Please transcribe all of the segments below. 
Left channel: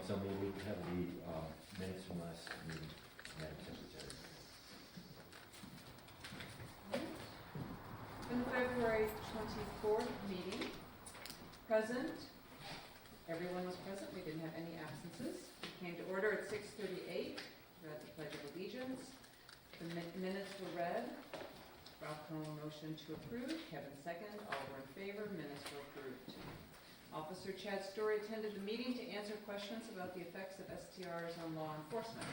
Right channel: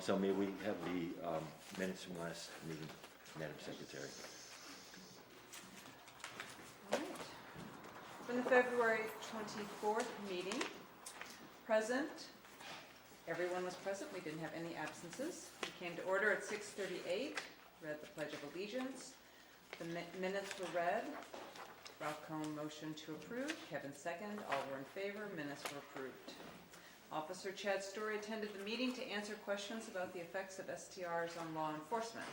So may we have the minutes from last meeting, Madam Secretary? For the February 24th meeting, present, everyone was present, we didn't have any absences. We came to order at 6:38, read the Pledge of Allegiance. The minutes were read. Ralph Comm motion to approve, Kevin second, all were in favor, minutes were approved. Officer Chad Story attended the meeting to answer questions about the effects of STRs on law enforcement.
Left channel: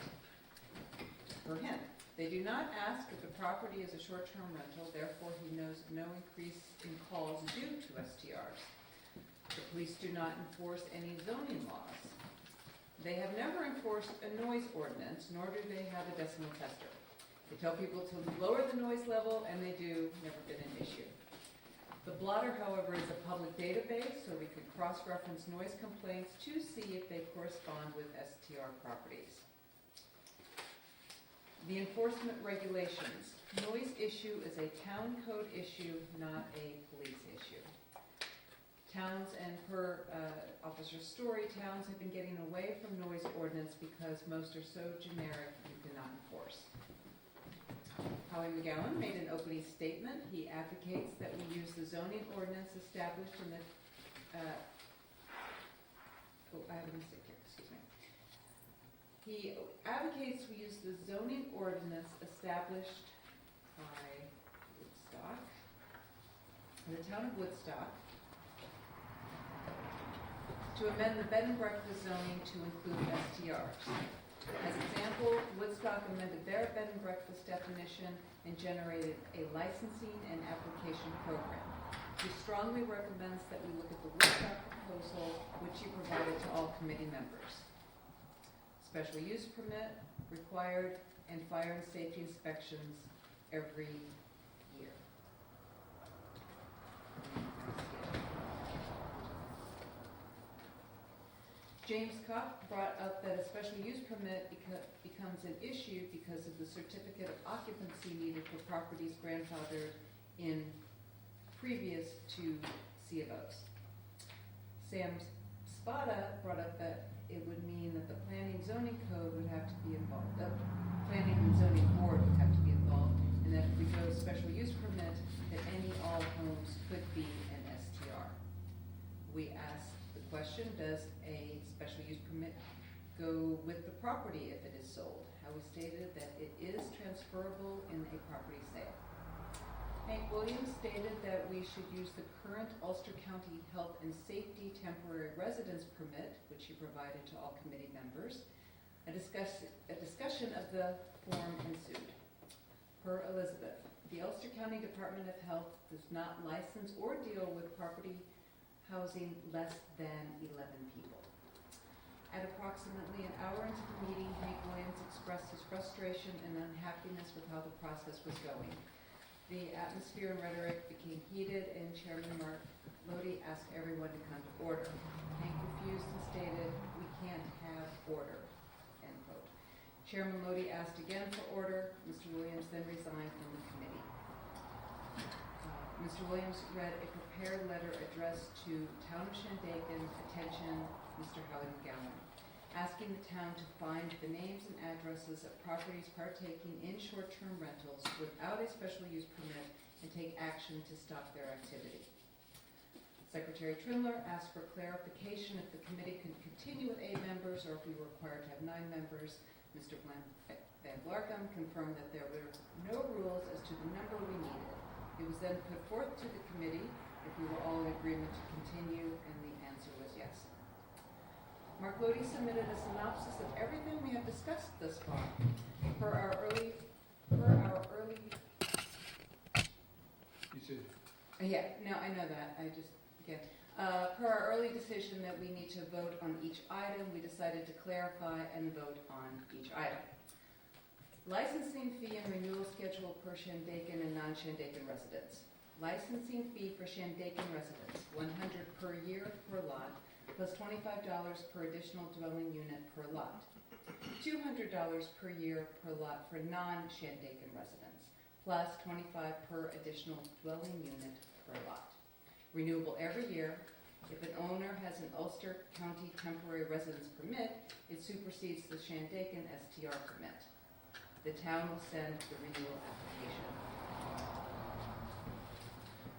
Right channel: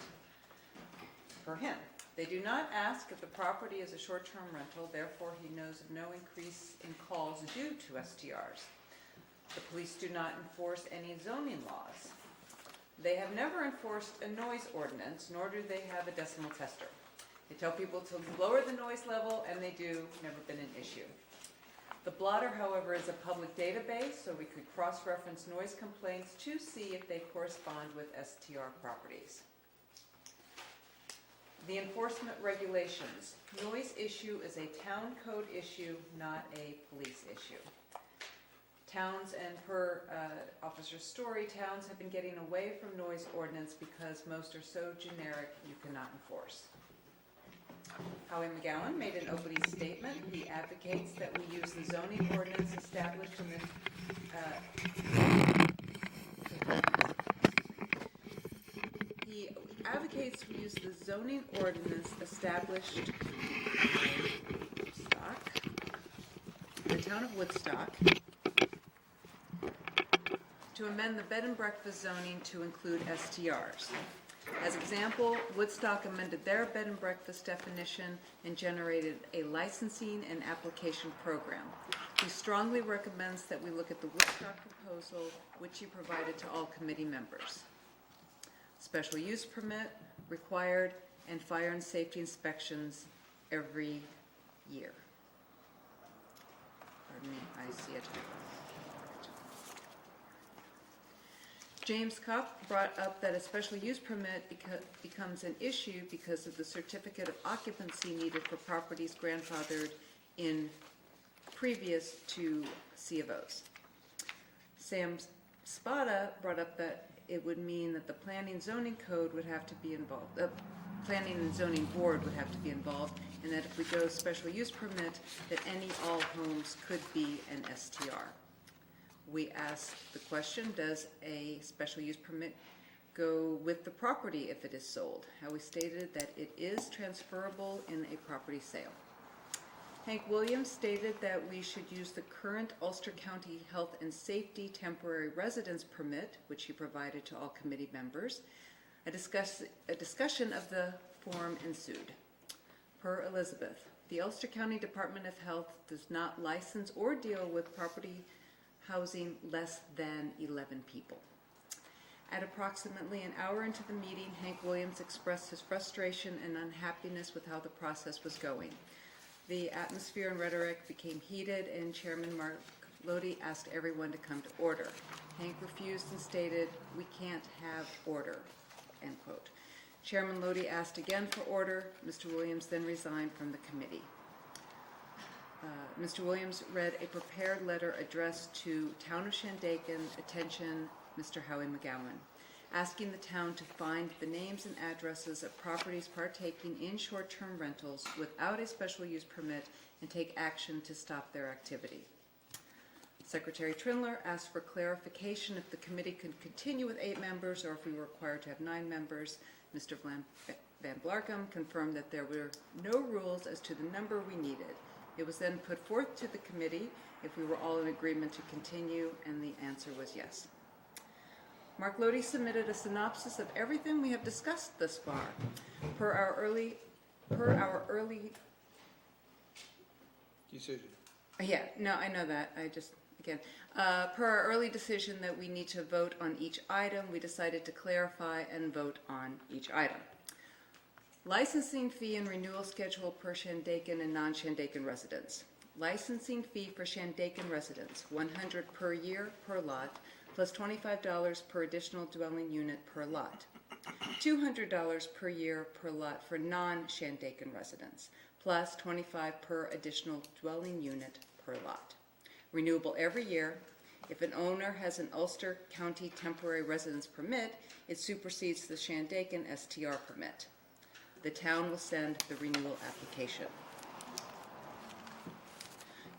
For him, they do not ask if the property is a short-term rental, therefore he knows of no increase in calls due to STRs. The police do not enforce any zoning laws. They have never enforced a noise ordinance, nor do they have a decimal tester. They tell people to lower the noise level, and they do, never been an issue. The blotter, however, is a public database, so we could cross-reference noise complaints to see if they correspond with STR properties. The enforcement regulations. Noise issue is a town code issue, not a police issue. Towns, and per Officer Story, towns have been getting away from noise ordinance because most are so generic you cannot enforce. Howie McGowan made an opening statement. He advocates that we use the zoning ordinance established in the he advocates we use the zoning ordinance established in the town of Woodstock, to amend the bed and breakfast zoning to include STRs. As example, Woodstock amended their bed and breakfast definition and generated a licensing and application program. He strongly recommends that we look at the Woodstock proposal, which he provided to all committee members. Special use permit required, and fire and safety inspections every year. I see it. James Kopp brought up that a special use permit becomes an issue because of the certificate of occupancy needed for properties grandfathered in previous to C of O's. Sam Spada brought up that it would mean that the planning and zoning code would have to be involved. Planning and zoning board would have to be involved, and that if we go special use permit, that any all homes could be an STR. We asked the question, does a special use permit go with the property if it is sold? How we stated that it is transferable in a property sale. Hank Williams stated that we should use the current Ulster County Health and Safety Temporary Residence Permit, which he provided to all committee members. A discussion of the form ensued. Per Elizabeth, the Ulster County Department of Health does not license or deal with property housing less than 11 people. At approximately an hour into the meeting, Hank Williams expressed his frustration and unhappiness with how the process was going. The atmosphere and rhetoric became heated, and Chairman Mark Lodi asked everyone to come to order. Hank refused and stated, "We can't have order," end quote. Chairman Lodi asked again for order. Mr. Williams then resigned from the committee. Mr. Williams read a prepared letter addressed to Town of Shandaken, attention Mr. Howie McGowan, asking the town to find the names and addresses of properties partaking in short-term rentals without a special use permit and take action to stop their activity. Secretary Trindler asked for clarification if the committee could continue with 8 members or if we were required to have 9 members. Mr. Van Blarkum confirmed that there were no rules as to the number we needed. It was then put forth to the committee if we were all in agreement to continue, and the answer was yes. Mark Lodi submitted a synopsis of everything we have discussed thus far. Per our early decision. Yeah, no, I know that. Per our early decision that we need to vote on each item, we decided to clarify and vote on each item. Licensing fee and renewal schedule per Shandaken and non-Shandaken residents. Licensing fee for Shandaken residents, $100 per year per lot, plus $25 per additional dwelling unit per lot. $200 per year per lot for non-Shandaken residents, plus $25 per additional dwelling unit per lot. Renewable every year, If an owner has an Ulster County temporary residence permit, it supersedes the Shandaken STR permit. The town will send the renewal application.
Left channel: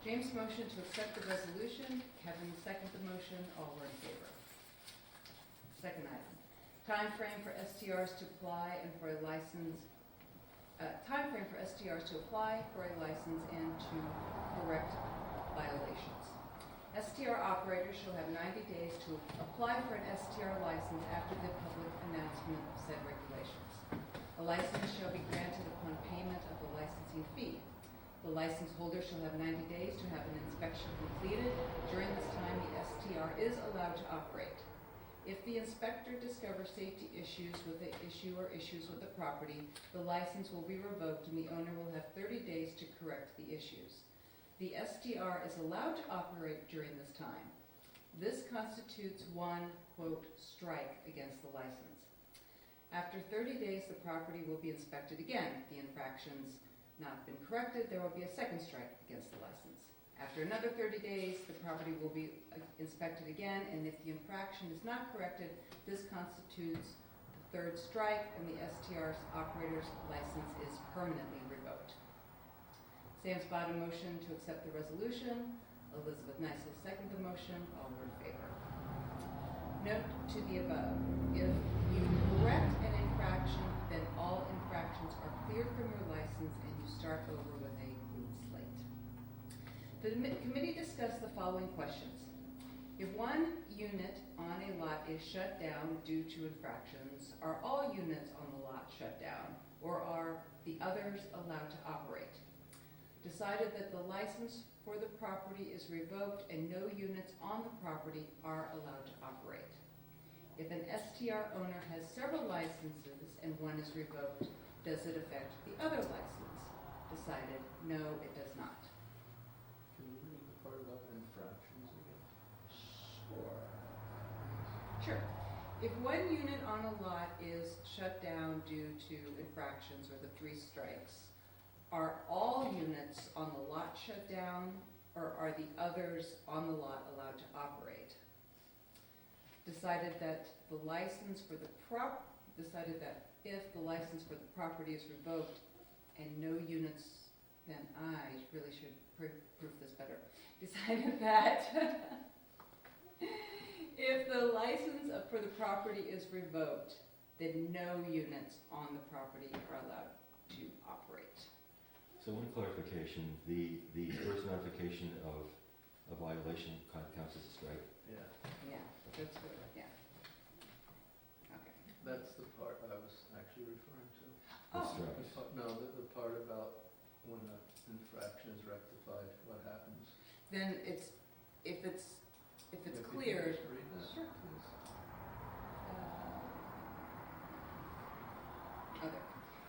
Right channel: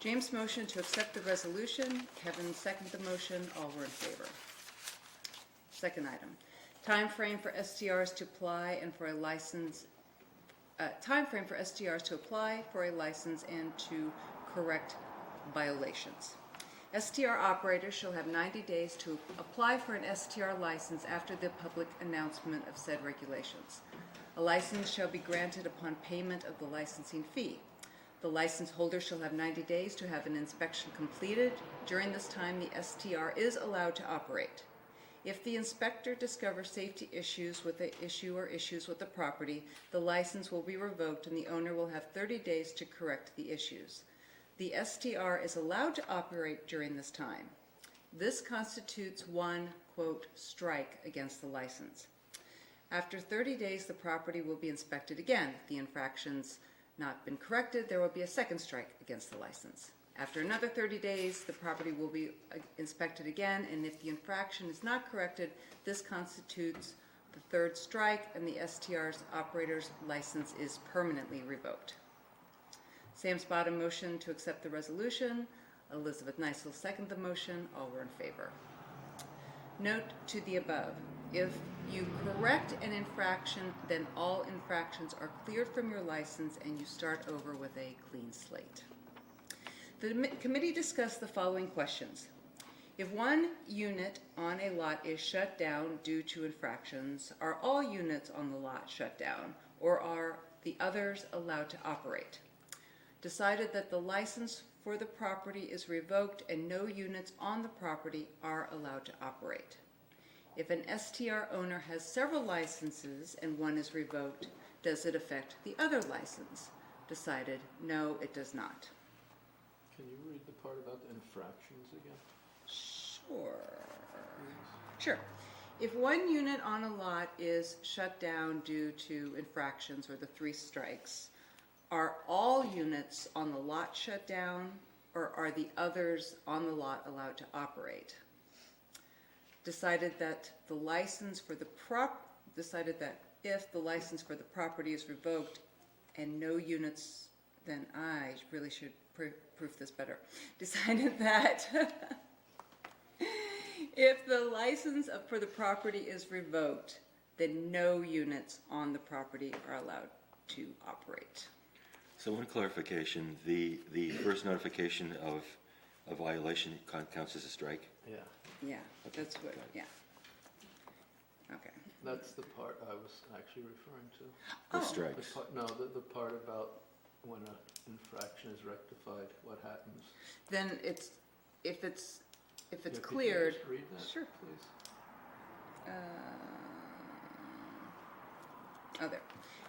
James motion to accept the resolution. Kevin second the motion. All were in favor. Second item, time frame for STRs to apply and for a license. Time frame for STRs to apply for a license and to correct violations. STR operators shall have 90 days to apply for an STR license after the public announcement of said regulations. A license shall be granted upon payment of the licensing fee. The license holder shall have 90 days to have an inspection completed. During this time, the STR is allowed to operate. If the inspector discovers safety issues with the issue or issues with the property, the license will be revoked and the owner will have 30 days to correct the issues. The STR is allowed to operate during this time. This constitutes one, quote, strike against the license. After 30 days, the property will be inspected again. If the infraction's not been corrected, there will be a second strike against the license. After another 30 days, the property will be inspected again, and if the infraction is not corrected, this constitutes the third strike, and the STR's operator's license is permanently revoked. Sam Spada motion to accept the resolution. Elizabeth Neisel second the motion. All were in favor. Note to the above, if you correct an infraction, then all infractions are cleared from your license and you start over with a clean slate. The committee discussed the following questions. If one unit on a lot is shut down due to infractions, are all units on the lot shut down, or are the others allowed to operate? Decided that the license for the property is revoked and no units on the property are allowed to operate. If an STR owner has several licenses and one is revoked, does it affect the other license? Decided, no, it does not. Can you read the part about the infractions again? Sure. If one unit on a lot is shut down due to infractions or the 3 strikes, are all units on the lot shut down, or are the others on the lot allowed to operate? Decided that the license for the decided that if the license for the property is revoked and no units, then I really should proof this better. Decided that if the license for the property is revoked, then no units on the property are allowed to operate. So one clarification, the first notification of a violation counts as a strike? Yeah, Yeah, that's what, yeah. Okay. that's the part I was actually referring to. The Oh. strikes? The part about when an infraction is rectified, what happens. Then it's, if it's Yeah, could you cleared, just read that, Sure. please? There.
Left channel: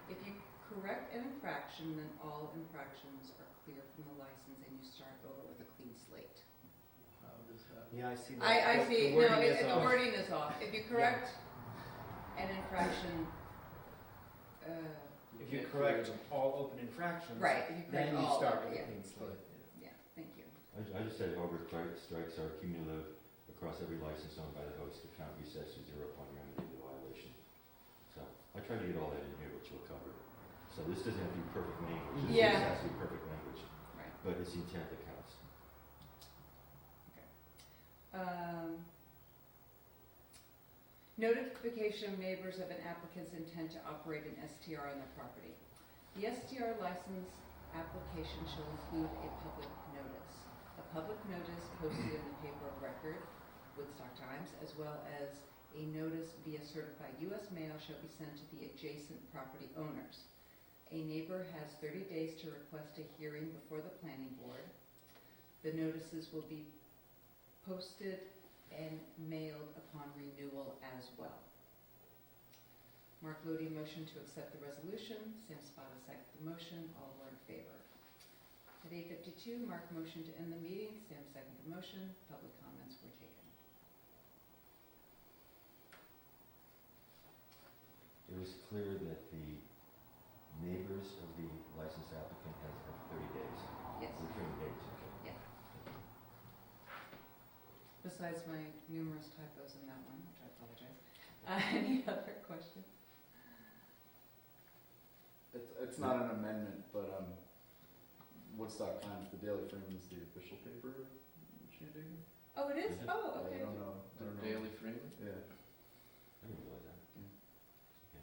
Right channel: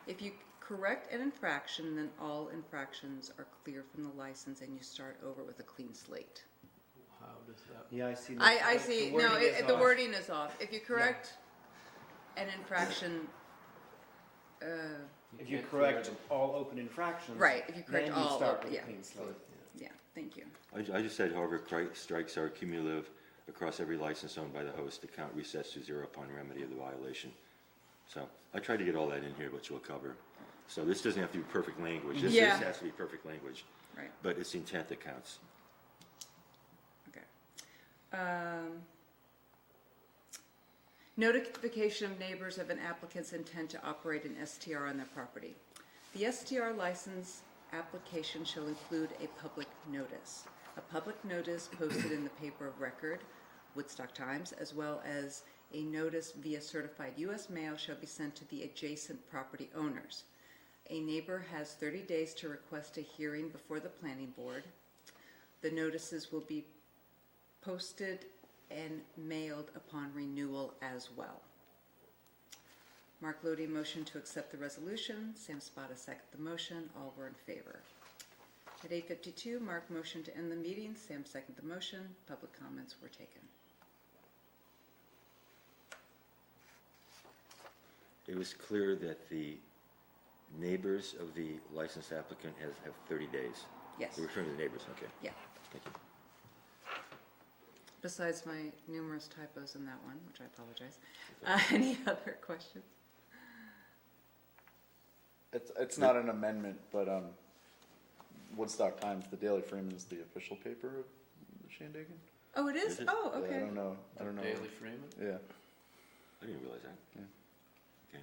If you correct an infraction, then all infractions are clear from the license and you start over with a clean slate. How does that? Yeah, I see that. I see, The no, wording is the off. wording is off. If you correct an infraction, If you can't correct clear all open infractions. right, if you Then correct you all, start with yeah, a clean slate. yeah, thank you. I just said, however, strikes are cumulative across every license owned by the host. The count resets to 0 upon remedy of the violation. So I tried to get all that in here, which we'll cover. So this doesn't have to be perfect language. This Yeah. has to be perfect language. Right. But it's the intent that counts. Notification of neighbors of an applicant's intent to operate an STR on their property. The STR license application shall include a public notice. A public notice posted in the paper of record, Woodstock Times, as well as a notice via certified U.S. mail shall be sent to the adjacent property owners. A neighbor has 30 days to request a hearing before the planning board. The notices will be posted and mailed upon renewal as well. Mark Lodi motion to accept the resolution. Sam Spada second the motion. All were in favor. At 8:52, Mark motion to end the meeting. Sam second the motion. Public comments were taken. It was clear that the neighbors of the licensed applicant have 30 days. Yes. We're referring to the neighbors, okay. Yeah. Thank you. besides my numerous typos in that one, which I apologize. Any other questions? It's not an amendment, but Woodstock Times, the Daily Freeman's the official paper of Shandaken. Oh, it is? Is it? Oh, Yeah, okay. I don't know. Daily Freeman? Yeah. I didn't realize that.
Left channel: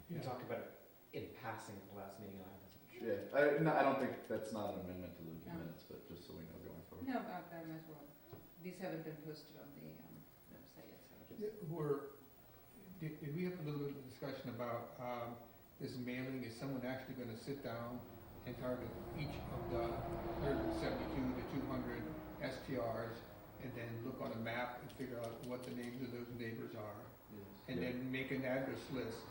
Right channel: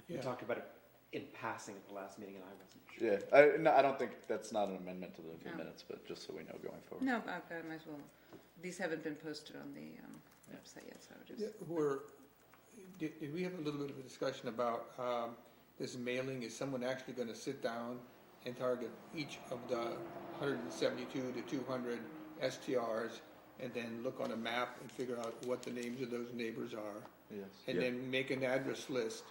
We talked about it in passing at the last meeting, and I wasn't sure. Yeah, no, I don't think that's not an amendment to the No. minutes, but just so we know going forward. No, I might as well. These haven't been posted on the website yet, so just. Did we have a little bit of a discussion about this mailing? Is someone actually gonna sit down and target each of the 172 to 200 STRs and then look on a map and figure out what the names of those neighbors are? Yes. And then make an address list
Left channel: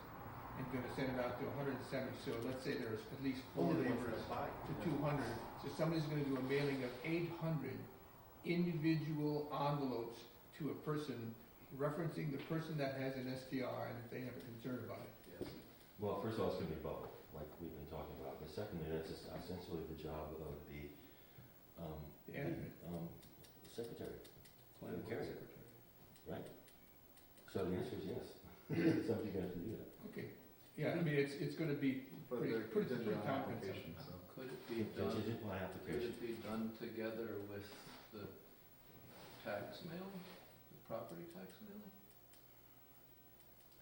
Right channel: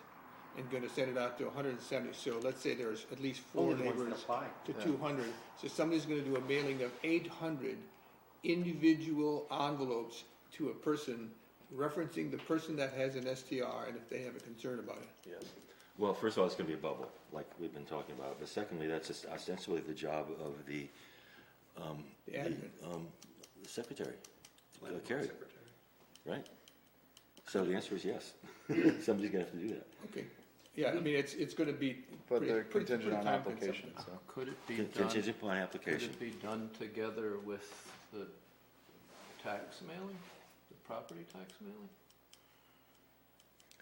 and gonna send it out to 170, so let's say there's at least 4 Only ones that neighbors apply. to Yeah. 200. So somebody's gonna do a mailing of 800 individual envelopes to a person, referencing the person that has an STR and if they have a concern about it. Yes. Well, first of all, it's gonna be a bubble, like we've been talking about, but secondly, that's just ostensibly the job of the admin. secretary, Carrie, right? So the answer is yes. Somebody's gonna have to do that. Okay, yeah, I mean, it's gonna be. But they're pretty contingent on time-consuming. application, so. Could it be done, Contingent upon could application. it be done together with the tax mailing, the property tax mailing?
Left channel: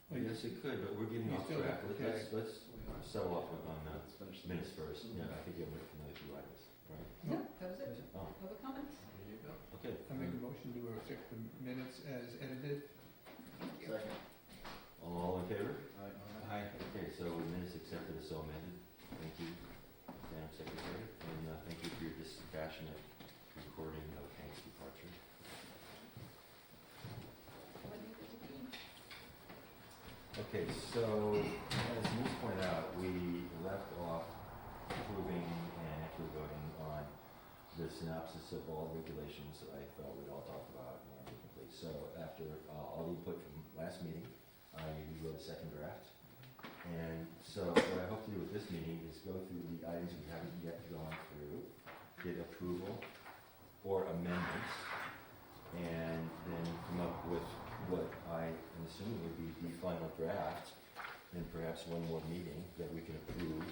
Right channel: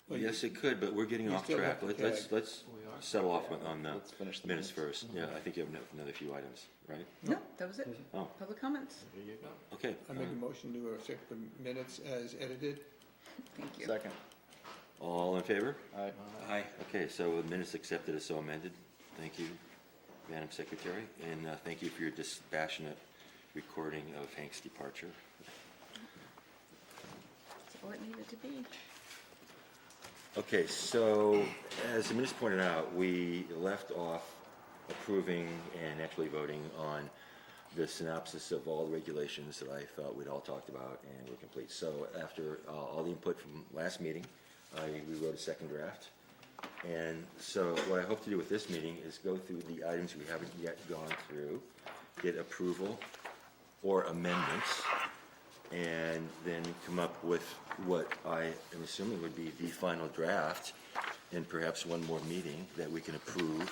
Well, Yes, it could, but we're getting you off still track. have to Let's We are. settle off on the Let's finish the minutes first. Yeah, I think you have another few items, right? No, that was it. Oh, Public comments. There you go. okay. I make a motion to accept the minutes as edited. Thank you. Second. All in favor? Aye. Aye. Okay, so the minutes accepted as so amended. Thank you, Madam Secretary, and thank you for your dispassionate recording of Hank's departure. That's all it needed to be. Okay, so as the minutes pointed out, we left off approving and actually voting on the synopsis of all the regulations that I thought we'd all talked about and were complete. So after all the input from last meeting, we wrote a second draft. And so what I hope to do with this meeting is go through the items we haven't yet gone through, get approval or amendments, and then come up with what I am assuming would be the final draft, and perhaps one more meeting that we can approve.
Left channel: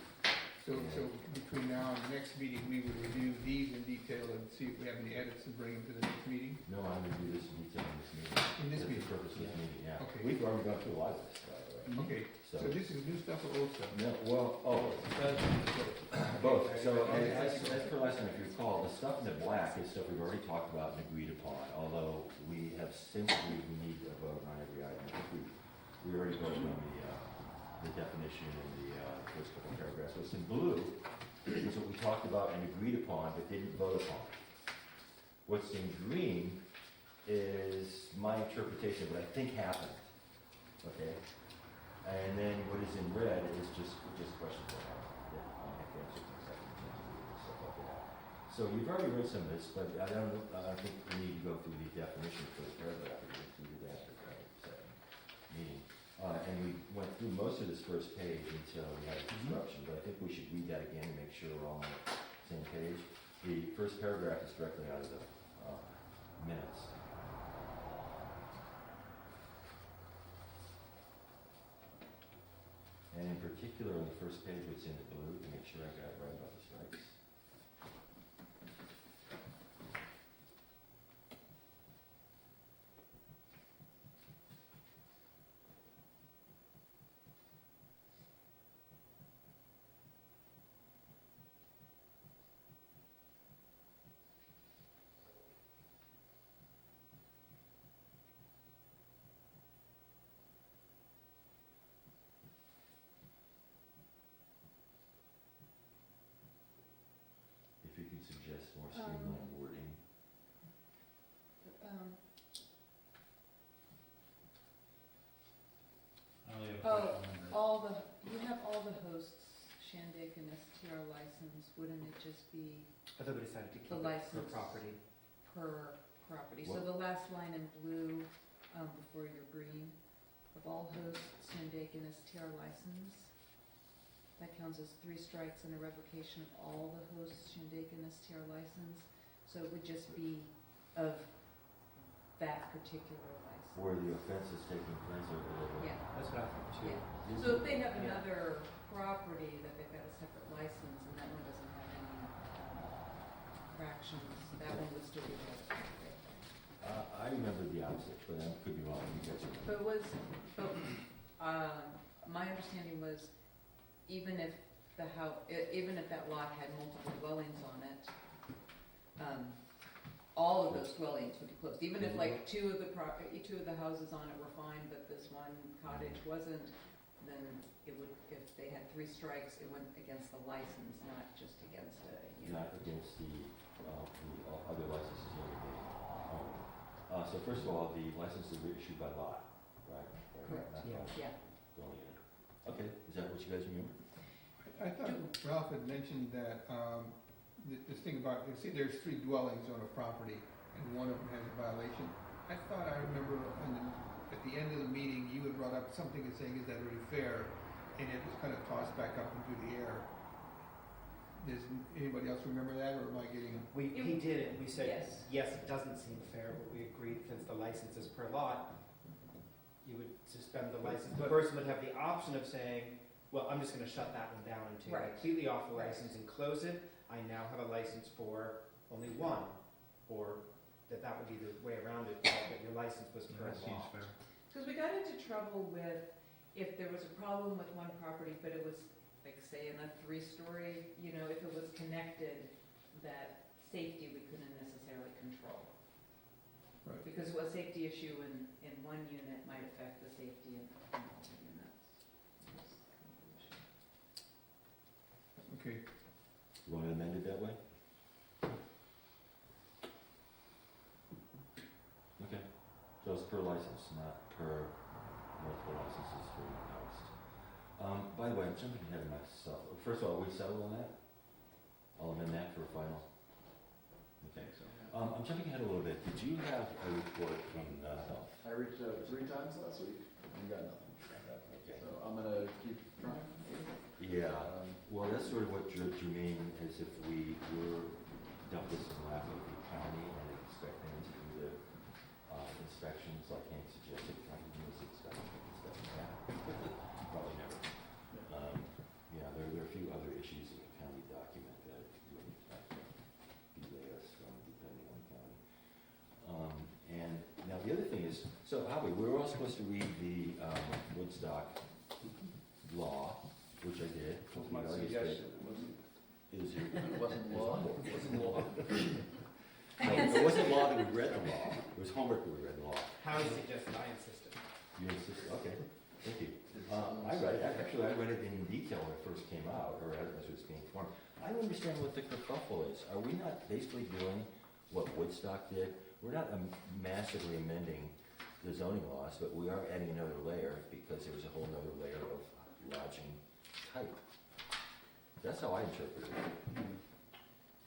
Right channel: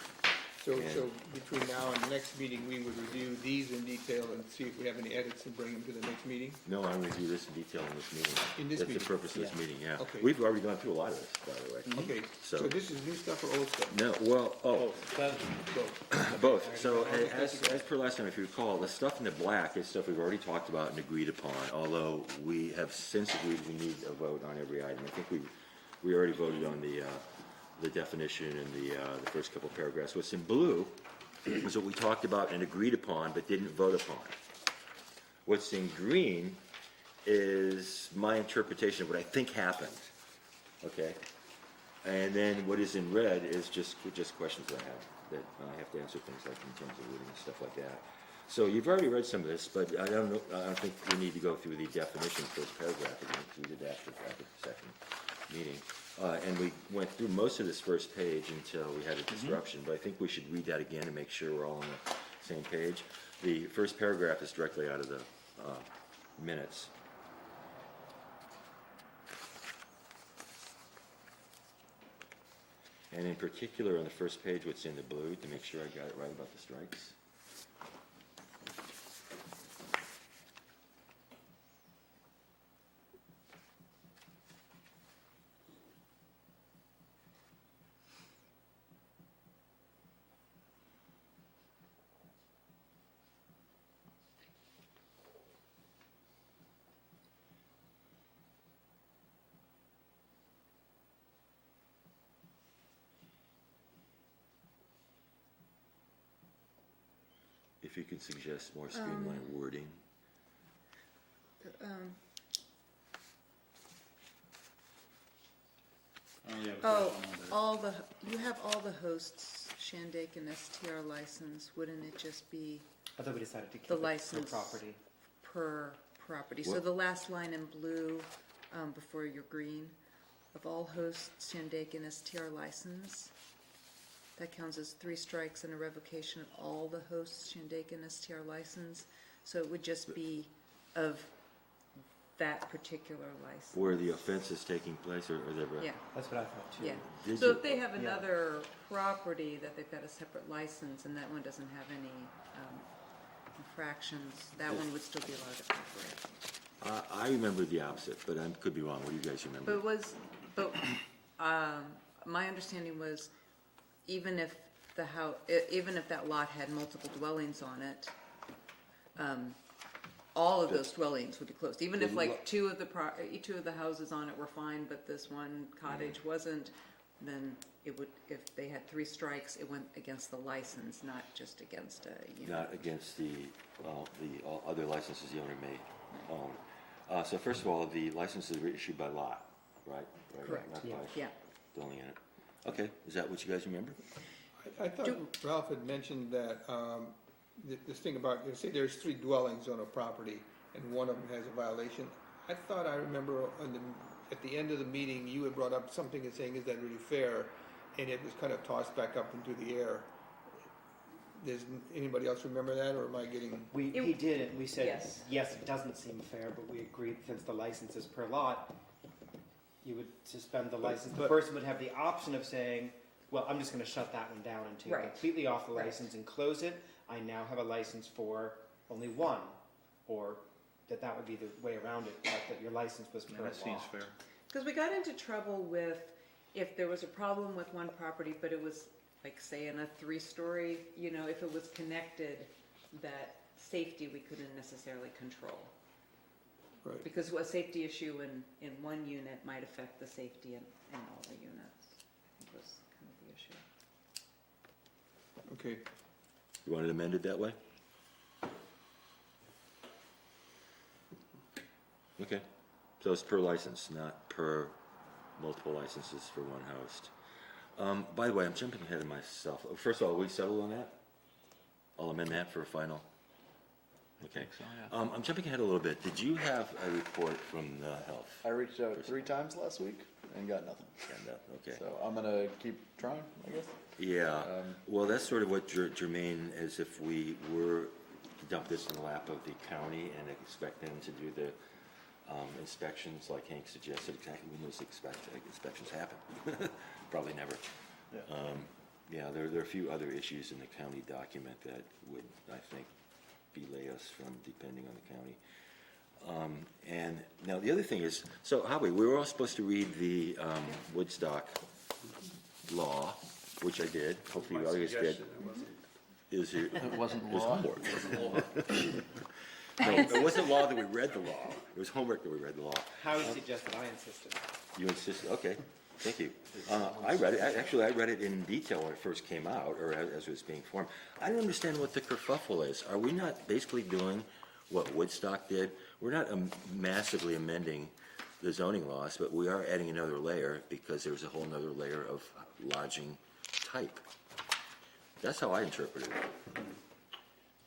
So And- between now and the next meeting, we would review these in detail and see if we have any edits and bring them to the next meeting. No, I'm going to do this in detail in this meeting. In this That's meeting? the purpose of this meeting, yeah. Okay. We've already gone through a lot of this, by the way. Okay, so So- this is new stuff or old stuff? No, well, So, both. So as per last time, if you recall, the stuff in the black is stuff we've already talked about and agreed upon, although we have since agreed we need a vote on every item. I think we already voted on the definition and the first couple of paragraphs. What's in blue is what we talked about and agreed upon but didn't vote upon. What's in green is my interpretation of what I think happened, okay? And then what is in red is just questions I have, that I have to answer things like in terms of reading and stuff like that. So you've already read some of this, but I don't think we need to go through the definition first paragraph. We did that at the second meeting. And we went through most of this first page until we had a disruption, but I think we should read that again to make sure we're all on the same page. The first paragraph is directly out of the minutes. And in particular, on the first page, what's in the blue, to make sure I got it right about the strikes. If you could suggest more streamlined wording. You have all the hosts, Shandaken STR license, wouldn't it just be I thought we decided to keep The it per license. property. per property? So What? the last line in blue, before your green, of all hosts, Shandaken STR license, that counts as 3 strikes and a revocation of all the hosts, Shandaken STR license. So it would just be of that particular license. Where the offense is taking place, or the... Yeah, That's what I thought too. yeah. Did So you- if they have Yeah. another property that they've got a separate license and that one doesn't have any infractions, that one would still be allowed to operate. I remember the opposite, but I could be wrong. What do you guys remember? My understanding was even if even if that lot had multiple dwellings on it, all of those dwellings would be closed. Even if like two of the houses on it were fine, but this one cottage wasn't, then it would, if they had 3 strikes, it went against the license, not just against Not against the all other licenses the owner may own. So first of all, the licenses were issued by lot, right? Correct. Not Yeah. by Yeah. dwelling unit. Okay, is that what you guys remember? I thought Ralph had mentioned that, this thing about, say there's 3 dwellings on a property and one of them has a violation. I thought I remember at the end of the meeting, you had brought up something and saying, is that really fair? And it was kind of tossed back up into the air. Does anybody else remember that, or am I getting? He did it, we said, Yes. yes, it doesn't seem fair, but we agreed since the license is per lot, you would suspend the license. The person would have the option of saying, well, I'm just gonna shut that one down and take Right. completely off the Right. license and close it. I now have a license for only one, or that would be the way around it, that your license was per law. Because we got into trouble with if there was a problem with one property, but it was like, say, in a 3-story, if it was connected, that safety we couldn't necessarily control. Right. Because a safety issue in one unit might affect the safety in all the units. That was kind of the issue. Okay, You want it amended that way? Okay, so it's per license, not per multiple licenses for one host. By the way, I'm jumping ahead of myself. First of all, we settled on that? I'll amend that for a final. Okay. I'm jumping ahead a little bit. Did you have a report from the health? I reached out 3 times last week and got nothing. Okay. So I'm gonna keep trying, I guess. Yeah, well, that's sort of what Jermaine, as if we were to dump this in the lap of the county and expect them to do the inspections, like Hank suggested. Exactly when those inspections happen? Probably never. Yeah, there are a few other issues in the county document that would, I think, belay us from depending on the county. And now the other thing is, so Howie, we were all supposed to read the Woodstock law, which I did. Hopefully you already did. Is it? It wasn't It was law. homework. No, it wasn't law that we read the law. It was homework that we read the law. Howie suggested I insisted. You insisted, okay, thank you. I read it, actually, I read it in detail when it first came out, or as it was being formed. I don't understand what the kerfuffle is. Are we not basically doing what Woodstock did? We're not massively amending the zoning laws, but we are adding another layer because there's a whole nother layer of lodging type. That's how I interpreted it.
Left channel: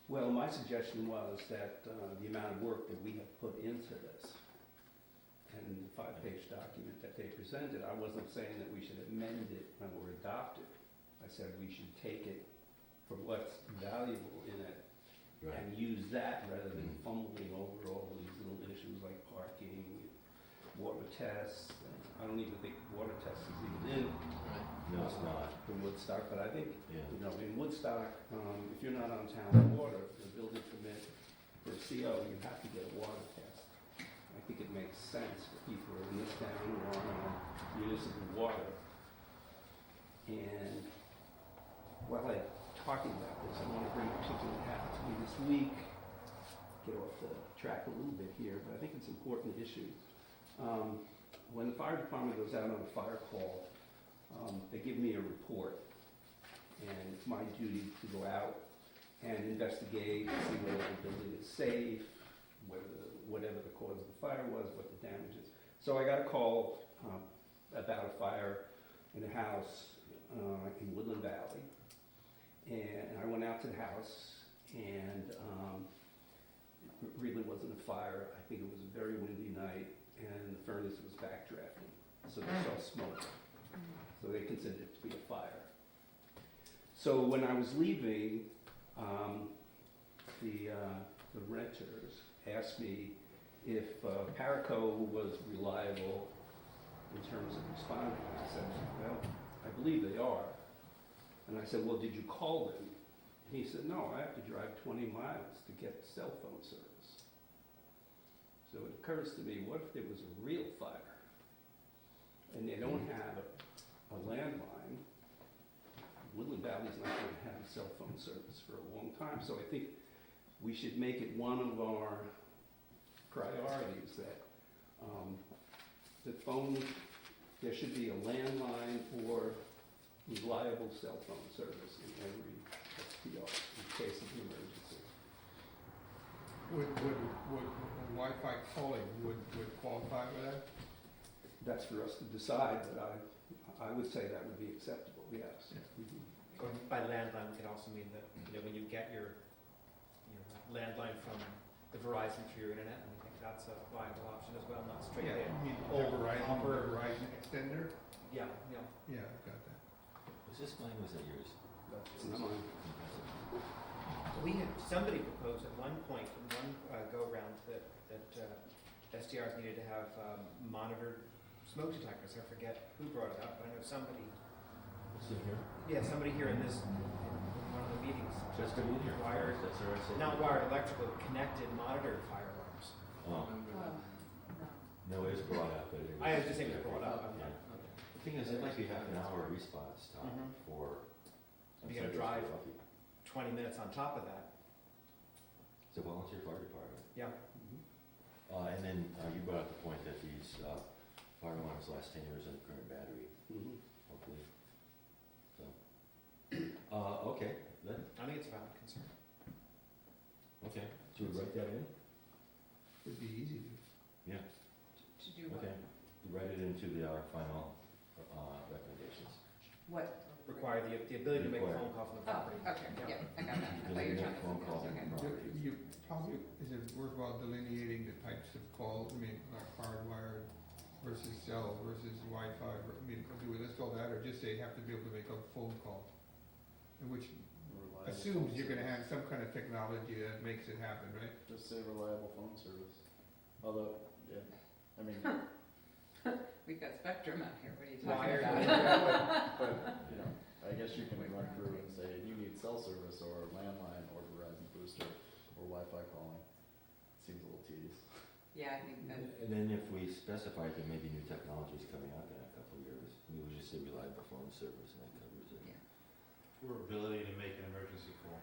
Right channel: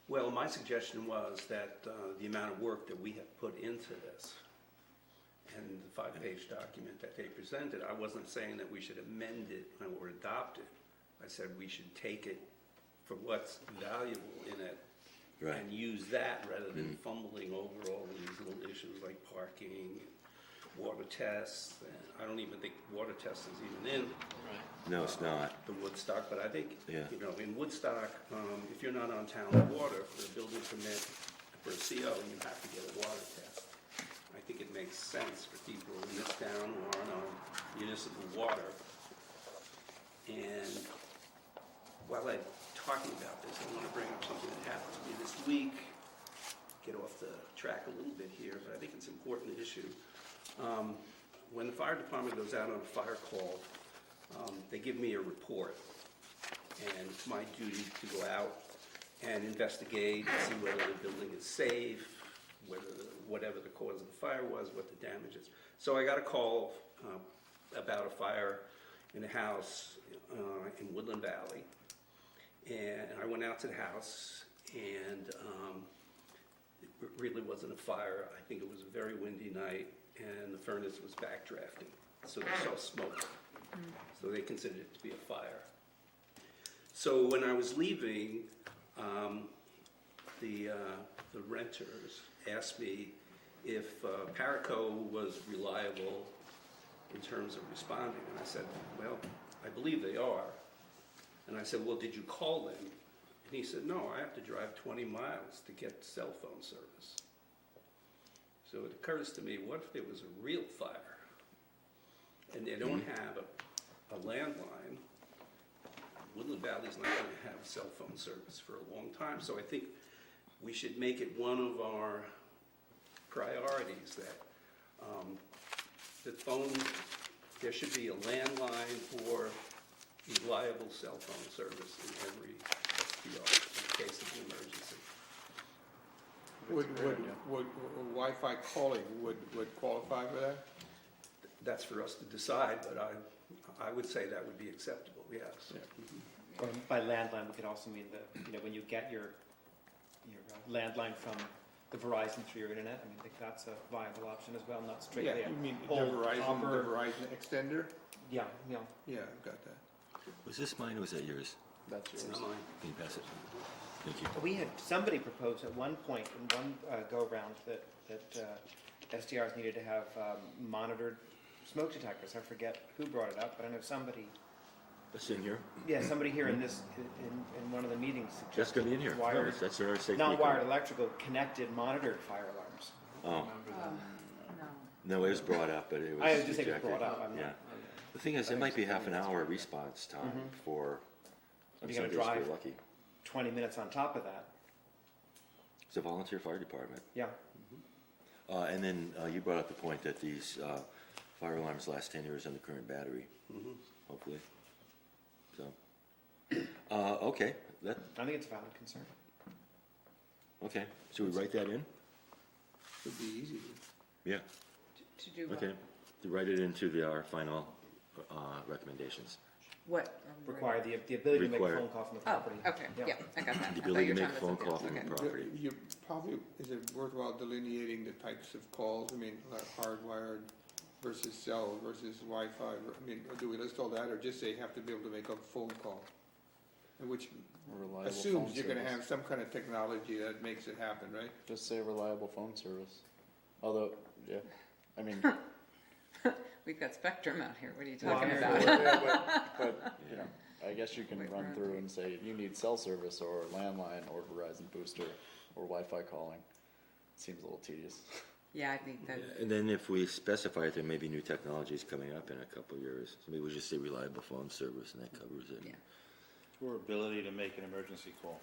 Well, my suggestion was that the amount of work that we have put into this and the 5-page document that they presented, I wasn't saying that we should amend it or adopt it. I said we should take it for what's valuable in it Right. and use that rather than fumbling over all these little issues like parking, water tests. And I don't even think water test is even in No, it's not. the Woodstock, but I think, Yeah. in Woodstock, if you're not on town water for a building permit for a CO, you have to get a water test. I think it makes sense for people in this town who are on municipal water. And while I'm talking about this, I want to bring up something that happened to me this week. Get off the track a little bit here, but I think it's an important issue. When the fire department goes out on a fire call, they give me a report, and it's my duty to go out and investigate, see whether the building is safe, whatever the cause of the fire was, what the damage is. So I got a call about a fire in a house in Woodland Valley, and I went out to the house, and it really wasn't a fire. I think it was a very windy night, and the furnace was backdrafting, so they saw smoke. So they considered it to be a fire. So when I was leaving, the renters asked me if Paraco was reliable in terms of responding. And I said, well, I believe they are. And I said, well, did you call them? And he said, no, I have to drive 20 miles to get cell phone service. So it occurs to me, what if it was a real fire and they don't have a landline? Woodland Valley's not going to have cell phone service for a long time. So I think we should make it one of our priorities that there should be a landline or reliable cell phone service in every STR in case of emergency. Would Wi-Fi calling would qualify for that? That's for us to decide, but I would say that would be acceptable, yes. Yeah. Mhm. Or by landline, we could also mean that, when you get your landline from the Verizon through your internet, and we think that's a viable option as well, not straight Yeah, there. you mean the Old Verizon copper. extender? Yeah, Yeah, I've got that. Was this mine or was that yours? That's It's yours. not mine. Can you pass it? Thank you. We had, somebody proposed at one point, in one go-round, that SDRs needed to have monitored smoke detectors. I forget who brought it up, but I know somebody, It's in here. somebody here in this, in one of the meetings. That's gonna be in here. Wired, That's our safety. not wired electrical, connected monitored fire alarms. Oh, No. no, it was brought up, but it was I was just thinking rejected. brought up, I'm Yeah. not. The thing is, it might be half an hour response time Mhm. for. You're some gonna days we're drive. Lucky. 20 minutes on top of that. It's a volunteer fire department. Yeah. And then you brought up the point that these fire alarms last 10 years on the current battery, Mhm. hopefully. So, okay, I think it's a valid concern. okay. Should we write that in? Should be easy. Yeah, To do what? okay. To write it into our final recommendations. What? Require the ability to make a Require. phone call from the Oh, property. okay, Yeah. yeah, I got that. The I thought ability you to were make talking phone about calls something from the else. property. You probably, is it worthwhile delineating the types of calls? I mean, like hardwired versus cell versus Wi-Fi? I mean, do we list all that or just say you have to be able to make a phone call? And which Reliable phone assumes you're gonna have service. some kind of technology that makes it happen, right? Just say reliable phone service. Although, yeah, I mean, We've got Spectrum out here, what are you Well, talking I- about? but, I guess you can Wait, run where are through we? and say you need cell service or landline or Verizon booster or Wi-Fi calling. Seems a little tedious. Yeah, I think that, And then if we specify it, there may be new technologies coming up in a couple of years. So maybe we just say reliable phone service and that covers it. Yeah. Or ability to make an emergency call.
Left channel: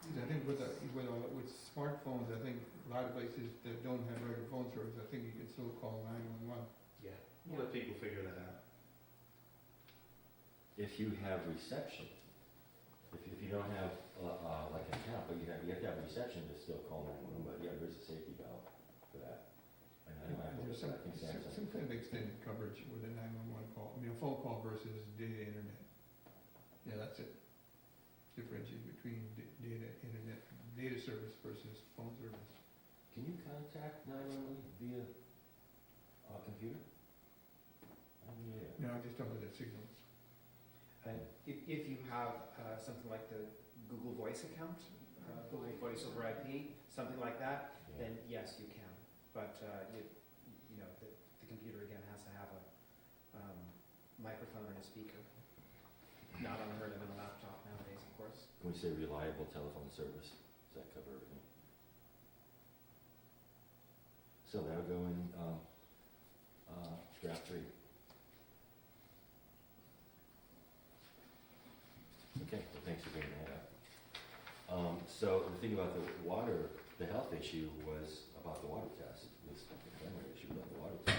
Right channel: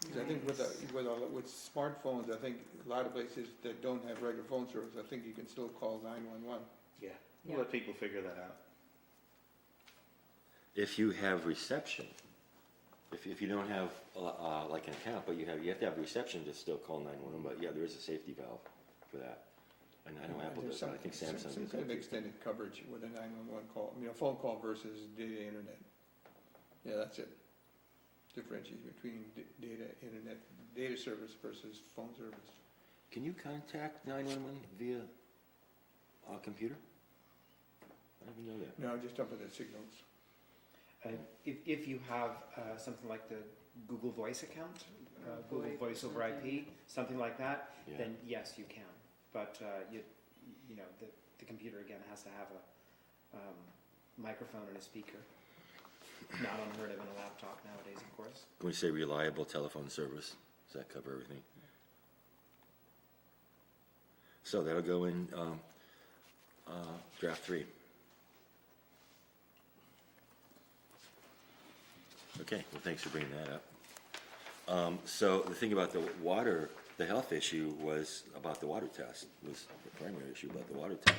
Because I think with smartphones, I think a lot of places that don't have regular phone service, I think you can still call 911. Yeah. Yeah. We'll let people figure that out. If you have reception, if you don't have like an account, but you have to have reception to still call 911, but yeah, there is a safety valve for that. And I know Apple There's does, but I think some Samsung. kind of extended coverage with a 911 call, a phone call versus data internet. Yeah, that's it. Differentiate between data service versus phone service. Can you contact 911 via computer? I didn't know that. No, just up with the signals. If you have something like the Google Voice account, Google Voice over IP, something like that, Yeah. then yes, you can. But the computer again has to have a microphone and a speaker. Not unheard of in a laptop nowadays, of course. Can we say reliable telephone service? Does that cover everything? So that'll go in draft 3. Okay, well, thanks for bringing that up. So the thing about the water, the health issue was about the water test, was the primary issue about the water test.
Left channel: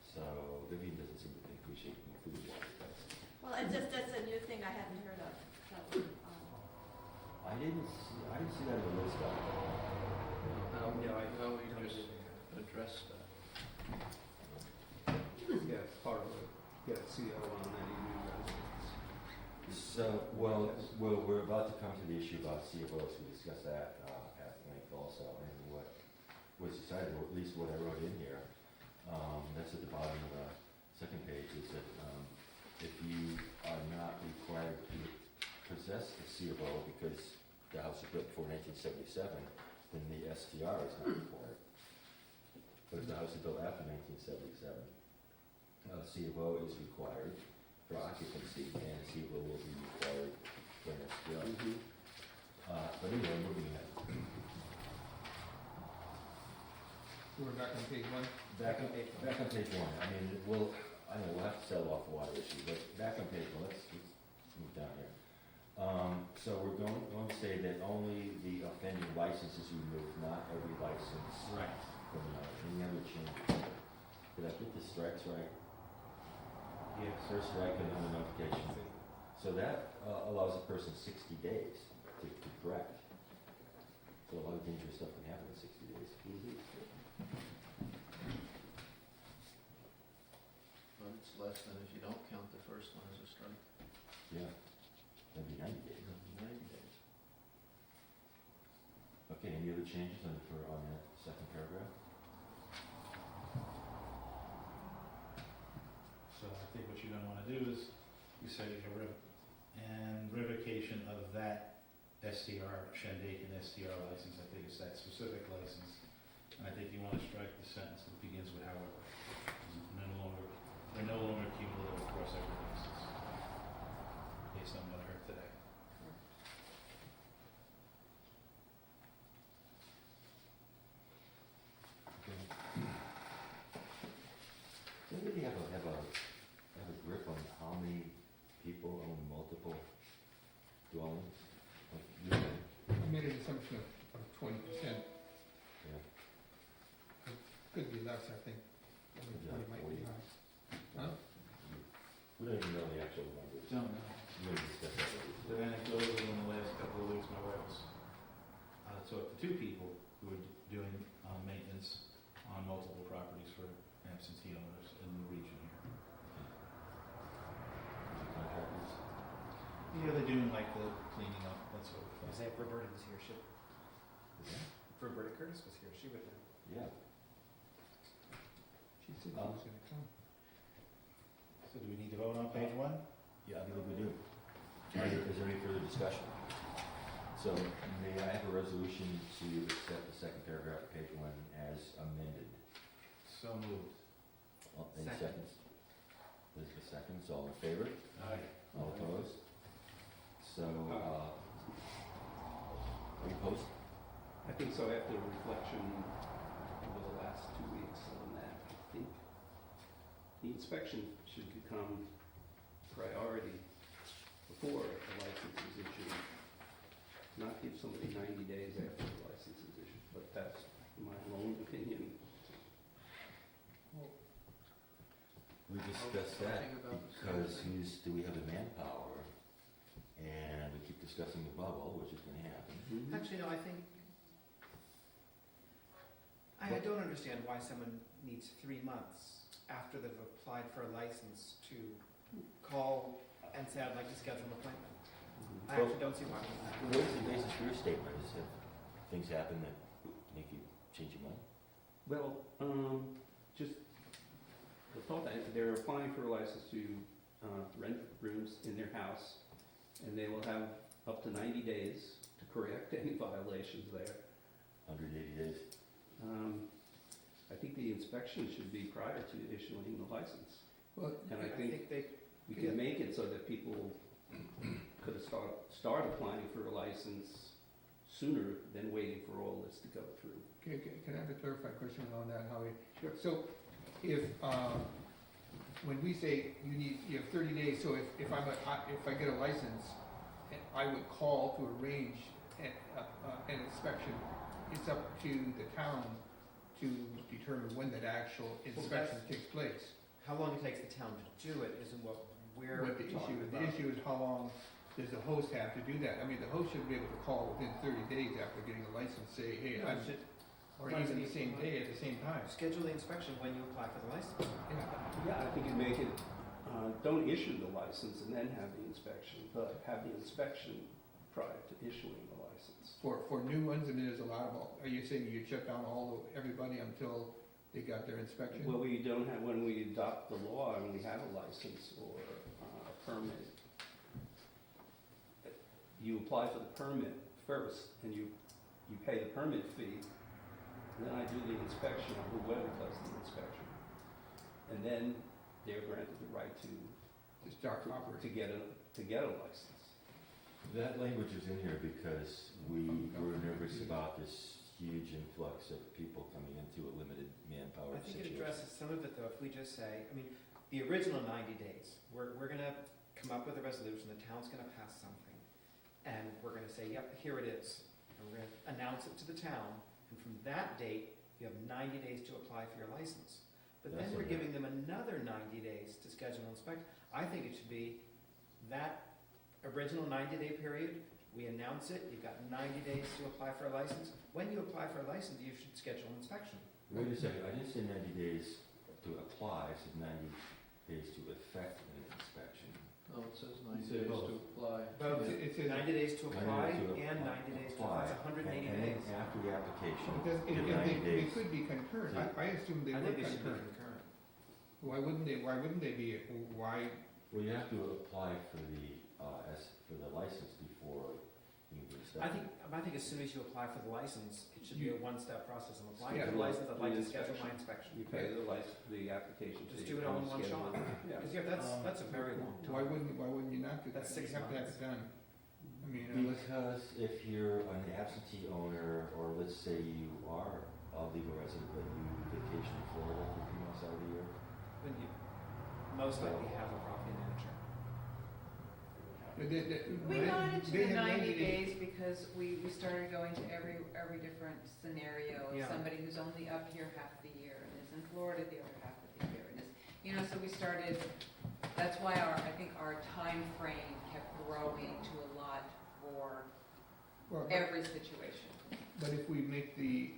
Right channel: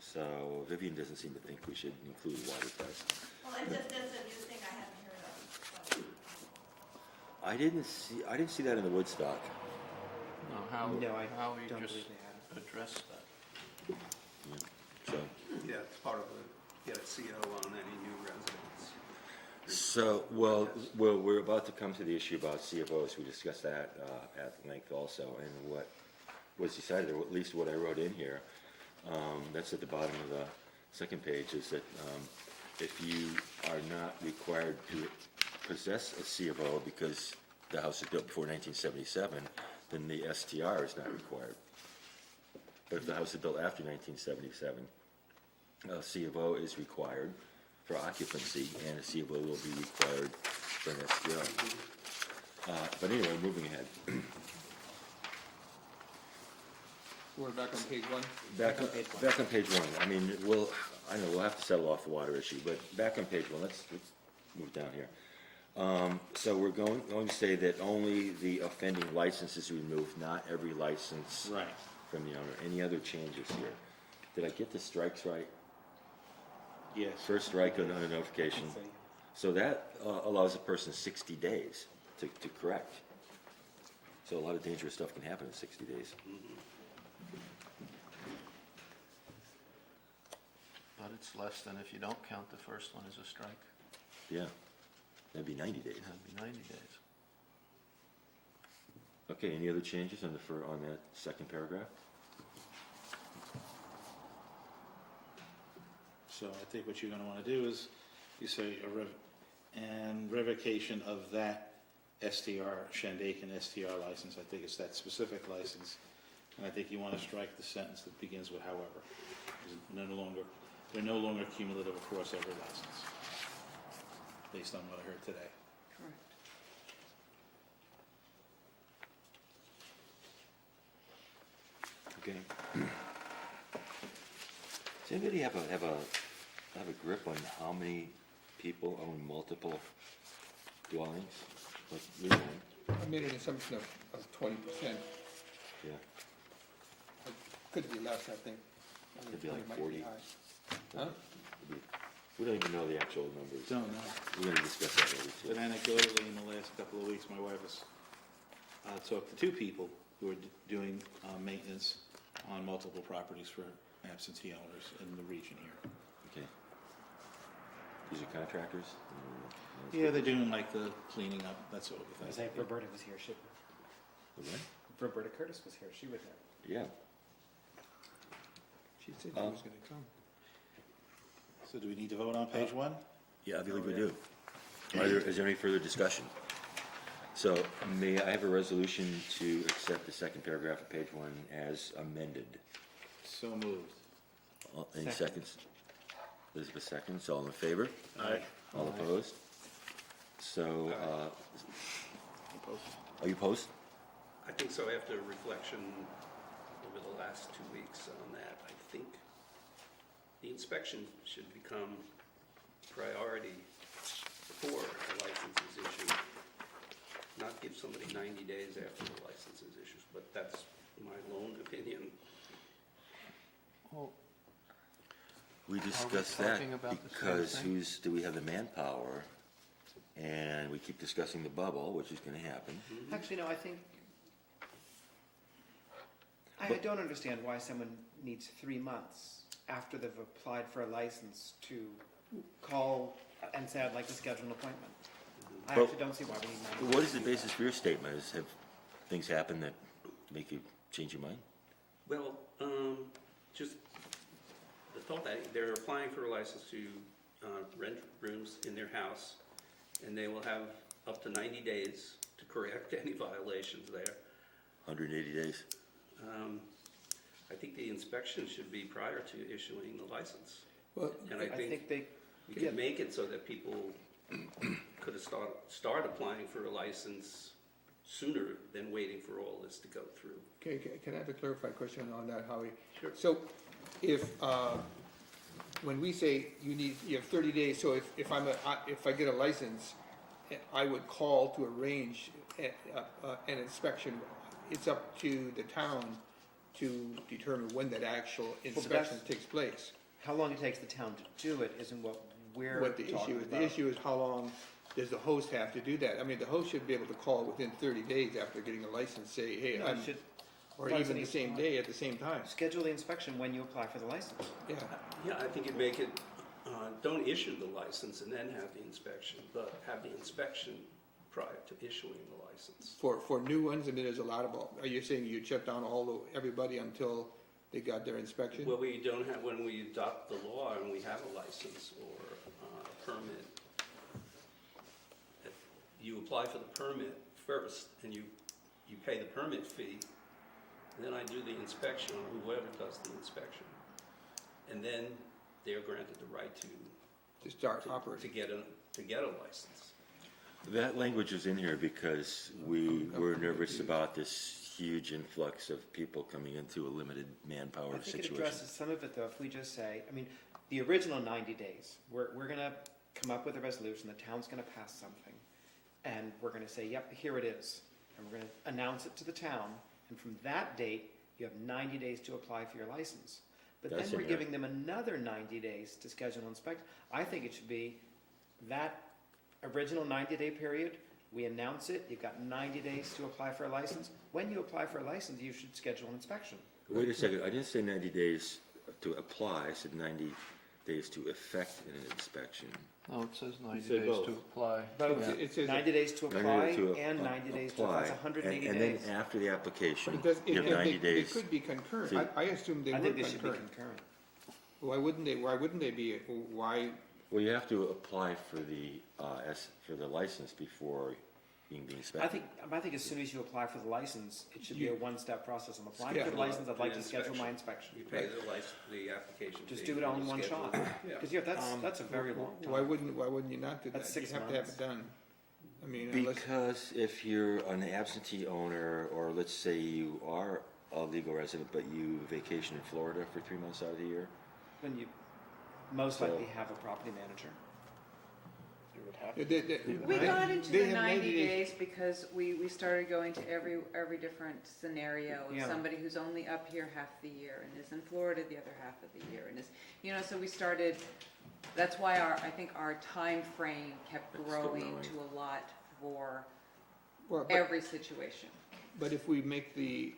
So Vivian doesn't seem to think we should include water test. Well, that's a new thing I hadn't heard of, so, I didn't see that in the Woodstock. No, how No, I you don't just believe they have. address that? So, Yeah, it's part of it. Get a CO on any new residents. So, well, we're about to come to the issue about C of Os. We discussed that at length also, and what was decided, or at least what I wrote in here, that's at the bottom of the second page, is that if you are not required to possess a C of O because the house was built before 1977, then the STR is not required. But if the house is built after 1977, a C of O is required for occupancy, and a C of O will be required for an STR. But anyway, moving ahead. We're back on page one. Back on page one, I mean, I know, we'll have to settle off the water issue, but back on page one, let's move down here. So we're going to say that only the offending license is removed, not every license Right. from the owner. Any other changes here? Did I get the strikes right? Yes. First strike on a notification. So that allows a person 60 days to correct. So a lot of dangerous stuff can happen in 60 days. But it's less than if you don't count the first one as a strike. Yeah, that'd be 90 days. That'd be 90 days. Okay, any other changes on that second paragraph? So I think what you're gonna wanna do is, you say revocation of that STR, Shandaken STR license, I think it's that specific license. And I think you wanna strike the sentence that begins with however. They're no longer cumulative across every license, based on what I heard today. Correct. Okay. Does anybody have a grip on how many people own multiple dwellings? Like, you know, I made an assumption of 20%. yeah, Could be less, I think. Could be like It might 40. high. Huh? we don't even know the actual numbers. Don't know. We're gonna discuss that later. But anecdotally, in the last couple of weeks, my wife has talked to two people who are doing maintenance on multiple properties for absentee owners in the region here. Okay. These are contractors? Yeah, they're doing like the cleaning up, that sort of I thing. say if Roberta was here, Okay. if Roberta Curtis was here, she would know. Yeah. She said she was gonna come. So do we need to vote on page one? Yeah, I believe we do. Is there any further discussion? So may I have a resolution to accept the second paragraph of page one as amended? So moved. Any Second. seconds? Elizabeth seconds, all in favor? Aye. All opposed? So, are you opposed? I think so, after reflection over the last 2 weeks on that, I think the inspection should become priority before a license is issued, not give somebody 90 days after the license is issued, but that's my own opinion. We discussed that because do we have the manpower? And we keep discussing the bubble, which is gonna happen. Actually, no, I think, I don't understand why someone needs 3 months after they've applied for a license to call and say, I'd like to schedule an appointment. I Well, actually don't see why we need 90 days. What is the basis for your statement? Have things happened that make you change your mind? Well, just the thought that they're applying for a license to rent rooms in their house, and they will have up to 90 days to correct any violations there. 180 days? I think the inspection should be prior to issuing the license. Well, And I think they, we can make it so that people could start applying for a license sooner than waiting for all this to go through. can I have a clarified question on that, Howie? Sure. So if, when we say you have 30 days, so if I get a license, I would call to arrange an inspection. It's up to the town to determine when that actual inspection takes place. how long it takes the town to do it isn't what we're What the issue talking is, the about. issue is how long does the host have to do that? I mean, the host should be able to call within 30 days after getting a license, say, hey, No, I'm, you should or even the same day at the same time. schedule the inspection when you apply for the license. Yeah, Yeah, I think you'd make it, don't issue the license and then have the inspection, but have the inspection prior to issuing the license. for new ones, and there's a lot of, are you saying you shut down everybody until they got their inspection? Well, we don't have, when we adopt the law and we have a license or a permit, you apply for the permit first and you pay the permit fee the inspection or whoever does the inspection. And then they're granted the right to start operating. to get a license. That language is in here because we were nervous about this huge influx of people coming into a limited manpower I think it situation. addresses some of it though, if we just say, I mean, the original 90 days, we're gonna come up with a resolution, the town's gonna pass something, and we're gonna say, yep, here it is, and we're gonna announce it to the town, and from that date, you have 90 days to apply for your license. But That's then we're in here. giving them another 90 days to schedule and inspect. I think it should be that original 90-day period, we announce it, you've got 90 days to apply for a license. When you apply for a license, you should schedule an inspection. Wait a second, I didn't say 90 days to apply, I said 90 days to effect an inspection. No, it says 90 said days both. to apply. Both, Yeah. It says, 90 days to 90 apply to and 90 days to, apply, that's 180 and then days. after the application, but it does, give 90 they days. could be concurrent. to- I assumed they I were think they should be concurrent. concurrent. Why wouldn't they be, why, Well, you have to apply for the license before being inspected. I think as soon as you apply for the license, it should be a one-step process. I'm applying for the Schedule license, I'd like to the schedule my inspection. inspection. You pay the application Just fee do it all and in one schedule shot. it. Yeah. Because that's a very long time. why wouldn't you not do that? That's 6 You have to have months. it done. I mean, unless, Because if you're an absentee owner, or let's say you are a legal resident, but you vacation in Florida for 3 months out of the year, When you most likely have a property manager. We they- got into they the have 90 days because we started going to every different scenario of Yeah. somebody who's only up here half the year and is in Florida the other half of the year and is, you know, so we started, that's why I think our time frame kept Still growing growing. to a lot for Well, every situation. but if we make the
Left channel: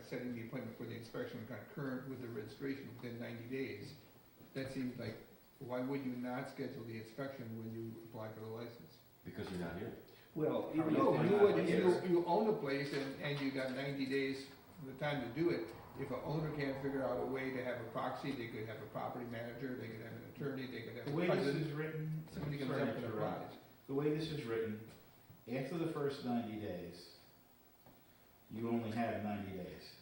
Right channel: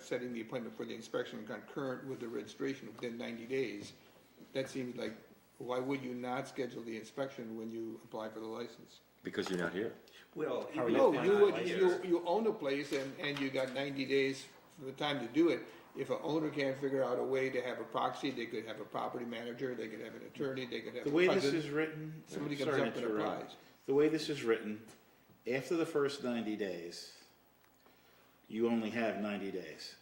setting the appointment for the inspection concurrent with the registration within 90 days, that seems like, why would you not schedule the inspection when you apply for the license? because you're not here. Well, How even would if No, they're you not would, here- you own a place and you got 90 days for the time to do it. If an owner can't figure out a way to have a proxy, they could have a property manager, they could have an attorney, they could have The a way this cousin. is written, Somebody comes sorry to up and interrupt. applies. The way this is written, after the first 90 days, you only have 90 days.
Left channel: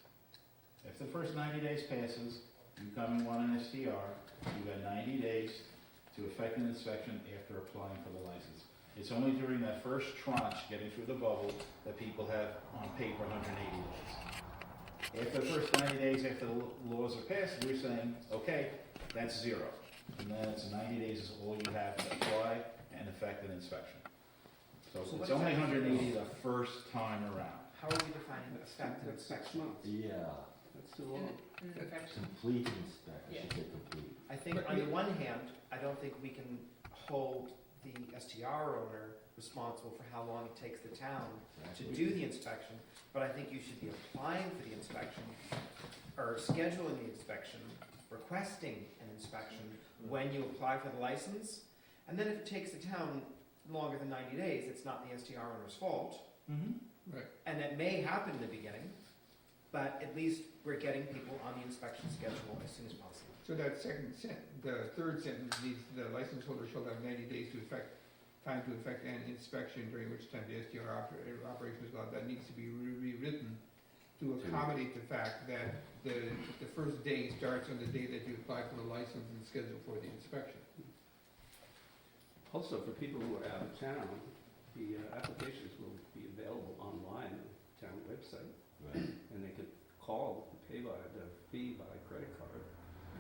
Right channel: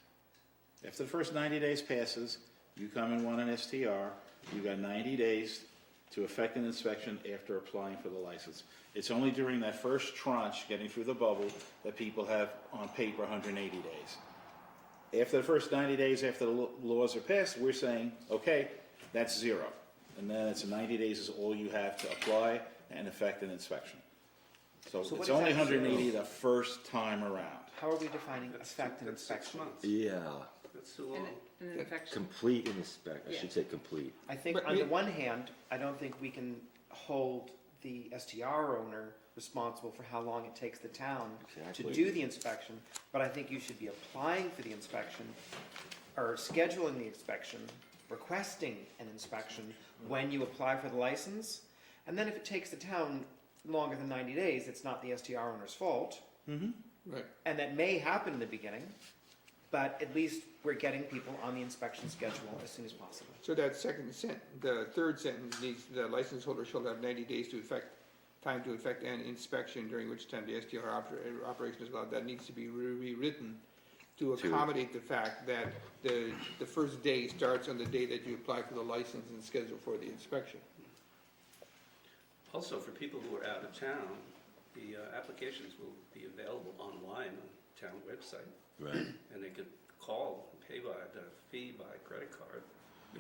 After the first 90 days passes, you come and want an STR, you got 90 days to effect an inspection after applying for the license. It's only during that first tranche, getting through the bubble, that people have on paper 180 days. After the first 90 days, after the laws are passed, we're saying, okay, that's 0. And then it's 90 days is all you have to apply and effect an inspection. So So what it's only exactly 180 the first time around. How are we defining That's effective 6 inspection? months. Yeah, That's too And long. in fact, complete and inspect, I should say complete. I think But on we- the one hand, I don't think we can hold the STR owner responsible for how long it takes the town to Exactly. do the inspection, but I think you should be applying for the inspection, or scheduling the inspection, requesting an inspection when you apply for the license, and then if it takes the town longer than 90 days, it's not the STR owner's fault, Right. and that may happen in the beginning, but at least we're getting people on the inspection schedule as soon as possible. So that the third sentence needs, the license holder shall have 90 days to effect an inspection, during which time the STR operation is allowed. That needs to be rewritten to accommodate the fact that the first day starts on the day that you apply for the license and schedule for the inspection. Also, for people who are out of town, the applications will be available online on the town website, Right, and they can call, pay by the fee by credit card.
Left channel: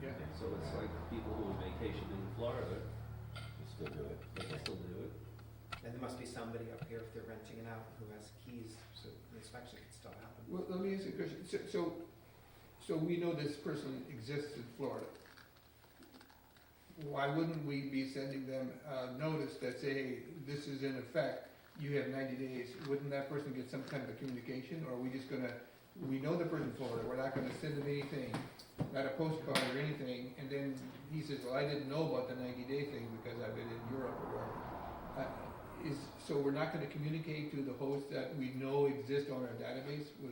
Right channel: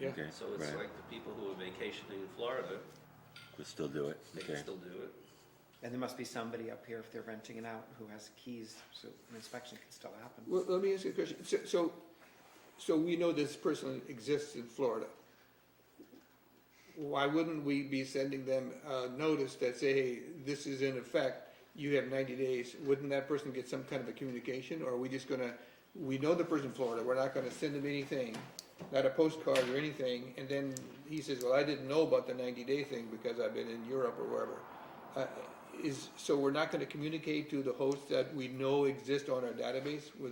Yeah. okay, So it's right, like people who are vacationing in Florida, we'll still do it, they okay. can still do it. And there must be somebody up here, if they're renting it out, who has keys, so an inspection can still happen. Well, let me ask you a question. So we know this person exists in Florida. Why wouldn't we be sending them a notice that say, hey, this is in effect, you have 90 days? Wouldn't that person get some kind of a communication, or are we just gonna, we know the person in Florida, we're not gonna send him anything, not a postcard or anything, and then he says, well, I didn't know about the 90-day thing because I've been in Europe or wherever. So we're not gonna communicate to the host that we know exist on our database with,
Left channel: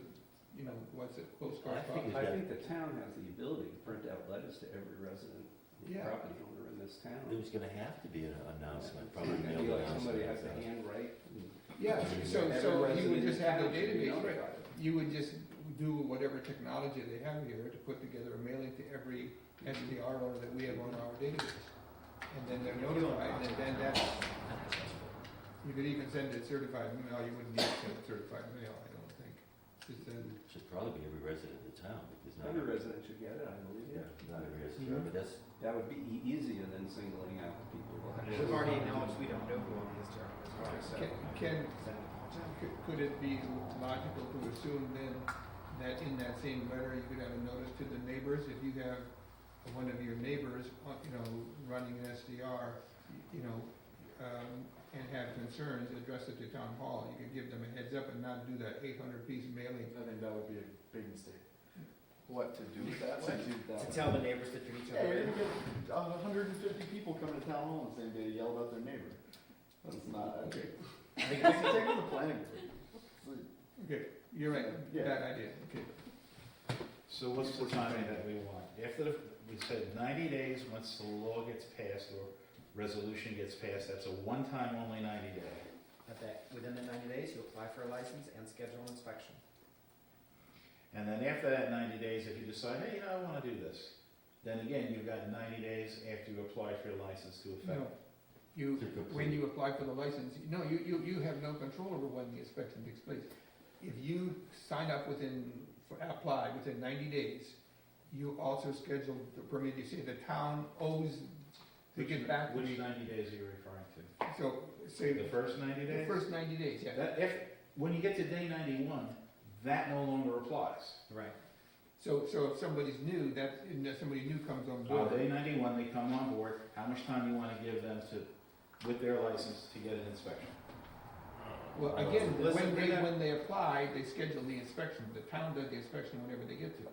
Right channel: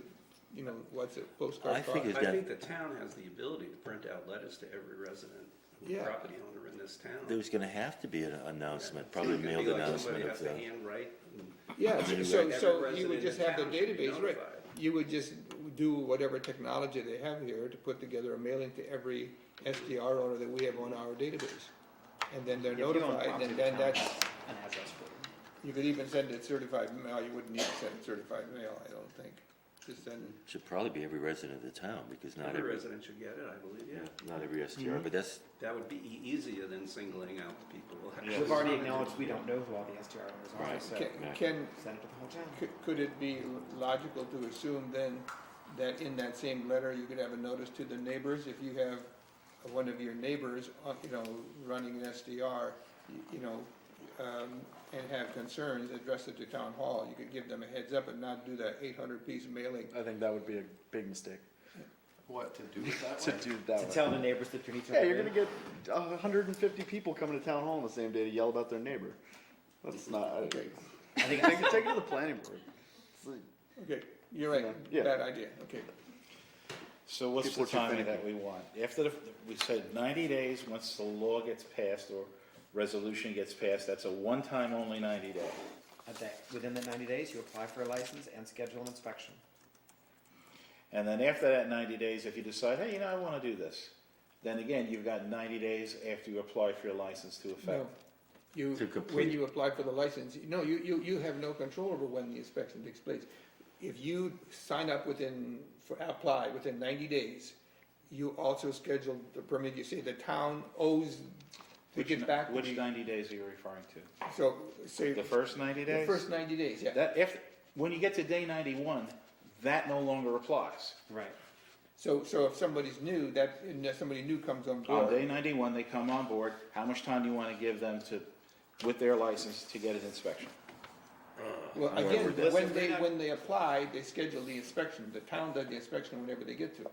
you know, what's a postcard I cost? think I think the town has the ability to print out letters to every resident, Yeah. property owner in this town. There's gonna have to be an announcement, probably It could mailed be like announcement somebody of has to the. handwrite. Yeah, I mean, so Every you would resident just in have the town should be database, right? notified. you would just do whatever technology they have here to put together a mailing to every STR owner that we have on our database. And then they're Yeah, we don't notified, want and to. then that's, And as that's for. you could even send it certified mail, you wouldn't need to send it certified mail, I don't think. Just send it. Should probably be every resident of the town, because not Every every, resident should get it, I believe, yeah, yeah. not every STR, but that's, That would be easier than singling out the people. We'll have to- We've already acknowledged we don't know who all the STR owners are, so. Can, Send it to Paul. could it be logical to assume then that in that same letter, you could have a notice to the neighbors? If you have one of your neighbors, running an SDR, and have concerns, address it to town hall, you could give them a heads up and not do that 800-piece mailing. I think that would be a big mistake, What, to do it that to way? do it To that way. tell the neighbors that you're each other. Yeah, you're gonna get 150 people coming to town hall on the same day to yell about their neighbor. That's not, I think take it's, it to the planning board. Okay, you're right, Yeah. bad idea, okay. So what's People the should timing think. that we want? After we said 90 days, once the law gets passed or resolution gets passed, that's a one-time only 90 day. within that 90 days, you apply for a license and schedule an inspection. And then after that 90 days, if you decide, hey, I want to do this, then again, you've got 90 days after you apply for your license to effect. No, you, To complete. when you apply for the license, no, you have no control over when the inspection takes place. If you sign up apply within 90 days, you also schedule the permit, you say the town owes to get back. Which 90 days are you referring to? So, say, The first 90 the days? first 90 days, yeah. When you get to day 91, that no longer applies. Right. So if somebody's new, if somebody new comes on On board, day 91, they come on board, how much time do you want to give them with their license to get an inspection? well, Well, again, this when is- when they apply, they schedule the inspection, the town does the inspection whenever they get to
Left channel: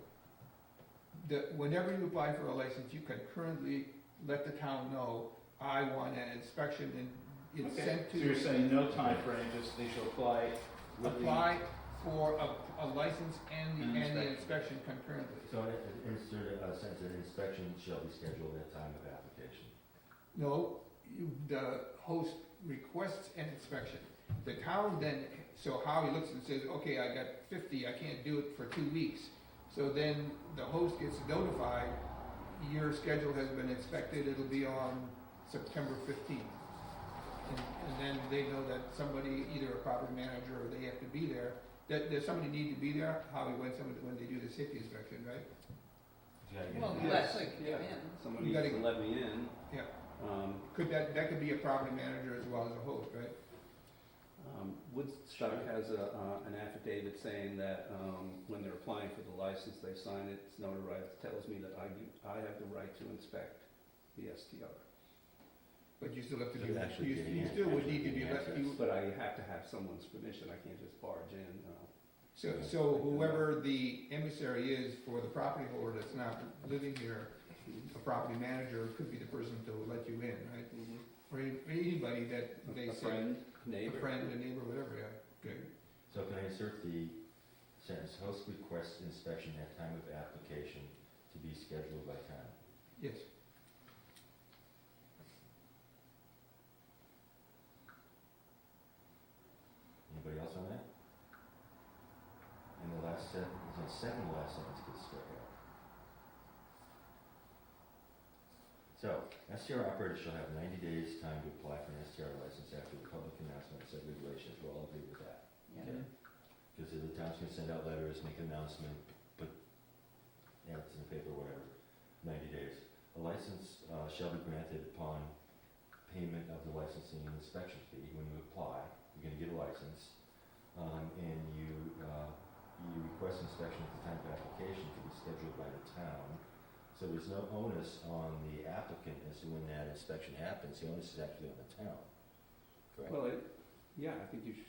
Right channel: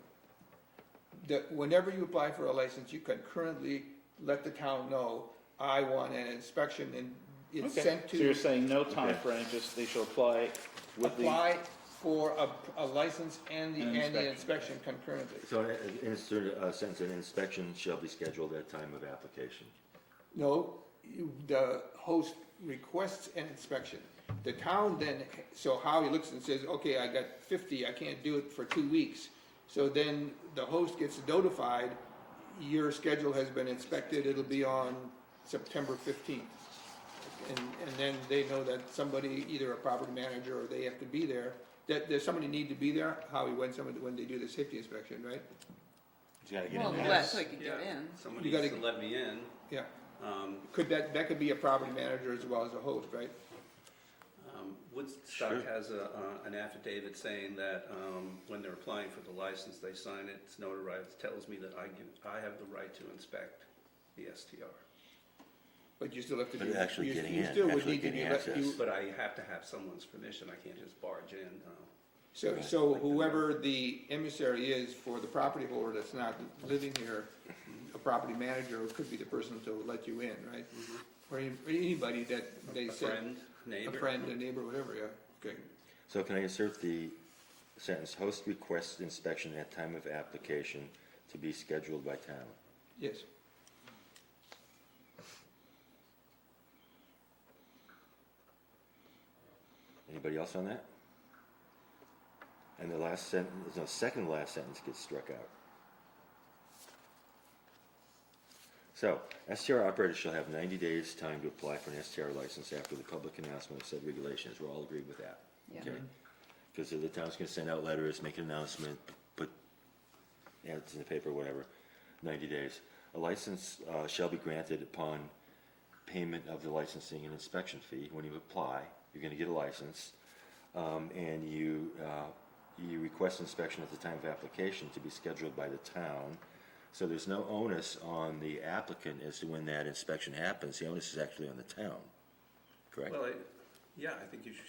it. Whenever you apply for a license, you can currently let the town know, I want an inspection, and it's Okay. sent So you're to, saying no time frame, just they shall apply with the... apply for a license and An the inspection. inspection concurrently. so insert a sentence, an inspection shall be scheduled at time of application. No, the host requests an inspection. The town then, so Howie looks and says, okay, I got 50, I can't do it for 2 weeks. So then the host gets notified, your schedule has been inspected, it'll be on September 15th. And then they know that somebody, either a property manager or they have to be there, that there's somebody need to be there, Howie, when they do the safety inspection, right? You gotta get Well, in yeah. there. so you can get in. Somebody You gotta- needs to let me in. Yeah. Um, That could be a property manager as well as a host, right? Woodstock has an affidavit saying that when they're applying for the license, they sign it, it's notarized, it tells me that I have the right to inspect the STR. But you still have to do. But actually getting you in, still would actually need to getting do access. But I have to have someone's permission, I can't just barge in. So whoever the emissary is for the property holder that's not living here, a property manager could be the person to let you in, right? Or anybody that they A say, friend, a neighbor. friend, a neighbor, whatever, yeah, okay. So can I insert the sentence, host requests inspection at time of application to be scheduled by town? Yes, Anybody else on that? And the last sentence, the second last sentence gets struck out. So, STR operators shall have 90 days time to apply for an STR license after the public announcement of said regulations. We're all agreed with that, Yeah. okay? Because the town's gonna send out letters, make an announcement, put ads in the paper, whatever, 90 days. A license shall be granted upon payment of the licensing and inspection fee. When you apply, you're gonna get a license, and you request inspection at the time of application to be scheduled by the town. So there's no onus on the applicant as to when that inspection happens. The onus is actually on the town, correct? Well, I think you should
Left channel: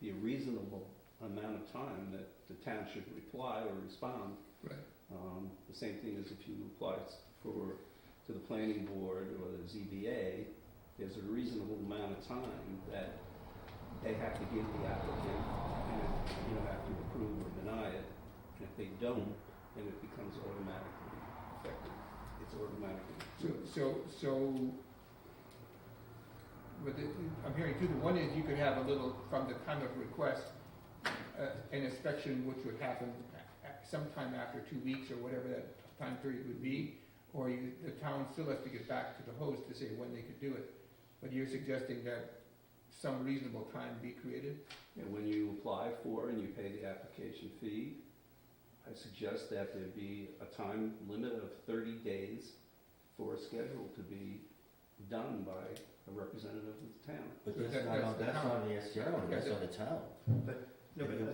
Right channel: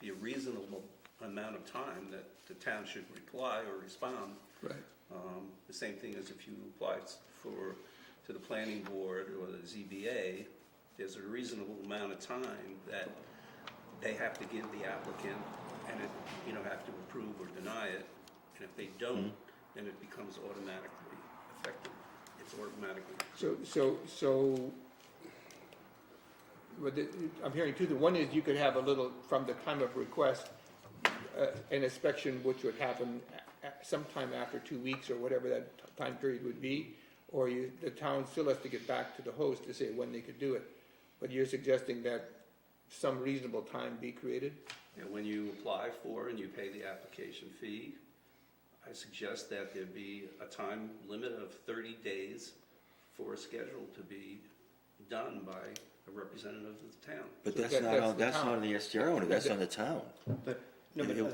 be a reasonable amount of time that the town should reply or respond. right. The same thing as if you apply to the planning board or the ZBA, there's a reasonable amount of time that they have to give the applicant, and have to approve or deny it. And if they don't, then it becomes automatically effective. It's automatically. So, I'm hearing two, the one is you could have a little, from the time of request, an an inspection which would happen sometime after 2 weeks or whatever that time period would be, or the town still has to get back to the host to say when they could do it. But you're suggesting that some reasonable time be created? And when you apply for and you pay the application fee, I suggest that there be a time limit of 30 days for a schedule to be done by a representative of the town. But So that's that- not that's on, the that's not town. on the STR owner, that's on the town. No, but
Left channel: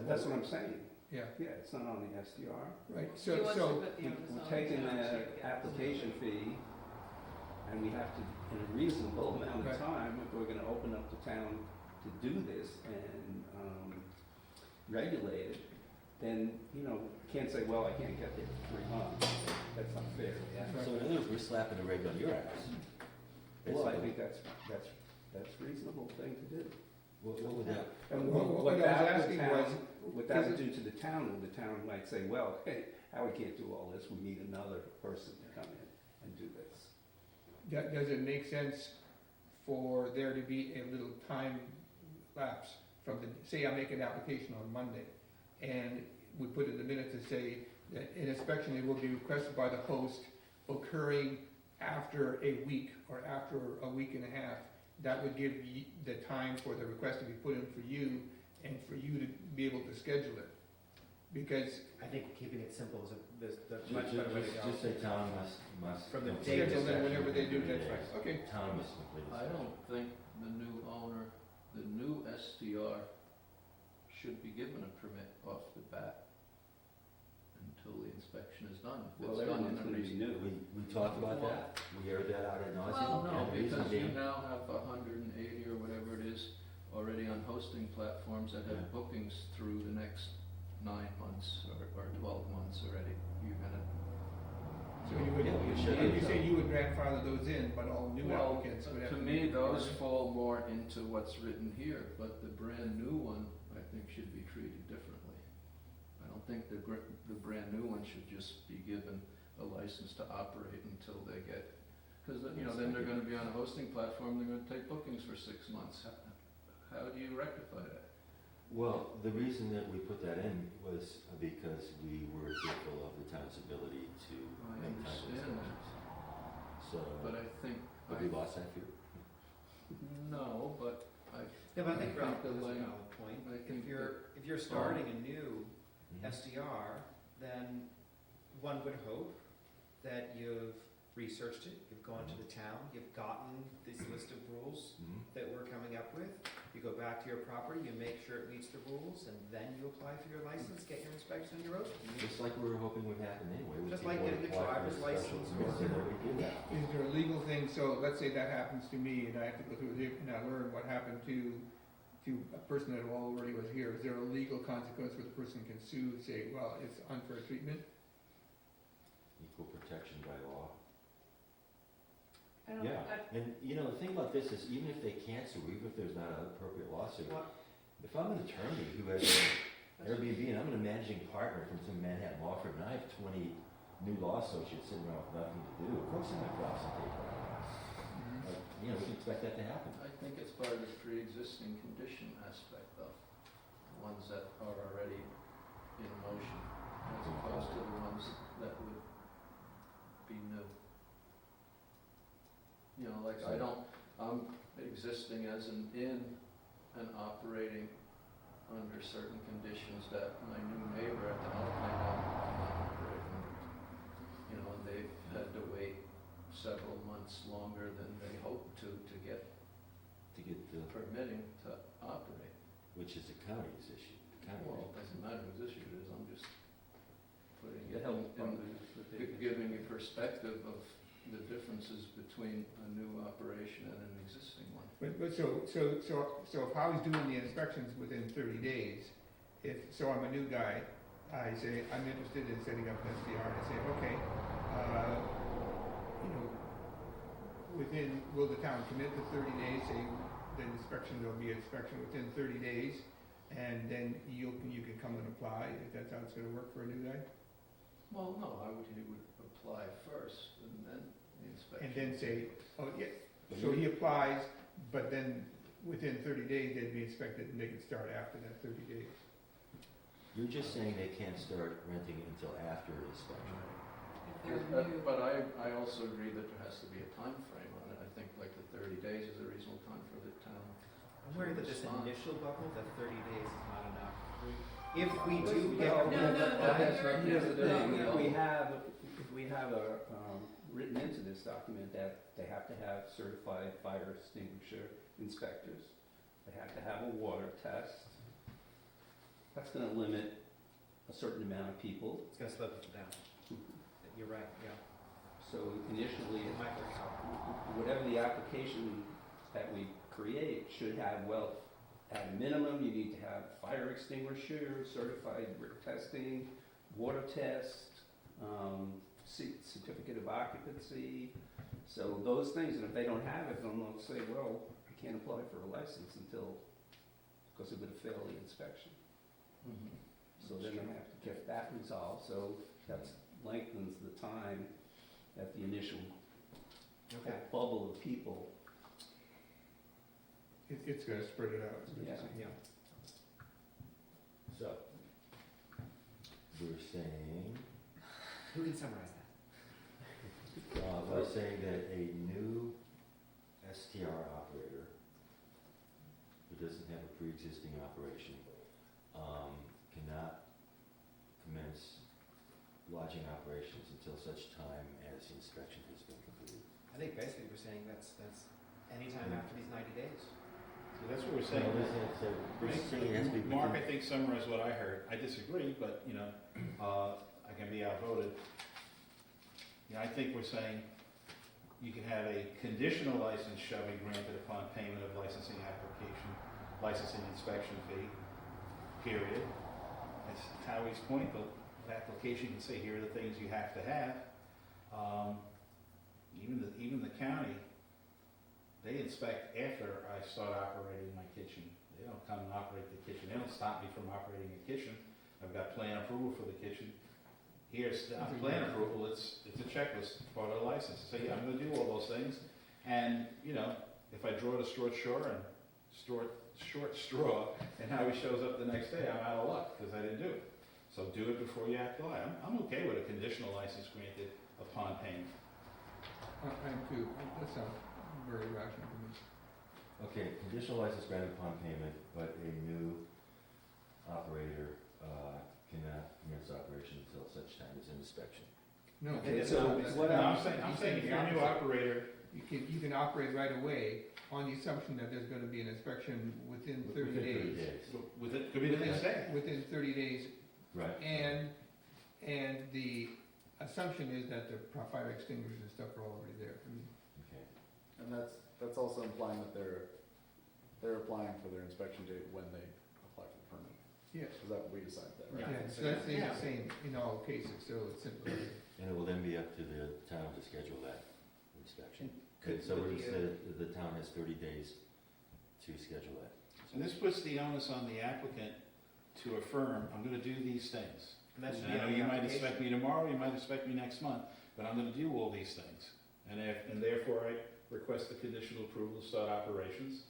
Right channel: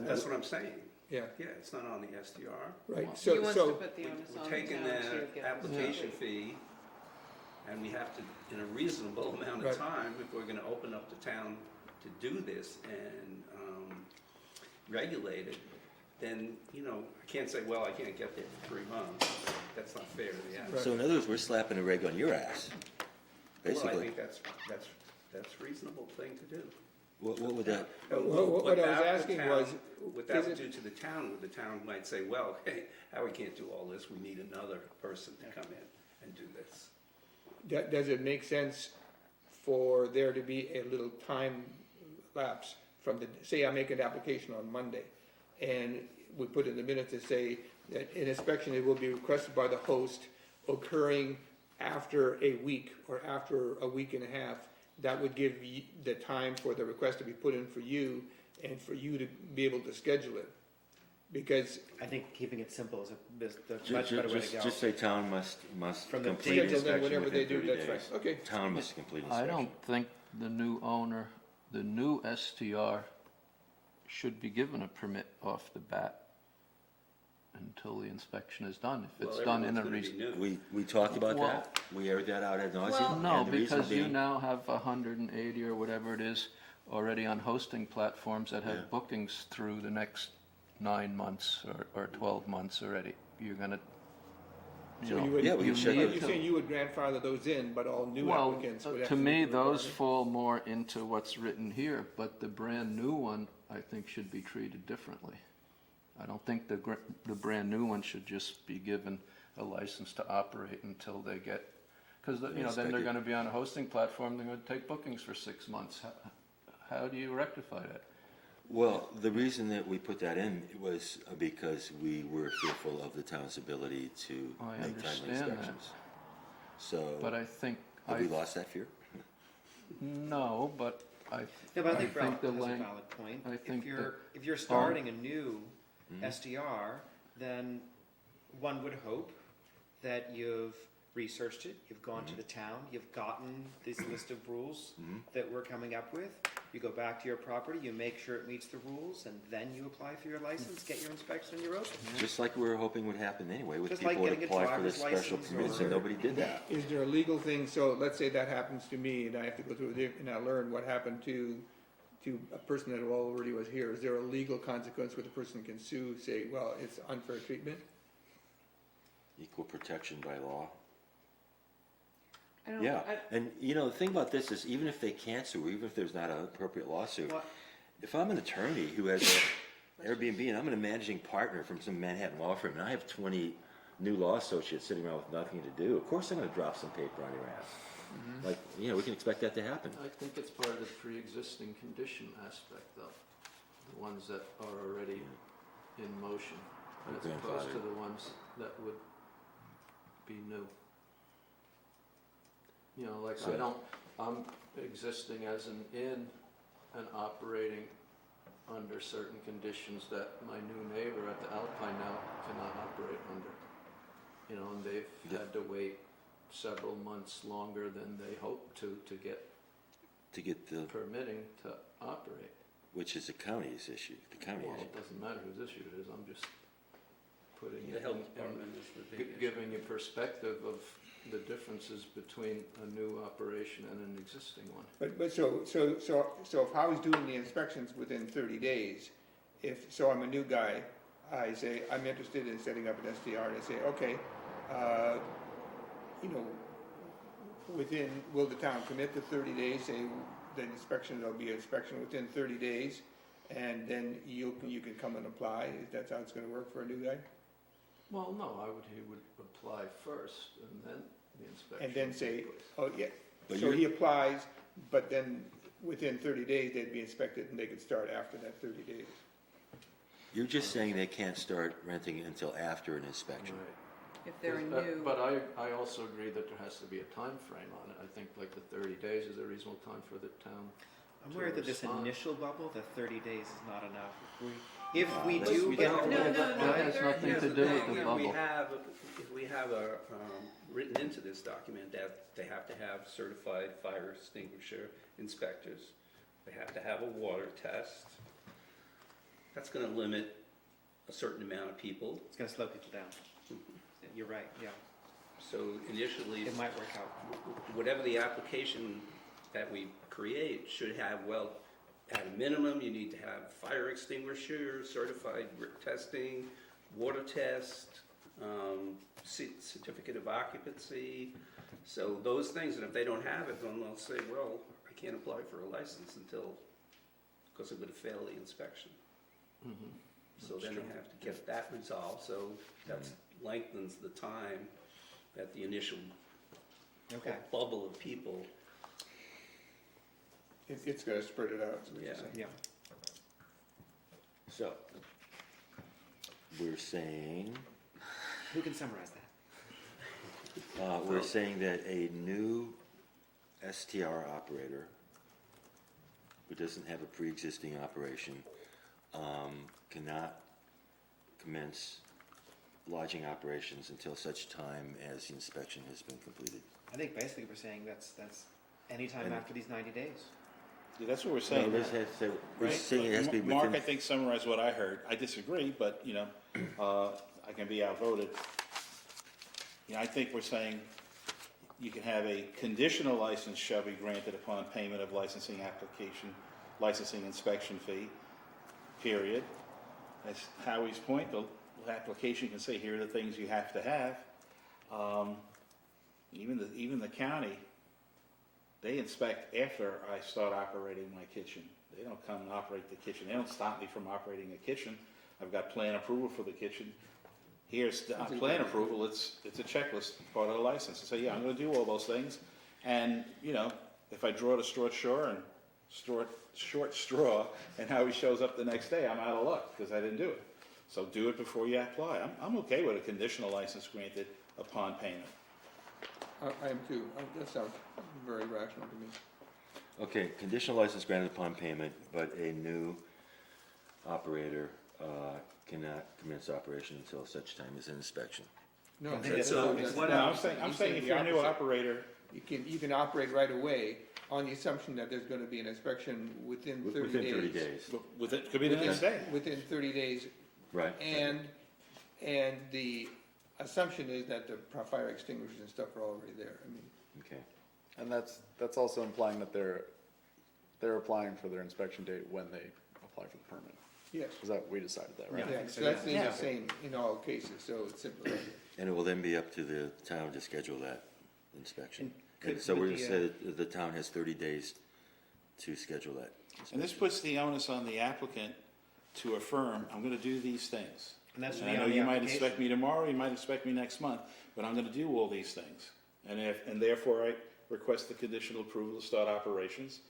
That's what I'm saying. Yeah, Yeah, it's not on the SDR. right, He so, wants to so, put the onus on We're the taking town to the get- application fee, and we have to, in a reasonable amount Right. of time, if we're gonna open up the town to do this and regulate it, then, I can't say, well, I can't get there for 3 months. That's not fair to the applicant. So in other words, we're slapping a reg on your ass, Well, I basically. think that's a reasonable thing to do. What would that, what I was asking was, What that is would it- do to the town might say, well, hey, Howie can't do all this, we need another person to come in and do this. does it make sense for there to be a little time lapse from say I make an application on Monday, and we put in the minute to say that an inspection it will be requested by the host occurring after a week or after a week and a half. That would give the time for the request to be put in for you and for you to be able to schedule it. Because I think keeping it simple is the much better way to go. just say town must From the complete date schedule that inspection whatever they within do, 30 that's days. right, okay. Town must complete I inspection. don't think the new owner, the new STR should be given a permit off the bat until the inspection is done, if it's Well, done in a everyone's gonna reason. be new. We talked about Well- that, we aired that out ad nauseam. Well- No, and the reason because you being- now have 180 or whatever it is already on hosting platforms that Yeah. have bookings through the next 9 months or 12 months already. You're gonna, So you would, Yeah, we you should you do. say you would grandfather those in, but all new well, applicants would have to to me, be those required. fall more into what's written here, but the brand new one, I think, should be treated differently. I don't think the brand new one should just be given a license to operate until they get, because, then they're Inspected. gonna be on a hosting platform, they're gonna take bookings for 6 months. How do you rectify that? Well, the reason that we put that in was because we were fearful of the town's ability to I make timely understand that. inspections. So, But I think, have we lost that fear? no, but No, but I think I Ralph think the has a lang- valid point. I think If you're starting a new Mhm. SDR, then one would hope that you've researched it, you've gone to the town, you've gotten this list of rules Mhm. that we're coming up with. You go back to your property, you make sure it meets the rules, and then you apply for your license, get your inspection, and you're open. Just like we were hoping would happen anyway, with Just people like would getting a apply for the driver's special license permits, or- and nobody did that. Is there a legal thing, so let's say that happens to me and I have to go through it and I learn what happened to a person that already was here. Is there a legal consequence where the person can sue, say, well, it's unfair treatment? Equal protection by law. I don't, Yeah, I, and the thing about this is even if they can't sue, or even if there's not an appropriate lawsuit, Well, if I'm an attorney who has an Airbnb and I'm a managing partner from some Manhattan law firm, and I have 20 new law associates sitting around with nothing to do, of course I'm gonna drop some paper on your ass. Like, we can expect that to happen. I think it's part of the pre-existing condition aspect, though. The ones that are already in motion, as opposed to the ones that would be new. I'm existing as an inn and operating under certain conditions that my new neighbor at the Alpine now cannot operate under. And they've had to wait several months longer than they hoped to get To get the, permitting to operate. which is the county's issue, the county Well, issue. it doesn't matter whose issue it is, I'm just putting The it health in, department is the big issue. giving a perspective of the differences between a new operation and an existing one. But so if Howie's doing the inspections within 30 days, so I'm a new guy, I say, I'm interested in setting up an SDR, and I say, okay, will the town commit to 30 days, say, the inspection, there'll be inspection within 30 days, and then you can come and apply, if that's how it's gonna work for a new guy? Well, no, he would apply first and then the inspection. And then would say, take place. oh, yeah, But so you're- he applies, but then within 30 days, they'd be inspected, and they could start after that 30 days. You're just saying they can't start renting until after an inspection. If they're But- new. But I also agree that there has to be a time frame on it. I think like the 30 days is a reasonable time for the town. I'm worried that this Respond. initial bubble, the 30 days is not enough. If we Let's- do we get. don't- No, no, no, That has no, nothing no, to no, do no, with the no. bubble. If we have written into this document that they have to have certified fire extinguisher inspectors, they have to have a water test, that's gonna limit a certain amount of people. It's gonna slow people down. You're right, yeah. So initially, It might work out. whatever the application that we create should have, well, at a minimum, you need to have fire extinguisher, certified brick testing, water test, certificate of occupancy. So those things, and if they don't have it, then they'll say, well, I can't apply for a license because it would have failed the inspection. Mhm. So then they have to get that resolved, so that lengthens the time at the initial Okay. bubble of people. It's gonna spread it out, is what you're Yeah. saying. Yeah. So, we're saying, Who can summarize that? we're saying that a new STR operator who doesn't have a pre-existing operation cannot commence lodging operations until such time as the inspection has been completed. I think basically we're saying that's anytime And- after these 90 days. Yeah, that's what we're So saying. this has to, we're Right? saying it has to be Mark, I within, think summarized what I heard. I disagree, but, I can be outvoted. I think we're saying you can have a conditional license shall be granted upon payment of licensing application, licensing inspection fee, period. That's Howie's point, the application can say, here are the things you have to have. Even the county, they inspect after I start operating my kitchen. They don't come and operate the kitchen. They don't stop me from operating a kitchen. I've got plan approval for the kitchen. Here's the plan approval, it's a checklist, part of the license. So yeah, I'm gonna do all those things. And, if I draw the short straw and short straw, and Howie shows up the next day, I'm out of luck, because I didn't do it. So do it before you apply. I'm okay with a conditional license granted upon payment. I am too. That sounds very rational to me. okay, conditional license granted upon payment, but a new operator cannot commence operation until such time as an inspection. No, Yeah, that's so not- what No, else? I'm saying if you're a new operator, You can operate right away on the assumption that there's gonna be an inspection within 30 days. Within 30 days, with it, could be the next day. Within 30 days, right? and the assumption is that the fire extinguishers and stuff are already there. I mean, Okay, And that's also implying that they're applying for their inspection date when they apply for the permit. yes, Is that, we decided that, right? yeah, So, so that's yeah. the same in all cases, so it's simple. and it will then be up to the town to schedule that inspection. And And so could we're the, gonna say that the town has 30 days to schedule that. And this puts the onus on the applicant to affirm, I'm gonna do these things. And that should And be I know on the you might application. expect me tomorrow, you might expect me next month, but I'm gonna do all these things. And therefore I request the conditional approval to start operations.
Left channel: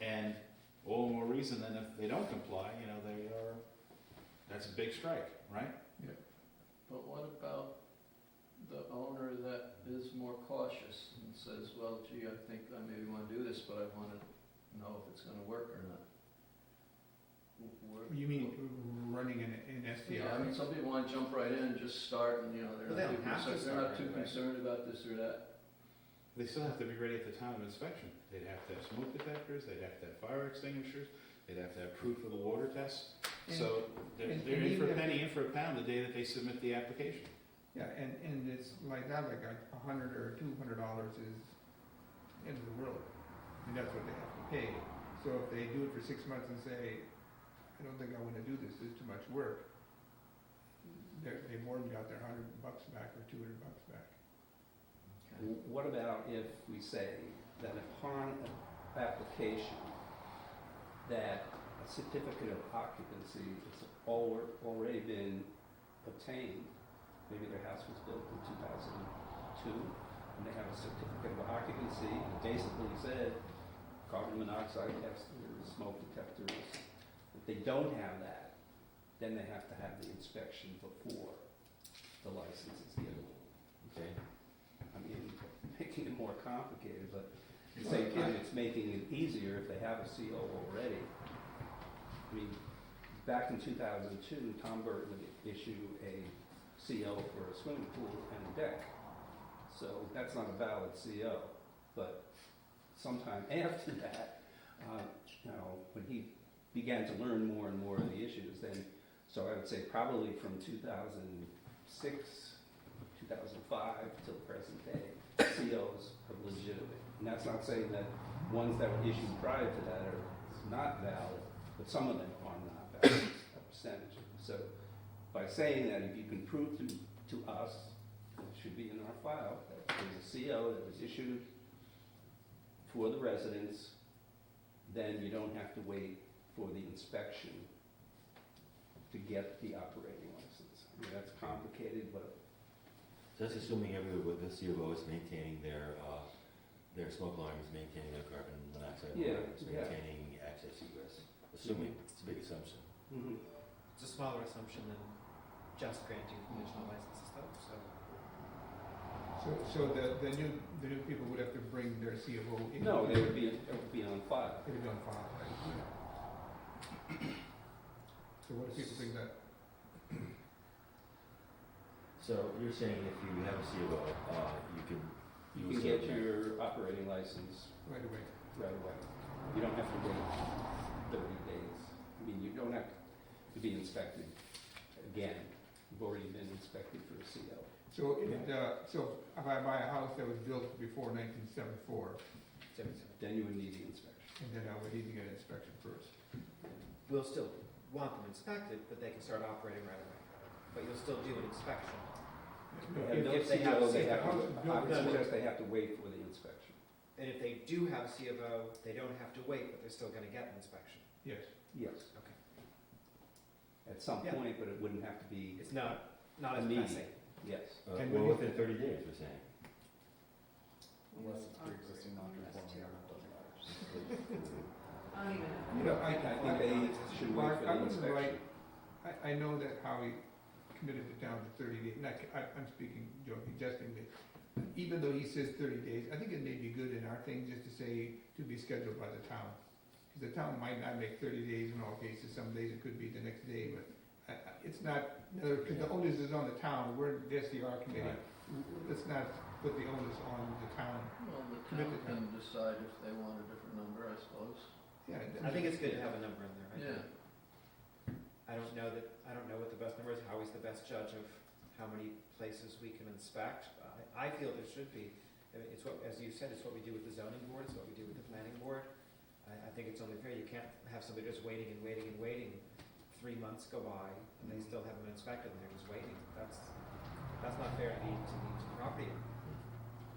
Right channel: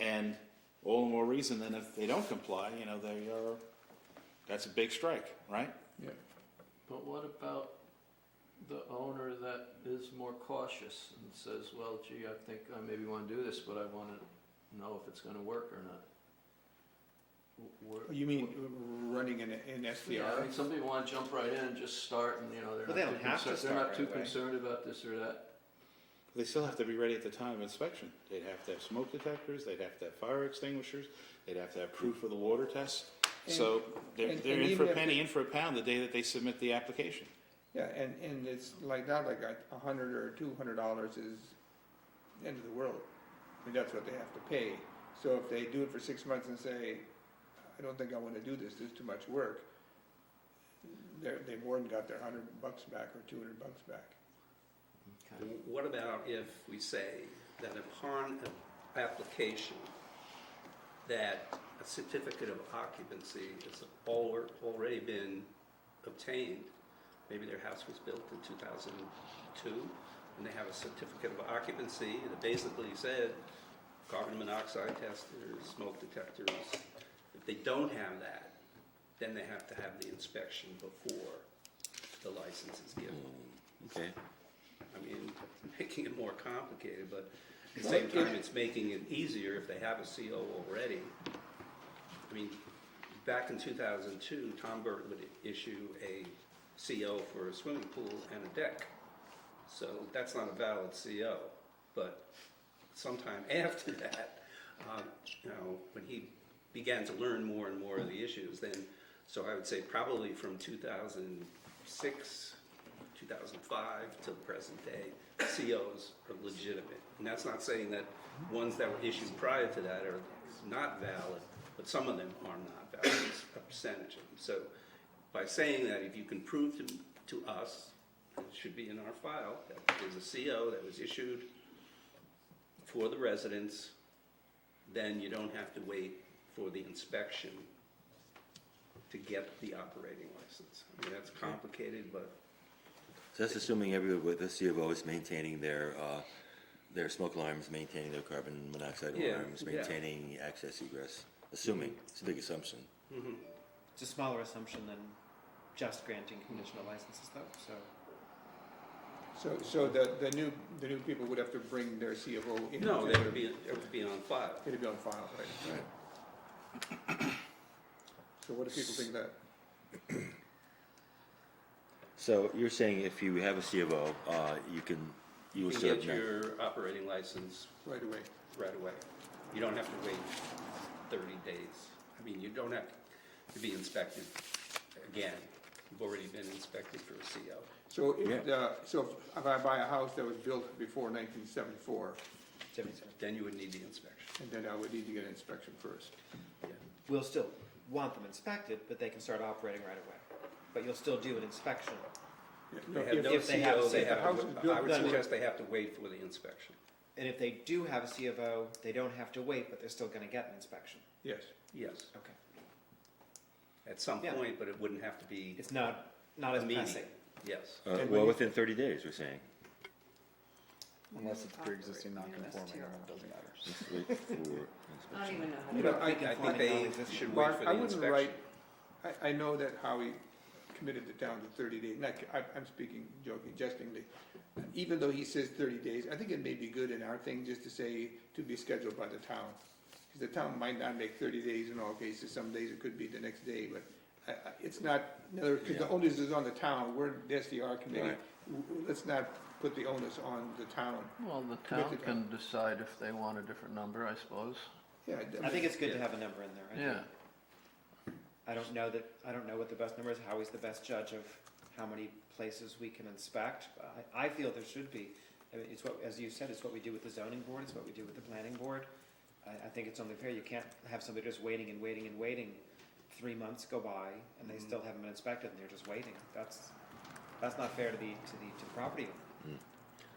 And all the more reason than if they don't comply, that's a big strike, right? But what about the owner that is more cautious and says, well, gee, I think I maybe want to do this, but I want to know if it's going to work or not? You mean running an Yeah, SDR? I mean, some people want to jump right in and just start and, Well, they're they not don't too have to concerned, they're start not too right away. concerned about this or that. They still have to be ready at the time of inspection. They'd have to have smoke detectors, they'd have to have fire extinguishers, they'd have to have proof of the water test. So they're and in for even a if penny, they- in for a pound the day that they submit the application. Yeah, and it's like that, like $100 or $200 is the end of the world. I mean, that's what they have to pay. So if they do it for 6 months and say, I don't think I wanna do this, this is too much work, they've more than got their $100 back or $200 back. What about if we say that upon application, that a certificate of occupancy has already been obtained? Maybe their house was built in 2002, and they have a certificate of occupancy, and it basically said carbon monoxide testers, smoke detectors. If they don't have that, then they have to have the inspection before the license is given. Okay. I mean, making it more complicated, but at the same time, it's making it easier if they have a CO already. I mean, back in 2002, Tom Burt would issue a CO for a swimming pool and a deck. So that's not a valid CO, but sometime after that, you know, when he began to learn more and more of the issues, then, so I would say probably from 2006, 2005 till present day, COs are legitimate. And that's not saying that ones that were issued prior to that are not valid, but some of them are not valid, a percentage of them. So by saying that, if you can prove to us, and it should be in our file, that there's a CO that was issued for the residents, then you don't have to wait for the inspection to get the operating license. I mean, that's complicated, but So that's assuming everyone with the C of O is maintaining their smoke alarms, maintaining their carbon monoxide Yeah, alarms, yeah. maintaining access egress. Assuming, it's a big assumption. mhm. It's a smaller assumption than just granting conditional licenses though, so. So the new people would have to bring their C of O in? No, it would be on file. It'd be on file, right? So what do people think that? So you're saying if you have a C of O, you You will can serve get that. your operating license Right away. right away. You don't have to wait 30 days. I mean, you don't have to be inspected again. You've already been inspected for a CO. So if I buy a house that was built before 1974, Then you would need the inspection. and then I would need to get an inspection first. We'll still want them inspected, but they can start operating right away. But you'll still do an inspection. They have no If they have CO, a they CO. have, House is I built would before- suggest they have to wait for the inspection. And if they do have a C of O, they don't have to wait, but they're still gonna get an inspection. Yes. Yes, Okay. at some Yeah. point, but it wouldn't have to be It's not as immediate. pressing. Yes. And Well, when you- within 30 days, we're saying. Unless it's pre-existing non-conforming on the building first. Let's wait for- I don't even know. You know, I think they should wait Mark, for I the wouldn't inspection. write, I know that Howie committed the town to 30 days, I'm speaking joking, jestingly. Even though he says 30 days, I think it may be good in our thing just to say to be scheduled by the town. Because the town might not make 30 days in all cases, some days it could be the next day, but it's not, because the onus is on the town, we're the SDR committee. Right. Let's not put the onus on the town. Well, the Commit town to can decide if they want a different number, I suppose. Yeah, I think it's good to have a number in there. I Yeah. think. I don't know what the best number is. Howie's the best judge of how many places we can inspect. I feel there should be. I mean, it's what, as you said, it's what we do with the zoning board, it's what we do with the planning board. I think it's only fair. You can't have somebody just waiting and waiting and waiting. 3 months go by and they still haven't been inspected and they're just waiting. That's not fair to the property.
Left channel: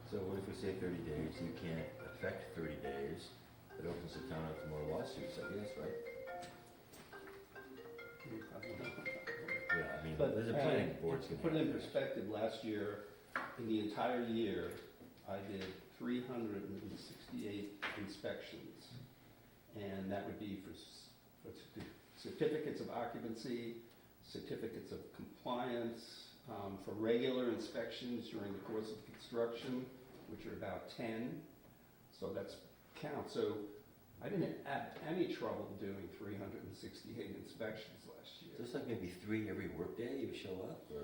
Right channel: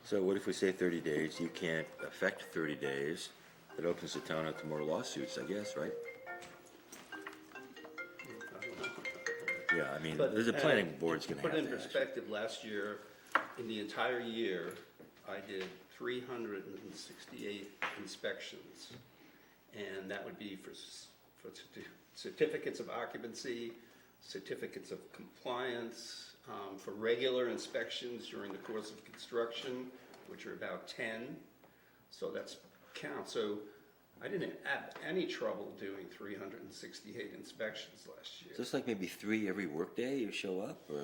So what if we say 30 days? You can't affect 30 days. It opens the town up to more lawsuits, I guess, right? Yeah, I mean, But, the planning board's gonna have Put to. in act. perspective, last year, in the entire year, I did 368 inspections. And that would be for certificates of occupancy, certificates of compliance, for regular inspections during the course of construction, which are about 10. So that's count. So I didn't have any trouble doing 368 inspections last year. So it's like maybe 3 every workday you show up, or?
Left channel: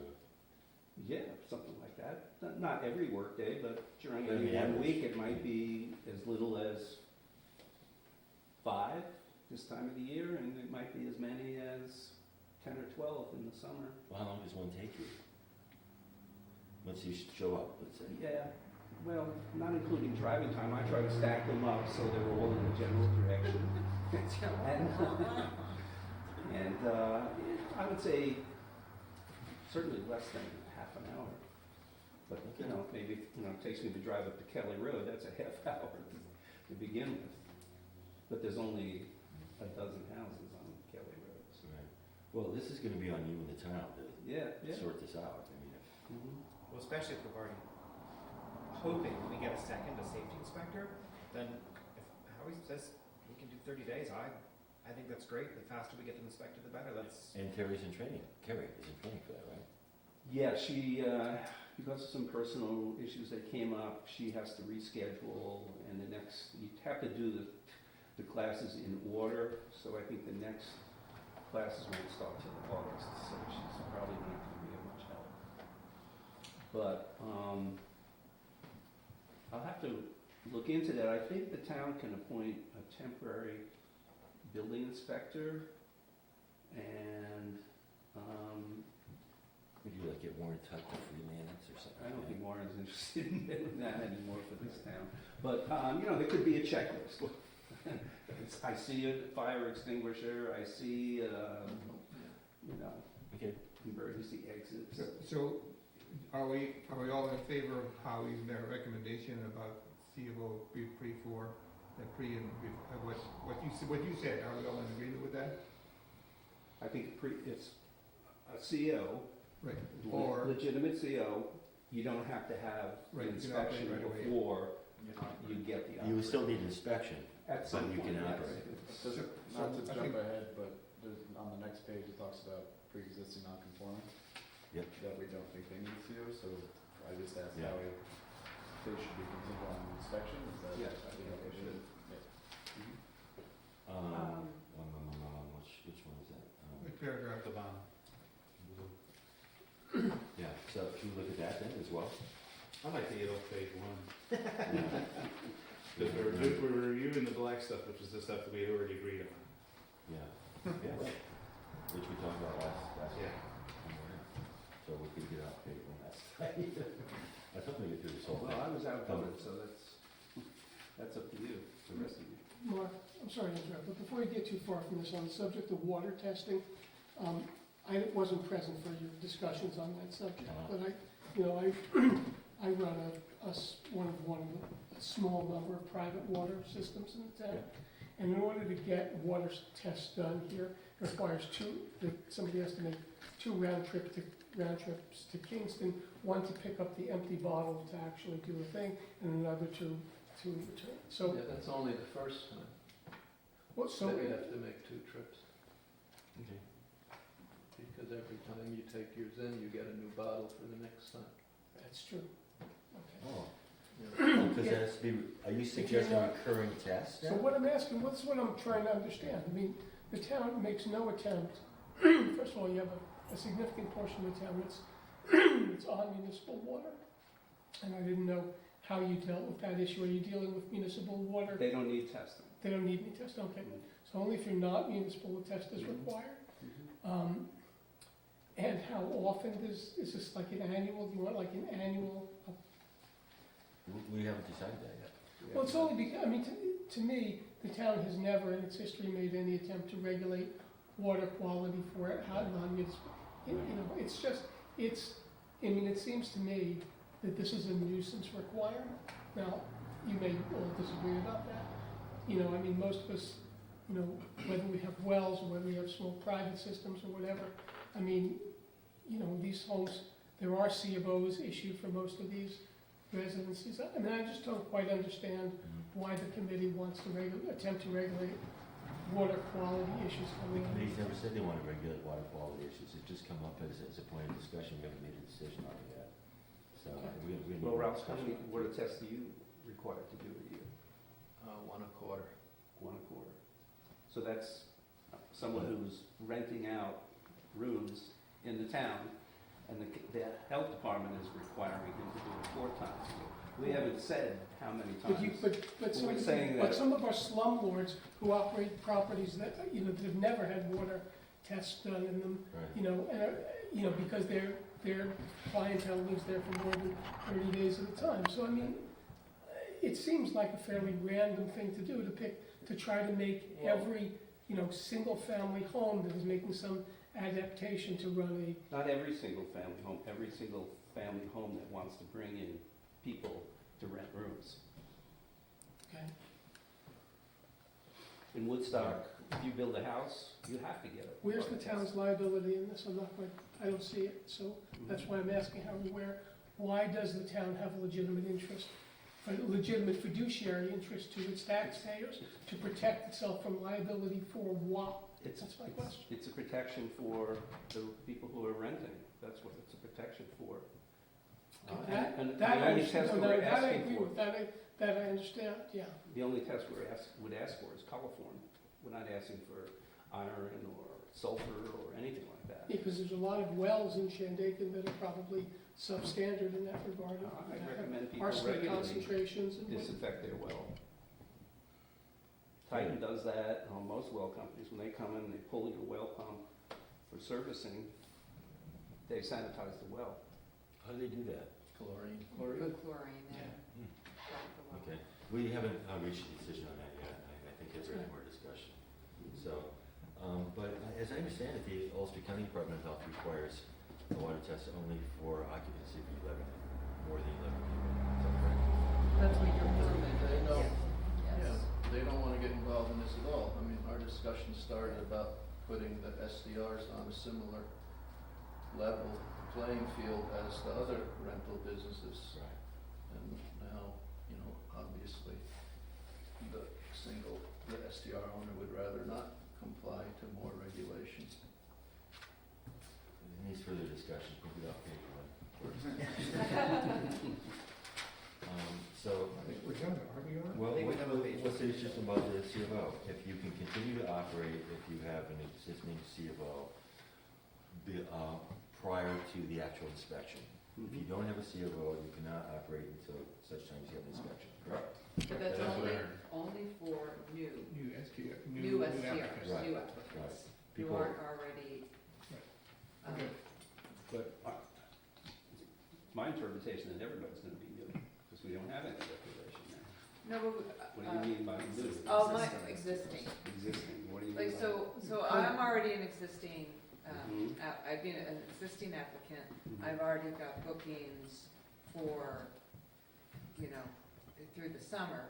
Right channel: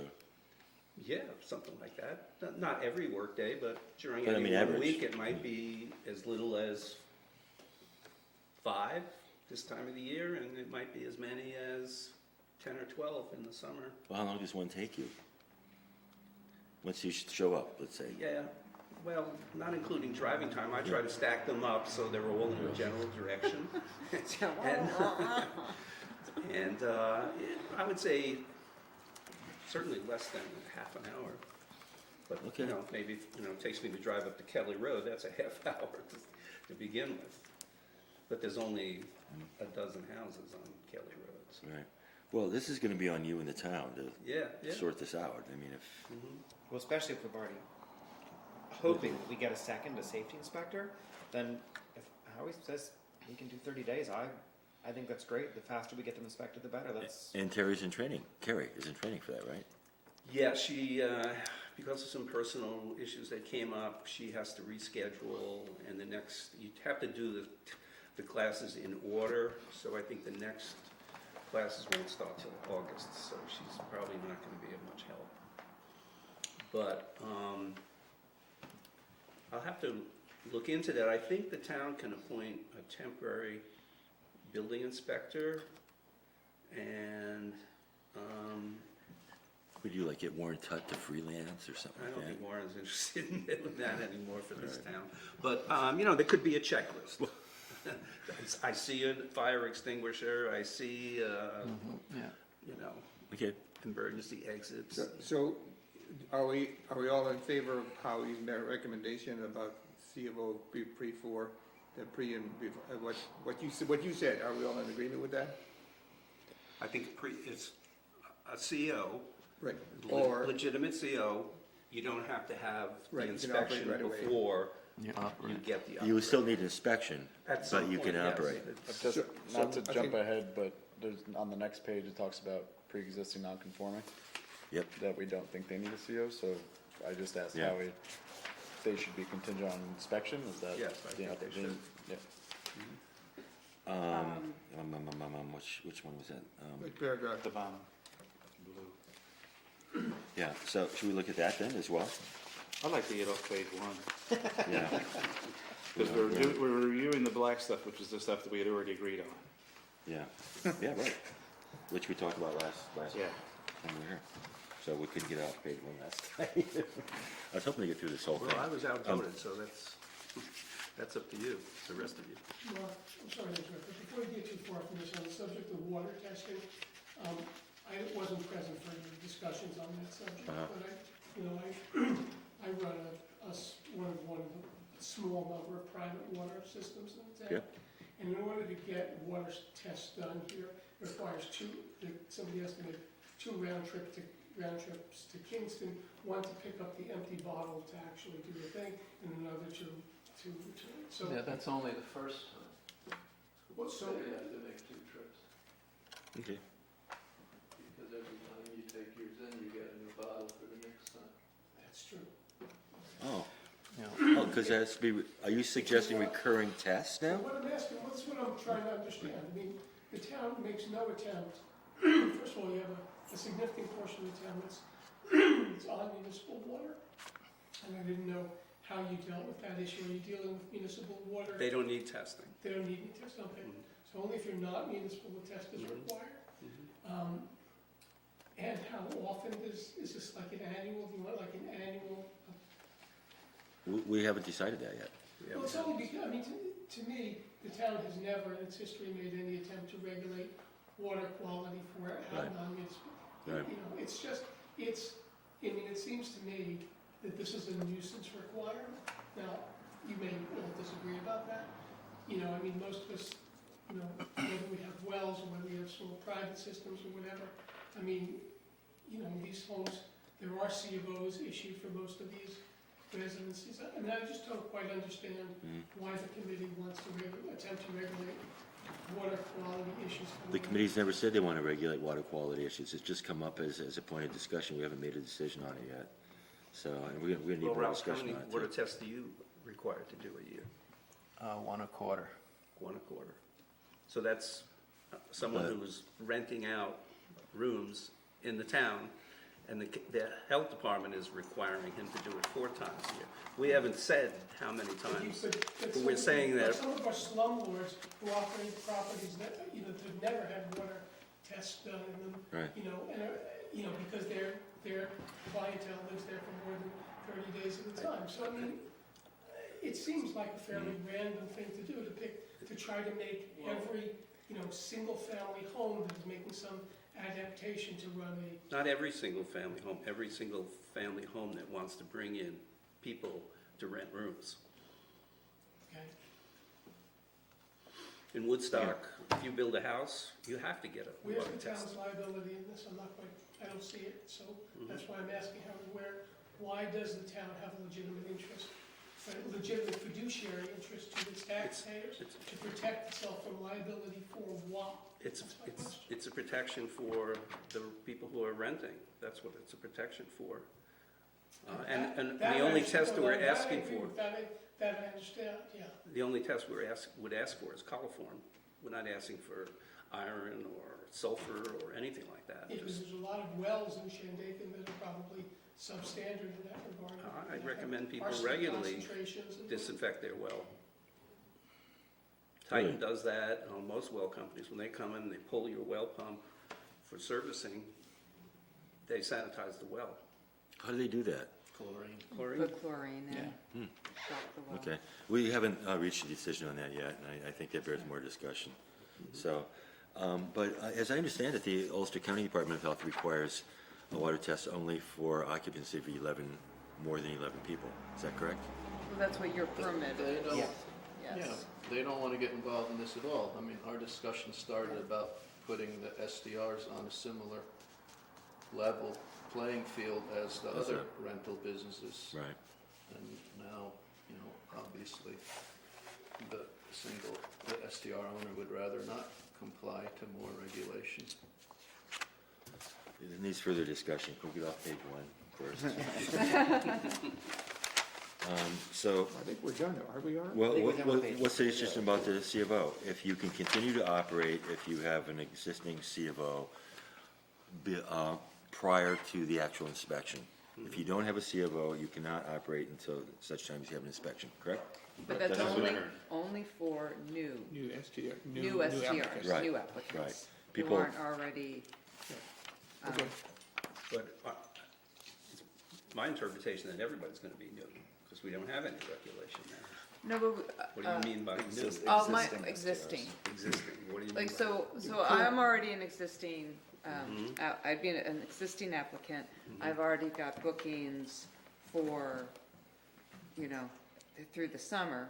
Yeah, something like that. Not every workday, but during But I any mean, one average. week, it might be as little as 5 this time of the year, and it might be as many as 10 or 12 in the summer. Well, how long does one take you? Once you show up, let's say. Yeah, well, not including driving time. I try to stack them up so they're all in a general direction. And I would say certainly less than half an hour. But, Okay. maybe, it takes me to drive up to Kelly Road, that's a half hour to begin with. But there's only a dozen houses on Kelly Road. So. Right. Well, this is gonna be on you and the town to Yeah, yeah. sort this out. I mean, if, Mhm. Well, especially if we're already hoping we get a safety inspector, then if Howie says he can do 30 days, I think that's great. The faster we get them inspected, the better. That's, And Terry's in training. Carrie is in training for that, right? Yeah, she, because of some personal issues that came up, she has to reschedule, and the next, you have to do the classes in order, so I think the next classes won't start till August, so she's probably not gonna be of much help. But, I'll have to look into that. I think the town can appoint a temporary building inspector, and, Would you like get Warren Tutt to freelance or something I like don't that? think Warren's interested in doing that anymore for this town. But, you know, there could be a checklist. I see a fire extinguisher, I see, you know, Okay. emergency exits. So, are we all in favor of Howie's recommendation about C of O pre-4, the pre and, what you said, are we all in agreement with that? I think it's a CO, Right, or, legitimate CO, you don't have to have the Right, you can operate inspection right away. before You you operate. get the You would still operation. need inspection, At some but you point, can yes. operate. It's- Just, So- not to so I jump think- ahead, but there's, on the next page, it talks about pre-existing non-conforming. Yep. That we don't think they need a CO, so I just asked Yeah. Howie, they should be contingent on inspection, is that? Yes, I you know, think they should. yeah. Which one was that? like paragraph, At the bottom. Yeah, so should we look at that then as well? I like to get off page one, Yeah. because we're reviewing the black stuff, which is the stuff that we had already agreed on. Yeah, yeah, right. Which we talked about last Yeah. time we were here. So we couldn't get out page one last time. I was hoping to get through this whole thing. Well, I was outvoted, so that's up to you, it's the rest of you. Mark, I'm sorry to interrupt, but before you get too far from this, on the subject of water testing, I wasn't present for any discussions on that subject, but I run one of a small number of private water systems in the town. And in order to get water tests done here, it requires somebody estimated 2 round trips to Kingston, one to pick up the empty bottle to actually do a thing, and another to return. So, Yeah, that's only the first time, well, so, that you have to make 2 trips, Okay. because every time you take yours in, you get a new bottle for the next time. that's true. Oh, Yeah. because that has to be, are you suggesting recurring tests So now? what I'm asking, what's what I'm trying to understand, I mean, the town makes no attempt, first of all, you have a significant portion of the town it's on municipal water, and I didn't know how you dealt with that issue, are you dealing with municipal water? They don't need testing. They don't need any test, okay, so only if you're not municipal, the test is required? And how often is this like an annual, do you want like an annual? We haven't decided that yet. Yeah. Well, it's only because, I mean, to me, the town has never in its history made any attempt to regulate water quality for Right. non-municipal. Right. You know, it's just, I mean, it seems to me that this is a nuisance requirement. Now, you may all disagree about that. You know, I mean, most of us, you know, whether we have wells or whether we have small private systems or whatever, I mean, you know, these homes, there are C of Os issued for most of these residencies. I mean, I just don't quite understand why the committee wants to attempt to regulate water quality issues. The committee's never said they want to regulate water quality issues. It's just come up as a point of discussion. We haven't made a decision on it yet. So we're gonna need Well, more Ralph, how discussion many on it. water too. tests do you require to do a year? 1 1/4. 1 1/4. So that's someone But- who's renting out rooms in the town, and the health department is requiring him to do it 4 times a year. We haven't said how many times. But We're saying that- some of our slumlords who operate properties that, you know, that have never had water tests done in them, Right. you know, because their clientele lives there for more than 30 days at a time. So, I mean, it seems like a fairly random thing to do, to try to make Well- every, you know, single-family home that is making some adaptation to run Not every single family home, every single family home that wants to bring in people to rent rooms. okay? In Woodstock, if you build a house, you have to get a Where's water the test. town's liability in this? I don't see it, so that's why I'm asking why does the town have a legitimate interest a legitimate fiduciary interest to its taxpayers to protect itself from liability for what? That's my question. It's a protection for the people who are renting. That's what it's a protection for. And That the only I- test no, we're that I asking agree for, with. That I understand, yeah. the only test would ask for is coliform. We're not asking for iron or sulfur or anything like that. Because there's a lot of wells in Shandaken that are probably substandard in that regard. I'd recommend people Arsenic regularly concentrations and. disinfect their well. Titan does that, most well companies, when they come in, they pull your well pump for servicing, they sanitize the well. How do they do that? Chlorine. Chlorine? Put chlorine in. Hmm. Salt the well. Okay, we haven't reached a decision on that yet, and I think that bears more discussion. So, but as I understand it, the Ulster County Department of Health requires a water test only for occupancy for more than 11 people. Is that correct? That's what your permit They is. don't- Yes. They don't wanna get involved in this at all. I mean, our discussion started about putting the SDRs on a similar level playing field as the other rental businesses. Right. And now, obviously, the SDR owner would rather not comply to more regulations. It needs further discussion. We'll get off page 1 first. So, I think we're done, are we on? well, I think we have a page what's the one. issue about the C of O? If you can continue to operate, if you have an existing C of O prior to the actual inspection. If you don't have a C of O, you cannot operate until such time as you have an inspection, correct? But that's That's what I only heard. for new New STR, STRs, applicants. Right, new applicants. right. Who People- aren't already. Okay. But my interpretation that everybody's gonna be new, because we don't have any regulation now. No, but, What do you mean by new? oh, my, Existing existing. Existing, what do you mean Like, by? so I'm already an existing, Mhm. I'd be an existing applicant. Mhm. I've already got bookings for, through the summer.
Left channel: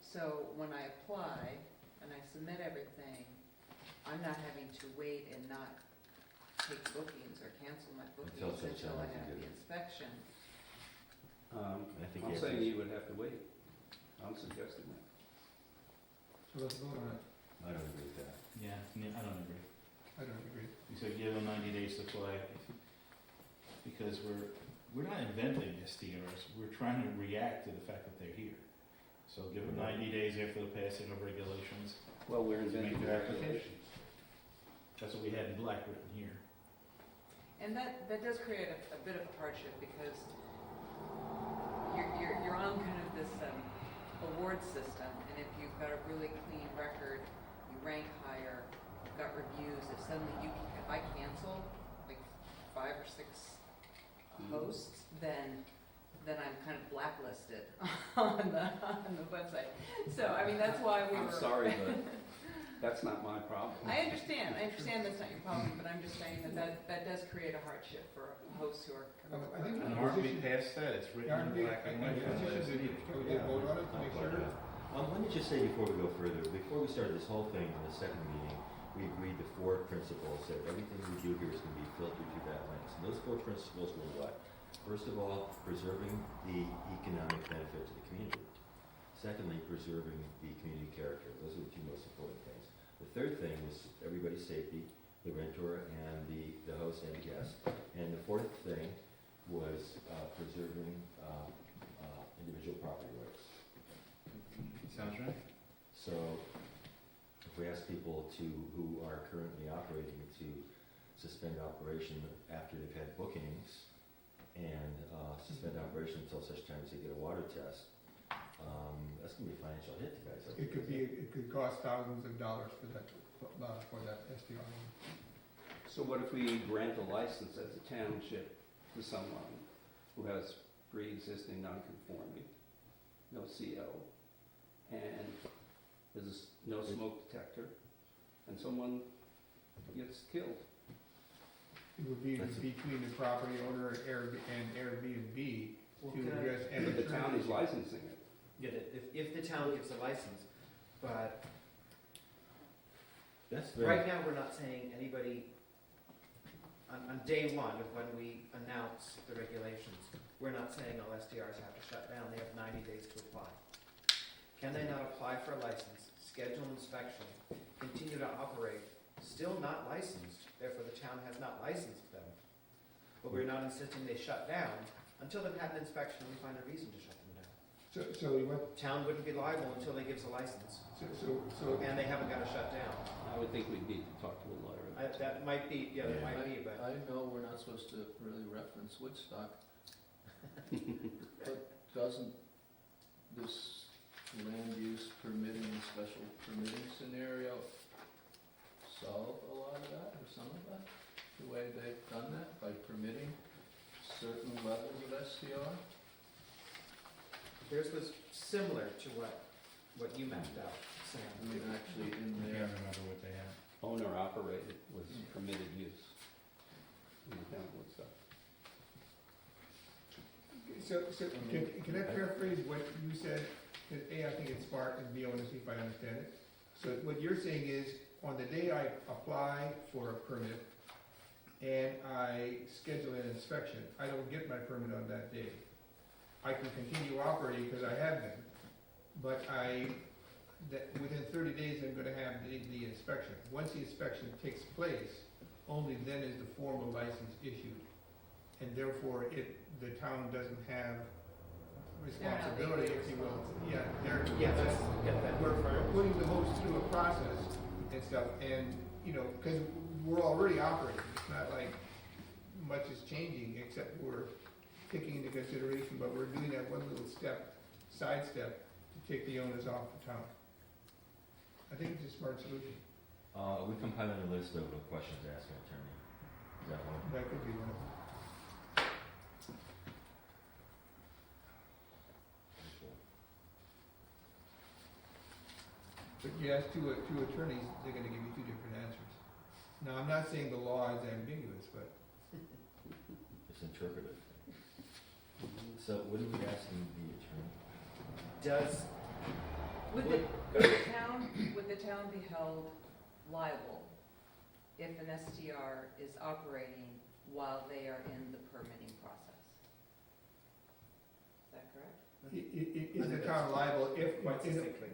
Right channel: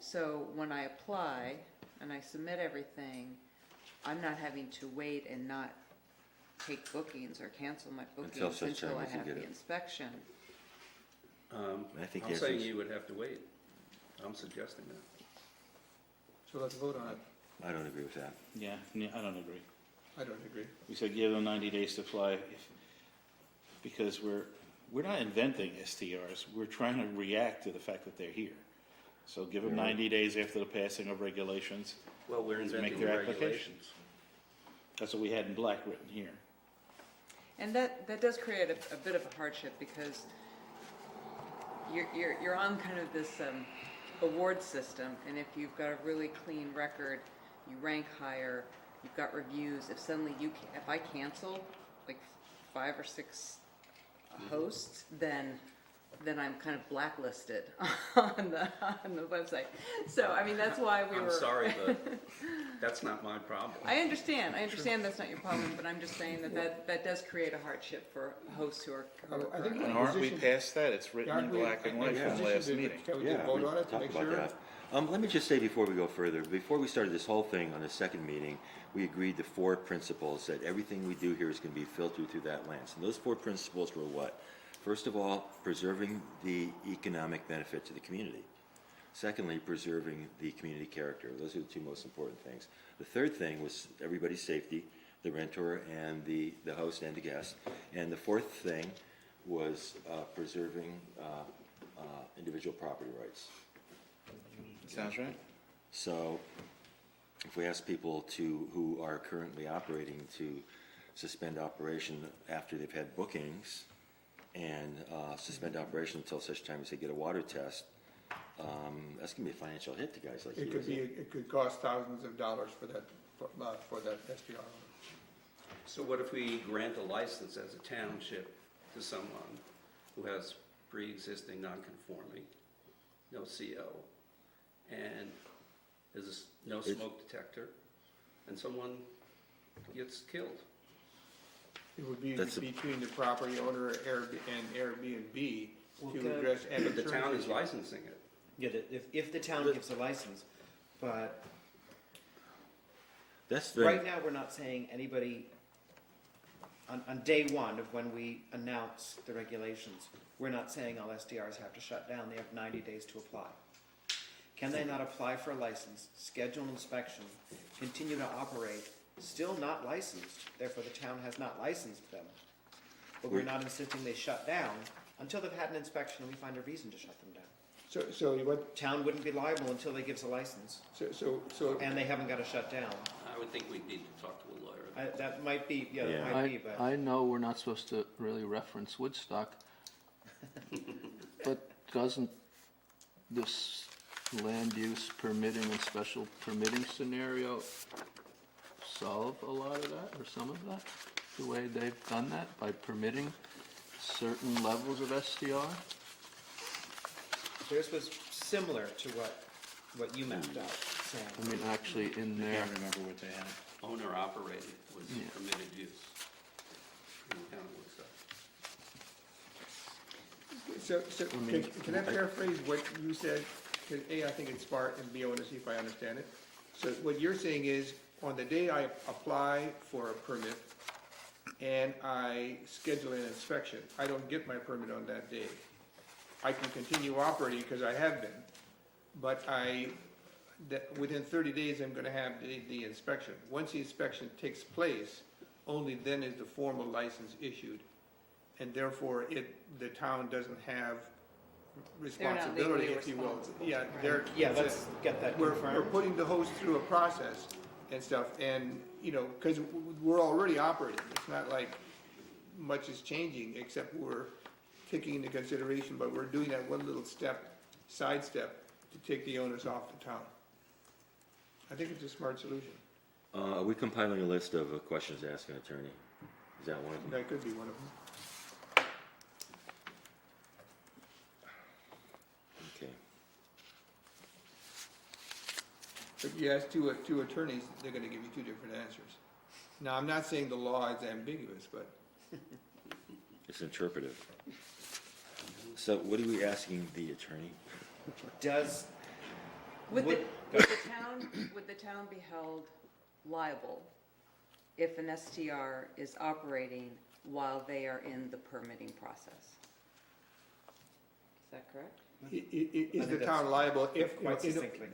So when I apply and I submit everything, I'm not having to wait and not take bookings or cancel my bookings such until time I as you have get the it. inspection. I think I'm the saying answer is- you would have to wait. I'm suggesting that. So let's vote on it. I don't agree with that. Yeah, I don't agree. I don't agree. We said give them 90 days to fly, because we're not inventing STRs, we're trying to react to the fact that they're here. So give them 90 days after the passing of regulations. Well, we're To make inventing the their application. regulations. That's what we had in black written here. And that does create a bit of a hardship because you're on kind of this award system, and if you've got a really clean record, you rank higher, you've got reviews, if suddenly if I cancel like 5 or 6 hosts, then I'm kind of blacklisted on the website. So, I mean, that's why we were. I'm sorry, but that's not my problem. I understand that's not your problem, but I'm just saying that does create a hardship for hosts who are I think And aren't we past that? It's written in black and white from last meeting. Can we Yeah, just vote we on it to talked make about sure? that. Let me just say before we go further, before we started this whole thing on the second meeting, we agreed to 4 principles, that everything we do here is going to be filtered through that lens. And those 4 principles were what? First of all, preserving the economic benefit to the community. Secondly, preserving the community character. Those are the 2 most important things. The third thing was everybody's safety, the rentor and the host and the guest. And the 4th thing was preserving individual property rights. Sounds right? So if we ask people who are currently operating to suspend operation after they've had bookings and suspend operation until such time as they get a water test, that's gonna be a financial hit to guys like you. It could cost thousands of dollars for that SDR loan. So what if we grant a license as a township to someone who has pre-existing non-conforming, no CO, and there's no smoke detector, and someone gets killed? It would be That's a- between the property owner and Airbnb Well, to the- address any. But the town is licensing it. Yeah, if the town gives a license, but That's the, right now, we're not saying anybody on day one of when we announce the regulations, we're not saying all STRs have to shut down, they have 90 days to apply. Can they not apply for a license, schedule an inspection, continue to operate, still not licensed, therefore the town has not licensed them, but we're not insisting they shut down until they've had an inspection and we find a reason to shut them down. So what, Town wouldn't be liable until they give us a license, so, and they haven't got to shut down. I would think we'd need to talk to the lawyer. That might be, yeah, that Yeah. might be, but. I know we're not supposed to really reference Woodstock, but doesn't this land use permitting and special permitting scenario solve a lot of that, or some of that? The way they've done that, by permitting certain levels of STR? Theirs was similar to what you mapped out, Sam. I mean, actually in I there, can't remember what they had. Owner operated was Yeah. permitted use in the town of Woodstock. so, can I paraphrase what you said? 'Cause A, I think it's smart, and B, I want to see if I understand it. So what you're saying is, on the day I apply for a permit and I schedule an inspection, I don't get my permit on that day. I can continue operating because I have been, but within 30 days, I'm gonna have the inspection. Once the inspection takes place, only then is the formal license issued. And therefore, the town doesn't have responsibility, legally if you will. responsible. Yeah, Yeah, let's get that we're confirmed. putting the host through a process and stuff, and, because we're already operating. It's not like much is changing, except we're taking into consideration, but we're doing that one little sidestep to take the onus off the town. I think it's a smart solution. Are we compiling a list of questions to ask an attorney? Is that one of them? That could be one of them. Okay. But you ask two attorneys, they're gonna give you two different answers. Now, I'm not saying the law is ambiguous, but It's interpretive. So what are we asking the attorney? Does, Would the, Would- would the town be held liable if an STR is operating while they are in the permitting process? Is that correct? is the town liable if, quite succinctly,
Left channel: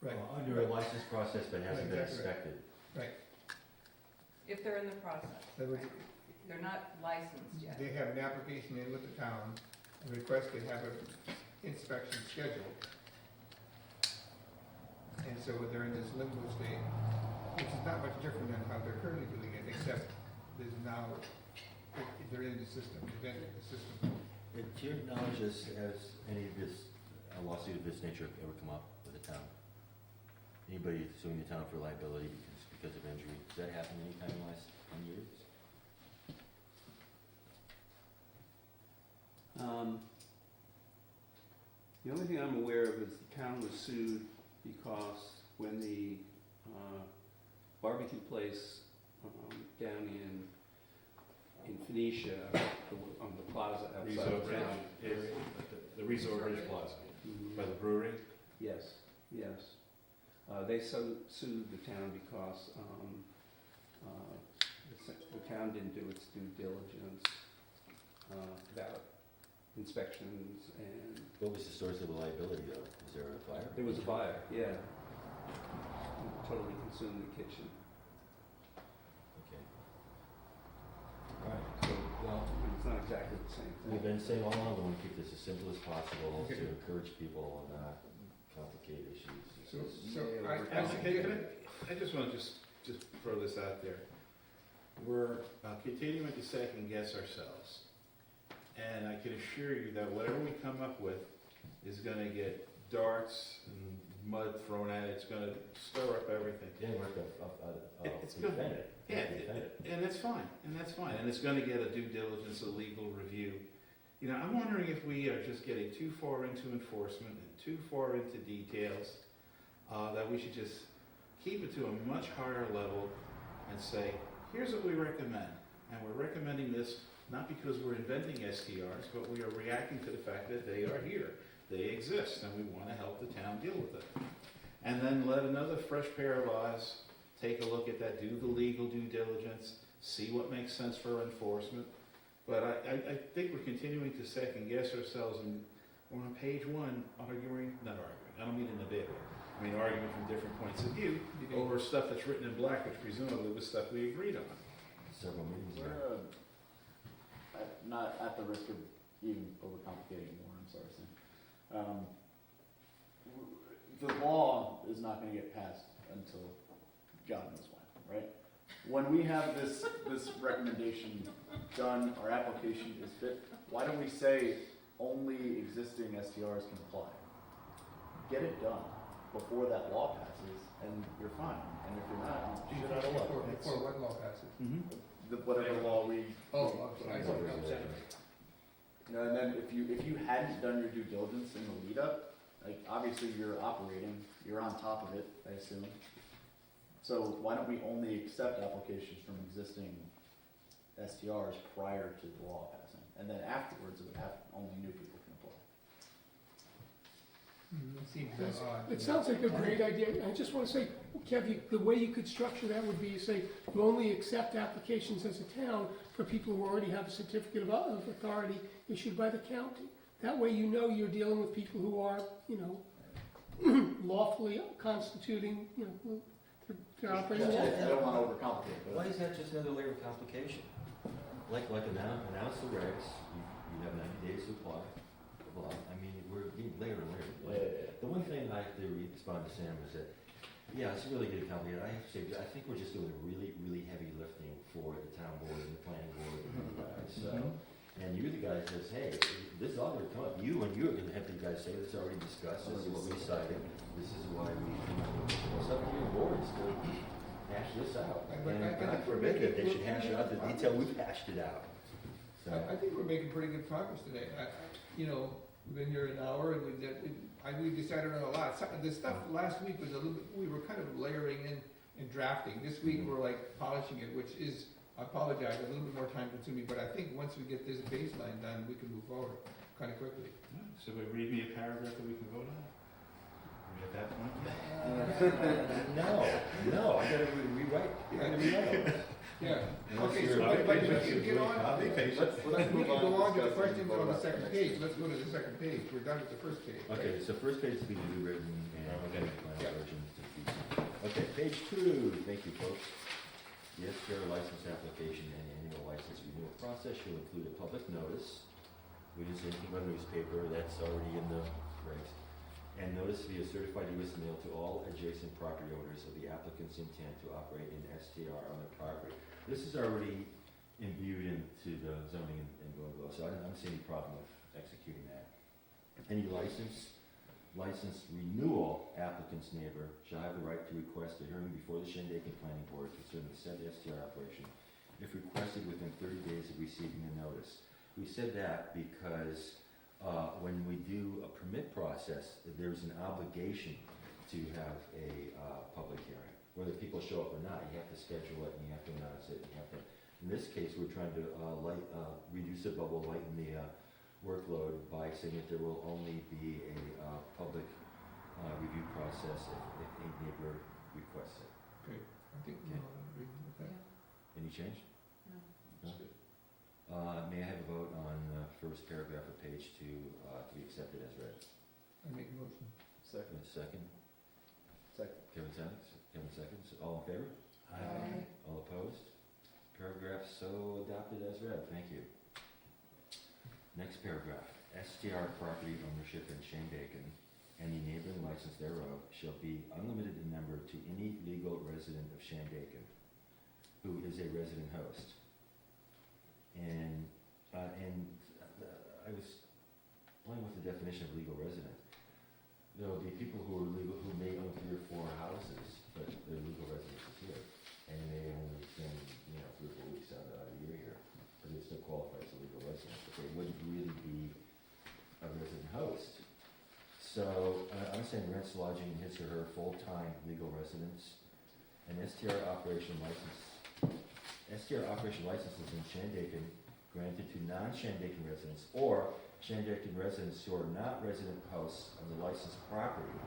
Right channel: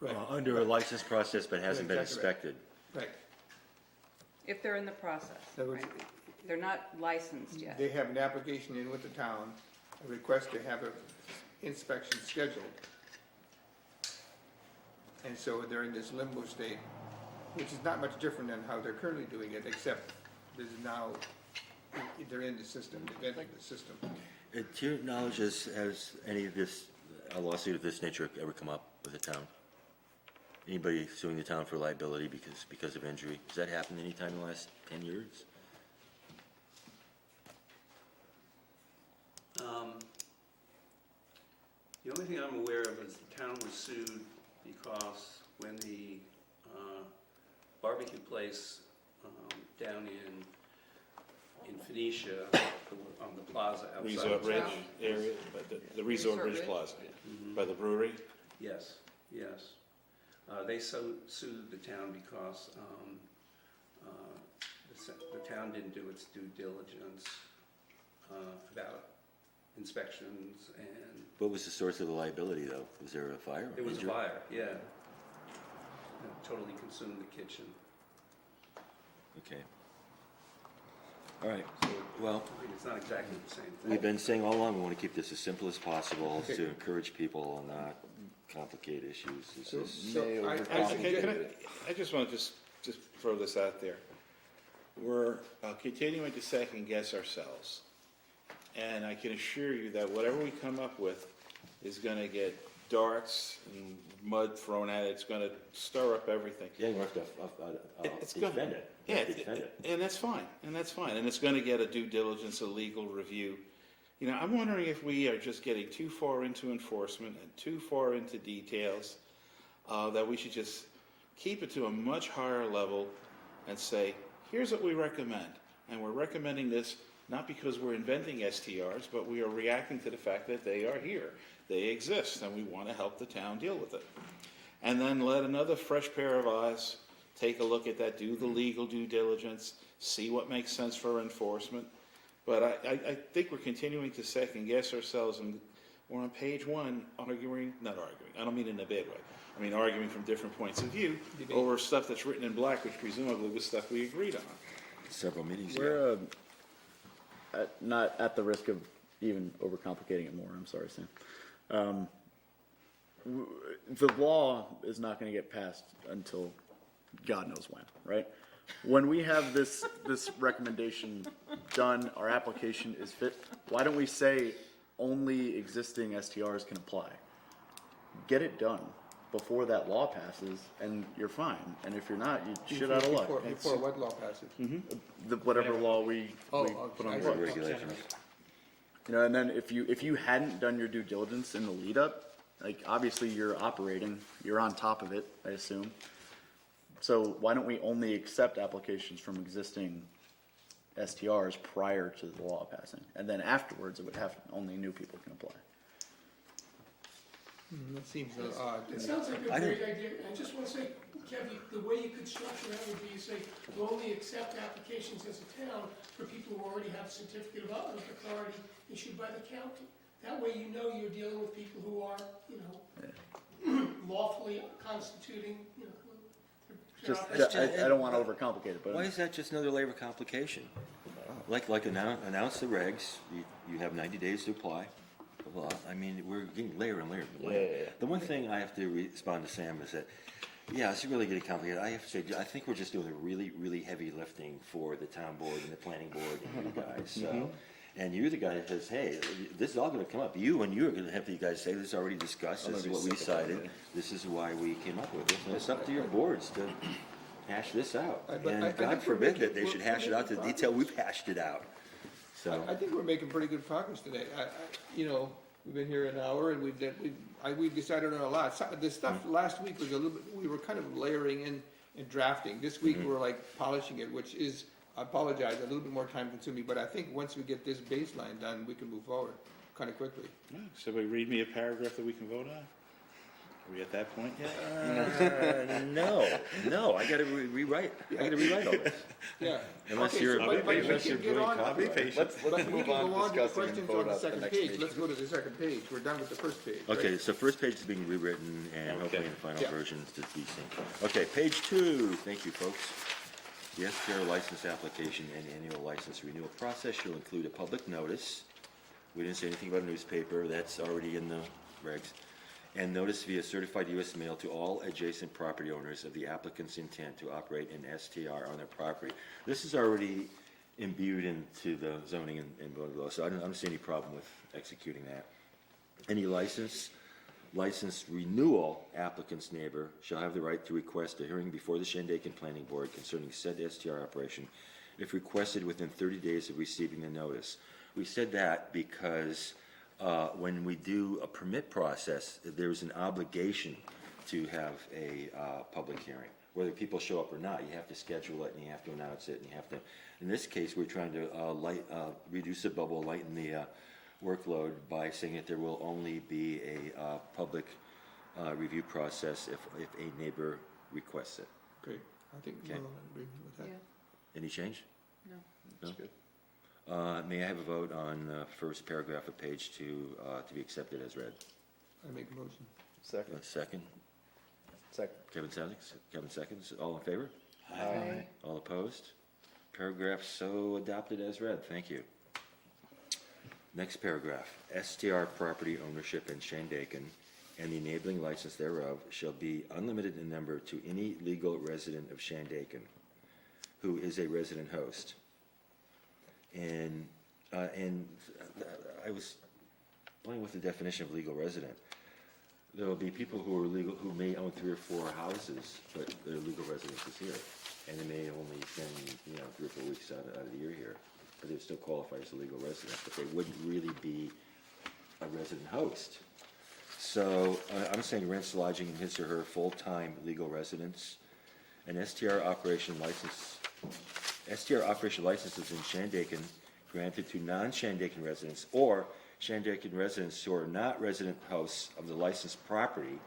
right, Under a license process but hasn't been Exactly right. inspected. right. If they're in the process, In other words, right? They're not licensed yet. they have an application in with the town, a request to have an inspection scheduled. And so they're in this limbo state, which is not much different than how they're currently doing it, except there's now, they're in the system, they're entering the system. To your knowledge, has any of this, a lawsuit of this nature ever come up with the town? Anybody suing the town for liability because of injury? Has that happened any time in the last 10 years? The only thing I'm aware of is the town was sued because when the barbecue place down in Phoenicia, on the plaza outside. Resort of Ridge town. area, like the Resort Resort Ridge Ridge. Plaza, Mhm. by the brewery. Yes, yes. They sued the town because the town didn't do its due diligence about inspections, and What was the source of the liability, though? Was there a fire? it was a Injury? fire, yeah. It totally consumed the kitchen. Okay. All right, so, well, I mean, it's not exactly the same thing. we've been saying all along, we want to keep this as simple as possible Okay. to encourage people and not complicate issues. It's So, just- so May I Actually, suggest, I just want to just throw this out there. We're continuing to second guess ourselves. And I can assure you that whatever we come up with is going to get darts and mud thrown at it. It's going to stir up everything. Yeah, you have to It's gonna- defend it. You Yeah, have to defend it. and that's fine, and it's going to get a due diligence, a legal review. You know, I'm wondering if we are just getting too far into enforcement and too far into details, that we should just keep it to a much higher level and say, here's what we recommend. And we're recommending this not because we're inventing STRs, but we are reacting to the fact that they are here. They exist, and we want to help the town deal with it. And then let another fresh pair of eyes take a look at that, do the legal due diligence, see what makes sense for enforcement. But I think we're continuing to second guess ourselves, and we're on page one not arguing, I don't mean in a bad way. I mean arguing from different points of view over stuff that's written in black, which presumably was stuff we agreed on. Several meetings ago. We're, not at the risk of even overcomplicating it more, I'm sorry, Sam. The law is not gonna get passed until God knows when, right? When we have this recommendation done, our application is fit, why don't we say only existing STRs can apply? Get it done before that law passes, and you're fine. And if you're not, you shit out of luck. Before what law passes? Whatever law we put on I the see. books. Regulations. You know, and then if you hadn't done your due diligence in the lead up, like obviously you're operating, you're on top of it, I assume. So why don't we only accept applications from existing STRs prior to the law passing? And then afterwards, it would have, only new people can apply. That seems odd. It sounds like a great idea. I just want to say, Kevin, the way you could structure that would be, you say, you only accept applications as a town for people who already have a certificate of authority issued by the county. That way you know you're dealing with people who are, you know, lawfully constituting, you know, who. I don't want to overcomplicate it, but. Why is that just another layer of complication? Like announce the regs, you have 90 days to apply. Blah, blah. I mean, we're getting layer and layer and layer. Yeah. The one thing I have to respond to Sam is that, yeah, it's really getting complicated. I have to say, I think we're just doing a really, really heavy lifting for the town board and the planning board and you guys. So, and you're the guy that says, hey, this is all gonna come up. You're gonna have the guys say, this is already discussed, this is what we decided, this is why we came up with it. And it's up to your boards to hash this out. And God forbid that they should hash it out to the detail we've hashed it out. So, I think we're making pretty good progress today. You know, we've been here an hour and we decided on a lot. The stuff last week was a little bit, we were kind of layering in and drafting. This week we're like polishing it, which is, I apologize, a little bit more time consuming, but I think once we get this baseline done, we can move forward kind of quickly. Somebody read me a paragraph that we can vote on? Are we at that point yet? no, I gotta rewrite all this. Yeah. Unless Okay, you're so a but big we can get on, Be patient. but we move can on go to on to the discussing questions and on the vote second next page. week. Let's go to the second page. We're done with the first page. right? Okay, so first page is being rewritten and hopefully the final Yeah. version is decent. Okay, page 2, thank you folks. The STR license application and annual license renewal process shall include a public notice. We didn't say anything about a newspaper, that's already in the regs. And notice via certified US mail to all adjacent property owners of the applicant's intent to operate an STR on their property. This is already imbued into the zoning and voting law, so I don't see any problem with executing that. Any license renewal applicant's neighbor shall have the right to request a hearing before the Shandaken Planning Board concerning said STR operation if requested within 30 days of receiving the notice. We said that because when we do a permit process, there's an obligation to have a public hearing. Whether people show up or not, you have to schedule it and you have to announce it and you have to, in this case, we're trying to reduce the bubble, lighten the workload by saying that there will only be a public review process if a neighbor requests it. Great. I think we'll Okay. agree with that. Yeah, Any change? no. That's good. May I have a vote on the first paragraph of page 2 to be accepted as read? I make a motion. Second. Second, Second. Kevin seconds, all in favor? Aye. All opposed? Paragraph so adopted as read, thank you. Next paragraph, STR property ownership in Shandaken and the enabling license thereof shall be unlimited in number to any legal resident of Shandaken who is a resident host. And I was playing with the definition of legal resident. There will be people who are legal, who may own 3 or 4 houses, but their legal residence is here. And they may only spend, 3 or 4 weeks out of the year here, but they would still qualify as a legal resident, but they wouldn't really be a resident host. So I'm saying rents, lodging in his or her full-time legal residence. An STR operation licenses in Shandaken granted to non-Shandaken residents or Shandaken residents who are not resident hosts of the licensed property,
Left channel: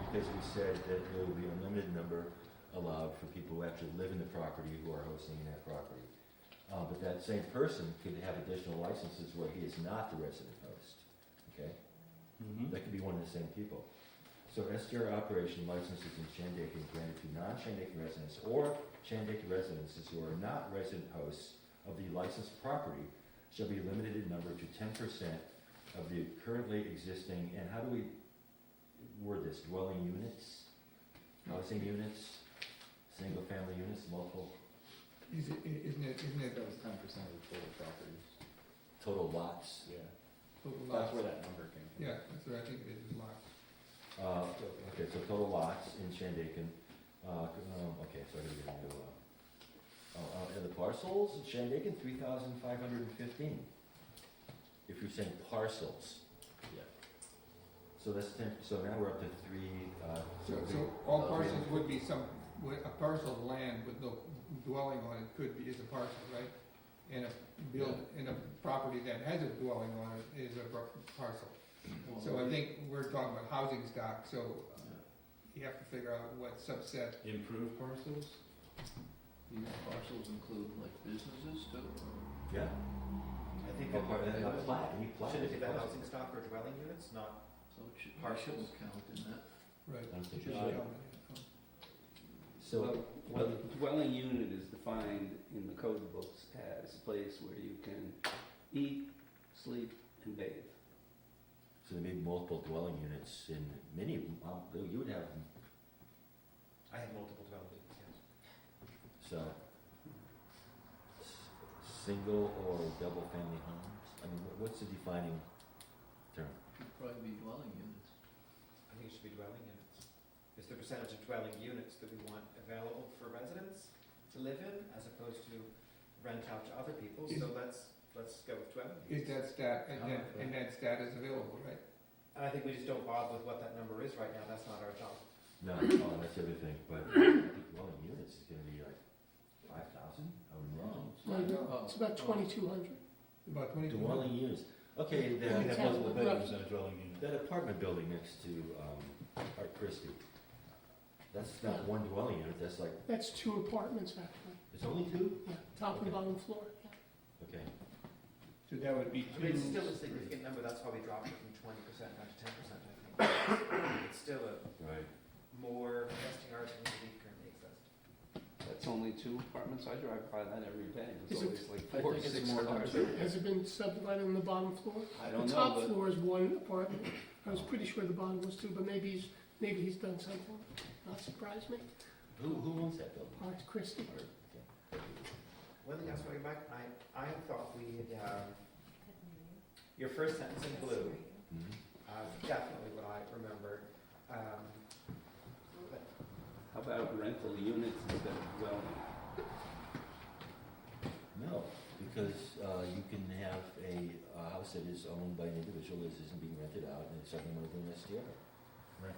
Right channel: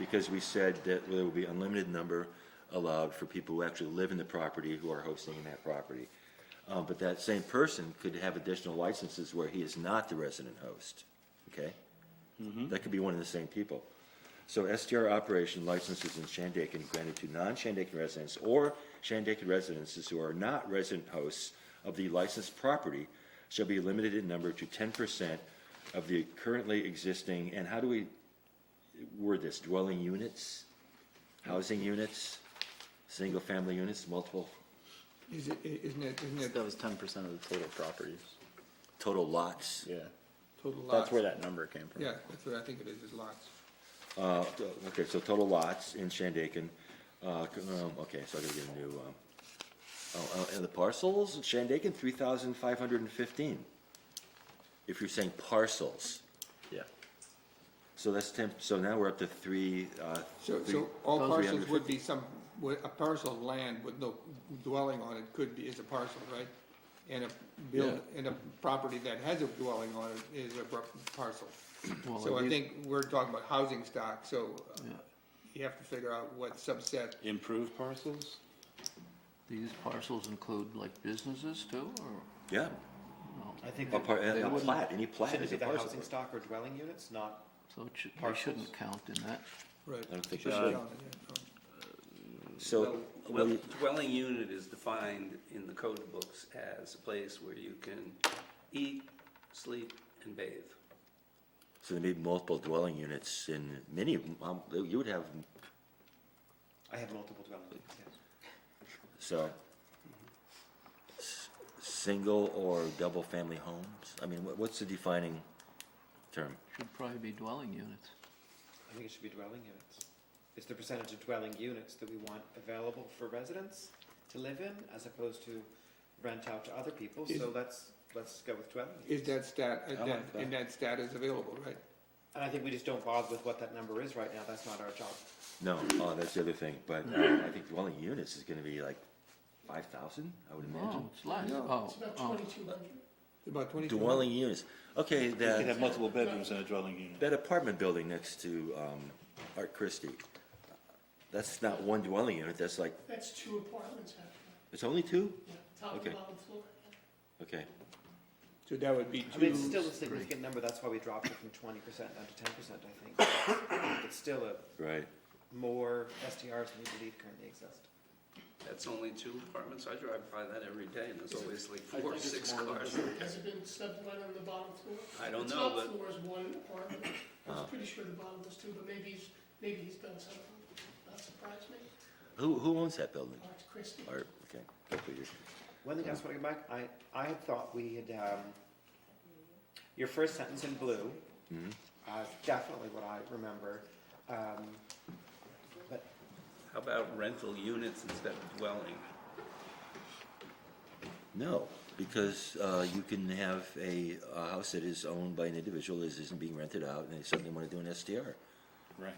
because we said that there will be unlimited number allowed for people who actually live in the property, who are hosting in that property. But that same person could have additional licenses where he is not the resident host, okay? That could be one of the same people. So STR operation licenses in Shandaken granted to non-Shandaken residents or Shandaken residences who are not resident hosts of the licensed property shall be limited in number to 10% of the currently existing, and how do we word this, dwelling units, housing units, single-family units, multiple, Isn't it That was 10% of the total properties. total lots? Yeah, total lots? that's where that number came from. Yeah, that's what I think it is lots. Okay, so total lots in Shandaken, okay, so I'm gonna get a new, and the parcels, Shandaken, 3,515. If you're saying parcels. Yeah. So that's 10, so now we're up to three, So all those parcels 350. would be a parcel of land with no dwelling on it is a parcel, right? And and a property that has a dwelling on it is a parcel. So I think we're talking about housing stock, so you have to figure out what subset. Improved parcels? These parcels include like businesses too, or? Yeah, I think a part, and They a wouldn't- plat, any plat shouldn't is it a be the parcel. housing stock or dwelling units, not, So it should, they Parcels. shouldn't count in that. Right. I don't think Should we be should. counted, yeah. So, Well, dwelling unit is defined in the code books as a place where you can eat, sleep, and bathe. so there may be multiple dwelling units in many, you would have, I have multiple dwelling units, yes. so, single or double family homes? I mean, what's the defining term? Should probably be dwelling units. I think it should be dwelling units. It's the percentage of dwelling units that we want available for residents to live in, as opposed to rent out to other people, so let's go with dwelling Is units. that stat, I like that. and that stat is available, right? And I think we just don't bother with what that number is right now, that's not our job. No, that's the other thing, but I think dwelling units is gonna be like 5,000, I would Oh, imagine. it's less, No, oh. It's about oh. 2,200. About 22. Dwelling units, okay, You can have that, multiple bedrooms in a dwelling unit. that apartment building next to, Art Christie, that's not one dwelling unit, that's like, That's 2 apartments actually, it's only two? yeah, top Okay. and bottom floor. Okay, So that would be I mean, it's two, still a significant number, that's why we dropped it from 20% down to 10%, I think. It's still right. more STRs than we believe currently exist. That's only 2 apartments. I drive by that every day, and there's Is it- always like I 4 or think it's 6 more than cars. two. Has it been subdivided on the bottom floor? I don't The know, top but floor is 1 apartment. I was pretty sure the bottom was 2, but maybe he's done something. Not surprised me. Who owns that building? Art Christie. Art, okay. Go figure. One thing I just want to go back, I had thought we had, your first sentence in blue, Mhm. definitely what I remember. But how about rental units instead of dwelling? No, because you can have a house that is owned by an individual that isn't being rented out, and they suddenly want to do an STR. Right.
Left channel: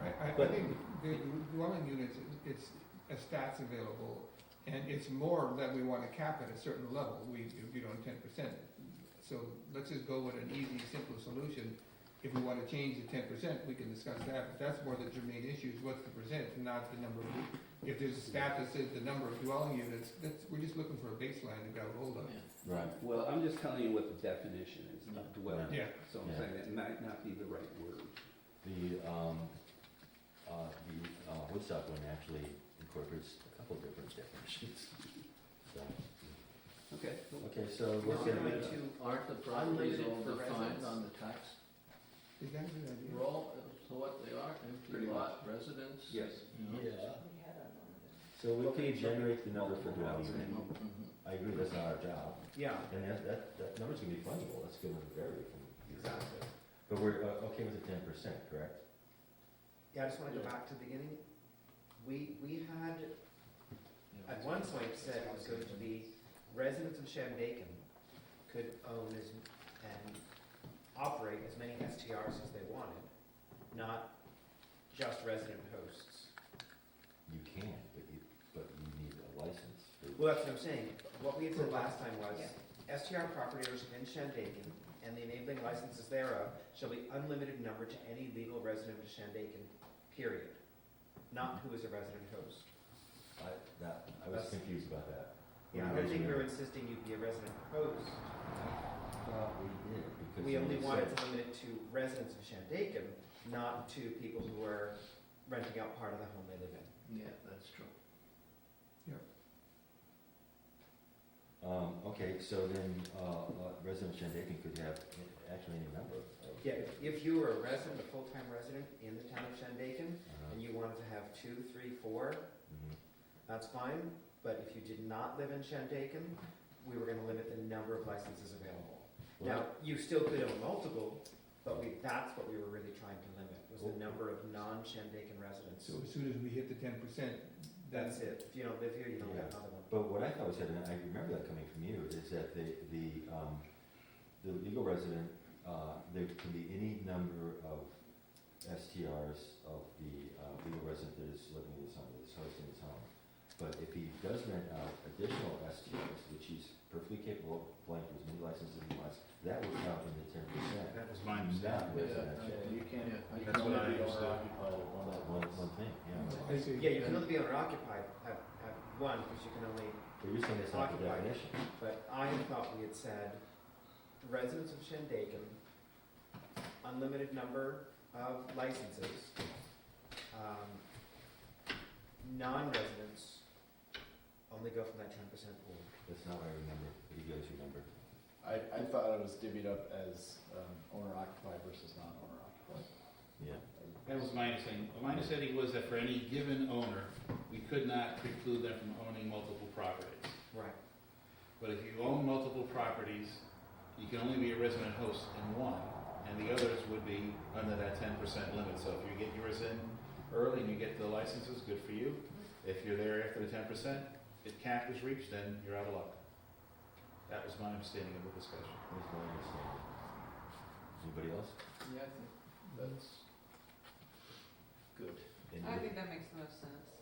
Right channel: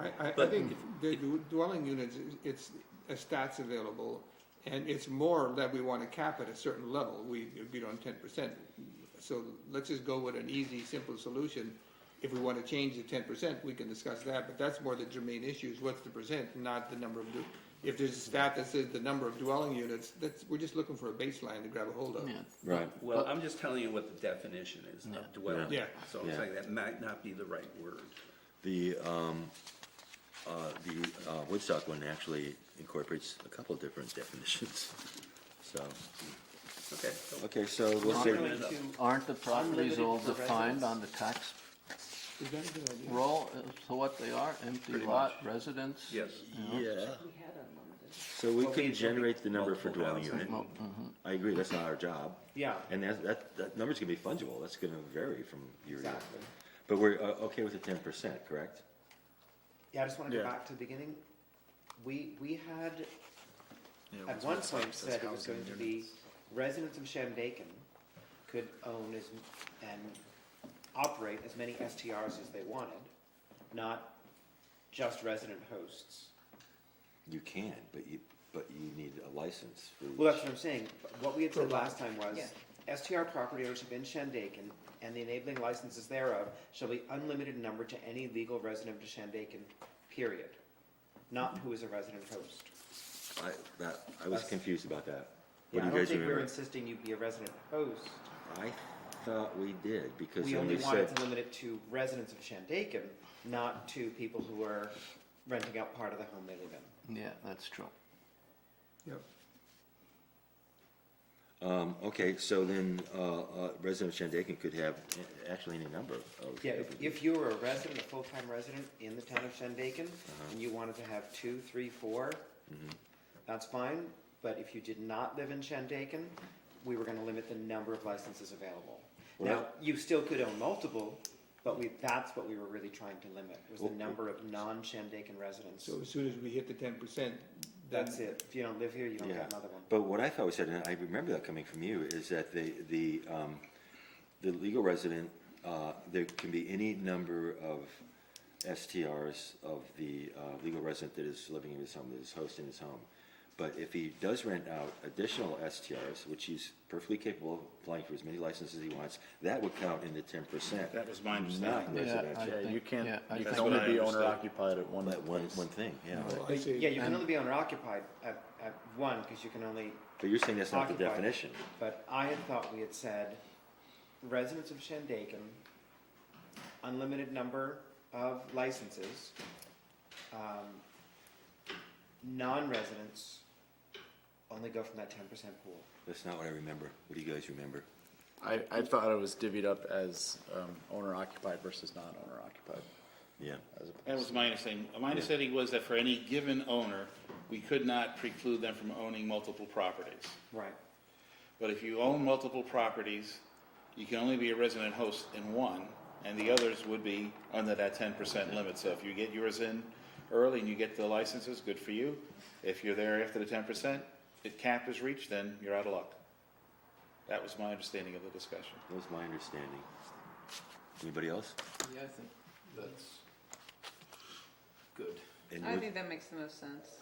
I But- think the dwelling units, it's a stats available, and it's more that we want to cap at a certain level, we agreed on 10%. So let's just go with an easy, simple solution. If we want to change the 10%, we can discuss that, but that's more the germane issue, is what's the percent, not the number of, if there's a stat that says the number of dwelling units, we're just looking for a baseline to grab a hold of. Yeah. Right. Well, I'm just telling you what the definition is of dwelling. Yeah. So I'm Yeah. saying that might not be the right word. The Woodstock one actually incorporates a couple different definitions. So, Okay. okay, so we'll Not say, really to Aren't the properties all Unlimited for defined residents. on the tax Is that a good idea? roll as to what they are? Empty Pretty lot, residence? Yes. you know? yeah. So we can generate the number for dwelling unit. Well, mhm. I agree, that's not our job. Yeah, And that number's gonna be fungible, that's gonna vary from year to year. exactly. But we're okay with the 10%, correct? Yeah, I just want to go Yeah. back to the beginning. We had, Yeah, at what's one our point, tax? said it That's was going to housing be units. residents of Shandaken could own and operate as many STRs as they wanted, not just resident hosts. You can, but you need a license for. Well, that's what I'm saying. What we had said last time was, STR property ownership in Shandaken and the enabling licenses thereof shall be unlimited in number to any legal resident of Shandaken, period. not who is a resident host. I was confused about that. What Yeah, I do you don't guys think we're remember? insisting you be a resident host. I thought we did, because We when only they wanted said, to limit it to residents of Shandaken, not to people who are renting out part of the home they live in. Yeah, that's true. okay, so then, resident of Shandaken could have actually any number of. Yeah, if you were a resident, a full-time resident in the town of Shandaken, Uh-huh. and you wanted to have 2, 3, 4, Mhm. that's fine. But if you did not live in Shandaken, we were gonna limit the number of licenses available. Well, Now, you still could own multiple, but that's what we were really trying to limit, was the number of non-Shandaken residents. So as soon as we hit the 10%, That's it. If you don't live here, you don't Yeah. get another one. But what I thought was said, and I remember that coming from you, is that the legal resident, there can be any number of STRs of the legal resident that is living in his home, that is hosting his home. But if he does rent out additional STRs, which he's perfectly capable of applying for as many licenses as he wants, that would count in the 10%. That was my Not understanding. residential. Yeah, you can't, Yeah, you that's can only what I be owner understood. occupied at one That one place. thing, yeah. I say, Yeah, you can And- only be owner occupied at one, because you can only, But you're saying that's not the Occupied. definition. but I had thought we had said residents of Shandaken, unlimited number of licenses. Non-residents only go from that 10% pool. That's not what I remember. What do you guys remember? I thought it was divvied up as, owner occupied versus non-owner occupied. Yeah. That was my understanding. My understanding was that for any given owner, we could not preclude them from owning multiple properties. Right. But if you own multiple properties, you can only be a resident host in one, and the others would be under that 10% limit. So if you get yours in early and you get the licenses, good for you. If you're there after the 10%, if cap is reached, then you're out of luck. That was my understanding of the discussion. That was my understanding. Anybody else? Yeah, I think that's good. And I with- think that makes the most sense.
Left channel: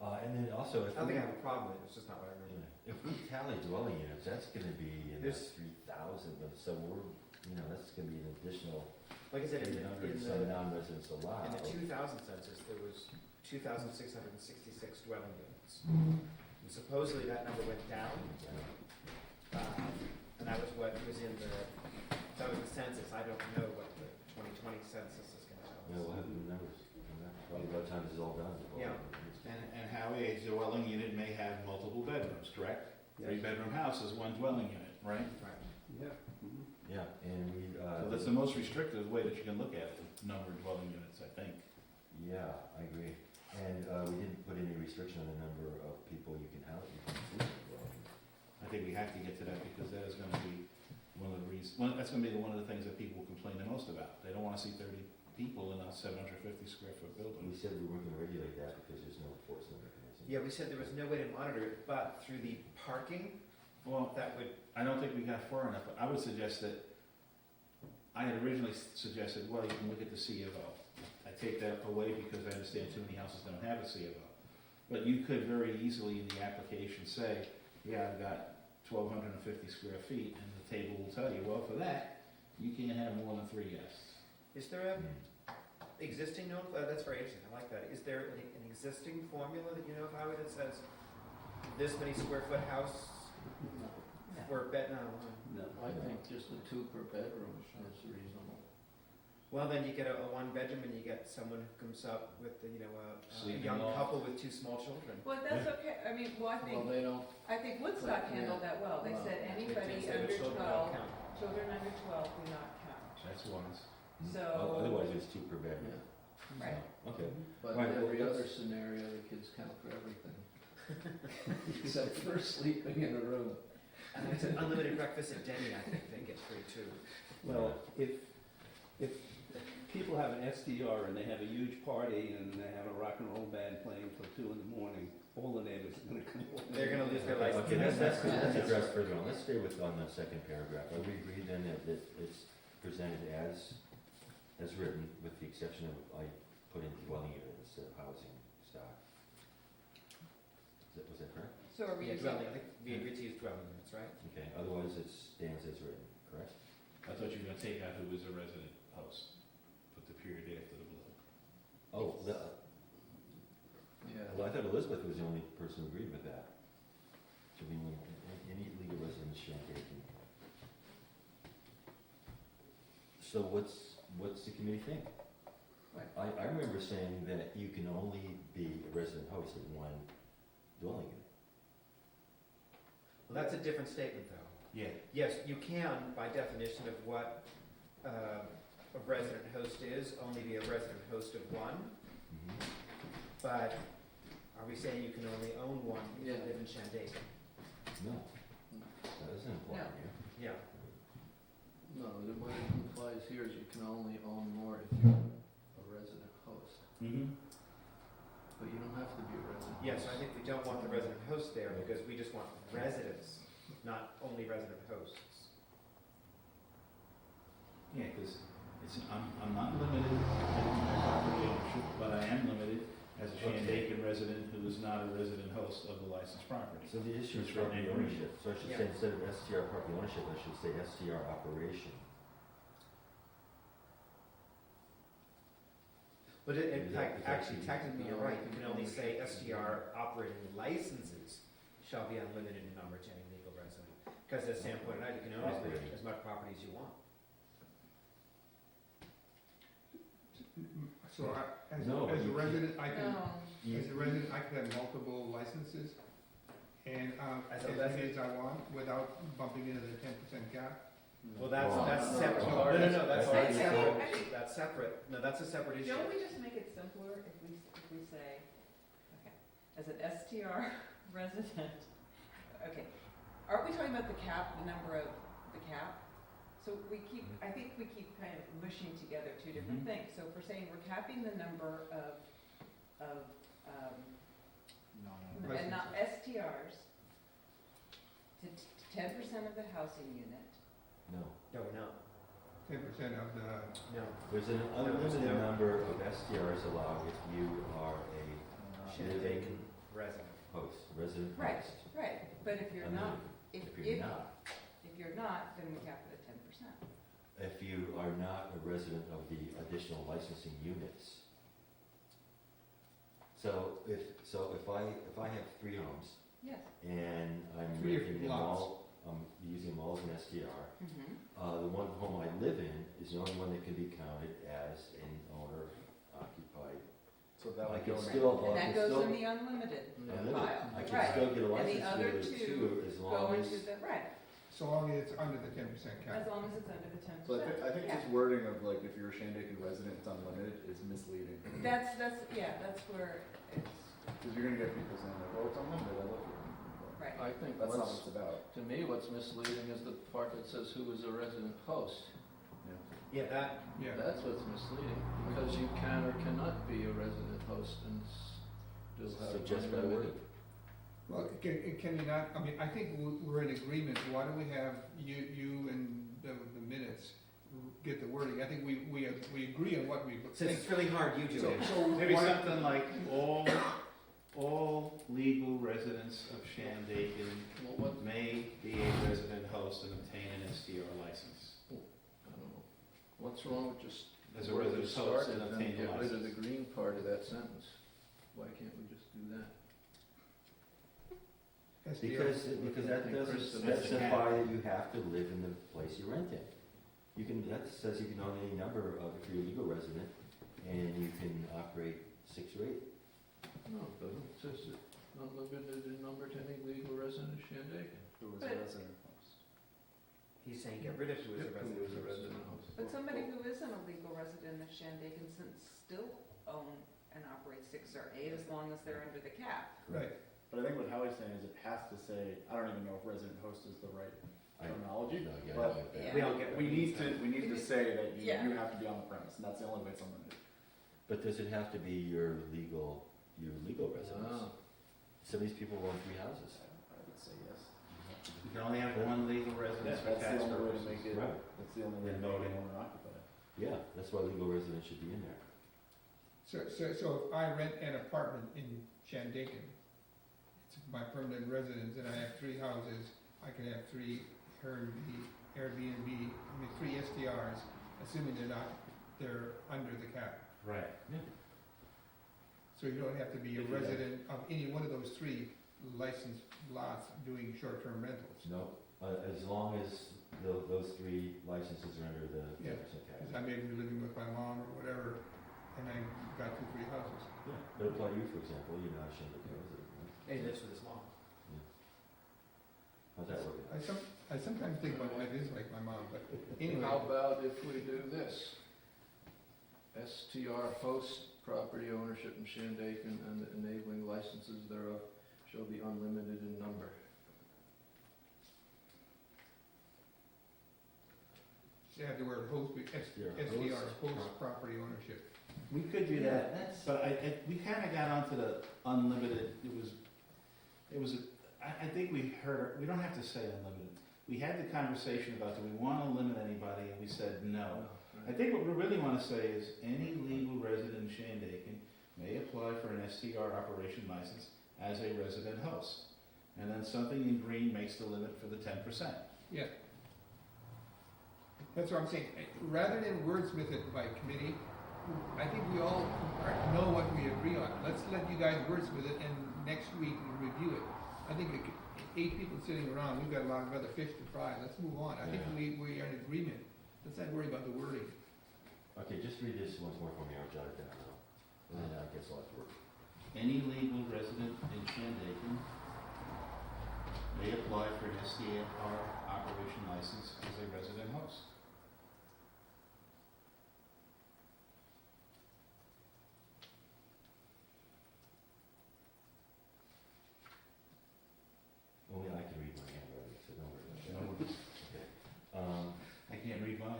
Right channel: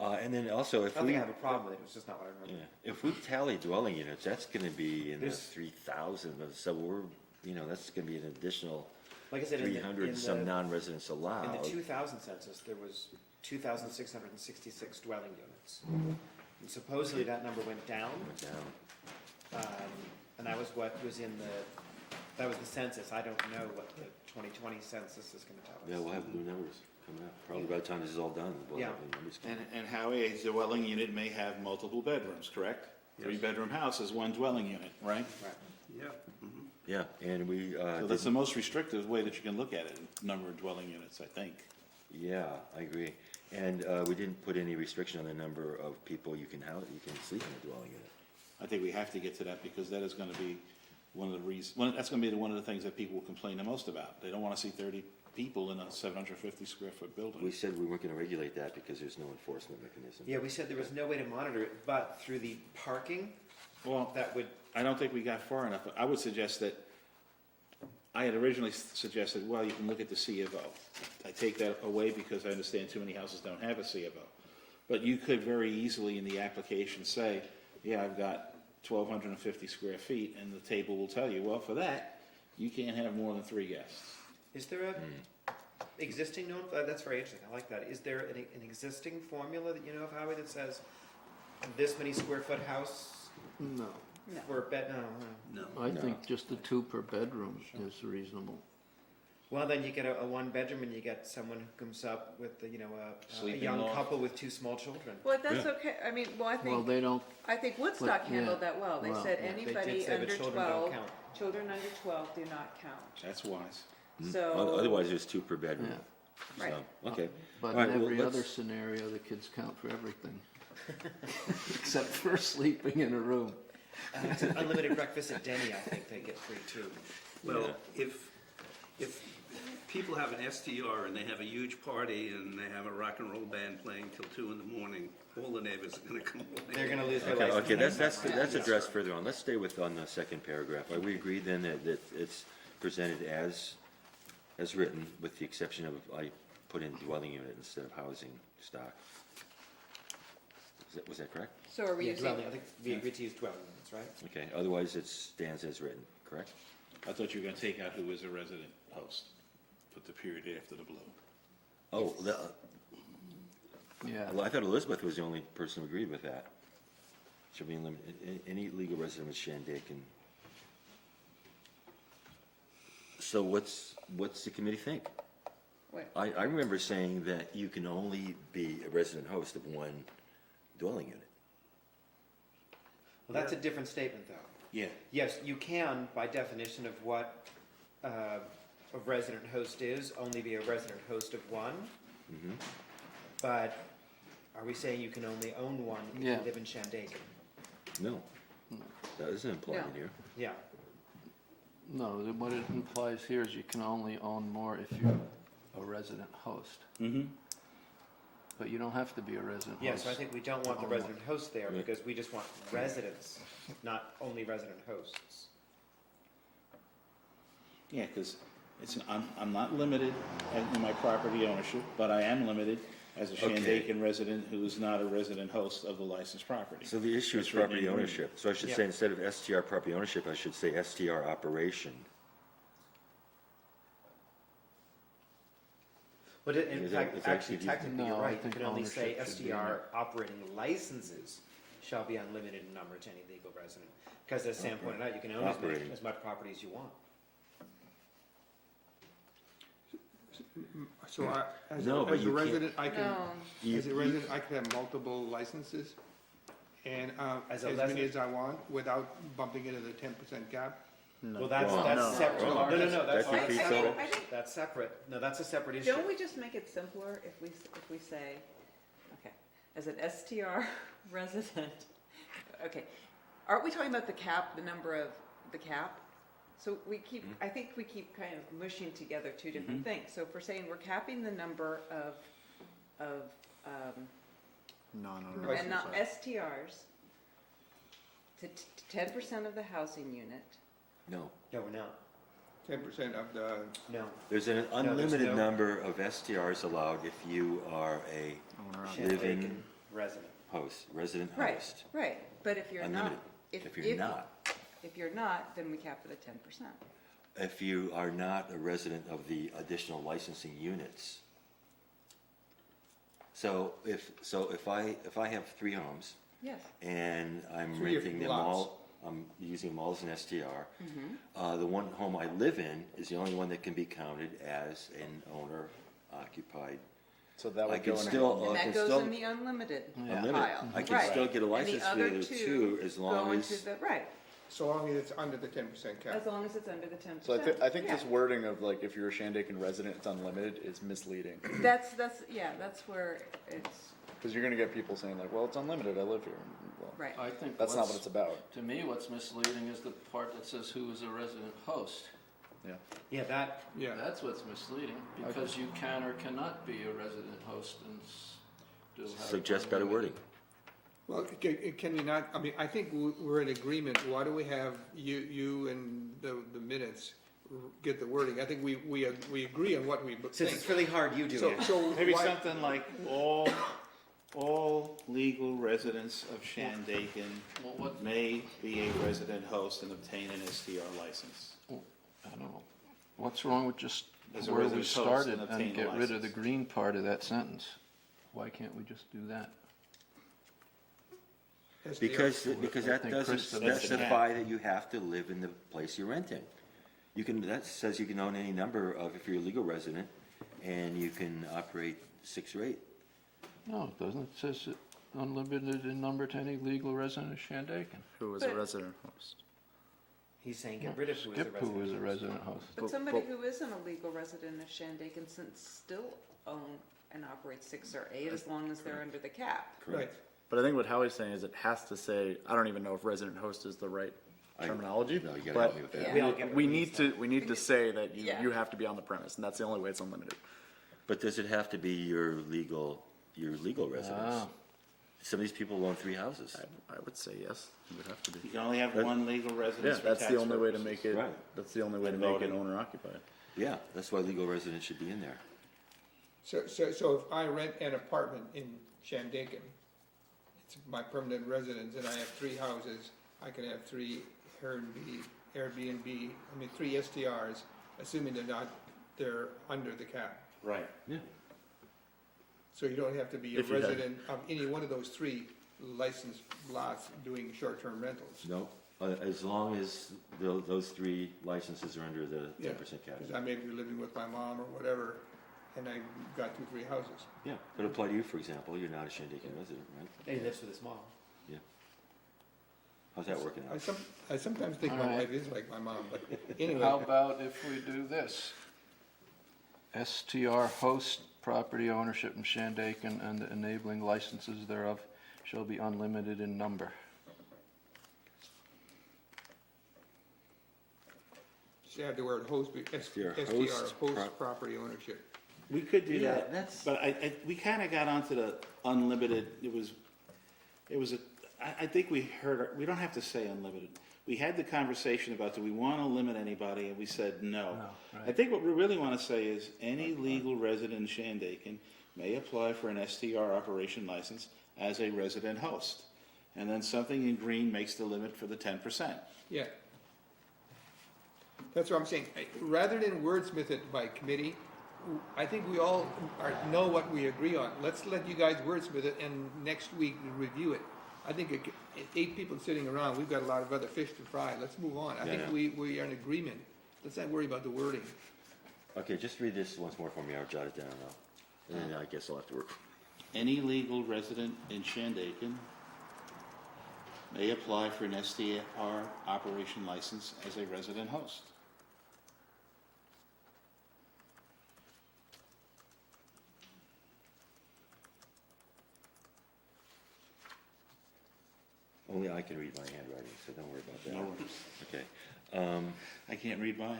and then also, I if don't we, think I have a problem with it, it's just not what I remember. yeah, if we tally dwelling units, that's gonna be in the There's- 3,000, so that's gonna be an additional Like I said, in 300 and the, some non-residents in allowed. the 2000 census, there was 2,666 dwelling units. And supposedly that number went down, Yeah. and that was what was in that was the census. I don't know what the 2020 census is gonna tell us. Yeah, we'll have new numbers coming up, probably by the time this is all done. we'll Yeah. have the numbers come. And Howie, a dwelling unit may have multiple bedrooms, correct? Yes. 3-bedroom house is one dwelling unit, right? Right. Yep. Mhm. Yeah, and we, So that's the most restrictive way that you can look at it, number of dwelling units, I think. yeah, I agree. And, we didn't put any restriction on the number of people you can sleep in a dwelling unit. I think we have to get to that because that is gonna be one of the that's gonna be one of the things that people will complain the most about. They don't wanna see 30 people in a 750 square foot building. We said we weren't gonna regulate that because there's no enforcement mechanism. Yeah, we said there was no way to monitor it, but through the parking, Well, that would, I don't think we got far enough. I would suggest that, I had originally suggested, well, you can look at the C of O. I take that away because I understand too many houses don't have a C of O. But you could very easily in the application say, yeah, I've got 1,250 square feet, and the table will tell you, well, for that, you can't have more than 3 guests. is there a existing note, that's very interesting, I like that. Is there an existing formula that you know of, Howie, that says this many square foot house No, for bed, no. No. I No. think just the 2 per bedroom is reasonable. Well, then you get a one bedroom and you get someone who comes up with, a Sleeping young loft. couple with 2 small children. Well, that's okay, I mean, I Well, they don't, think Woodstock but, handled yeah, that well. They well, said yeah. They anybody did say under that children don't 12, count. children under 12 do not count. That's wise. So- Otherwise, there's 2 per bedroom. yeah. Right. So, okay. But All right, in well, every let's- other scenario, the kids count for everything. Except for sleeping in a room. Unlimited breakfast at Denny, I think they get free too. Well, if people have an STR and they have a huge party and they have a rock and roll band playing till 2 in the morning, all the neighbors are gonna come over. They're gonna lose their Okay, license. that's addressed further on. Let's stay on the second paragraph. Are we agreed then that it's presented as written, with the exception of, I put in dwelling unit instead of housing stock? Was that correct? So are we Yeah, using, dwelling, I think we agreed to use dwelling units, right? Okay, otherwise it stands as written, correct? I thought you were gonna take out who is a resident host, put the period after the blue. Oh, Yeah. Well, I thought Elizabeth was the only person who agreed with that. Should be limited, any legal resident of Shandaken. So what's the committee think? What? I remember saying that you can only be a resident host of one dwelling unit. Well, that's a different statement, though. Yeah. Yes, you can, by definition of what a resident host is, only be a resident host of one, Mhm. but are we saying you can only own one if you Yeah. live in Shandaken? No, that isn't implied No. here. Yeah. No, what it implies here is you can only own more if you're a resident host, Mm-hmm. but you don't have to be a resident host. Yeah, so I think we don't want the resident host there, Yeah. because we just want residents, not only resident hosts. Yeah, because I'm not limited in my property ownership, but I am limited as a Okay. Shandaken resident who is not a resident host of the licensed property. So the issue is It's written property in green. ownership. So I should Yeah. say, instead of STR property ownership, I should say STR operation. But in Is that- fact, is that actually, actually- technically, you're No, I right, you think can only say ownership should be in STR operating licenses shall be unlimited in number to any legal resident. Because as Sam pointed out, you can own Operating. as much property as you want. So No, but as a you can't- resident, I can, No, as a resident, I could have multiple licenses and, As as a many resident- as I want without bumping into the 10% cap? Well, Wrong. that's No. separate. Wrong. No, that's That's separate. so- I think- That's separate. No, that's a separate issue. don't we just make it simpler if we say, okay, as an STR resident, okay, aren't we talking about the cap, the number of the cap? So we keep, I think we keep kind of mushing together two different Mhm. things. So if we're saying we're capping the number of, Non-owner. and not STRs to 10% of the housing unit. No. No, we're not. 10% of the, No. There's an there's unlimited no- number of STRs allowed if you are a living Shandaken resident. host, resident Right, host. right, but if you're not, Unlimited. if If you're not, if you're not, then we cap it at 10%. if you are not a resident of the additional licensing units. So if I have 3 homes Yes. and I'm 3 renting them lots. all, I'm using them all as an STR, Mm-hmm. the one home I live in is the only one that can be counted as an owner occupied. So that I would can go in. still, And I that can goes still, in the unlimited Yeah. unlimited. pile. I can Right. still get a And the license other for the two two as Go long into as, the, right, so long as it's under the 10% cap. as long as it's under the 10%. So I think Yeah. this wording of like, if you're a Shandaken resident, it's unlimited, is misleading. That's where it's, Because you're gonna get people saying like, well, it's unlimited, I live here. Well, right. I think that's not what it's about. to me, what's misleading is the part that says who is a resident host. Yeah, that, Yeah. That's what's misleading, because you can or cannot be a resident host and still have. suggest better wording. Well, can we not, I mean, I think we're in agreement, why do we have you and the minutes get the wording? I think we agree on what we since think. it's really hard, you do So, it. so Maybe why- something like all legal residents of Shandaken Well, what, may be a resident host and obtain an STR license. I don't know, what's wrong with just As a where we resident host started and and obtain a get rid of the license. green part of that sentence? Why can't we just do that? Because that I think doesn't Chris said that's the specify cap. that you have to live in the place you're renting. You can, that says you can own any number of, if you're a legal resident, and you can operate 6 or 8. No, it doesn't, it says it unlimited in number to any legal resident of Shandaken. Who is a But- resident host? He's saying get rid of who is a Skip resident. who is a host. resident host. But But- somebody but- who isn't a legal resident of Shandaken can still own and operate 6 or 8 as long as they're under the cap. Right, But I think what Howie's saying is it has to say, I don't even know if resident host is the right I- terminology, No, you gotta but help me with that. Yeah. We don't get what we he need said. we need to say that Yeah. you have to be on the premise, and that's the only way it's unlimited. But does it have to be your legal residence? Ah. Some of these people own 3 houses. I would say yes, it would have to You be. can only have That- one legal Yeah, residence for that's tax the only way to purposes. make it, Right. that's the only way to And make it voting. owner occupied. Yeah, that's why legal residents should be in there. so if I rent an apartment in Shandaken, it's my permanent residence, and I have 3 houses, I can have 3 Airbnb, 3 STRs, assuming they're under the cap. Right. So you don't have to be a If you had- resident of any one of those 3 licensed lots doing short-term rentals. No, as long as those 3 licenses are under the Yeah. 10% cap. Because I may be living with my mom or whatever, and I've got 2, 3 houses. Yeah, could apply to you, for example, you're not a Shandaken resident, right? He lives with his mom. How's that working out? I sometimes think my Alright. wife is like my mom, but anyway. How about if we do this? STR host property ownership in Shandaken and the enabling licenses thereof shall be unlimited in number. Just add the word host, STR host host property ownership. We could do Yeah, that, that's, but we kinda got onto the unlimited, I think we heard, we don't have to say unlimited. We had the conversation about, do we wanna limit anybody, and we said no. I think what we really wanna say is, any legal resident in Shandaken may apply for an STR operation license as a resident host. And then something in green makes the limit for the 10%. Yeah. That's what I'm saying. Rather than wordsmith it by committee, I think we all know what we agree on. Let's let you guys wordsmith it, and next week we review it. I think 8 people sitting around, we've got a lot of other fish to fry. Let's move on. I think we are in agreement. Let's not worry about the wording. okay, just read this once more for me, I'll jot it down now. And then I guess I'll have to work. Any legal resident in Shandaken may apply for an STR operation license as a resident host. Only I can read my handwriting, so don't worry about that. No. Okay. I can't read mine.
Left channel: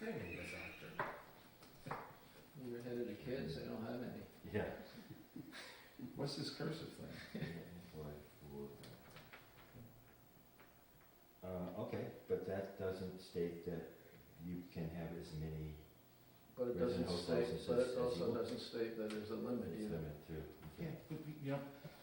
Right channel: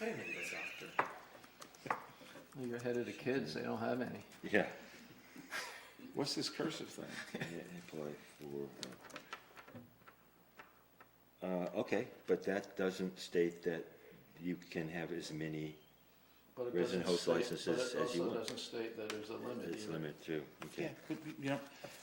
I didn't know this after. You're ahead of the kids, they don't have any. Yeah. What's this cursive thing? Apply for, okay, but that doesn't state that you can have as many But it resident doesn't host state- licenses as you But it also want. doesn't state that there's a limit It's either. limited too, Yeah, okay. but,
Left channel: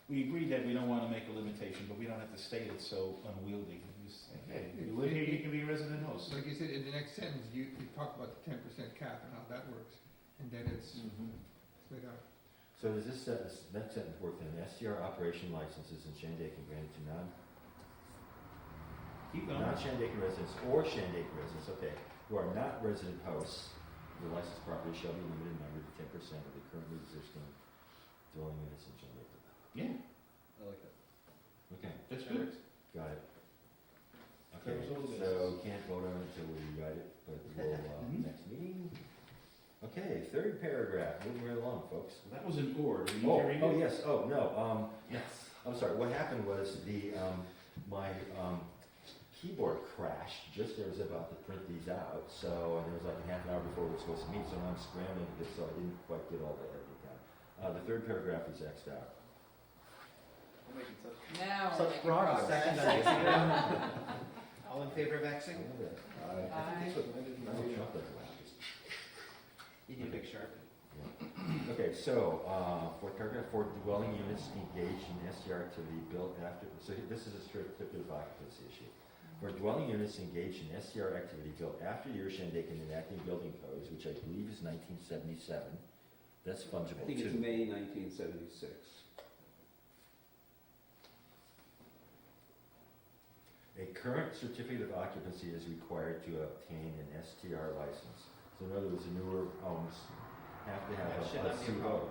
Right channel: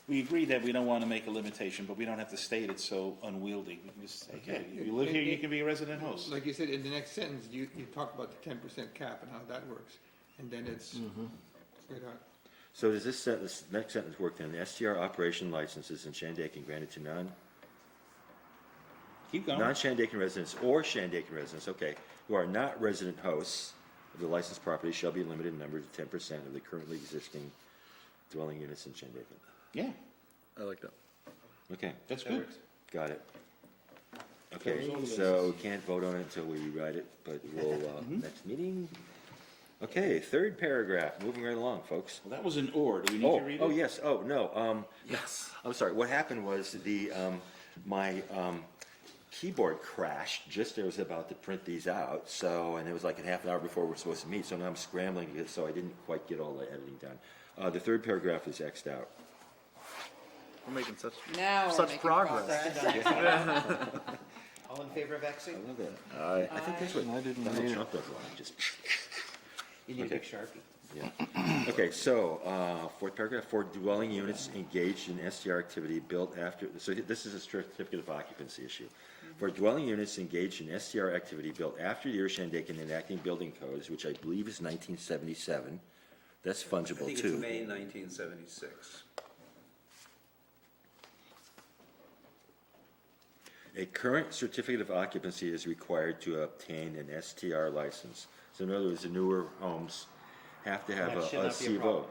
we agreed that we don't wanna make a limitation, but we don't have to state it so unwieldy. We just say, okay, if you live here, you can be a resident host. Like you said, in the next sentence, you talk about the 10% cap and how that works. And then it's straight out. So does this sentence, next sentence work then? The STR operation licenses in Shandaken granted to Keep going. non-Shandaken residents or Shandaken residents, okay, who are not resident hosts of the licensed property shall be limited in number to 10% of the currently existing dwelling units in Shandaken. Yeah, I like that. Okay, that's That good. works. got it. Okay, Covers all the so bases. we can't vote on it until we write it, but we'll, Mhm. next meeting. Okay, 3rd paragraph, moving right along, folks. Well, that was an or, do we need to read it? Oh, yes, oh, no, Yes. I'm sorry, what happened was my keyboard crashed just as I was about to print these out, so, and it was like a half an hour before we were supposed to meet, so now I'm scrambling, so I didn't quite get all the editing done. The 3rd paragraph is Xed out. We're making such Now we're Such making progress. All in favor of I Xing? love that. Aye. I think that's what I didn't Donald read it. Trump does a lot, he just, You need a big Okay. Sharpie. okay, so, 4th paragraph, for dwelling units engaged in STR activity built after, so this is a certificate of occupancy issue. For dwelling units engaged in STR activity built after the year Shandaken enacting building codes, which I believe is 1977, that's I fungible think too. it's May 1976. A current certificate of occupancy is required to obtain an STR license. So in other words, the newer homes have to have That should a not be a CVO, problem.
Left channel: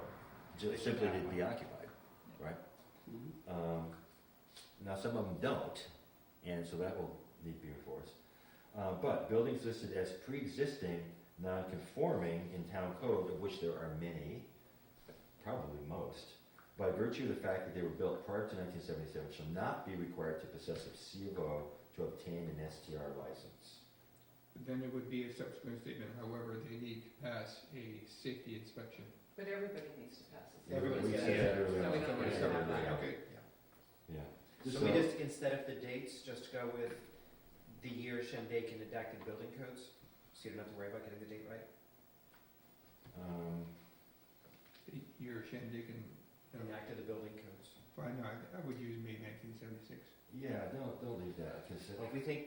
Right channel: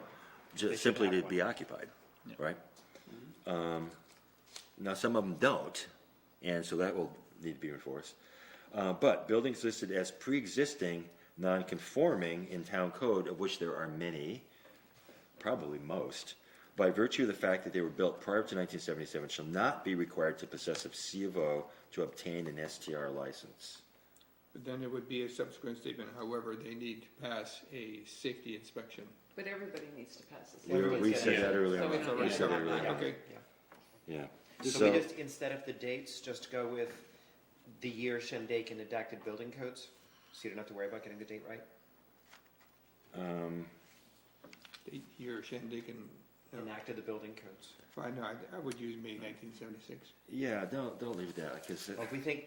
They should simply have to one. be occupied, Yeah. right? Now, some of them don't, and so that will need to be enforced. But buildings listed as pre-existing, non-conforming in town code, of which there are many, probably most, by virtue of the fact that they were built prior to 1977, shall not be required to possess a C of O to obtain an STR license. But then there would be a subsequent statement, however, they need to pass a safety inspection. But everybody needs to pass this. We said that earlier on. So it's We already said that covered. earlier on. Okay. Yeah. So we just, instead of the dates, just go with the year Shandaken enacted building codes? So you don't have to worry about getting the date right? Your Shandaken, Enacted the building codes. fine, no, I would use May 1976. Yeah, don't leave that, because, Well, if we think,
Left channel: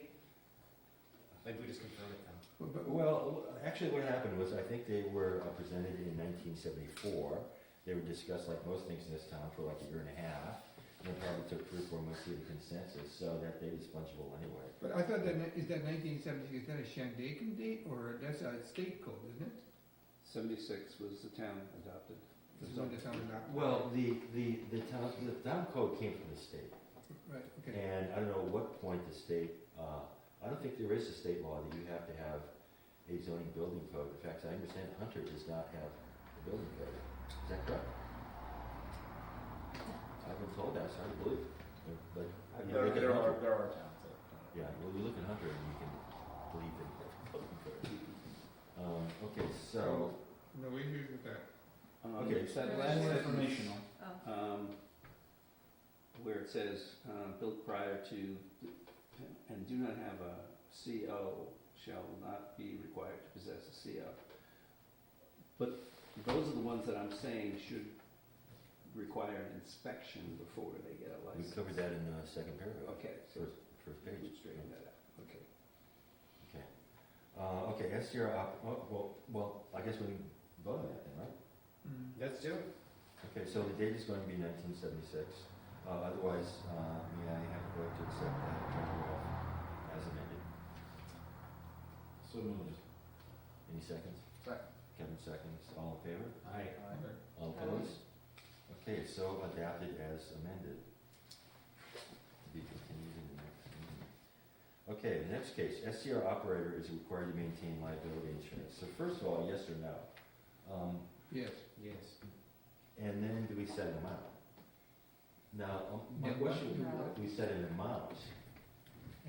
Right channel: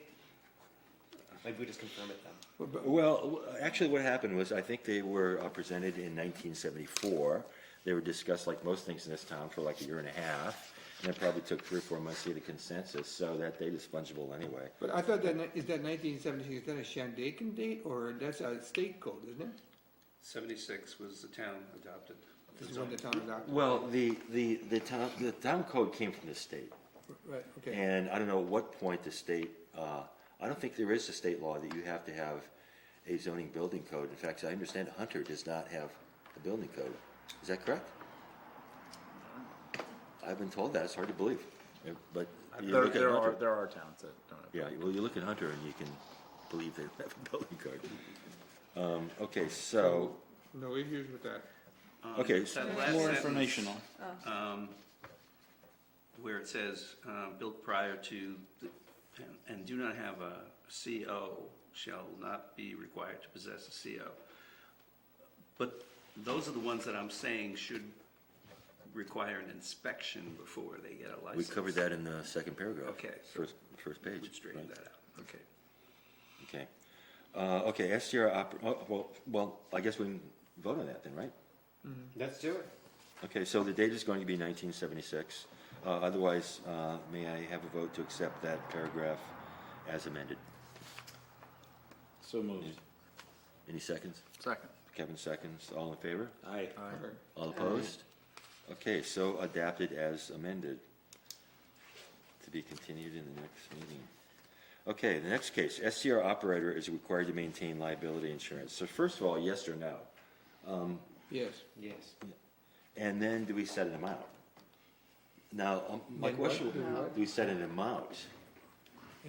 maybe we just confirm it then. well, actually what happened was, I think they were presented in 1974, They were discussed like most things in this town for like a year and a half, and it probably took 3 or 4 months to get a consensus, so that date is fungible anyway. But I thought that, is that 1976, is that a Shandaken date, or that's a state code, isn't it? 76 was the town adopted. It's when the town adopted. Well, the town code came from the state, Right, okay. and I don't know what point the state, I don't think there is a state law that you have to have a zoning building code. In fact, I understand Hunter does not have a building code. Is that correct? I've been told that, it's hard to believe, but you look at There Hunter. are towns that don't have. Yeah, well, you look at Hunter and you can believe they have a building code. Okay, so, No issues with that. Okay, That so last More sentence, informational. where it says, built prior to, and do not have a CO, shall not be required to possess a CO. But those are the ones that I'm saying should require an inspection before they get a we license. covered that in the second paragraph. Okay, so First page. we straightened Right. that out, okay. Okay. Okay, STR, well, I guess we can vote on that then, right? Let's do it. Okay, so the date is going to be 1976. Otherwise, may I have a vote to accept that paragraph as amended? So moved. Any seconds? Second. Kevin seconds. All in favor? Aye. All opposed? Okay, so adapted as amended. To be continued in the next meeting. Okay, the next case, STR operator is required to maintain liability insurance. So first of all, yes or no? Yes. Yes. And then do we set an amount? Now, my And what? question, do we set an amount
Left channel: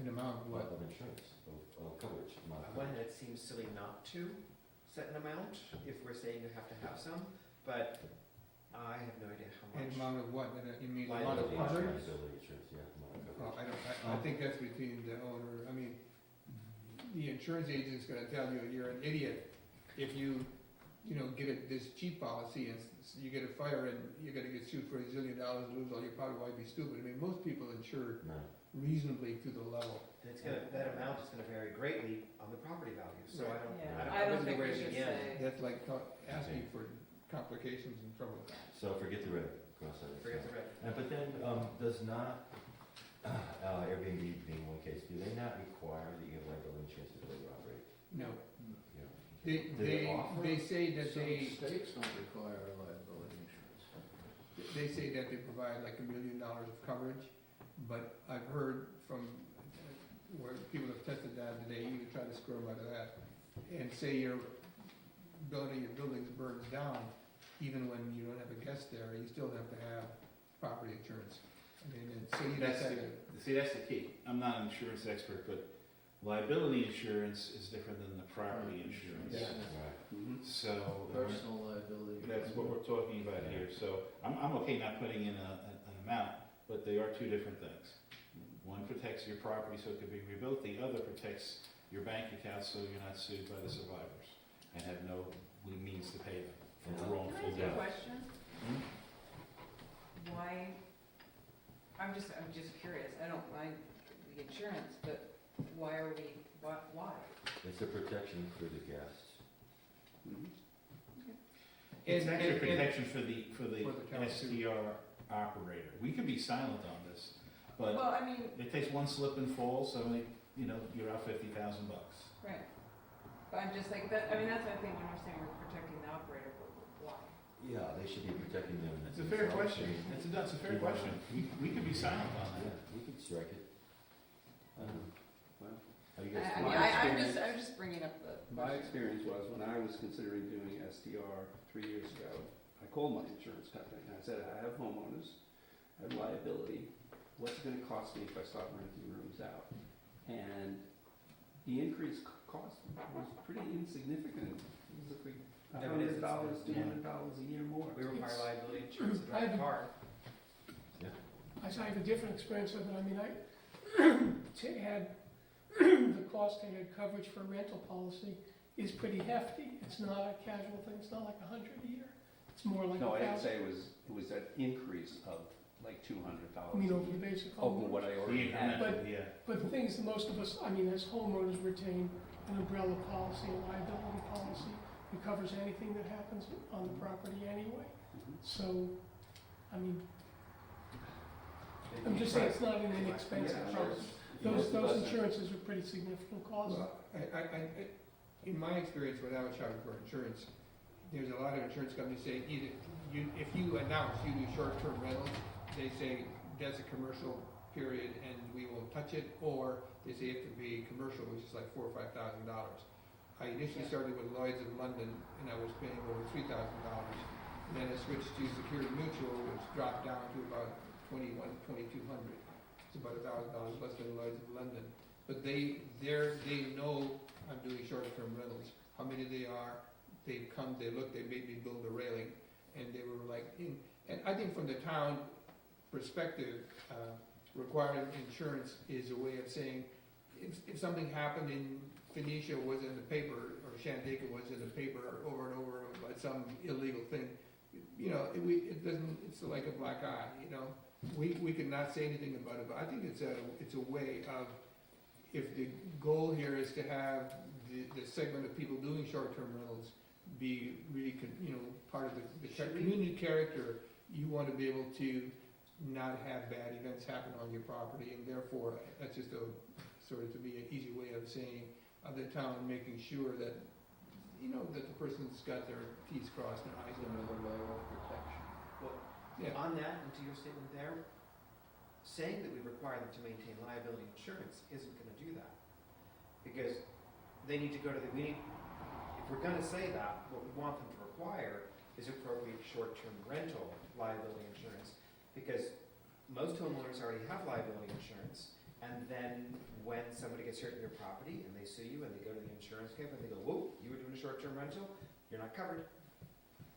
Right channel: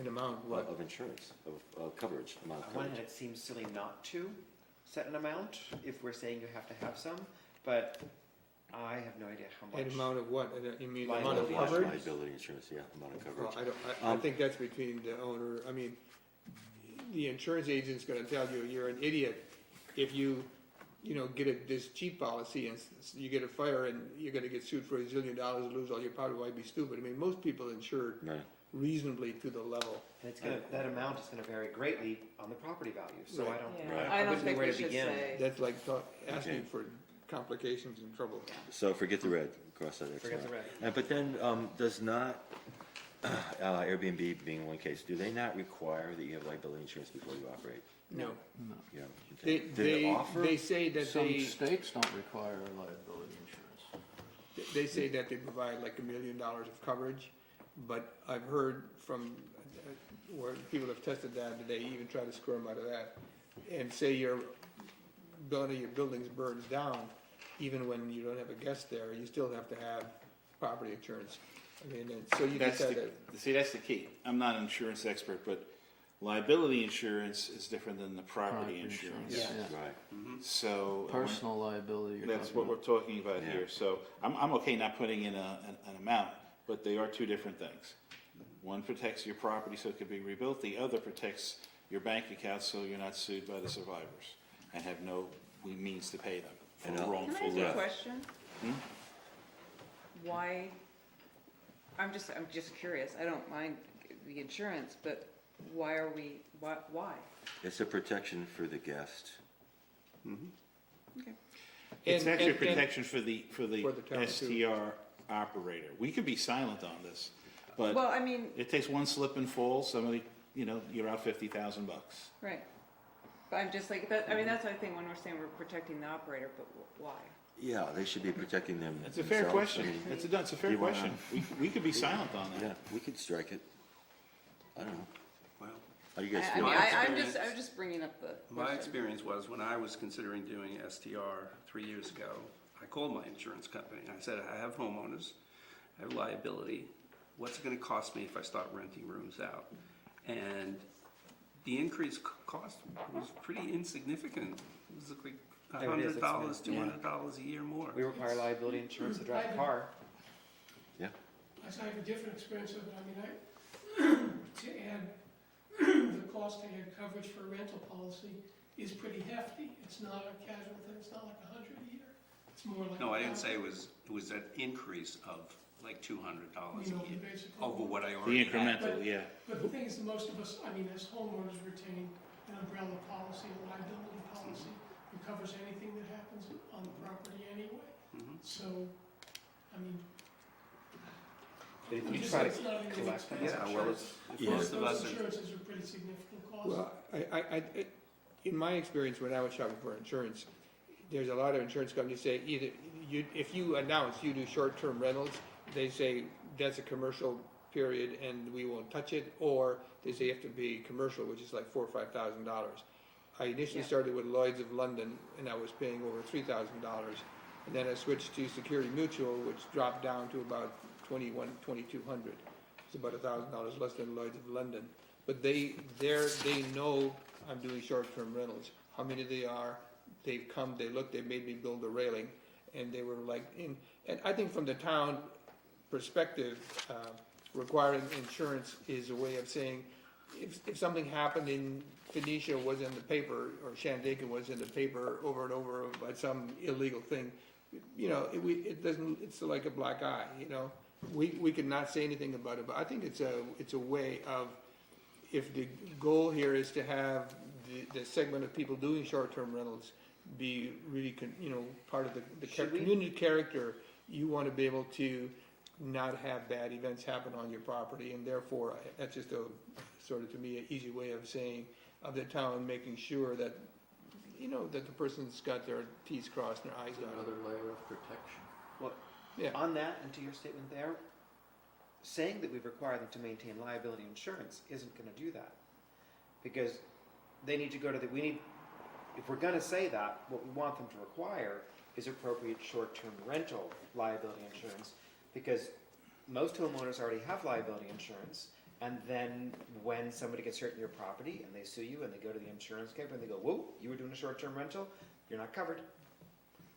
An amount of what? of insurance, of coverage, amount of On one hand, coverage? it seems silly not to set an amount if we're saying you have to have some, but I have no idea how An much. amount of what? You mean the amount of Liability coverage? Liability insurance, yeah, amount of Well, coverage. I think that's between the owner, I mean, the insurance agent's gonna tell you, you're an idiot if you get this cheap policy and you get a fire and you're gonna get sued for $1 zillion, lose all your property, why be stupid? I mean, most people insure Right, reasonably to the level. And it's gonna, that amount is gonna vary greatly on the property value, so I Right. don't. Right. I don't wouldn't know think where we to should begin. say. That's like asking Okay. for complications and trouble. so forget the red, cross that. Forget the red. But then, does not, Airbnb being one case, do they not require that you have liability insurance before you operate? No, You know, they, do they they, offer? they say that Some they, states don't require liability insurance. they say that they provide like $1 million of coverage, but I've heard from where people have tested that they even try to squirm out of that. And say your building burns down, even when you don't have a guest there, you still have to have property insurance. I mean, and so you That's just have the, to, see, that's the key. I'm not an insurance expert, but liability insurance is different than the property insurance. Yeah. Right, Mhm. So. Personal liability. you're That's talking what we're talking about Yeah. here. So I'm okay not putting in an amount, but they are two different things. One protects your property so it can be rebuilt, the other protects your bank account so you're not sued by the survivors and have no means to pay them And for I'll- wrongful Can I ask death. a question? Hmm? Why, I'm just curious, I don't mind the insurance, but why are we, why? it's a protection for the guest. Mhm. It's And- actually a and- protection for the For the town, too. STR operator. We could be silent on this, but Well, I mean, it takes one slip and fall, somebody, you're out $50,000. right, but I'm just like, that's what I think when we're saying we're protecting the operator, but why? Yeah, they should be protecting them It's a fair themselves. question. I mean, That's a fair you wanna- question. We could be silent on Yeah, that. we could strike it. I don't know. Well, How do you guys I feel? mean, My I'm experience- just bringing up the my question. experience was when I was considering doing STR 3 years ago, I called my insurance company. I said, I have homeowners, I have liability. What's it gonna cost me if I start renting rooms out? And the increased cost was pretty insignificant. It was like There it is, it's $100, been- $200 a year more. We require liability insurance to drive a car. I have a different experience with it. I mean, to add, the cost to add coverage for a rental policy is pretty hefty. It's not a casual thing, it's not like $100 a year. It's more like. No, I didn't $1,000. say it was an increase of like $200 I mean, a over year, the basic. over what I The already had. incremental, yeah. But the thing is, most of us, I mean, as homeowners retain an umbrella policy, a liability policy, that covers anything that happens on the property anyway. Mhm. So, I mean, You I'm just try saying it's not an collect- inexpensive Yeah, well, insurance. most of Those us, insurances are pretty significant costs. Well, in my experience when I was shopping for insurance, there's a lot of insurance companies say either, if you announce you do short-term rentals, they say that's a commercial period and we won't touch it, or they say you have to be commercial, which is like $4,000 or $5,000. I initially started with Lloyd's of London and I was paying over $3,000. And then I switched to Security Mutual, which dropped down to about $2,200. It's about $1,000 less than Lloyd's of London. But they know I'm doing short-term rentals, how many they are. They've come, they looked, they made me build a railing, and they were like, and I think from the town perspective, requiring insurance is a way of saying, if something happened in Phoenicia was in the paper, or Shandaken was in the paper over and over about some illegal thing, you know, it doesn't, it's like a black eye, you know. We could not say anything about it, but I think it's a way of, if the goal here is to have the segment of people doing short-term rentals be really, part of the Should we- community character, you want to be able to not have bad events happen on your property, and therefore, that's just a, sort of, to me, an easy way of saying, of the town making sure that, that the person's got their T's crossed and their I's dotted. Another layer of protection. Yeah. On that, and to your statement there, saying that we require them to maintain liability insurance isn't gonna do that. Because they need to go to if we're gonna say that, what we want them to require is appropriate short-term rental liability insurance. Because most homeowners already have liability insurance, and then when somebody gets hurt in your property and they sue you and they go to the insurance company and they go, whoa, you were doing a short-term rental, you're not covered.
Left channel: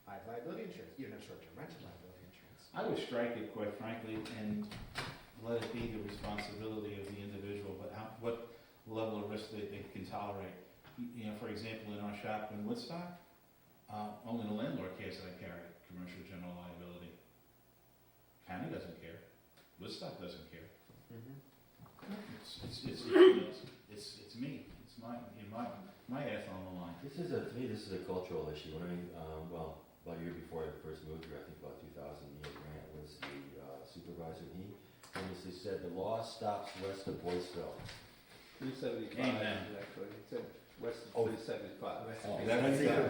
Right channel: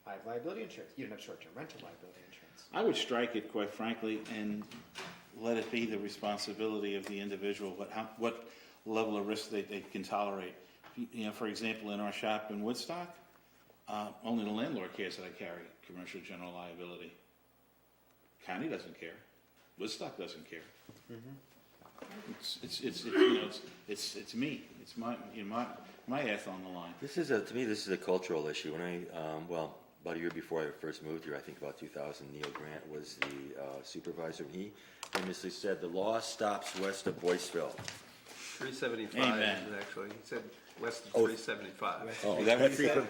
I have liability insurance. You don't have short-term rental liability insurance. I would strike it, quite frankly, and let it be the responsibility of the individual, what level of risk they can tolerate. For example, in our shop in Woodstock, only the landlord cares that I carry commercial general liability. County doesn't care. Woodstock doesn't care. It's me. It's my ass on the line. To me, this is a cultural issue. When about a year before I first moved here, I think about 2000, Neil Grant was the supervisor. He famously said, the law stops west of Boyceville. 375 Amen. is actually, it said west of Oh. 375. Oh, That's even,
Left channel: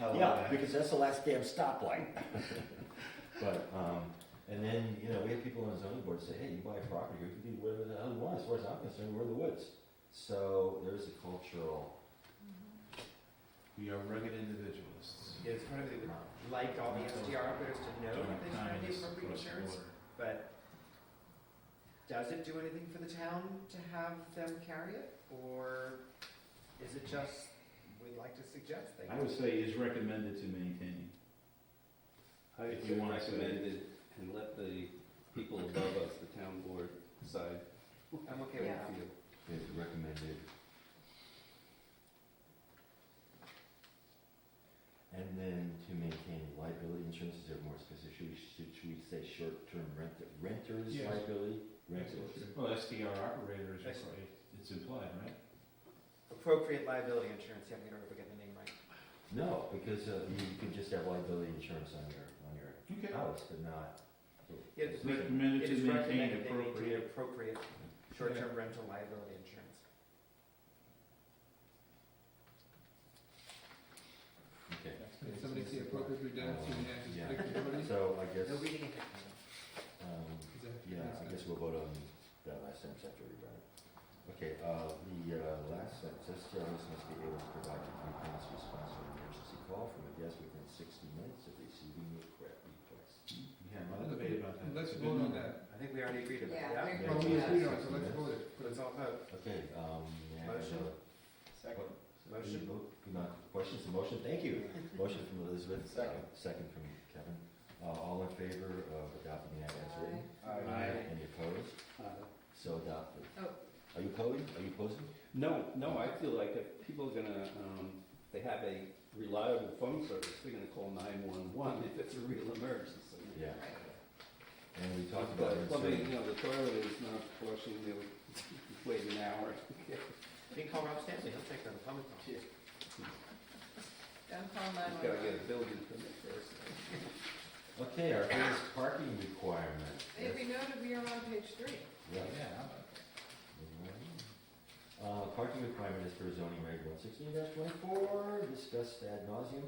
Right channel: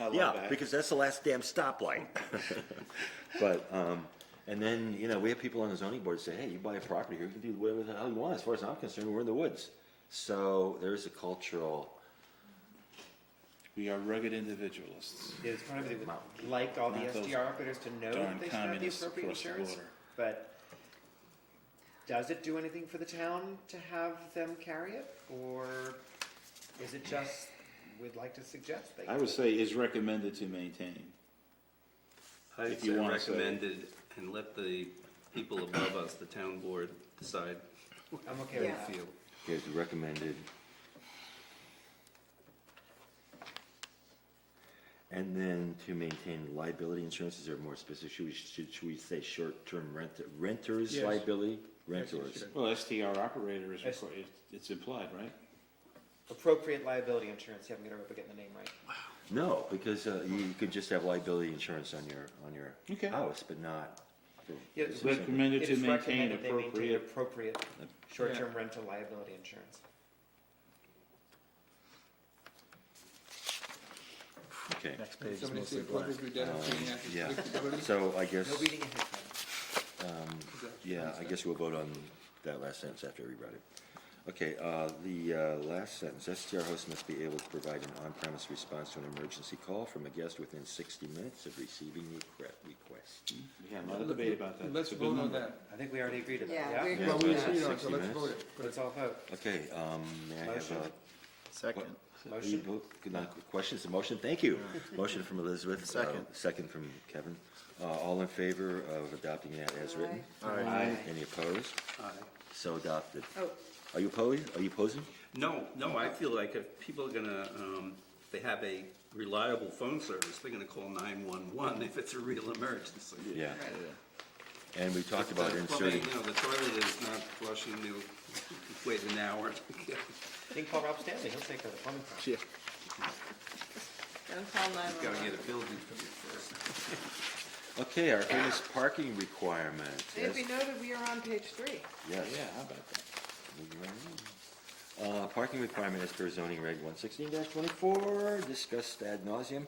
I love yeah, that. because that's the last damn stoplight. But, and then, we have people on the zoning board say, hey, you buy a property here, you can do whatever the hell you want. As far as I'm concerned, we're in the woods. So there's a cultural, We are rugged individualists. It's part of it, like all the Not those SDR operators, to know darn that they should have the communists appropriate across the insurance. border. But does it do anything for the town to have them carry it? Or is it just, we'd like to suggest they? I would say is recommended to maintain. I'd If say you wanna say- recommended, and let the people above us, the town board, decide I'm okay how with they that. feel. here's the recommended. And then to maintain liability insurance, is there more specific, should we say short-term renters Yes. liability? Yes, it Renters. should. Well, STR operator is, Yes. it's implied, right? Appropriate liability insurance, yeah, I'm gonna hope I get the name right. No, because you could just have liability insurance on your Okay. house, but not. Yeah, It's recommended It to is maintain recommended they maintain appropriate. appropriate short-term rental liability insurance. Okay, Next page is Somebody mostly say black. public identity and yeah. accessibility. So I guess, We'll be getting hit by that. I guess we'll vote on that last sentence after everybody. Okay, the last sentence, STR host must be able to provide an on-premise response to an emergency call from a guest within 60 minutes of receiving the request. We had a lot of debate about that. Let's It's a good vote on number. that. I think we already agreed on that, Yeah, yeah? we Yeah, Well, so we it's agreed on it, 60 so let's minutes. vote it. Let's all vote. Okay, may I have a? Second. Are you both, good night, questions, the motion, thank you. Motion from Elizabeth. Second. Second from Kevin. All in favor of adopting that as written? Aye. Any opposed? Aye. So adopted. Oh. Are you opposed? Are you opposing? No, I feel like if people are gonna, if they have a reliable phone service, they're gonna call 911 if it's a real emergency. Yeah. Right. And we talked about The plumbing, inserting, the toilet is not flushing, you wait an hour. You can call Rob Stanley, he'll take care of the plumbing problem. Gotta call You've gotta 911. get a building permit first. Okay, our first parking requirement. It be noted, we are on page 3. Yes. Yeah, how about that? Parking requirement as per zoning reg 116-24, discussed ad nauseum.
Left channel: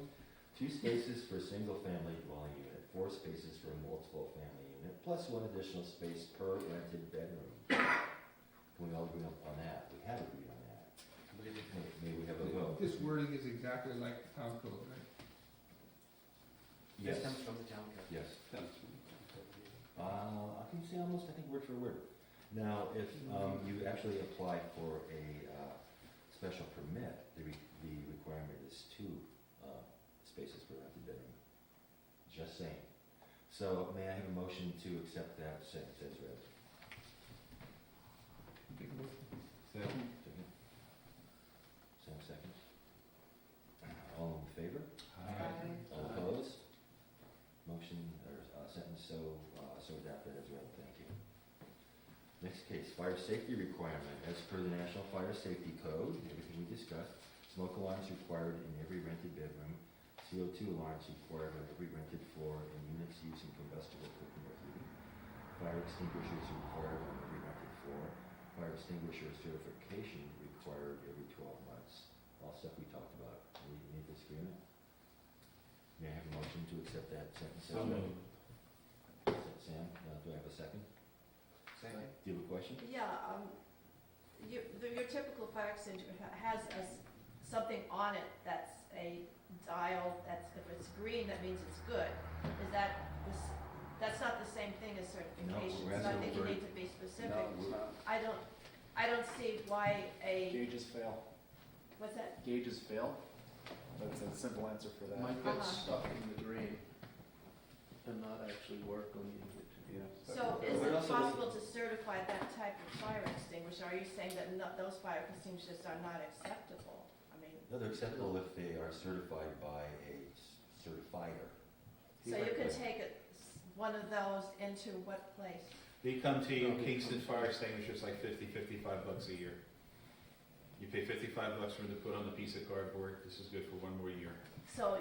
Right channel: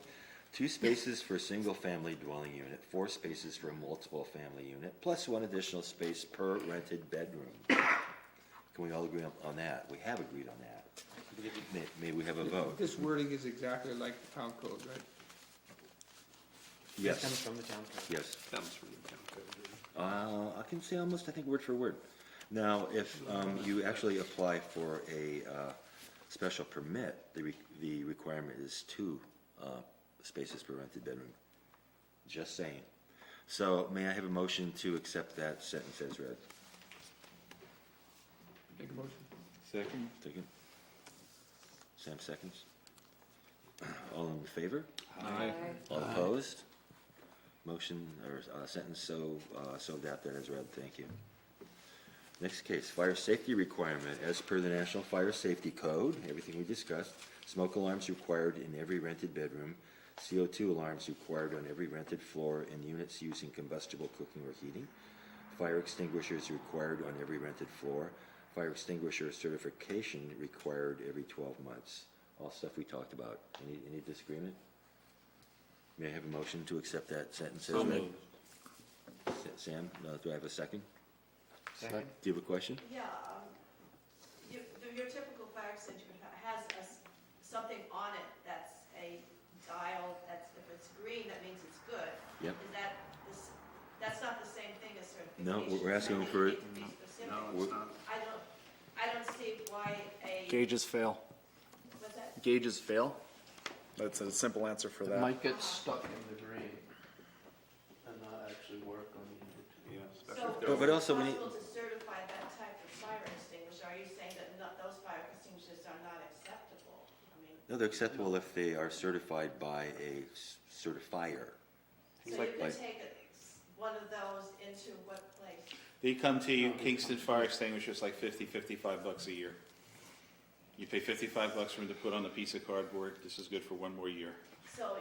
2 spaces for a single-family dwelling unit, 4 spaces for a multiple-family unit, plus 1 additional space per rented bedroom. Can we all agree on that? We have agreed on that. May we have a vote? This wording is exactly like the town code, right? This Yes, comes from the town code. yes. Comes from the town code. I can say almost, I think, word for word. Now, if you actually apply for a special permit, the requirement is 2 spaces per rented bedroom. Just saying. So may I have a motion to accept that sentence as read? Make a motion. Second? Second. Sam seconds. All in favor? Aye. All opposed? Motion or sentence so adapted as read. Thank you. Next case, fire safety requirement. As per the National Fire Safety Code, everything we discussed, smoke alarms required in every rented bedroom, CO2 alarms required on every rented floor and units using combustible cooking or heating, fire extinguishers required on every rented floor, fire extinguisher certification required every 12 months. All stuff we talked about. Any disagreement? May I have a motion to accept that sentence as So read? moved. Sam, do I have a second? Second. Do you have a question? Yeah, your typical fire extinguisher has something on it that's a dial, that's, if it's green, that means it's good. Yep. Is that, that's not the same thing as No, certification? we're asking Something for- you need to be specific. No, it's not. I don't see why Gauges fail. what's that? Gauges fail? That's a simple answer for It that. might get stuck in the drain and not actually work when you need it to. Yeah, So especially is But it also when possible to certify that type of fire extinguisher? Are you saying that those fire extinguishers are not acceptable? I mean, No, they're acceptable if they are certified by a certifier. so you could Like- take one of those into what place? They come to you, Kingston Fire Extinguishers, like $55 a year. You pay $55 for them to put on the piece of cardboard. This is good for 1 more year. So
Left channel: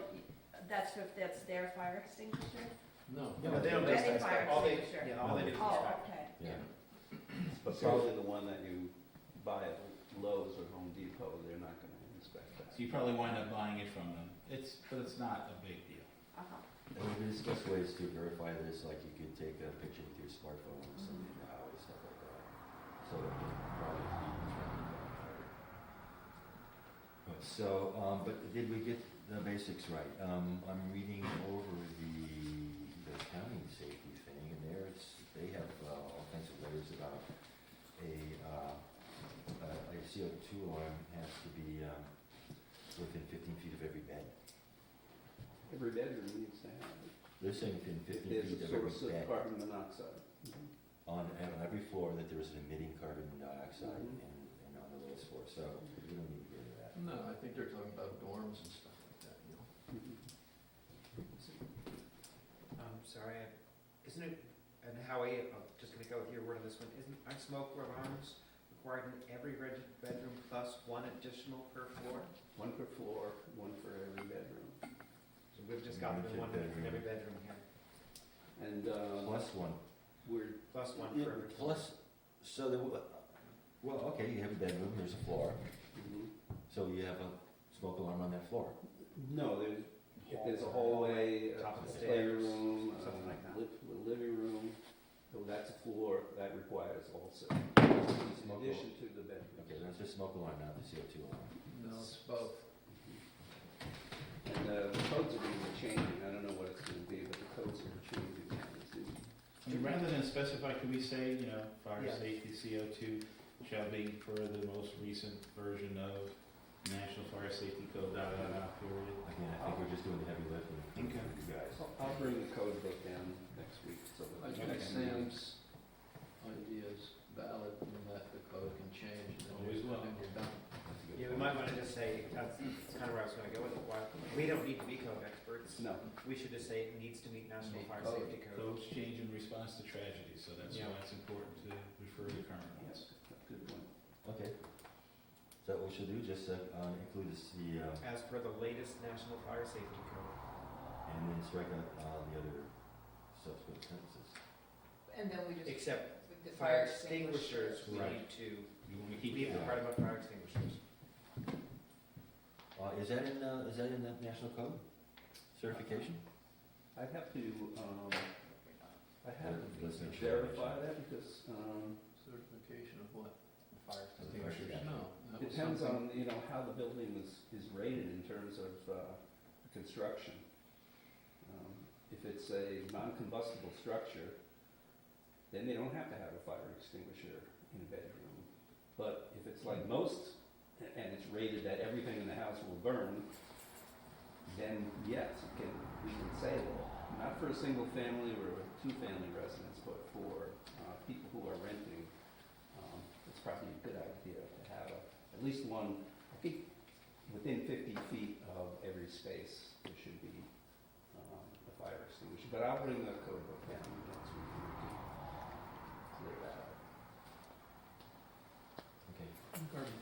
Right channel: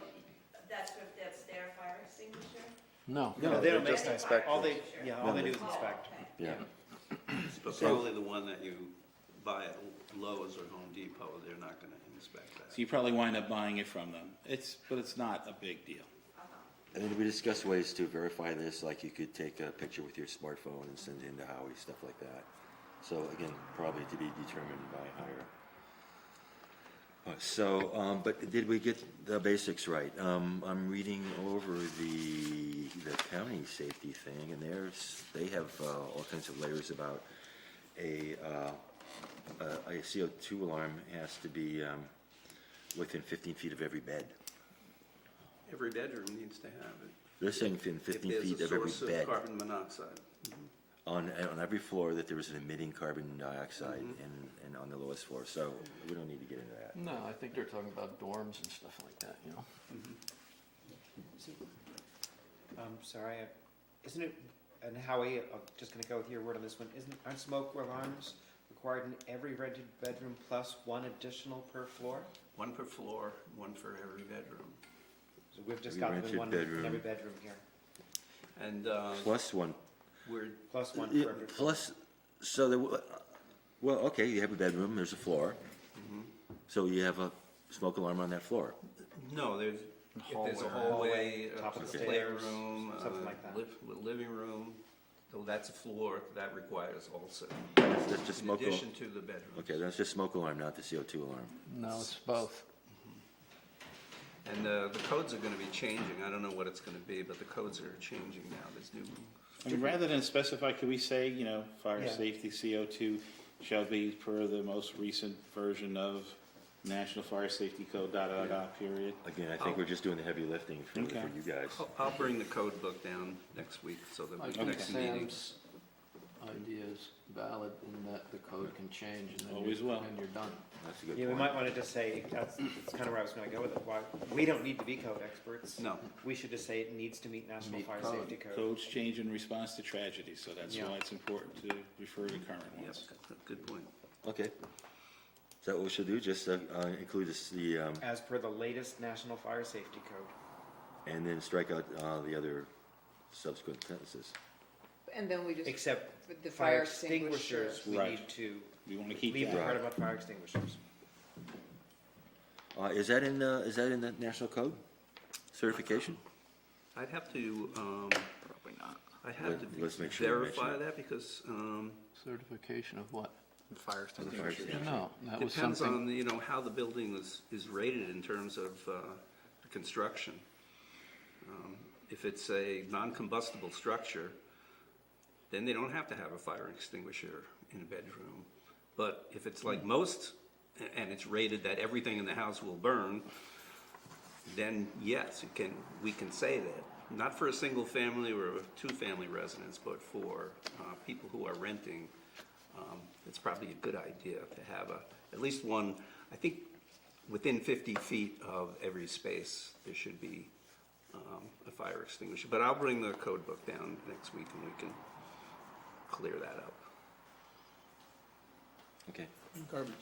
that's their fire extinguisher? No. No, They don't Any inspect. fire All they, extinguisher? yeah, all they do is Oh, inspect. okay. Yeah. But probably the one that you buy at Lowe's or Home Depot, they're not gonna inspect that. So you probably wind up buying it from them. But it's not a big deal. Uh-huh. And we discussed ways to verify this, like you could take a picture with your smartphone and send it in to Howie, stuff like that. So again, probably to be determined by hire. But did we get the basics right? I'm reading over the county safety thing, and they have all kinds of layers about a CO2 alarm has to be within 15 feet of every bed. Every bedroom needs to have it. They're saying within 15 feet of every If there's a source bed. of carbon monoxide. On every floor that there is an emitting carbon dioxide Mhm. and on the lowest floor, so we don't need to get into that. No, I think they're talking about dorms and stuff like that, you know? Sorry, isn't it, and Howie, I'm just gonna go with your word on this one, aren't smoke alarms required in every rented bedroom plus 1 additional per floor? 1 per floor, 1 for every bedroom. So we've just Every gotten the rented 1 bedroom. in every bedroom here, And Plus one. we're, plus 1 Yeah, for every floor. plus, so that, well, okay, you have a bedroom, there's a floor, so you have a smoke alarm on that floor. no, there's a Hallway, hallway, top of the a stairs, playroom, something like that. living room. So that's a floor, that requires also, That's just in smoke alarm. addition to the bedroom. Okay, that's just smoke alarm, not the CO2 alarm. No, it's both. And the codes are gonna be changing, I don't know what it's gonna be, but the codes are changing now, there's new. I mean, rather than specify, could we say, fire Yeah. safety CO2 shall be per the most recent version of National Fire Safety Code, period? Again, I think we're just doing the heavy lifting for Okay. you guys. I'll bring the code book down next week, so that I we think next meeting. Sam's idea is valid in that the code can change and then Always will. and you're done. That's a good Yeah, we point. might wanna just say, that's kind of where I was gonna go with it, why, we don't need to be code experts. No, We should just say it needs to meet National Meet Fire code. Safety Code. Codes change in response to tragedy, so that's Yeah. why it's important to refer to current yep, ones. good point. Okay. Is that what we should do? Just include As per the latest National Fire Safety Code. and then strike out the other subsequent sentences. And then we just, Except with the fire extinguishers, we Right. need to We want to keep leave the that. part about fire extinguishers. Is that in the national code certification? I'd have to, Probably not. Let's make sure we verify mention that because, Certification of what? Fire extinguishers. Yeah, no, that was depends something, on, how the building is rated in terms of construction. If it's a non-combustible structure, then they don't have to have a fire extinguisher in a bedroom. But if it's like most, and it's rated that everything in the house will burn, then yes, we can say that. Not for a single family or a two-family residence, but for people who are renting, it's probably a good idea to have at least one. I think within 50 feet of every space, there should be a fire extinguisher. But I'll bring the code book down next week and we can clear that up. Okay. Garbage.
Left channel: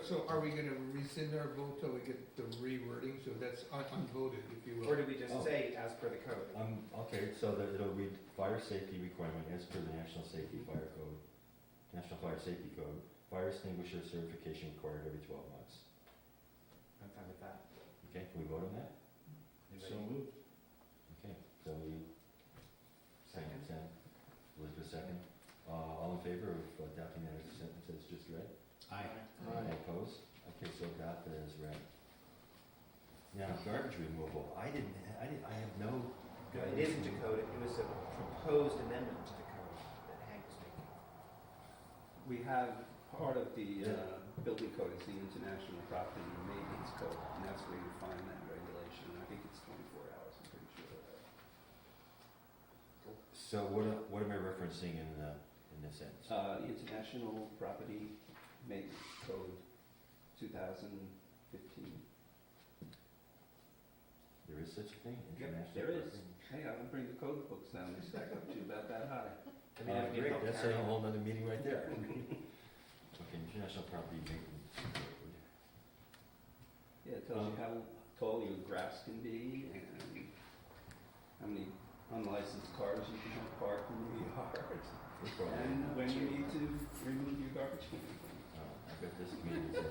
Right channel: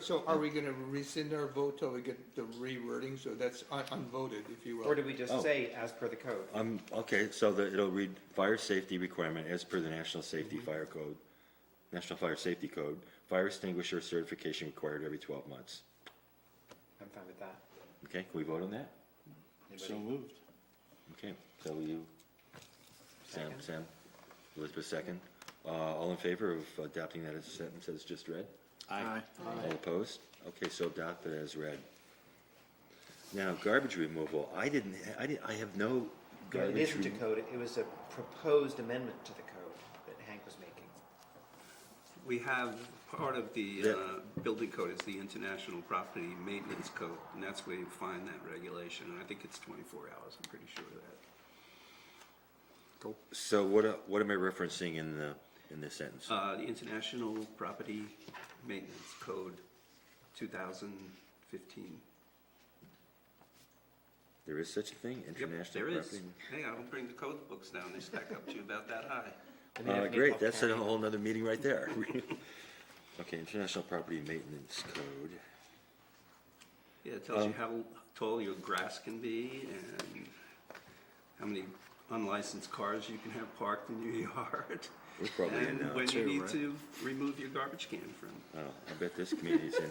So are we gonna rescind our vote till we get the rewording, so that's unvoted, if you will? Or do we just Oh. say as per the code? Okay, so it'll read fire safety requirement as per the National Safety Fire Code, National Fire Safety Code, fire extinguisher certification required every 12 months. I'm fine with that. Okay, can we vote on that? So moved. Okay, so you, Second. Sam, Elizabeth second. All in favor of adopting that as a sentence as just read? Aye. All opposed? Okay, so adopt it as read. Now, garbage removal, I have no It garbage. isn't a code, it was a proposed amendment to the code that Hank was making. We have, part of the Yeah. building code is the International Property Maintenance Code, and that's where you find that regulation, and I think it's 24 hours, I'm pretty sure of that. So what am I referencing in this sentence? The International Property Maintenance Code, 2015. There is such a thing, Yep, international there is. property? Hey, I'll bring the code books down, they stack up to about that high. Great, that's a whole nother meeting right there. Okay, International Property Maintenance Code. Yeah, it tells you how tall your grass can be and how many unlicensed cars you can have parked in your yard. We're probably in And now, when you too, need right? to remove your garbage can from. Oh, I bet this community's in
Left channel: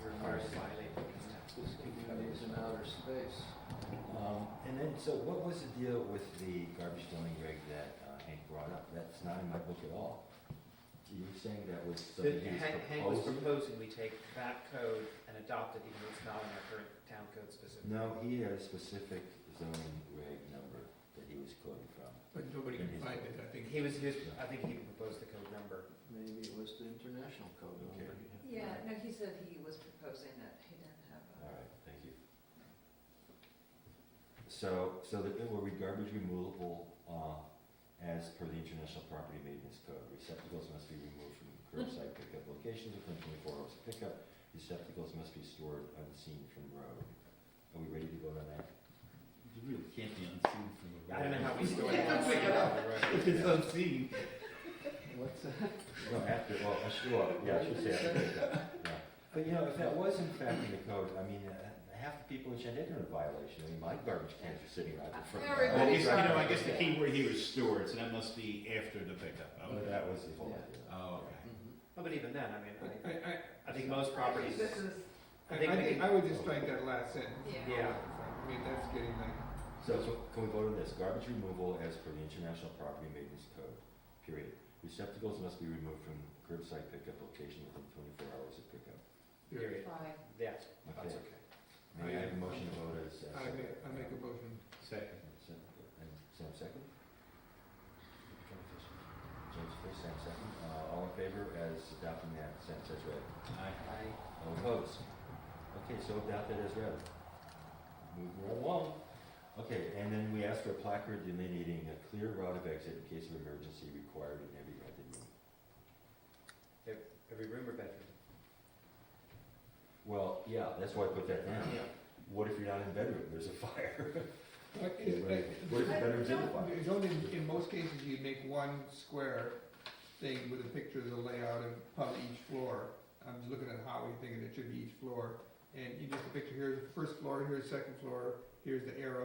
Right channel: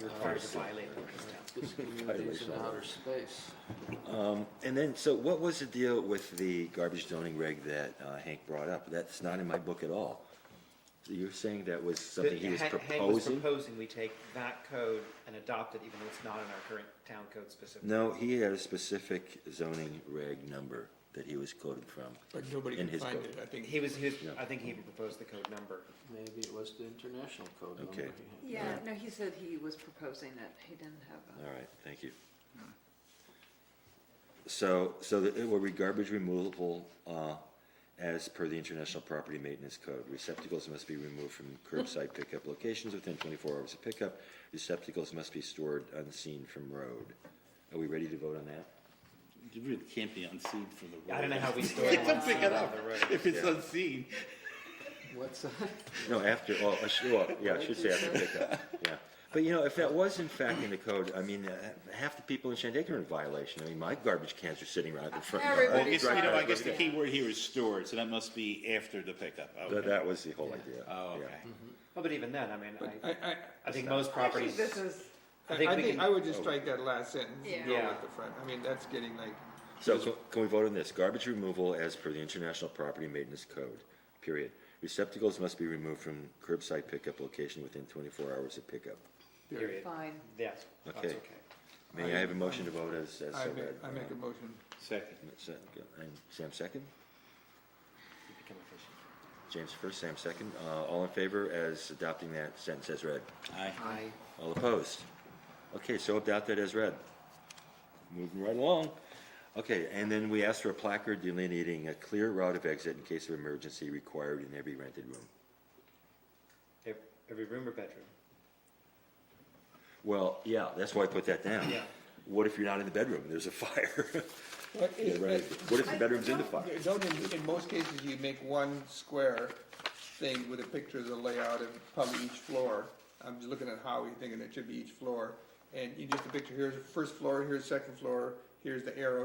You're required to violate ordinance now. this community's in outer space. and then, so what was the deal with the garbage zoning reg that Hank brought up? That's not in my book at all. So you're saying that was something he was Hank was proposing? proposing we take that code and adopt it, even though it's not in our current town code specifically. No, he had a specific zoning reg number that he was quoting from. But nobody In can his find book. it, I think. Yeah. I think he even proposed the code number. Maybe it was the international code number. Okay. yeah, no, he said he was proposing it, he didn't have All right, thank you. So that it will read garbage removable, as per the International Property Maintenance Code. Receptacles must be removed from curbside pickup locations within 24 hours of pickup. Receptacles must be stored unseen from road. Are we ready to vote on that? You really can't be unseen for the road. I don't know how we store Pick it. it up if it's Yeah. unseen. What's that? No, after, I should say after pickup, yeah. But if that was in fact in the code, I mean, half the people in Shandaken are in violation. I mean, my garbage cans are sitting around the front. Well, Everybody's I guess the key word here is stored, so that must be after the pickup. But Okay. that was the whole Yeah. idea. Oh, yeah. okay. Well, but even then, I mean, I I think most it. properties. This is, I think we can- I would just strike that last sentence and go Yeah. at the front. I mean, that's getting like, So can we vote on this? Garbage removal as per the International Property Maintenance Code, period. Receptacles must be removed from curbside pickup location within 24 hours of pickup. Period. fine. Yes, that's Okay. okay. May I have a motion to vote as so I read? make a motion. Second. And Sam second? Become efficient. James first, Sam second. All in favor as adopting that sentence as read? Aye. All opposed? Okay, so adopted as read. Moving right along. Okay, and then we asked for a placard delineating a clear route of exit in case of emergency required in every rented room. Every room or bedroom? Well, yeah, that's why I put that down. Yeah. What if you're not in the bedroom, there's a fire? But Yeah, right. What if the bedroom's in the fire? Don't, in most cases, you make one square thing with a picture of the layout of probably each floor. I'm just looking at Howie, thinking it should be each floor. And you just a picture, here's the first floor, here's the second floor, here's the arrow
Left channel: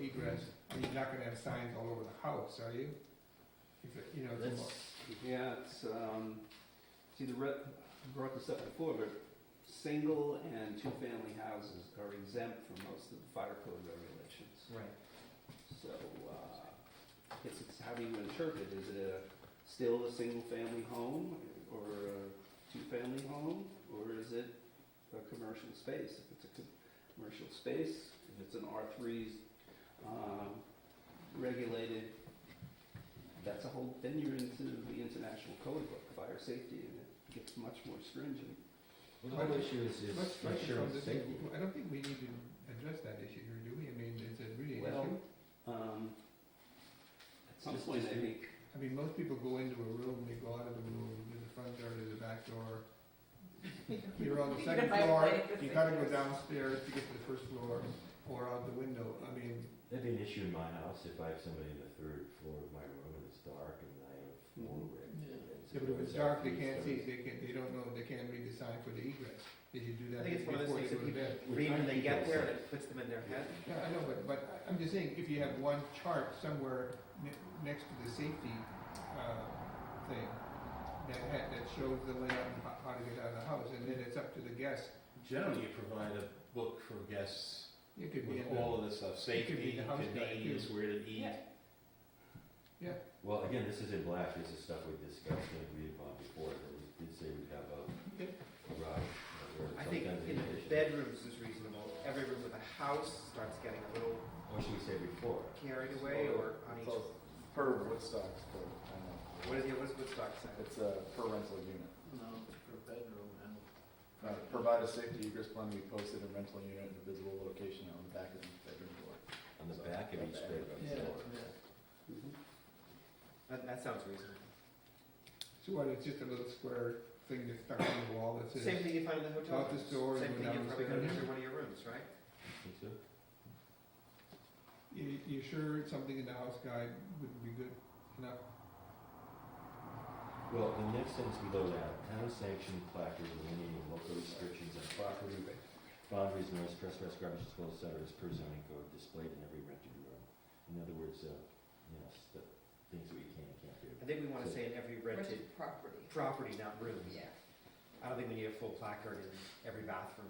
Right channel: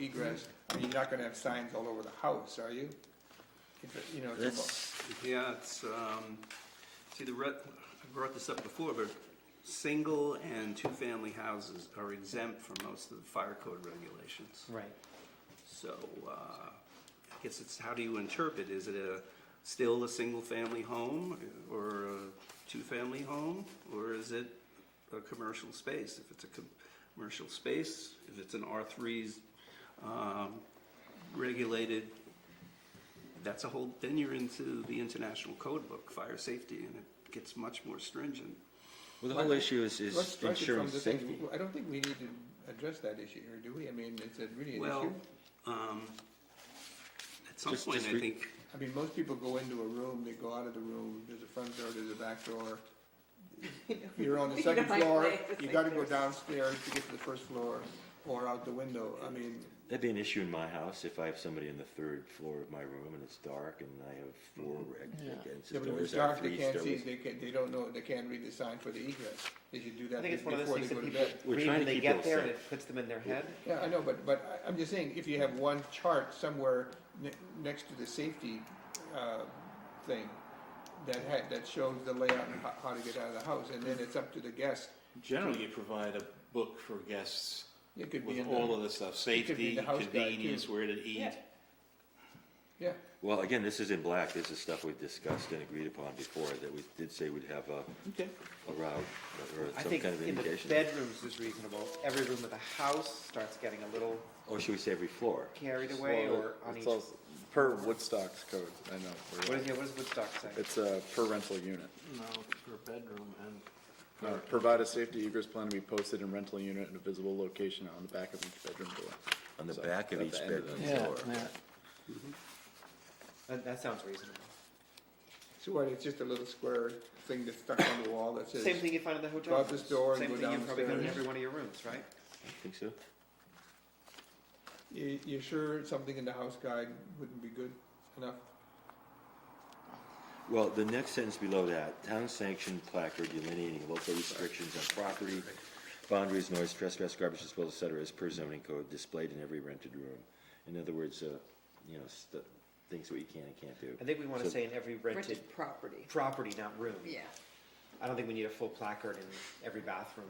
egress, you're not gonna have signs all over the house, are you? If it, you know, it's That's, Yeah, it's, see, I brought this up before, but single and two-family houses are exempt from most of the fire code regulations. Right. So, I guess it's, how do you interpret? Is it still a single-family home or a two-family home? Or is it a commercial space? If it's a commercial space, if it's an R3's regulated, that's a whole, then you're into the international code book, fire safety, and it gets much more stringent. well, the whole issue is Let's strike it ensuring from the thing. safety. I don't think we need to address that issue here, do we? I mean, is it really an Well, issue? At some Just- point, just I re- think, I mean, most people go into a room, they go out of the room, there's a front door, there's a back door. You're on the We second can like floor, play with you gotta go fingers. downstairs to get to the first floor, or out the window, I mean, That'd be an issue in my house if I have somebody in the third floor of my room and it's dark and I have four Yeah. yeah, but if it's dark, they can't see, they don't know, they can't read the sign for the egress. They should do I that think it's one of those before they things go that to bed. people We're read trying when to they keep get them there and safe. it puts them in their head. Yeah, I know, but I'm just saying, if you have one chart somewhere next to the safety, thing, that shows the layout and how to get out of the house, and then it's up to the guest. Generally, you provide a book for guests It could be with in the, all of the stuff, it could be safety, the house guide, too. convenience, where to eat. Yeah. Well, again, this is in black, this is stuff we discussed and agreed upon before, that we did say we'd have a route or I some think kind of in the indication. bedrooms is reasonable. Every room with a house starts getting a little Or should we say every floor? carried away Well, or on it's each. all per Woodstock's code, I know. What does Woodstock say? It's a per rental unit. No, for a bedroom and. Provide a safety egress plan to be posted in rental unit at a visible location on the back of each bedroom door. On the So, back of at each the end of bedroom it. Yeah, floor. yeah. That sounds reasonable. so what, it's just a little square thing that's stuck on the wall that says. Same thing you find in the Go hotel out rooms. this door and Same go thing you probably got in downstairs. every one of your rooms, right? Think so? You sure something in the house guide wouldn't be good enough? Well, the next sentence below that, town sanctioned placard delineating local restrictions on property, boundaries, noise, trespass, garbage disposal, et cetera, is per zoning code displayed in every rented room. In other words, things that you can and can't do. I think we want to So- say in every rented Rented property, property, not room. yeah. I don't think we need a full placard in every bathroom.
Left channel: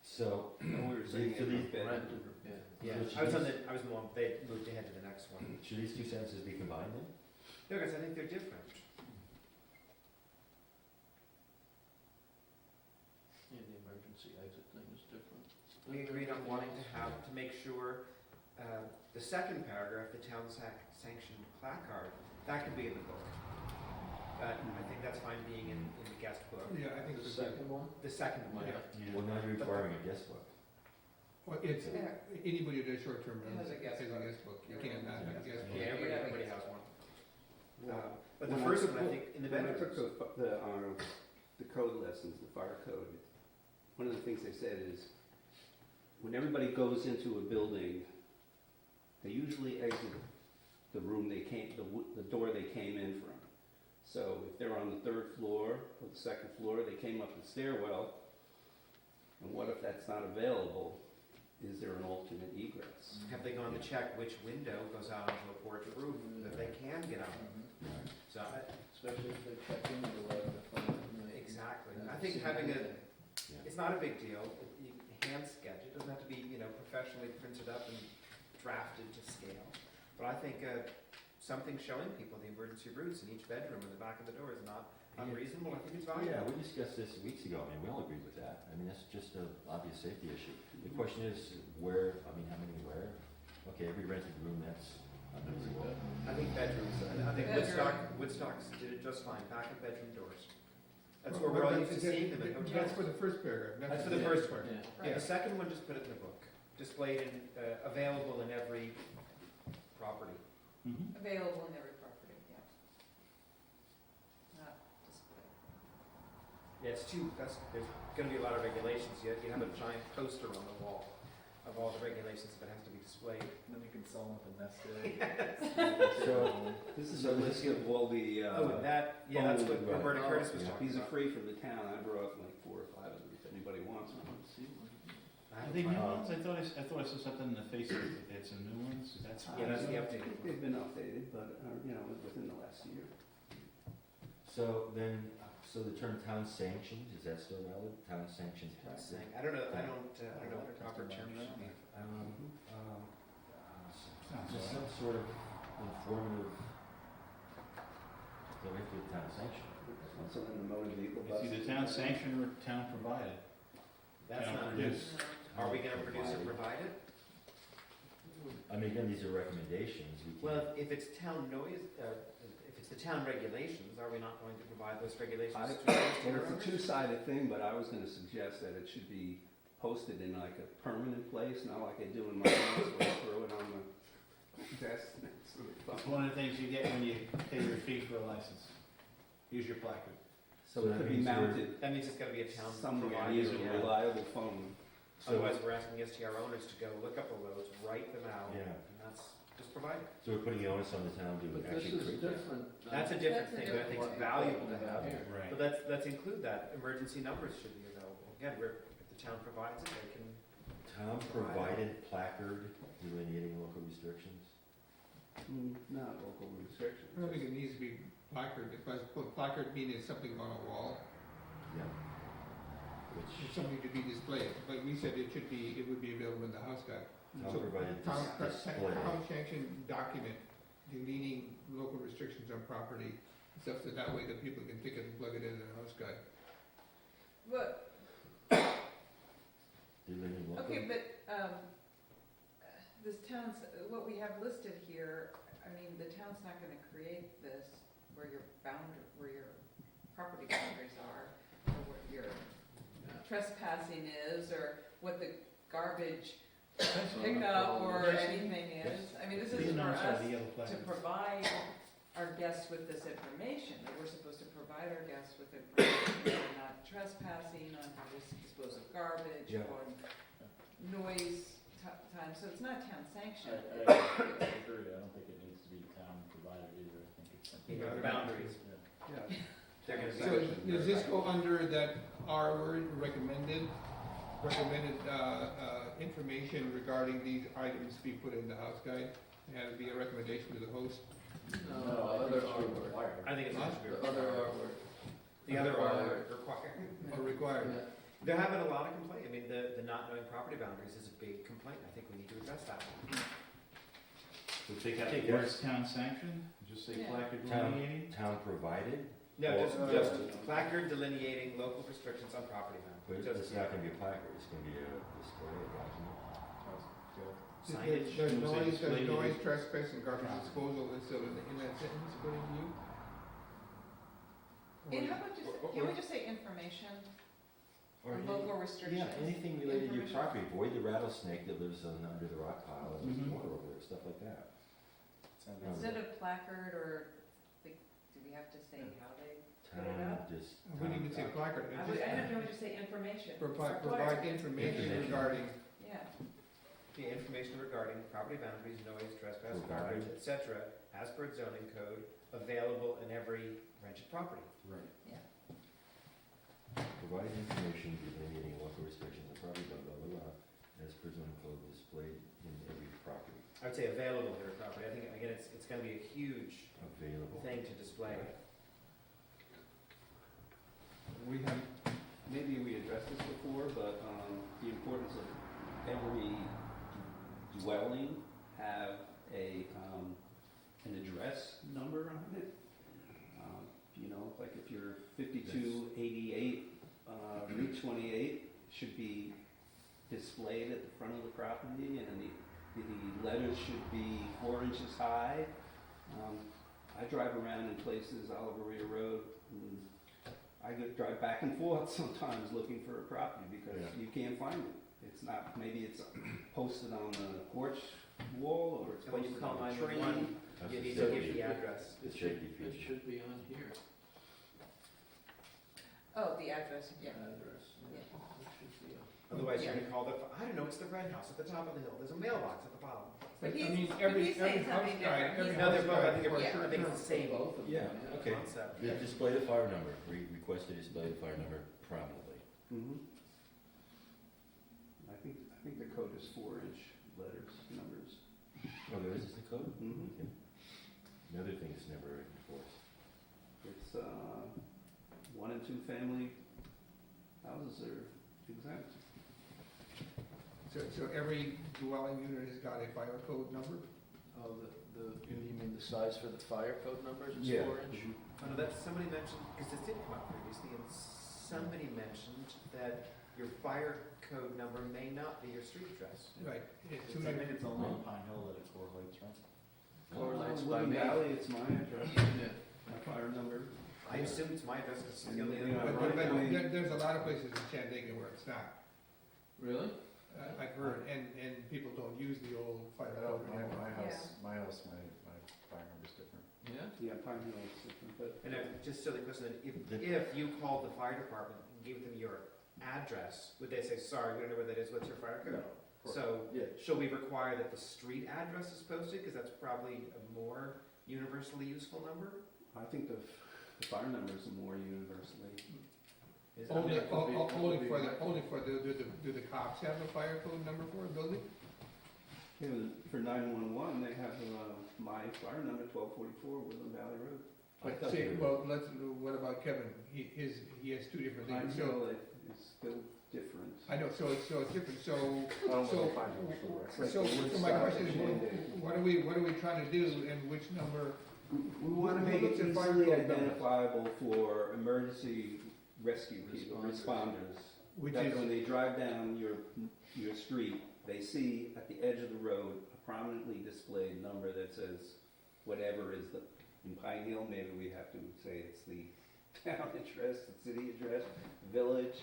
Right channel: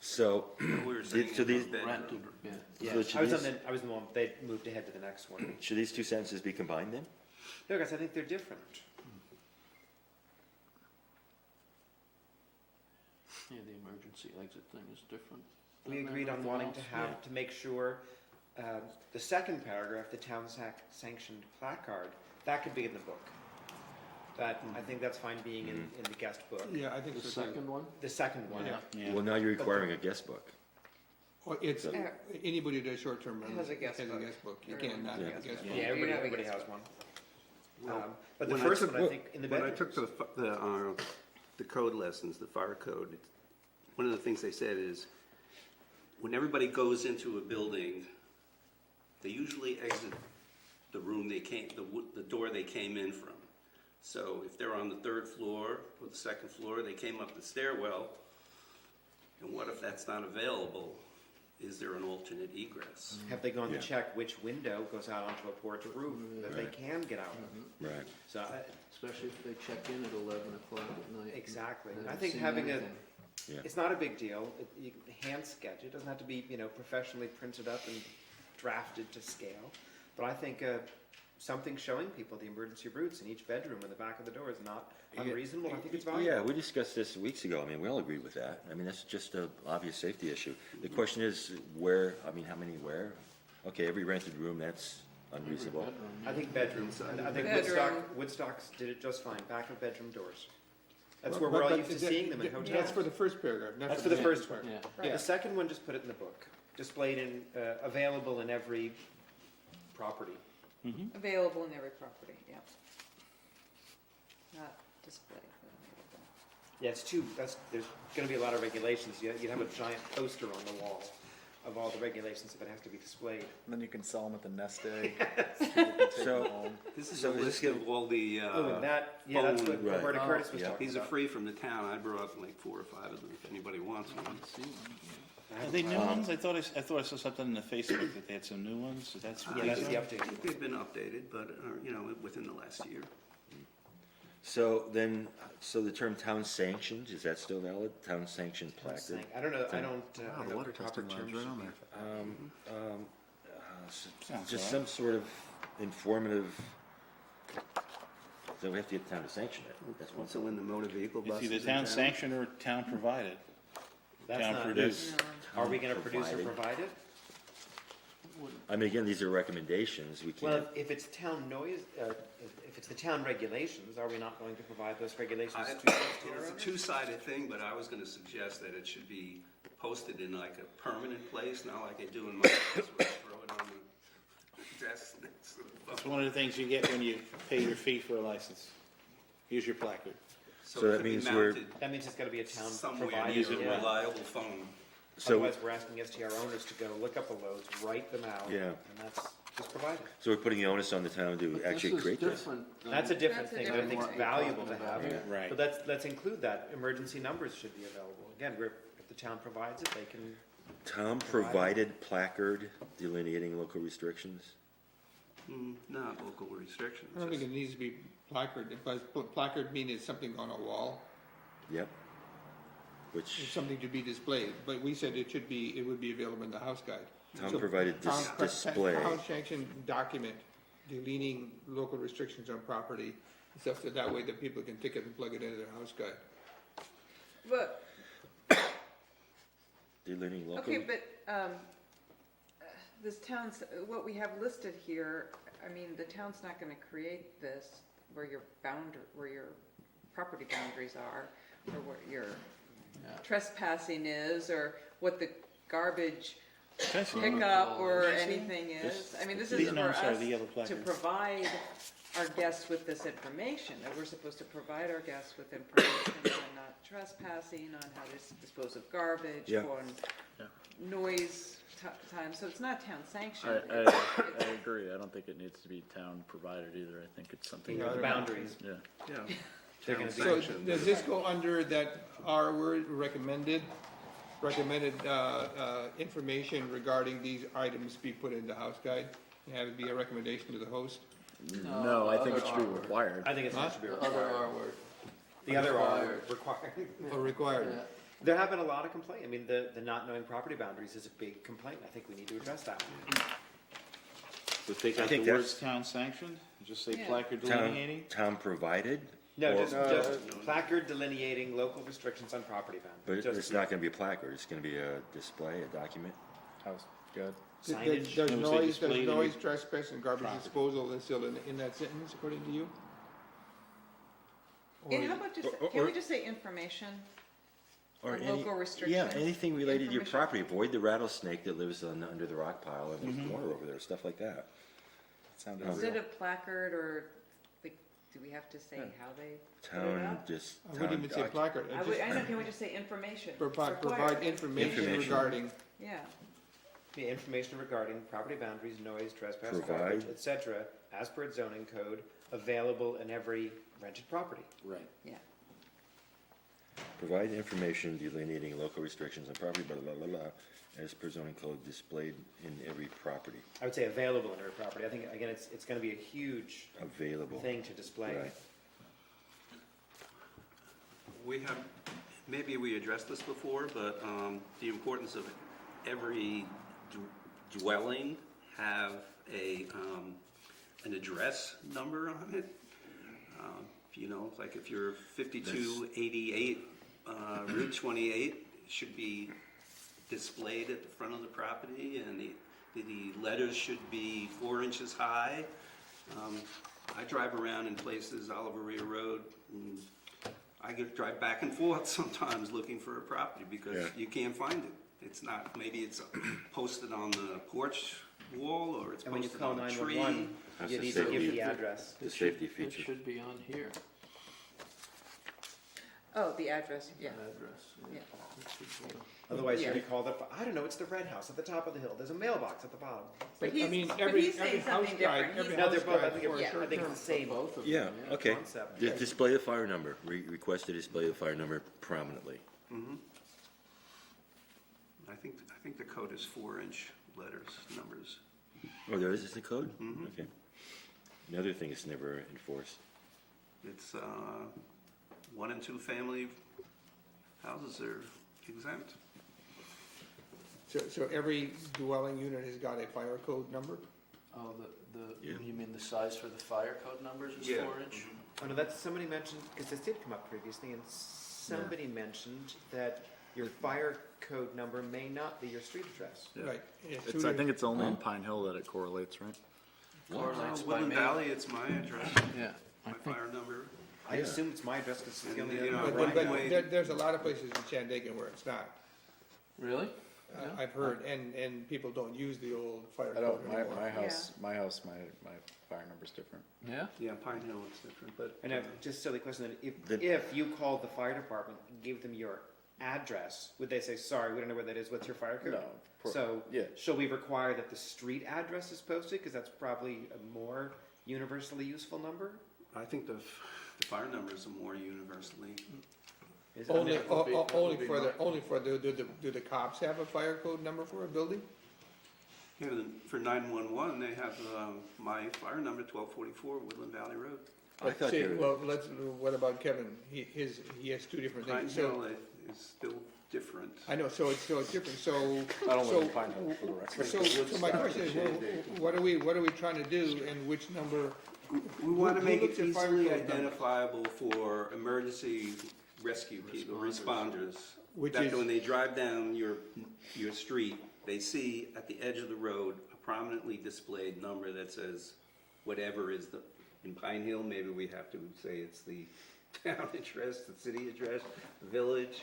So, we were saying so these, Rented, yeah. Yeah, So should I was these- I was the one, they moved ahead to the next one. should these two sentences be combined then? No, guys, I think they're different. Yeah, the emergency exit thing is different. We agreed on wanting to have, to make sure, the second paragraph, the town sanctioned placard, that could be in the book. That, I think that's fine being in the guest book. Yeah, I think The so. second one? The second one, Yeah. Well, now you're requiring a guest book. Well, it's, So- anybody who does short-term rental Has a guest book. You can't not have a Yeah. guest book. yeah, You have a everybody guest has one. Well, But the when I first took- one, I think, in the When I bedrooms. took the code lessons, the fire code, one of the things they said is, when everybody goes into a building, they usually exit the room they came, the door they came in from. So if they're on the third floor or the second floor, they came up the stairwell, and what if that's not available? Is there an alternate egress? Have they gone to Yeah. check which window goes out onto a porch or roof that they can get out? Right. So, Especially if they check in at 11 o'clock at night. exactly. and I haven't think seen having anything. it's not a big deal. You can hand sketch it. It doesn't have to be, professionally printed up and drafted to scale. But I think something showing people the emergency routes in each bedroom in the back of the door is not unreasonable. I think it's valuable. Yeah, we discussed this weeks ago. I mean, we all agreed with that. I mean, that's just an obvious safety issue. The question is where, I mean, how many where? Okay, every rented room, that's unreasonable. I think bedrooms. I think Bedroom. Woodstock's did it just fine. Back of bedroom doors. That's Well, where we're all but used to seeing them in hotels. That's for the first paragraph, not That's for the the first one. Yeah. Right. The second one, just put it in the book. Displayed in, available in every property. Available in every property, yeah. Not displayed. Yeah, there's gonna be a lot of regulations. You'd have a giant poster on the wall of all the regulations if it has to be displayed. And then you can sell them at the nest egg. So, This is So a this list of all the, Oh, and that, yeah, that's what right. Roberta Curtis was Yeah. talking these are about. free from the town. I brought like 4 or 5 of them if anybody wants one. Are they new ones? I thought I saw something in the Facebook that they had some new ones. That's Yeah, that's the update. They've been updated, but, within the last year. So then, so the term town sanctioned, is that still valid? Town sanctioned placard? I don't know, I don't Oh, know water the proper testing term lab's right on should there. Sounds Just all some sort of informative, so we have to get town sanctioned. That's one. Also in the motor vehicle It's buses. either in town sanctioned or town provided. That's Town not, produced. are we gonna produce or Provided. provide it? I mean, again, these are recommendations, we Well, can't, if it's town noise, if it's the town regulations, are we not going to provide those regulations I- to the Well, STR it's a owners? two-sided thing, but I was gonna suggest that it should be posted in like a permanent place, not like I do in my house where I throw it on the desk next to the It's phone. one of the things you get when you pay your fee for a license. Here's your placard. So So it that could be means we're- mounted That means it's gonna be a town somewhere provided. near a yeah. reliable phone. so, Otherwise, we're asking STR owners to go look up the loads, write them out, yeah, and that's just provided. so we're putting the onus on the town to But actually this is create this. different. That's a different That's a thing, but I think it's different- valuable to have. Yeah. Right. But let's include that, emergency numbers should be available. Again, if the town provides it, they can, Town provided placard delineating local restrictions? Not local restrictions. I don't think it needs to be placard, because placard means it's something on a wall, Yep. it's Which, something to be displayed, but we said it would be available in the house guide. town So provided display. Town sanctioned document delineating local restrictions on property, stuff that way that people can take it and plug it into their house guide. But, Delineating local. okay, but, this town's, what we have listed here, I mean, the town's not gonna create this where your property boundaries are, or what your trespassing is, or what the garbage pickup or anything is. I mean, this These is for notes are us the yellow to placard. provide our guests with this information, that we're supposed to provide our guests with information on not trespassing, on how to dispose of garbage, Yeah. on noise time, so it's not town sanctioned. I agree, I don't think it needs to be town provided either, I think it's something. the boundaries. Yeah. Yeah. They're gonna be- So does this go under that R word, recommended information regarding these items be put in the house guide? Have it be a recommendation to the host? No, I think it other should be R word. required. I think it should be Other required. R word. The other are Required. required. Or required? Yeah. There have been a lot of complaints. I mean, the not knowing property boundaries is a big complaint. I think we need to address that. But take I out think the words that's- town sanctioned, just say Yeah. placard Town, delineating. town provided, No, Well- just placard delineating local restrictions on property but boundaries. it's not gonna be a placard, it's gonna be a display, a document. That was good. Signage. Does Say noise, display trespass, and garbage property. disposal is still in that sentence, according to you? Or Yeah, how about just, Or- can we just say information, Or on any, local restrictions? yeah, anything related to your Information. property, avoid the rattlesnake that lives under the rock pile in the corner over there, stuff like that. Sounded. Instead of placard, or, like, do we have to say Yeah. how they, Town, just, I town wouldn't even say doc- placard, I would, I know, can we just say information? provide Required. information Information. regarding, Yeah, The information regarding property boundaries, noise, trespass, Provide. garbage, etc., as per its zoning code, available in every rented property. Right. Provide information delineating local restrictions on property, blah, blah, blah, blah, as per zoning code displayed in every property, I would say available in every property. I think, again, it's gonna be a huge available. thing to display. Right. We have, maybe we addressed this before, but the importance of every dwelling have an address number on it. Like if you're 5288 Route 28, should be displayed at the front of the property, and the letters should be 4 inches high. I drive around in places, Oliver Rear Road, and I drive back and forth sometimes looking for a property because Yeah. you can't find it. It's not, maybe it's posted on the porch wall, or it's And when you posted call on a tree. 911, That's you a need to give safety- the address. The safety It feature. should be on here, oh, the address, yeah, address. yeah. It should be- Otherwise, Yeah. you call the, I don't know, it's the red house at the top of the hill. There's a mailbox at the bottom. But I he's, mean, but every he's saying house something guide, different. every He's- No, they're house both, I guide think, for a I short think it's the same Both of them. Yeah, okay. concept. Display the fire number, request to display the fire number prominently. Mhm. I think the code is 4-inch letters, numbers. Oh, there is a code? Mhm. Okay. Another thing is never enforced. It's, 1 and 2 family houses are exempt. So every dwelling unit has got a fire code number? Oh, Yeah. you mean the size for the fire code numbers is Yeah. 4-inch? Oh, no, that's, somebody mentioned, because this did come up previously, and somebody mentioned that your fire code number may not be your street address. Yeah. Right. I think it's only in Pine Hill that it correlates, right? Correlates by Woodland me. Valley, it's my address, Yeah. my fire number. I assume it's my address, because it's the And, only. you know, other- right away- There's a lot of places in Shandaken where it's not. Really? I've heard, and people don't use the old fire I code don't, my anymore. house, my fire number's different. Yeah? Yeah, Pine Hill is different, but. And just so the question, if The- you called the fire department and gave them your address, would they say, sorry, we don't know where that is, what's your fire code? No. So, Yeah, shall we require that the street address is posted, because that's probably a more universally useful number? I think the fire numbers are more universally. Is it? Only, that would be- that would be only for do the cops have a fire code number for a building? Yeah, for 911, they have, my fire number, 1244 Woodland Valley Road. I thought See, they were, well, what about Kevin? He has two different Pine things. So, Hill is still different. I know, so it's different, so. I don't so- live in Pine Hill, for the record. So my question is, what are we trying to do, and which number? We want to Who make it looks at fire easily code numbers? identifiable for emergency rescue people, responders. That when they drive down your street, they see at the edge of the road a prominently displayed number that says whatever is in Pine Hill, maybe we have to say it's the town address, the city address, village.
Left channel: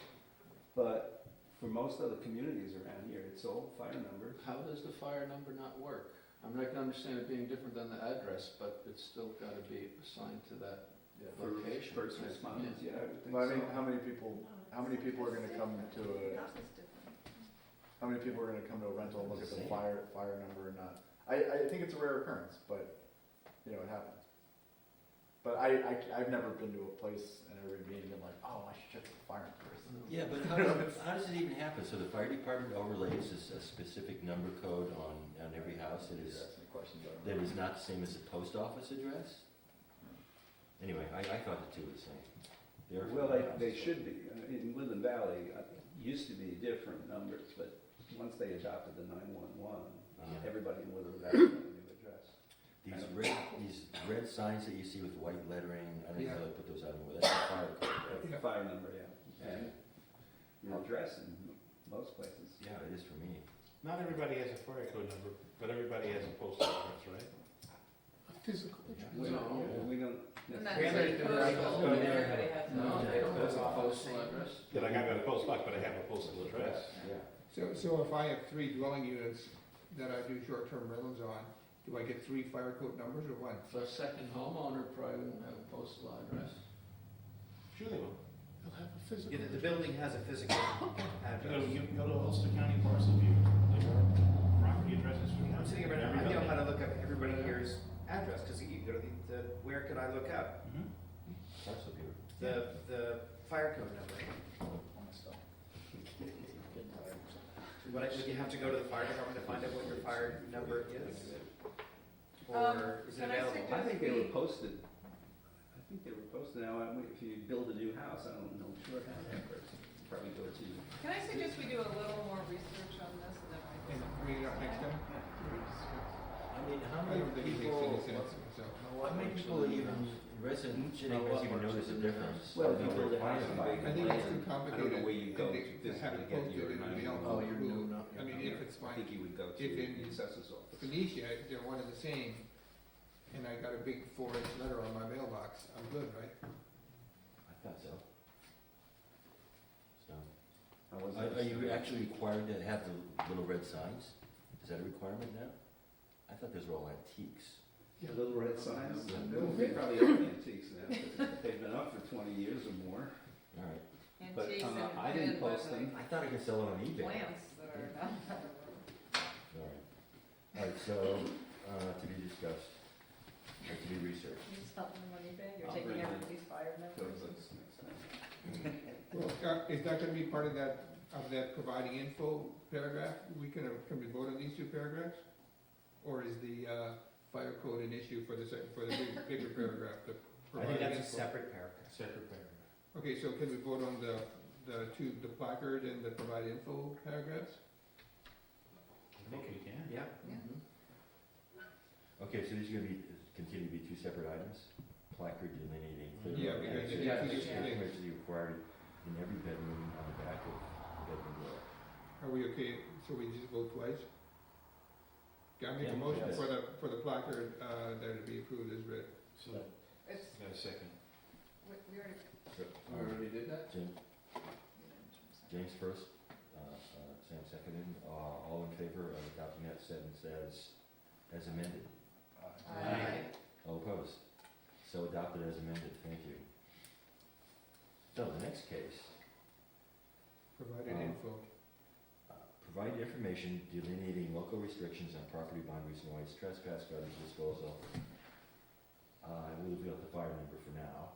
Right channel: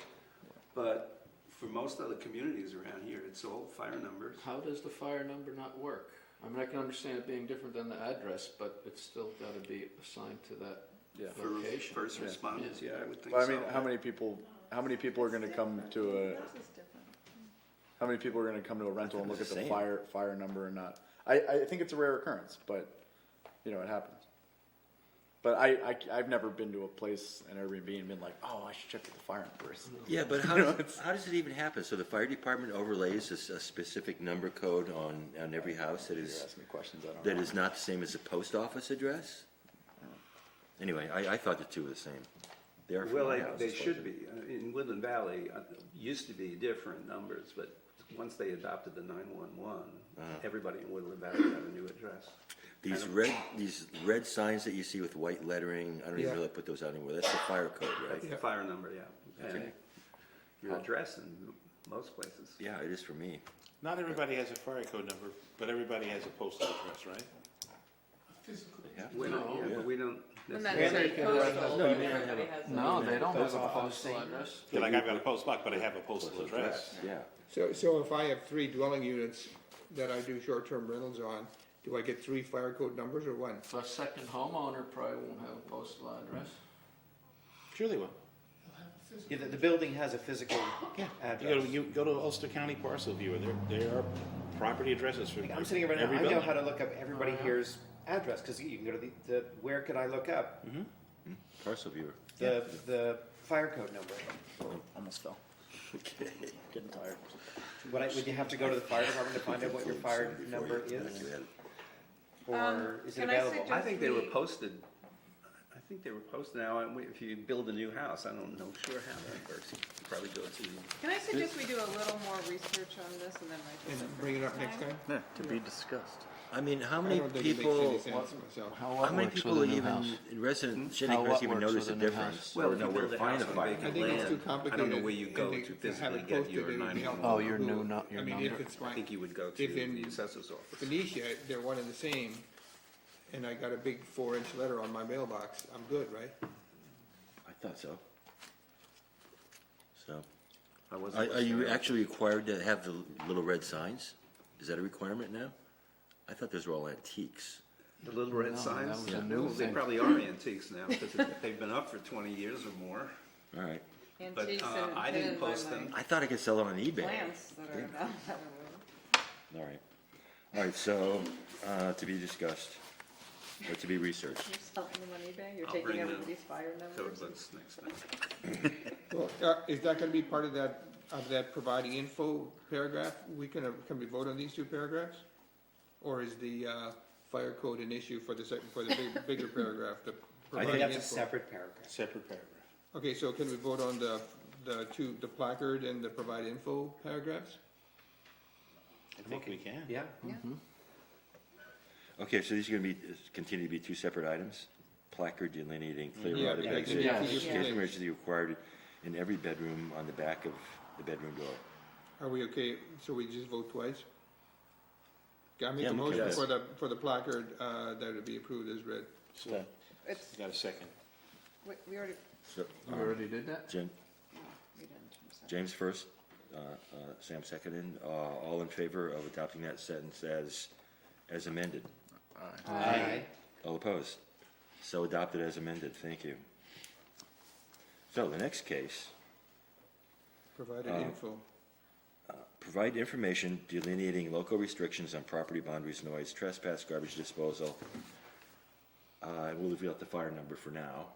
But for most other communities around here, it's all fire numbers. How does the fire number not work? I mean, I can understand it being different than the address, but it's still gotta be assigned to that Yeah. For location. first responders, yeah, I would think Well, I so. mean, how many people are gonna come to how many people are gonna come to a rental and look at the Same. fire number and not? I think it's a rare occurrence, but, you know, it happens. But I've never been to a place in Airbnb and been like, oh, I should check the fire numbers. yeah, but how does it even happen? So the fire department overlays a specific number code on every house that You're is, asking questions I don't that know. is not the same as the post office address? Anyway, I thought the two were the same. They are for Well, my house, they that's what should be. In Woodland Valley, used to be different numbers, but once they adopted the 911, everybody in Woodland Valley had a new address. These red signs that you see with white lettering, I don't even Yeah. really put those out anymore. That's the fire code, right? Yeah. Fire number, yeah. Okay. And your address in most places. Yeah, it is for me. Not everybody has a fire code number, but everybody has a postal address, right? Physical. Yeah. We don't, yeah, but we don't. And that's necessarily- a postal. No, they don't have a postal address. Yeah, like I've got a post box, but I have a postal address. Yeah. So if I have 3 dwelling units that I do short-term rentals on, do I get 3 fire code numbers or 1? A second homeowner probably won't have a postal address. Sure they will. You'll have a physical. Yeah, the building has a physical address. You go to Ulster County Parcel Viewer, there are property addresses for I'm sitting here right every now, I know building. how to look up everybody here's address, because you can go to the, where could I look up? Mhm. Parcel viewer. The fire code number. Almost fell. Getting tired. Would you have to go to the fire department to find out what your fire number is? Or is it Can I available? suggest- I think they were posted. I think they were posted now, and if you build a new house, I don't know sure how that works. You could probably go to. Can I suggest we do a little more research on this and then I And bring it up next time? Yeah, to be discussed. I mean, how I many don't think it makes people, any sense myself. how many people even, resident Shandakeners even notice a difference? Well, Or if you know where build a to find house a on fire? vacant I think it's too land, I complicated. don't know where you go and to have physically it get your posted and be 911. Oh, your new, not I your mean, number. if it's I my, think you would go to if in the assessor's office. Phoenicia, they're one and the same, and I got a big 4-inch letter on my mailbox, I'm good, right? I thought so. So, I wasn't are you sure. actually required to have the little red signs? Is that a requirement now? I thought those were all antiques. The little red No, signs? that was a new They thing. probably are antiques now, because they've been up for 20 years or more. All right. But, Antiques I and didn't hidden by post my them. I thought I could sell it on eBay. plants that are not. All right. All right, so, to be discussed, or to be researched. You're selling them on eBay, you're I'll taking bring out the these fire Code numbers. books next time. Well, is that gonna be part of that of that providing info paragraph, can we vote on these two paragraphs? Or is the fire code an issue for the bigger paragraph, the I think providing that's a info? separate paragraph. Separate paragraph. Okay, so can we vote on the placard and the provide info paragraphs? I think we can. Yeah. Yeah. Okay, so these are gonna be, continue to be two separate items? Placard delineating clear Yeah, route of yeah, exit. yes. Notification emergency required in every bedroom on the back of the bedroom door. Are we okay, so we just vote twice? Okay, I make Yeah, a we motion can. for the placard, that it be approved as read. So, It's, got a second? we already, So, We already did that? Jen, we didn't. James first, Sam seconded, all in favor of adopting that sentence as amended? Aye. All opposed? So adopted as amended, thank you. So the next case, Provided Um, info. provide information delineating local restrictions on property boundaries, noise, trespass, garbage disposal. We'll leave out the fire number for now.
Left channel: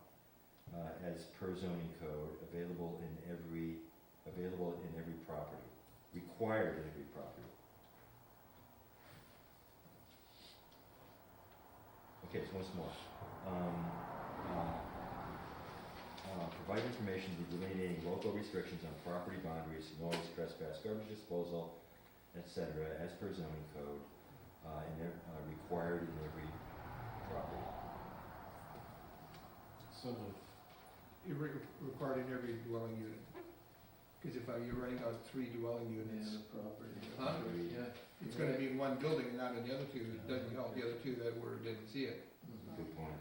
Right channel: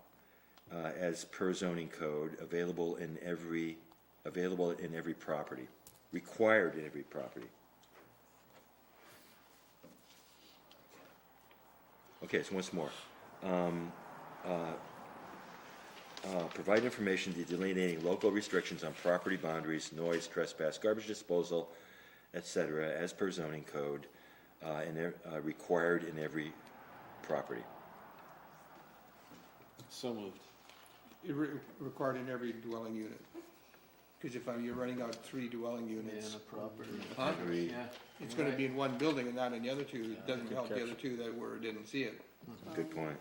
As per zoning code, available in every property, required in every property. Okay, so once more. Provide information delineating local restrictions on property boundaries, noise, trespass, garbage disposal, etc., as per zoning code, required in every property. So moved. Required in every dwelling unit. Because you're running out 3 dwelling In units, the property. Huh? Every- Yeah. it's gonna be in one building and not in the other two. It Yeah, doesn't good help the catch. other two that didn't see it. Good point.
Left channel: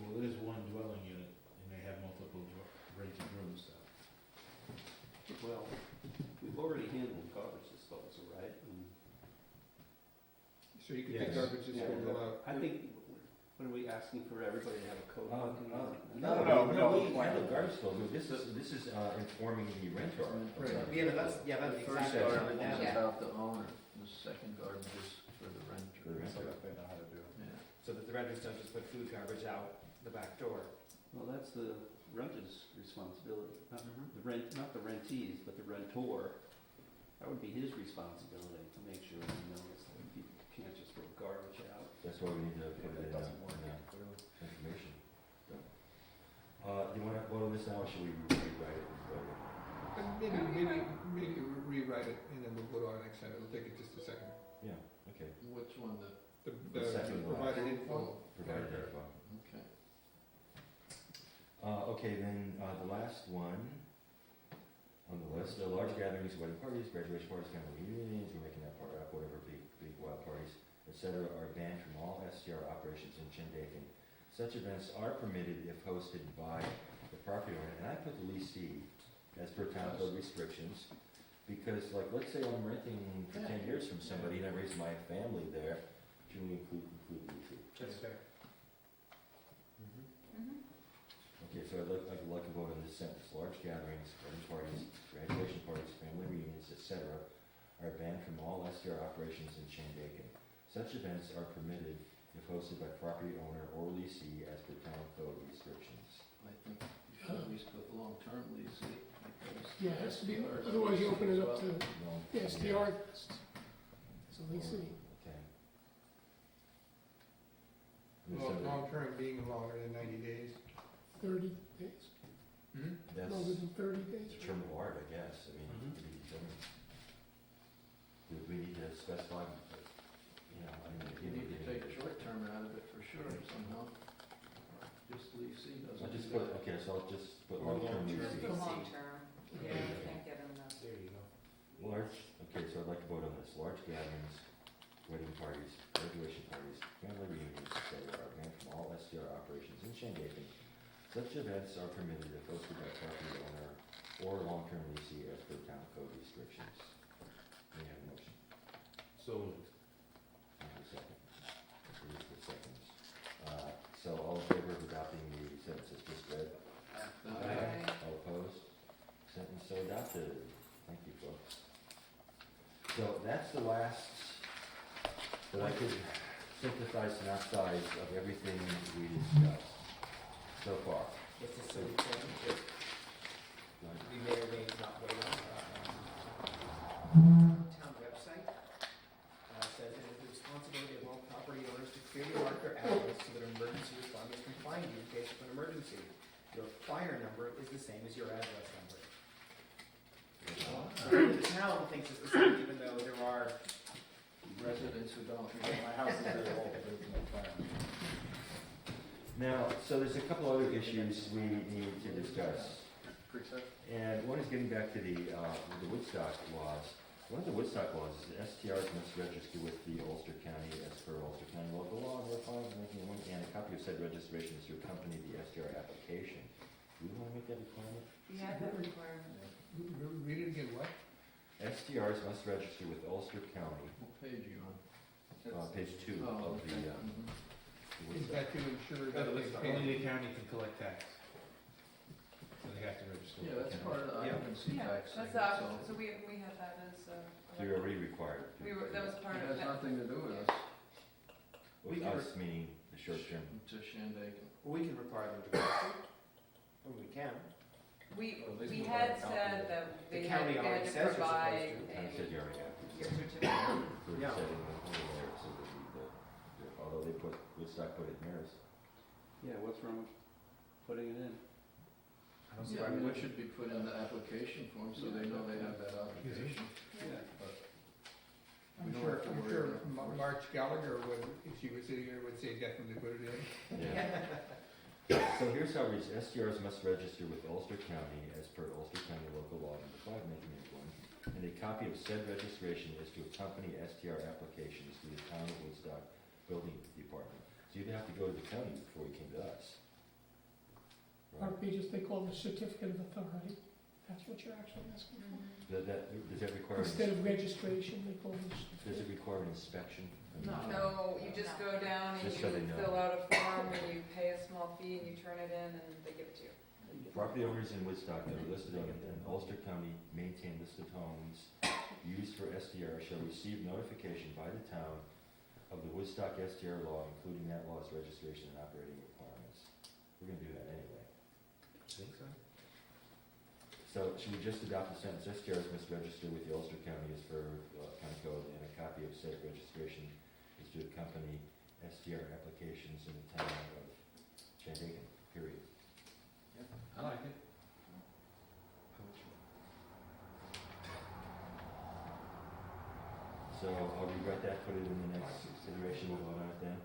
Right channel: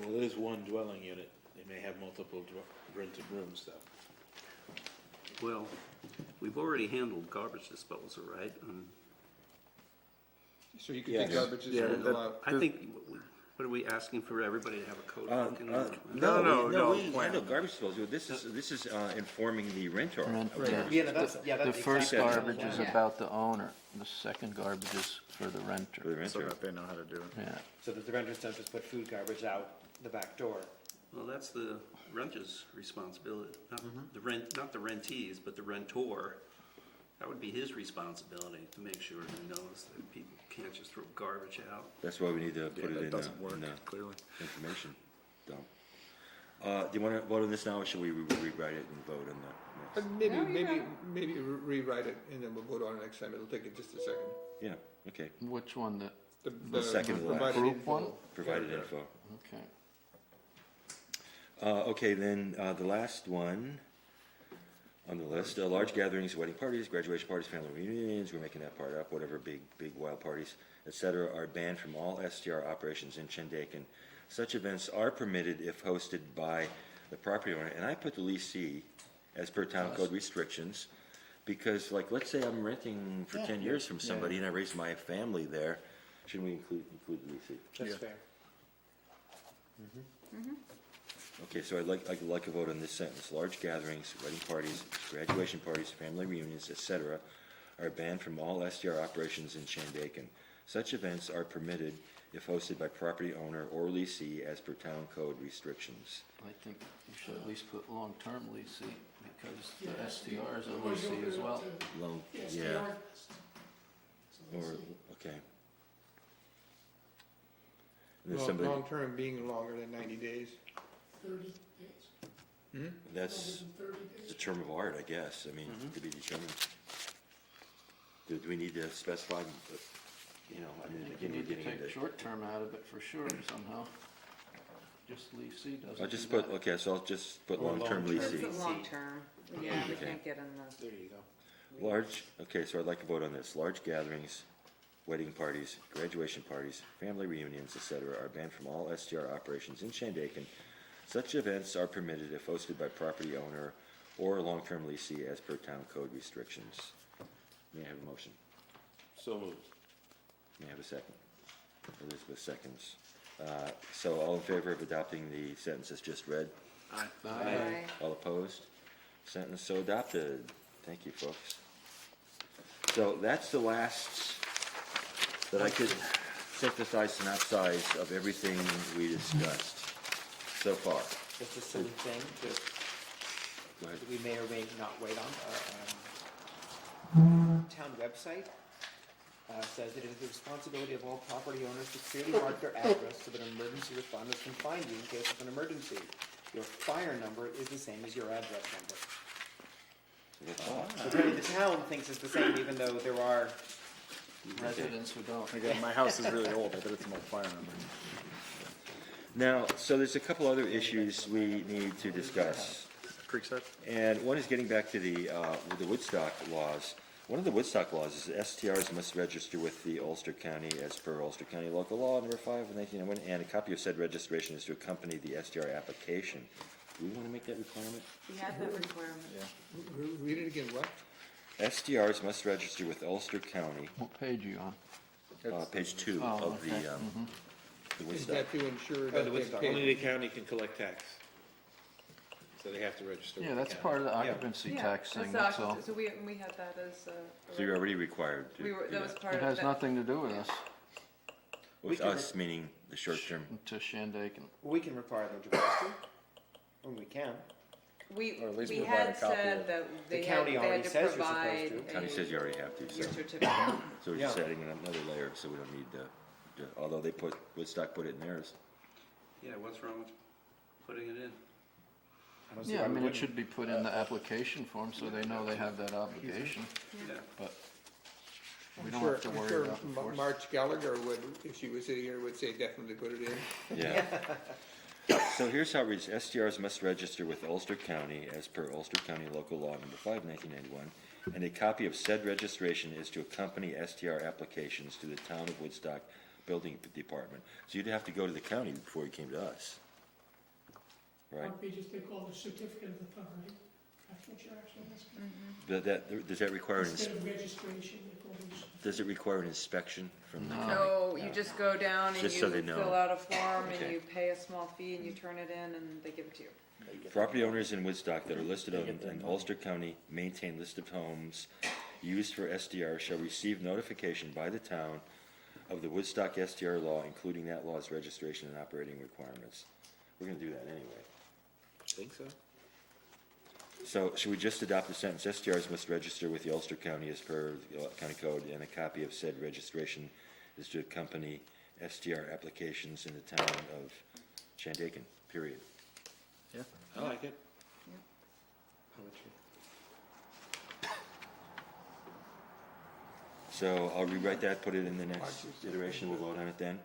Well, it is one dwelling unit. They may have multiple rented rooms, though. Well, we've already handled garbage disposal, right? So you can Yes. take garbage Yeah, disposal out. I think, what are we asking for everybody to have a code book? No, Garbage disposal, this is informing the renter. Rent- of yeah. garbage Yeah, no, disposal. that's The exactly first what it garbage is yeah. about the owner, the second garbage is for the For renter. the So renter. that they know how to do it. Yeah. So that the renters don't just put food garbage out the back door. Well, that's the renter's responsibility, not Mhm. not the rentees, but the rentor. That would be his responsibility to make sure he knows that people can't just throw garbage out. That's why we need to put it That in doesn't work, the clearly. information. Do you want to vote on this now, or should we rewrite it and vote on that? But maybe rewrite it and then we'll vote on it next time. It'll take it just a second. Yeah, okay, Which one, The second to last. provided Group info. one? provided info. okay. Okay, then, the last one on the list, large gatherings, wedding parties, graduation parties, family reunions, we're making that part up, whatever, big wild parties, etc., are banned from all STR operations in Shandaken. Such events are permitted if hosted by the property owner, and I put the leasee as per town code restrictions, because, like, let's say I'm renting for Yeah. 10 years from somebody and I raise my family there, shouldn't we include the leasee? That's Yeah. fair. Okay, so I'd like a vote on this sentence. Large gatherings, wedding parties, graduation parties, family reunions, etc., are banned from all STR operations in Shandaken. Such events are permitted if hosted by property owner or leasee as per town code restrictions. I think you should at least put long-term leasing, because Yeah, the STRs are otherwise you open leasing as it well. up to Long, the yeah, SDR. So or, let's see. okay. There's somebody, Long-term being longer than 90 days. 30 days. Hmm? that's Longer than 30 the days. term of art, I guess, I mean, to be determined. Do we need to specify, but, you know, I mean, You again, we're need to getting take into. short-term out of it for sure somehow. Just leasing doesn't. I'll just do put, that. okay, so I'll just put Or long-term long-term. leasing. It's a long term, yeah, you Okay. can't get in the. There you go. Large, okay, so I'd like to vote on this. Large gatherings, wedding parties, graduation parties, family reunions, etc., are banned from all STR operations in Shandaken. Such events are permitted if hosted by property owner or long-term leasee as per town code restrictions. May I have a motion? So moved. May I have a second? Elizabeth seconds. So all in favor of adopting the sentences just read? Aye. All opposed? Sentence so adopted. Thank you, folks. So that's the last that I could synthesize, synopsize of everything we discussed so far. Just a simple thing, just Go ahead. we may or may not wait on, town website says it is the responsibility of all property owners to clearly mark their address so that emergency responders can find you in case of an emergency. Your fire number is the same as your address number. The town thinks it's the same, even though there are Residents who don't. Again, my house is really old, I bet it's an old fire number. Now, so there's a couple other issues we need to discuss. Creekside? And one is getting back to the Woodstock laws. One of the Woodstock laws is STRs must register with the Ulster County as per Ulster County Local Law number 5 of 1991, and a copy of said registration is to accompany the STR application. Do we want to make that requirement? We have that requirement. Read it again, what? STRs must register with Ulster County, What page are you on? page 2 Oh, of okay. the Is Woodstock. that to ensure By that the way, they pay? only the county can collect tax. So they have to register with Yeah, the that's county. part of the occupancy Yeah, tax thing, that's so so we had that as a. So you're already required to We do were, that was that. part it of has that. nothing to do with us, With us, meaning the short term. to Shandaken. we can require them to register, and we can. We, Or at least we provide had a copy said of- that The they county already had to says you're supposed provide to. County says you already have to, your so. certificate. So we're just Yeah. adding another layer, so we don't need although they put, Woodstock put it in theirs. Yeah, what's wrong with putting it in? I don't see Yeah, I why we mean, it wouldn't. should be put in the application form, so they know they have that obligation, Yeah. but I'm we don't sure, have to I'm worry sure about enforcement. Marge Gallagher would, if she was sitting here, would say definitely put it in. Yeah. So here's how it reads, STRs must register with Ulster County as per Ulster County Local Law number 5, 1991, and a copy of said registration is to accompany STR applications to the Town of Woodstock Building Department. So you'd have to go to the county before you came to us. Right? Our pages, they call the certificate of authority, that's what you're actually asking. Does that require, Instead of registration, they call it. does it require an inspection from the No. county? No, you just go down and you Just so they know. fill out a form and Okay. you pay a small fee and you turn it in and they give it to you. Property owners in Woodstock that are listed on an Ulster County maintained list of homes used for SDR shall receive notification by the town of the Woodstock SDR law, including that law's registration and operating requirements. We're gonna do that anyway. Think so? So should we just adopt the sentence, SDRs must register with the Ulster County as per the county code, and a copy of said registration is to accompany SDR applications in the town of Shandaken, period. I like it. So I'll rewrite that, put it in the next iteration, we'll vote on it then.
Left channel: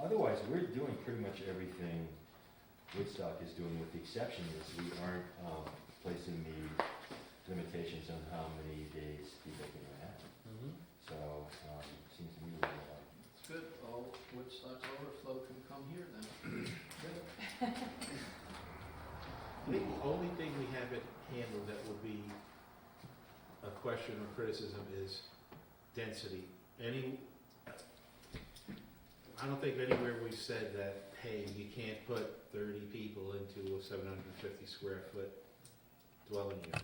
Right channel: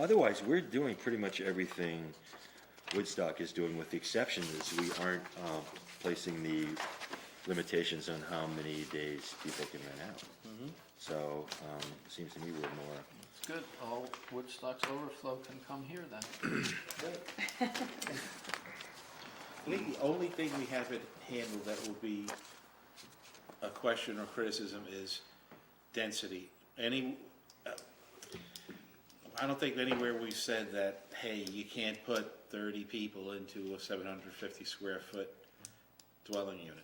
Otherwise, we're doing pretty much everything Woodstock is doing, with the exception is we aren't placing the limitations on how many days people can rent out. So, seems to me we're more, It's good, all Woodstock's overflow can come here then. The only thing we haven't handled that will be a question or criticism is density. I don't think anywhere we've said that, hey, you can't put 30 people into a 750 square foot dwelling unit.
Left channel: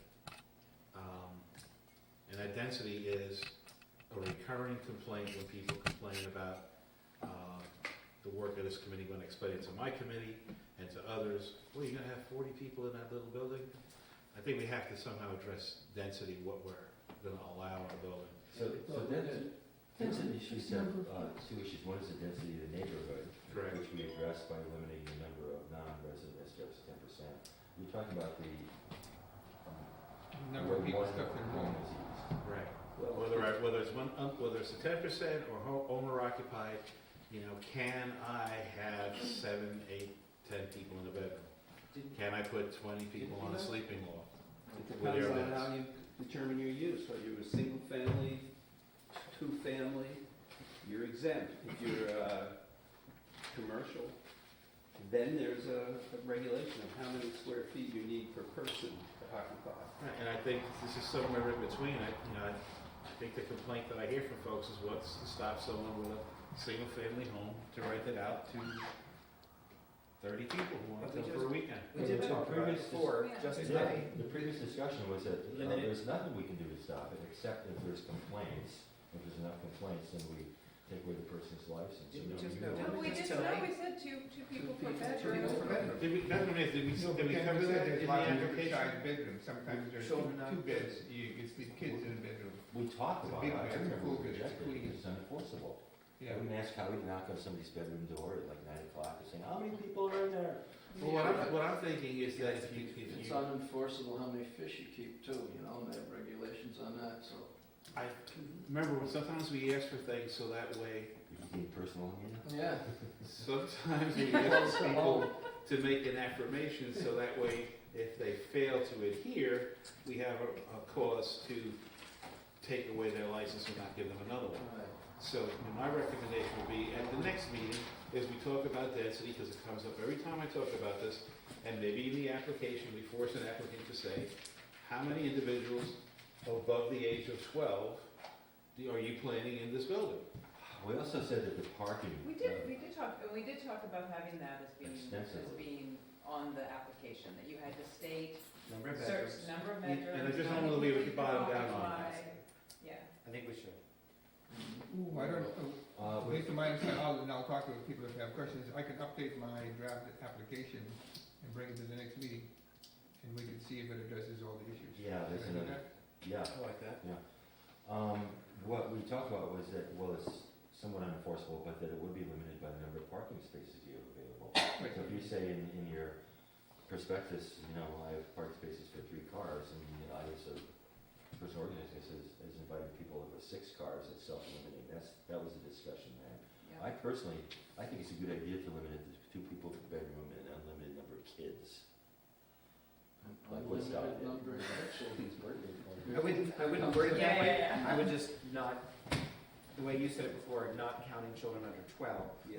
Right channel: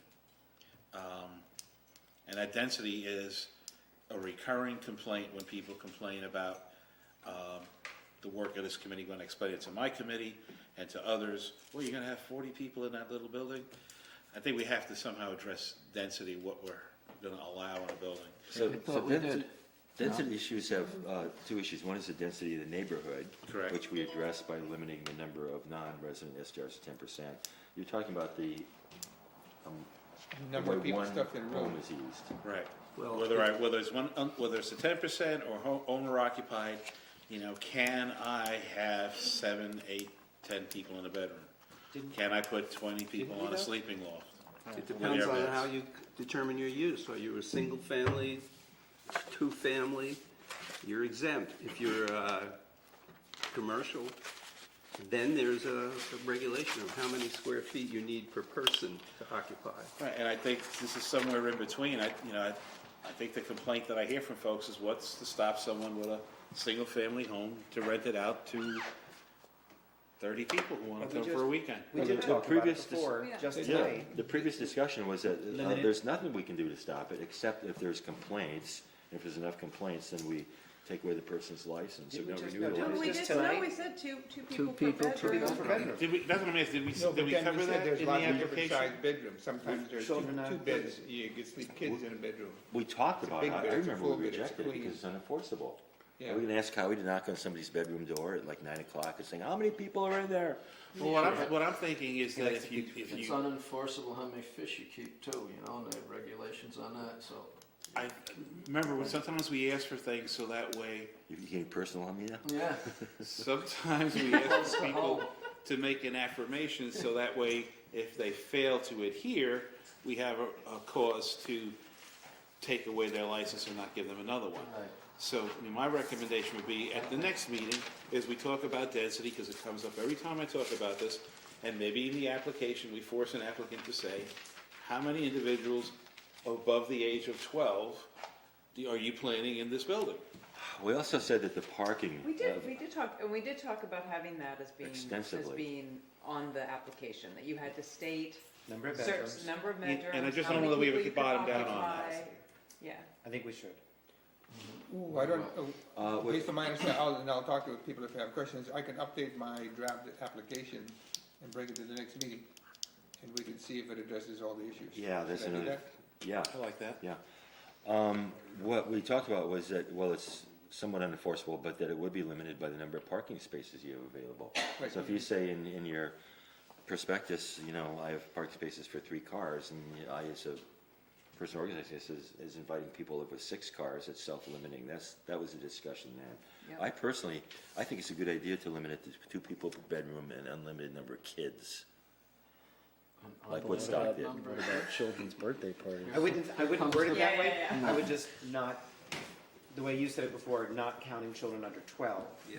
And that density is a recurring complaint when people complain about the work of this committee. When I explain it to my committee and to others, well, you're gonna have 40 people in that little building? I think we have to somehow address density, what we're gonna allow in a building. so thought we did. density issues have two issues. One is the density of the neighborhood, Correct. which we address by limiting the number of non-resident SDRs to 10%. You're talking about the Number of way people one stuff in room rooms. is used. Right. Well, Whether it's a 10% or owner occupied, can I have 7, 8, 10 people in a bedroom? Can I put 20 people on a sleeping loft? it depends With on airbeds. how you determine your use. Are you a single family, two family, you're exempt. If you're commercial, then there's a regulation of how many square feet you need per person to occupy. Right, and I think this is somewhere in between. I think the complaint that I hear from folks is what's to stop someone with a single-family home to rent it out to 30 people who want to come for a weekend? We Well, did the talk about previous it before, dis- just Yeah, tonight. the previous discussion was that Limited. there's nothing we can do to stop it, except if there's complaints. If there's enough complaints, then we take away the person's license, or Did we not just- renew no, the did No, we we license. just did, no, tonight? we said two Two people per people, bedroom. for bedroom. Did we, that's what I mean, did we No, but then cover we said that there's in lots the of different application? sized bedrooms, sometimes there's Children not- two beds, you can sleep kids in a bedroom. We talked It's a about big it, I bed, it's a remember full we bed, it's rejected it clean. because it's unenforceable. Yeah. We didn't ask Howie to knock on somebody's bedroom door at like 9 o'clock and saying, how many people are in there? Well, what I'm thinking is that if you, It's unenforceable how many fish you keep too, you know, and they have regulations on that, so. I remember when sometimes we ask for things so that way, You became personal on me now? Yeah. sometimes we ask people to make an affirmation so that way if they fail to adhere, we have a cause to take away their license or not give them another one. Right. So, I mean, my recommendation would be, at the next meeting, is we talk about density, because it comes up every time I talk about this, and maybe in the application, we force an applicant to say, how many individuals above the age of 12 are you planning in this building? We also said that the parking. We did talk about having that as Extensively. being on the application, that you had to state Number of certain bedrooms. number of And I bedrooms, just how don't know many that we people would you could bottom down on occupy. that. Yeah, I think we should. Ooh, I don't, With- based on my understanding, I'll talk to people if they have questions, I can update my draft application and bring it to the next meeting, and we can see if it addresses all the issues. Yeah, that's Can I do another, that? yeah. I like that. What we talked about was that, well, it's somewhat unenforceable, but that it would be limited by the number of parking spaces you have available. Right. So if you say in your prospectus, you know, I have parking spaces for 3 cars, and you know, I as a person organizing this is inviting people with 6 cars, it's self-limiting, that was the discussion there. yeah. I personally, I think it's a good idea to limit it to 2 people per bedroom and unlimited number of kids. Like What Woodstock did. What about children's birthday parties? I wouldn't word it that Yeah, way. yeah, yeah. I would just not, the way you said it before, not counting children under 12. Yeah.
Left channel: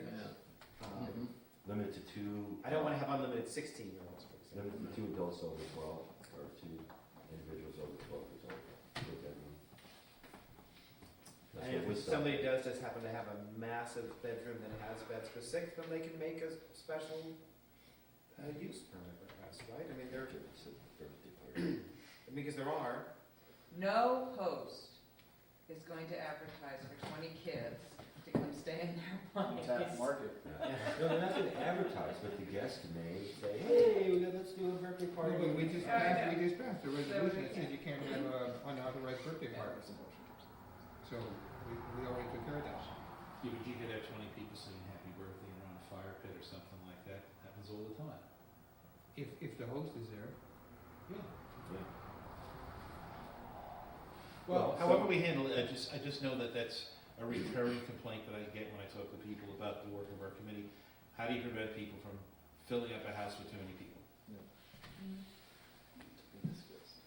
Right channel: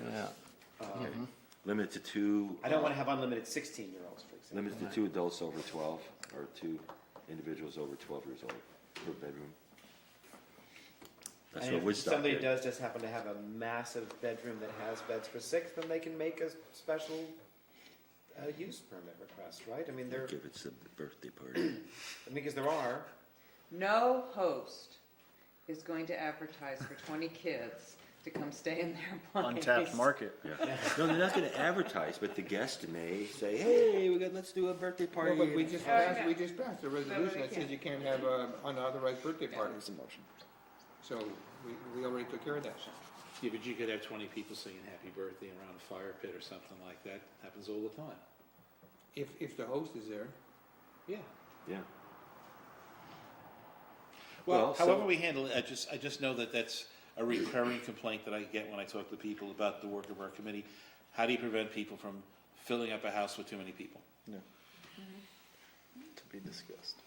Um, Limit to 2. I don't want to have unlimited 16-year-olds, for example. Limit to 2 adults over 12, or 2 individuals over 12 years old per bedroom. That's And what if Woodstock somebody did. does just happen to have a massive bedroom that has beds for 6, then they can make a special use permit request, right? I mean, Give it a birthday party. because there are. No host is going to advertise for 20 kids to come stay in their place. Untapped market. Yeah. No, they're not gonna advertise, but the guest may say, hey, let's do a birthday party. No, but we just Oh, passed, yeah. we just passed a resolution that says you can't have unauthorized birthday parties, There's a motion. so we already took care of that. Yeah, but you could have 20 people singing happy birthday around a fire pit or something like that, happens all the time. If the host is there. Yeah. Yeah. Well, Well, so- however we handle it, I just know that that's a recurring complaint that I get when I talk to people about the work of our committee. How do you prevent people from filling up a house with too many people? To be discussed.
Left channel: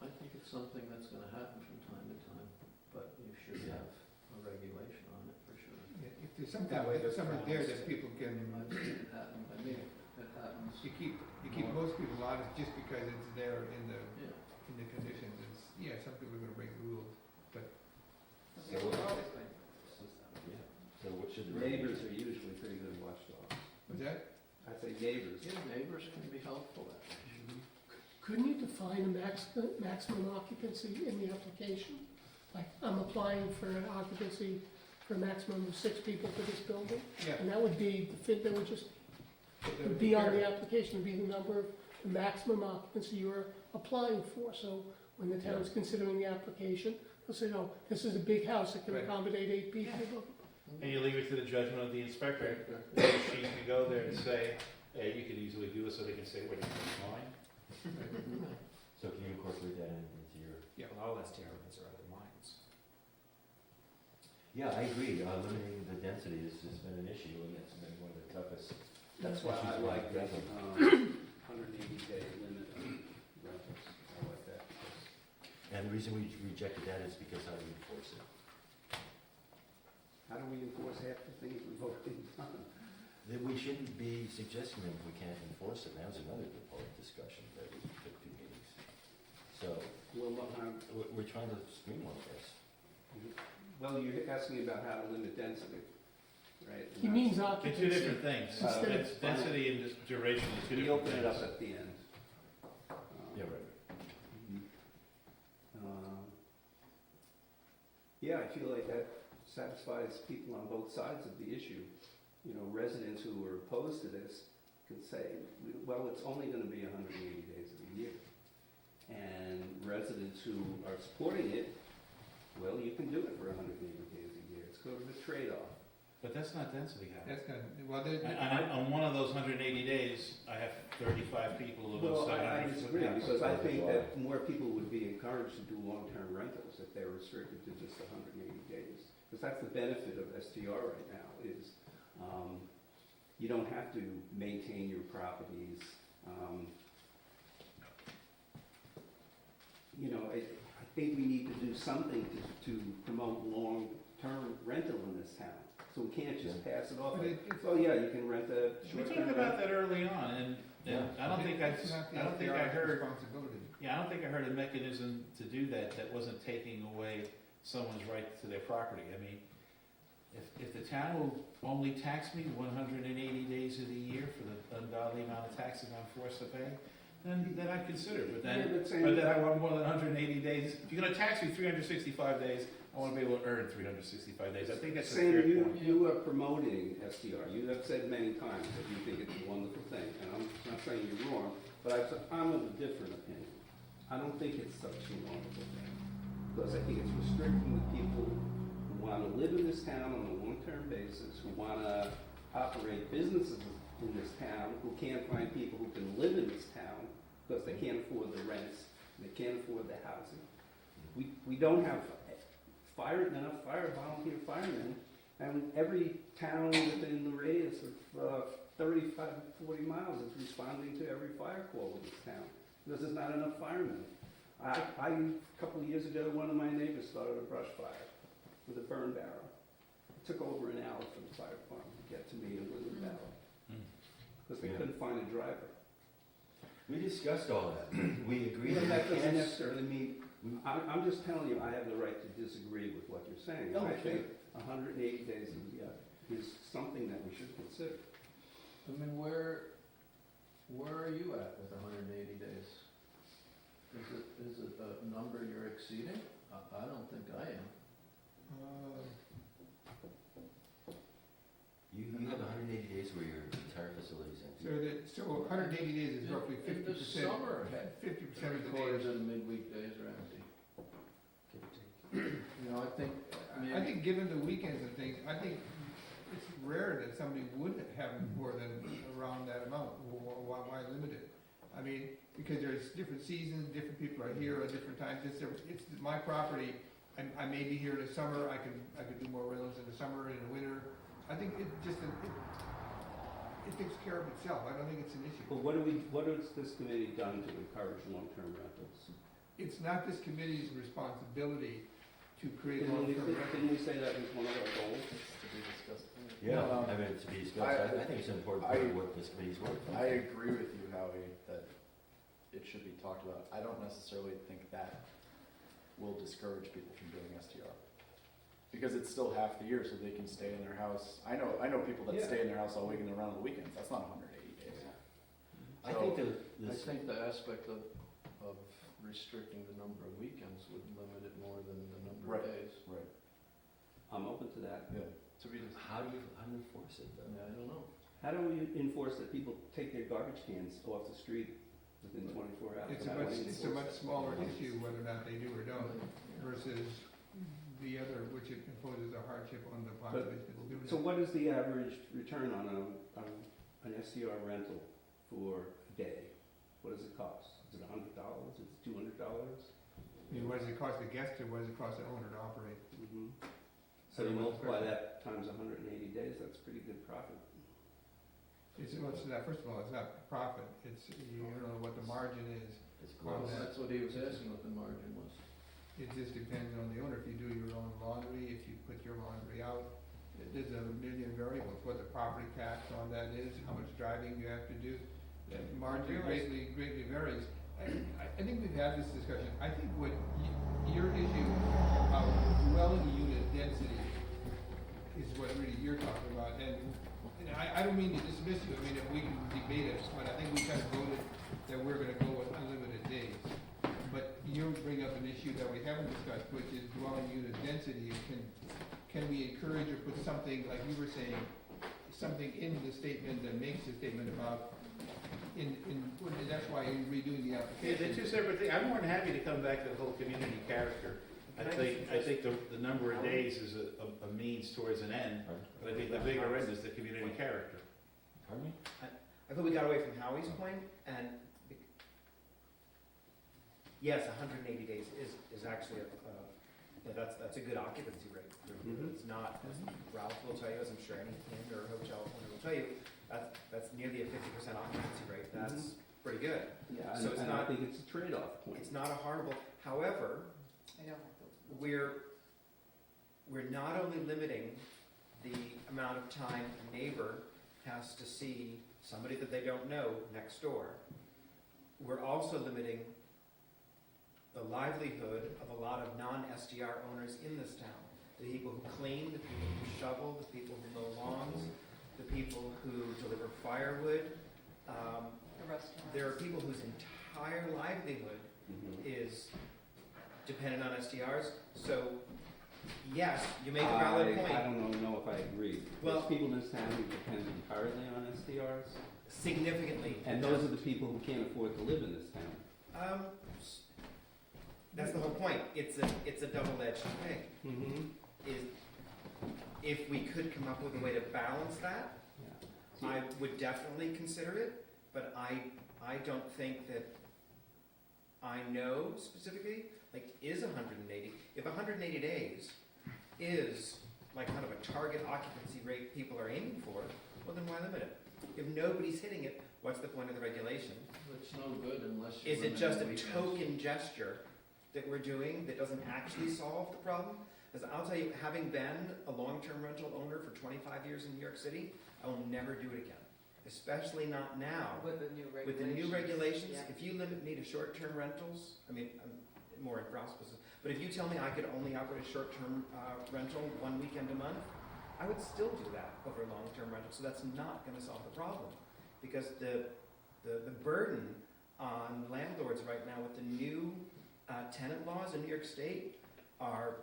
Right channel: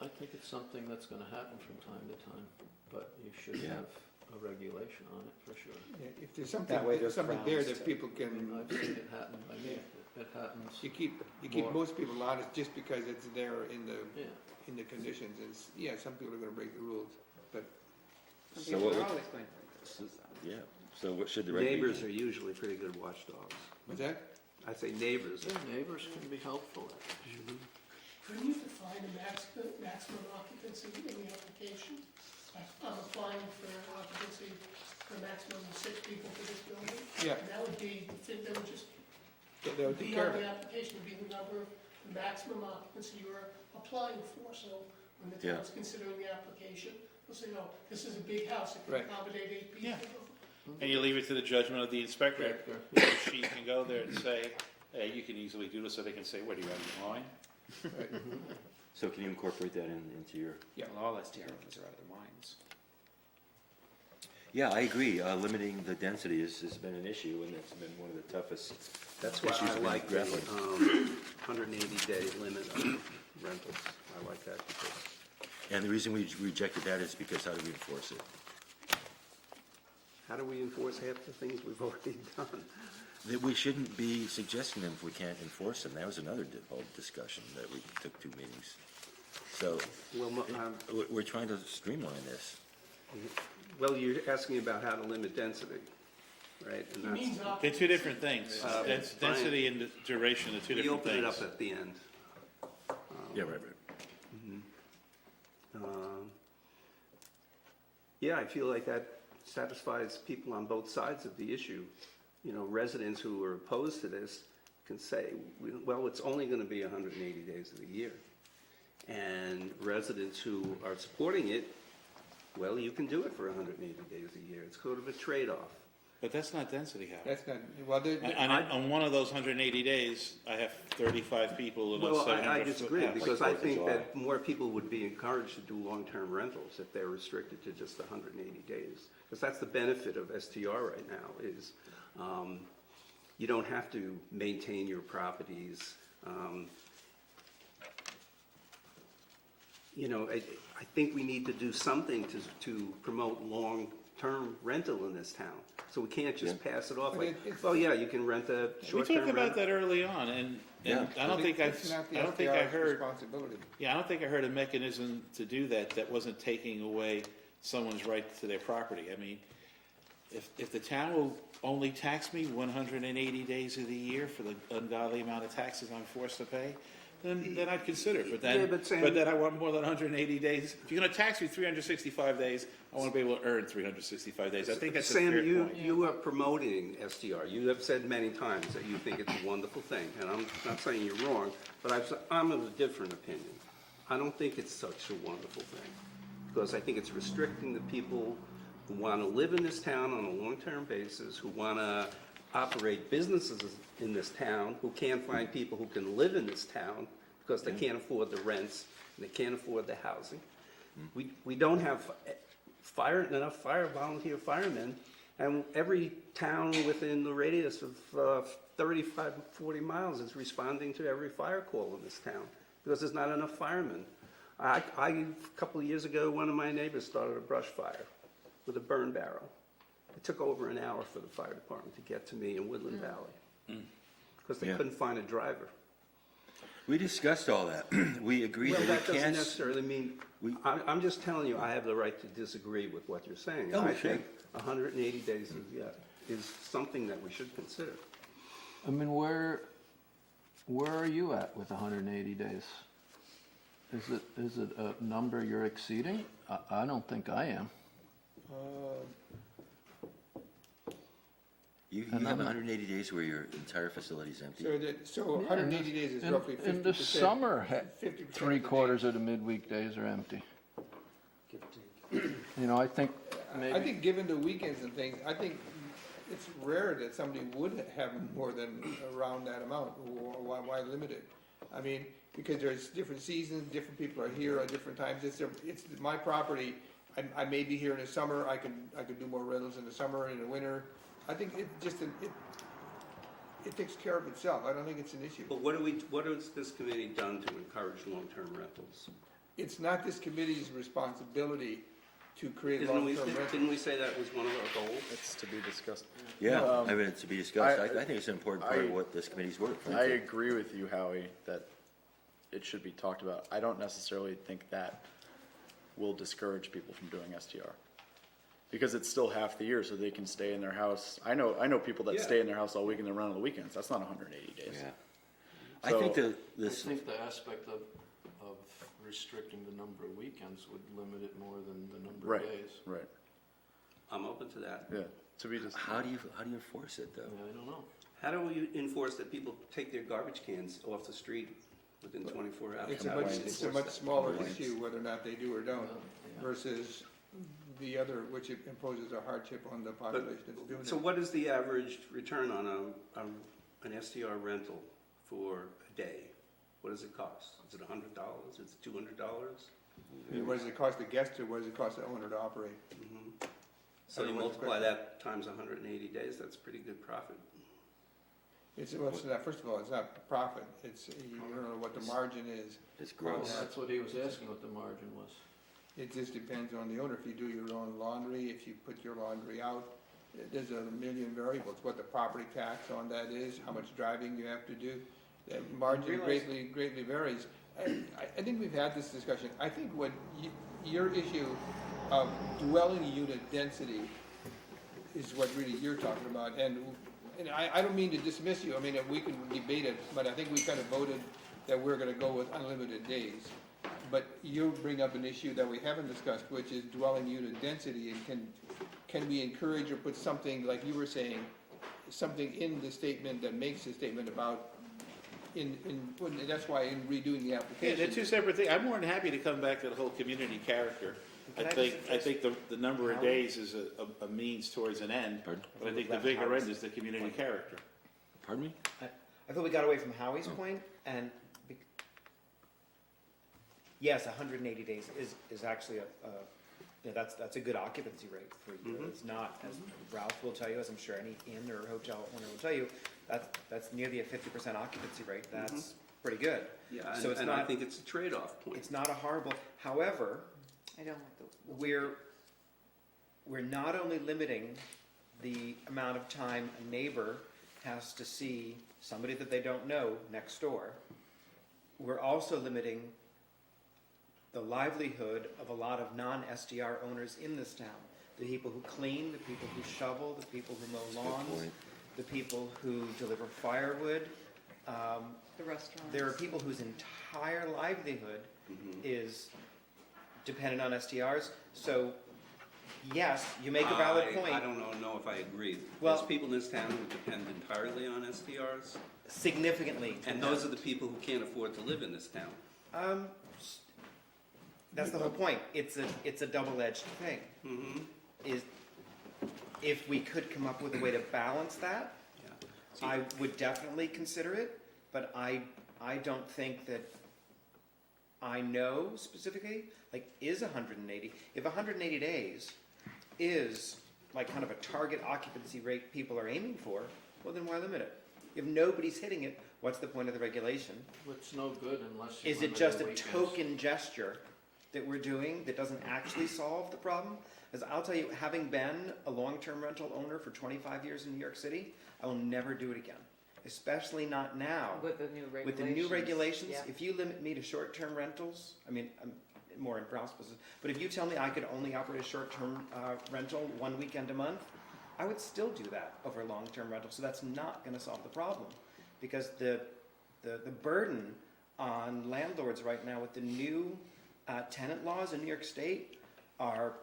I think it's something that's gonna happen from time to time, but you should Yeah. have a regulation on it for sure. If there's something, That way there's something there grounds that to- people can, I've seen it happen, I mean, it happens, you keep More. most people out, it's just because it's there in yeah. the conditions, it's, yeah, some people are gonna break the rules, but Okay, So we're what- always going to. Yeah, so what should the Neighbors regulation? are usually pretty good watchdogs. what's that? I say neighbors. Yeah, neighbors can be helpful. Couldn't you define the maximum occupancy in the application? Like, I'm applying for an occupancy for a maximum of 6 people for this building, Yeah, and that would be, that would just that would be take care on of the it. application, would be the number of, the maximum occupancy you're applying for. So when the Yeah. town's considering the application, they'll say, oh, this is a big house, it can Right. accommodate 8 people. And you leave it to the judgment of the inspector. She can go there and say, hey, you can easily do this, so they can say, what, do you want to mine? So can you incorporate that into your? Well, all STR meetings are out of their minds. Yeah, I agree, limiting the density has been an issue, and it's been one of the toughest. That's why issues I that we've like the grappled. 180-day limit on rentals. I like that because And the reason we rejected that is because how do we enforce it? how do we enforce half the things we've already done? That we shouldn't be suggesting them if we can't enforce them, that was another whole discussion that we took 2 meetings. So, Well, we're trying to streamline this. well, you're asking about how to limit density, right? And He that's- means They're occupancy. 2 different things. That's density and the duration are 2 We different open it up things. at the end. Yeah, right. Mhm. Yeah, I feel like that satisfies people on both sides of the issue. You know, residents who are opposed to this can say, well, it's only gonna be 180 days of the year. And residents who are supporting it, well, you can do it for 180 days a year. It's sort of a trade-off. But that's not density, Howard. That's not, well, On one of those 180 days, I have 35 people in a Well, 700 I foot disagree, house. because I Like think Fourth of that more people would be encouraged to do long-term rentals if they're restricted to just 180 days. Because that's the benefit of STR right now, is you don't have to maintain your properties. You know, I think we need to do something to promote long-term rental in this town. So we can't just pass it off like, oh yeah, you can rent a We short-term talked rental. about that early on, and Yeah. I don't think it's not the I don't think I STR's heard, responsibility. yeah, I don't think I heard a mechanism to do that that wasn't taking away someone's right to their property. I mean, if the town will only tax me 180 days of the year for the ungodly amount of taxes I'm forced to pay, then I'd consider it. Yeah, but Sam- But then I want more than 180 days. If you're gonna tax me 365 days, I wanna be able to earn 365 days. I think that's a fair Sam, point. you are promoting STR. You have said many times that you think it's a wonderful thing, and I'm not saying you're wrong, but I'm of a different opinion. I don't think it's such a wonderful thing, because I think it's restricting the people who want to live in this town on a long-term basis, who want to operate businesses in this town, who can't find people who can live in this town because they can't afford the rents, and they can't afford the housing. We don't have enough volunteer firemen, and every town within the radius of 35, 40 miles is responding to every fire call in this town, because there's not enough firemen. A couple of years ago, one of my neighbors started a brush fire with a burn barrel. It took over an hour for the fire department to get to me in Woodland Valley, because they Yeah. couldn't find a driver. We discussed all that. We agreed Well, that that we doesn't can't. necessarily mean, I'm just telling you, I have the right to disagree with what you're saying. Oh, I sure. think 180 days is something that we should consider. I mean, where are you at with 180 days? Is it a number you're exceeding? I don't think I am. You And have I'm- 180 days where your entire facility is empty. So 180 days is In- roughly 50%. In the summer, 50% three of the quarters days. of the midweek days are empty. You know, I think I maybe, think given the weekends and things, I think it's rare that somebody would have more than around that amount. Why limit it? I mean, because there's different seasons, different people are here at different times. It's my property. I may be here in the summer. I could do more rentals in the summer and in the winter. I think it takes care of itself. I don't think it's an issue. But what has this committee done to encourage long-term rentals? It's not this committee's responsibility to create Didn't long-term rentals. we say that was one of our goals? It's to be discussed. Yeah, Um, I mean, it's to be discussed. I- I think it's an important part I- of what this committee's work. I frankly. agree with you, Howie, that it should be talked about. I don't necessarily think that will discourage people from doing STR. Because it's still half the year, so they can stay in their house. I know people that Yeah. stay in their house all week and then run on the weekends. That's not 180 days. Yeah. I So- think I this, think the aspect of restricting the number of weekends would limit it more than the number Right. of days. Right, I'm open to that. yeah. To be just, how do you enforce it though? Yeah, I don't know. How do we enforce that people take their garbage cans off the street within 24 hours? It's a How do much, we it's a enforce much that? smaller Complaints. issue whether or not they do or don't Yeah. versus the other, which it imposes a hardship on the population that's doing it. So what is the average return on an STR rental for a day? What does it cost? Is it $100? Is it $200? And what does it cost the guest or what does it cost the owner to operate? So you multiply that times 180 days, that's pretty good profit. It's not, first of all, it's not profit, you don't know what the margin is. It's Well, gross. that's what he was asking, what the margin was. It just depends on the owner, if you do your own laundry, if you put your laundry out, there's a million variables, what the property tax on that is, how much driving you have to do. That margin greatly varies. I think we've had this discussion, I think what your issue of dwelling unit density is what really you're talking about, and I don't mean to dismiss you, I mean, we can debate it, but I think we kind of voted that we're gonna go with unlimited days. But you bring up an issue that we haven't discussed, which is dwelling unit density, and can we encourage or put something, like you were saying, something in the statement that makes the statement about, that's why in redoing the Yeah, application. they're two separate things. I'm more than happy to come back to the whole community character. I think the number of days is a means towards an end, Pardon? but I think the bigger end is the community character. Pardon me? I thought we got away from Howie's point, and yes, 180 days is actually that's a good occupancy rate. It's not, as Ralph will tell you, as I'm sure any inn or hotel owner will tell you, that's nearly a 50% occupancy rate. That's pretty good. Yeah, So it's and I not- think it's a trade-off point. It's not a horrible, however, I don't like the. we're not only limiting the amount of time a neighbor has to see somebody that they don't know next door, we're also limiting the livelihood of a lot of non-SDR owners in this town. The people who clean, the people who shovel, the people who mow lawns, the people who deliver firewood. The restaurants. There are people whose entire livelihood Mhm. is dependent on SDRs. So, yes, you make a valid point. I don't know if I agree. Well- There's people in this town who depend entirely on SDRs, Significantly. and those are the people who can't afford to live in this town. That's the whole point. It's a double-edged thing. Mm-hmm. Is if we could come up with a way to balance that, Yeah. I would definitely consider it. But I don't think that I know specifically. Like, is 180? If 180 days is like kind of a target occupancy rate people are aiming for, well then why limit it? If nobody's hitting it, what's the point of the regulation? It's no good unless you. Is it just a token gesture that we're doing that doesn't actually solve the problem? As I'll tell you, having been a long-term rental owner for 25 years in New York City, I will never do it again. Especially not now. With the new regulations. With the new regulations, Yeah. if you limit me to short-term rentals, I mean, I'm more in Ralph's position, but if you tell me I could only operate a short-term rental 1 weekend a month, I would still do that over long-term rental. So that's not going to solve the problem, because the burden on landlords right now with the new tenant laws in New York State are,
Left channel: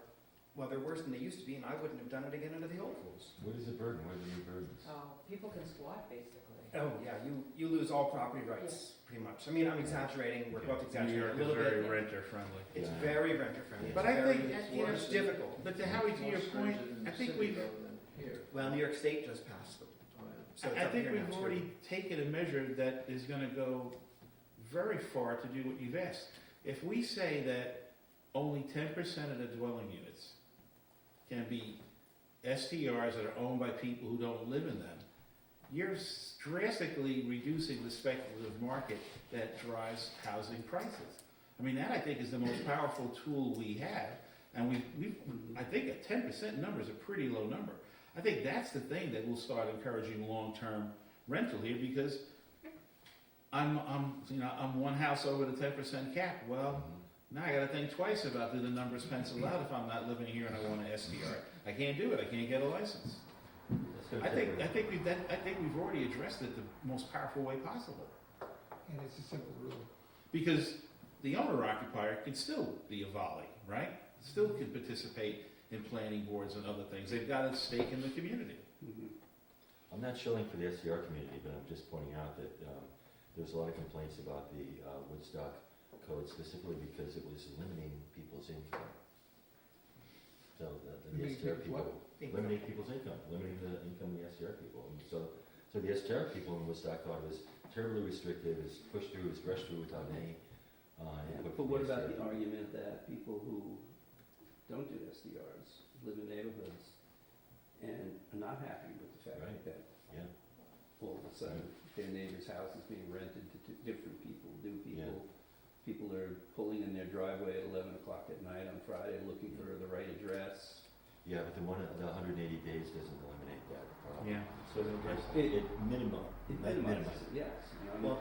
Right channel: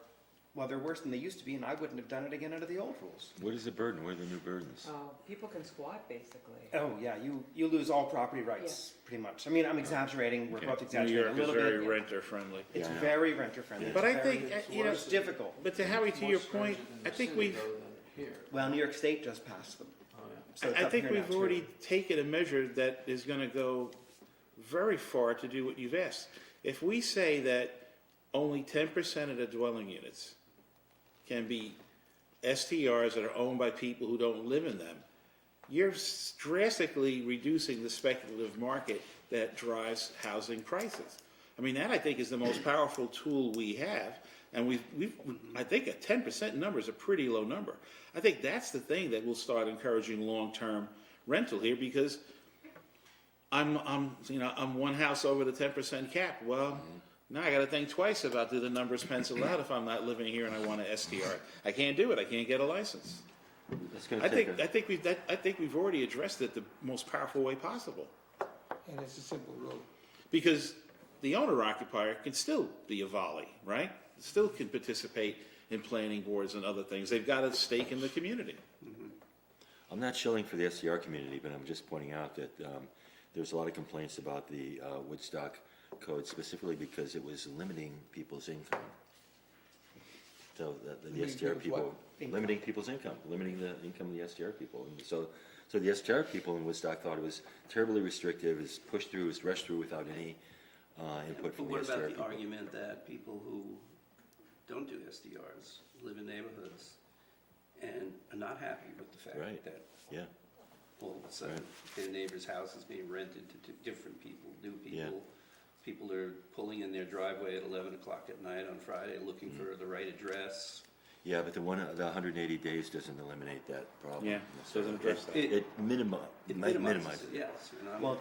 well, they're worse than they used to be, and I wouldn't have done it again under the old rules. What is the burden? What are the new burdens? People can squat, basically. Oh, yeah, you lose all property rights, pretty much. I mean, I'm exaggerating, we're Okay. both New exaggerating a York is little very bit. renter friendly. It's Yeah. very renter friendly. But I think, you know, It's difficult. but to Howie, to your point, I think we've, Well, New York State just passed them. So it's I up think here now, we've too. already taken a measure that is gonna go very far to do what you've asked. If we say that only 10% of the dwelling units can be STRs that are owned by people who don't live in them, you're drastically reducing the speculative market that drives housing prices. I mean, that I think is the most powerful tool we have, and I think a 10% number is a pretty low number. I think that's the thing that will start encouraging long-term rental here, because I'm one house over the 10% cap. Well, now I got to think twice about, do the numbers pencil out if I'm not living here and I want an STR? I can't do it. I can't get a license. It's gonna I take think we've already addressed it the most powerful way possible, And it's a simple rule. because the owner occupier can still be a volley, right? Still can participate in planning boards and other things. They've got a stake in the community. I'm not shilling for the SDR community, but I'm just pointing out that there's a lot of complaints about the Woodstock code, specifically because it was limiting people's income. So the Limiting SDR people's people, limiting people's income, limiting the income of the SDR people. And so the SDR people in Woodstock thought it was terribly restrictive, is pushed through, is rushed through without any input But from the what SDR about the people. argument that people who don't do SDRs live in neighborhoods and are not happy with the fact Right. that Yeah. all of a sudden their neighbor's house is being rented to different people, new people? Yeah. People are pulling in their driveway at 11 o'clock at night on Friday looking for the right address. Yeah, but the 180 days doesn't eliminate that problem. Yeah, so doesn't address that. It might minimize minimizes it. it, yes. Well,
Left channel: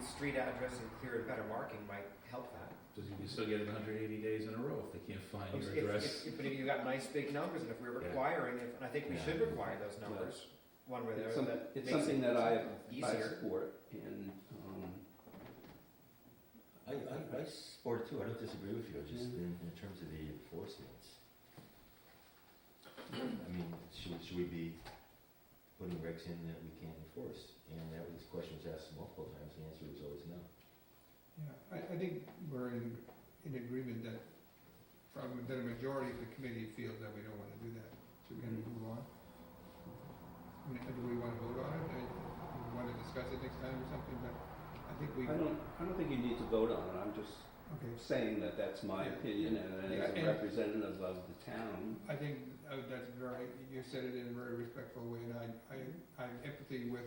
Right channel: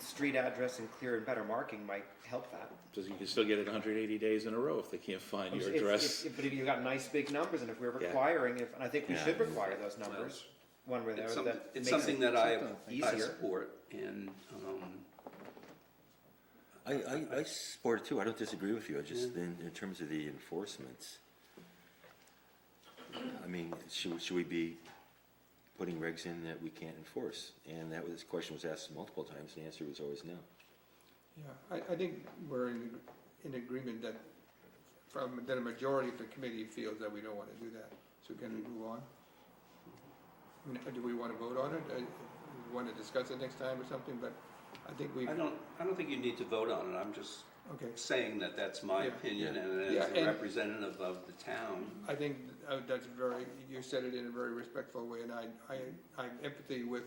street address and clear and better marking might help that. Because you can still get it 180 days in a row if they can't find your If- address. But if you've got nice big numbers, and if we're Yeah. requiring, and I think we Yeah. should require those numbers, one where It's that something, it's makes something it that I easier. support, and I support it too. I don't disagree with you. I just, in terms of the enforcement, I mean, should we be putting regs in that we can't enforce? And this question was asked multiple times, and the answer was always no. Yeah, I think we're in agreement that that a majority of the committee feels that we don't want to do that. So can we move on? Do we want to vote on it? We want to discuss it next time or something, but I think we. I don't think you need to vote on it, I'm just Okay. saying that that's my Yeah. opinion, and Yeah, as a and- representative of the town, I think that's you said it in a very respectful way, and I'm empathy with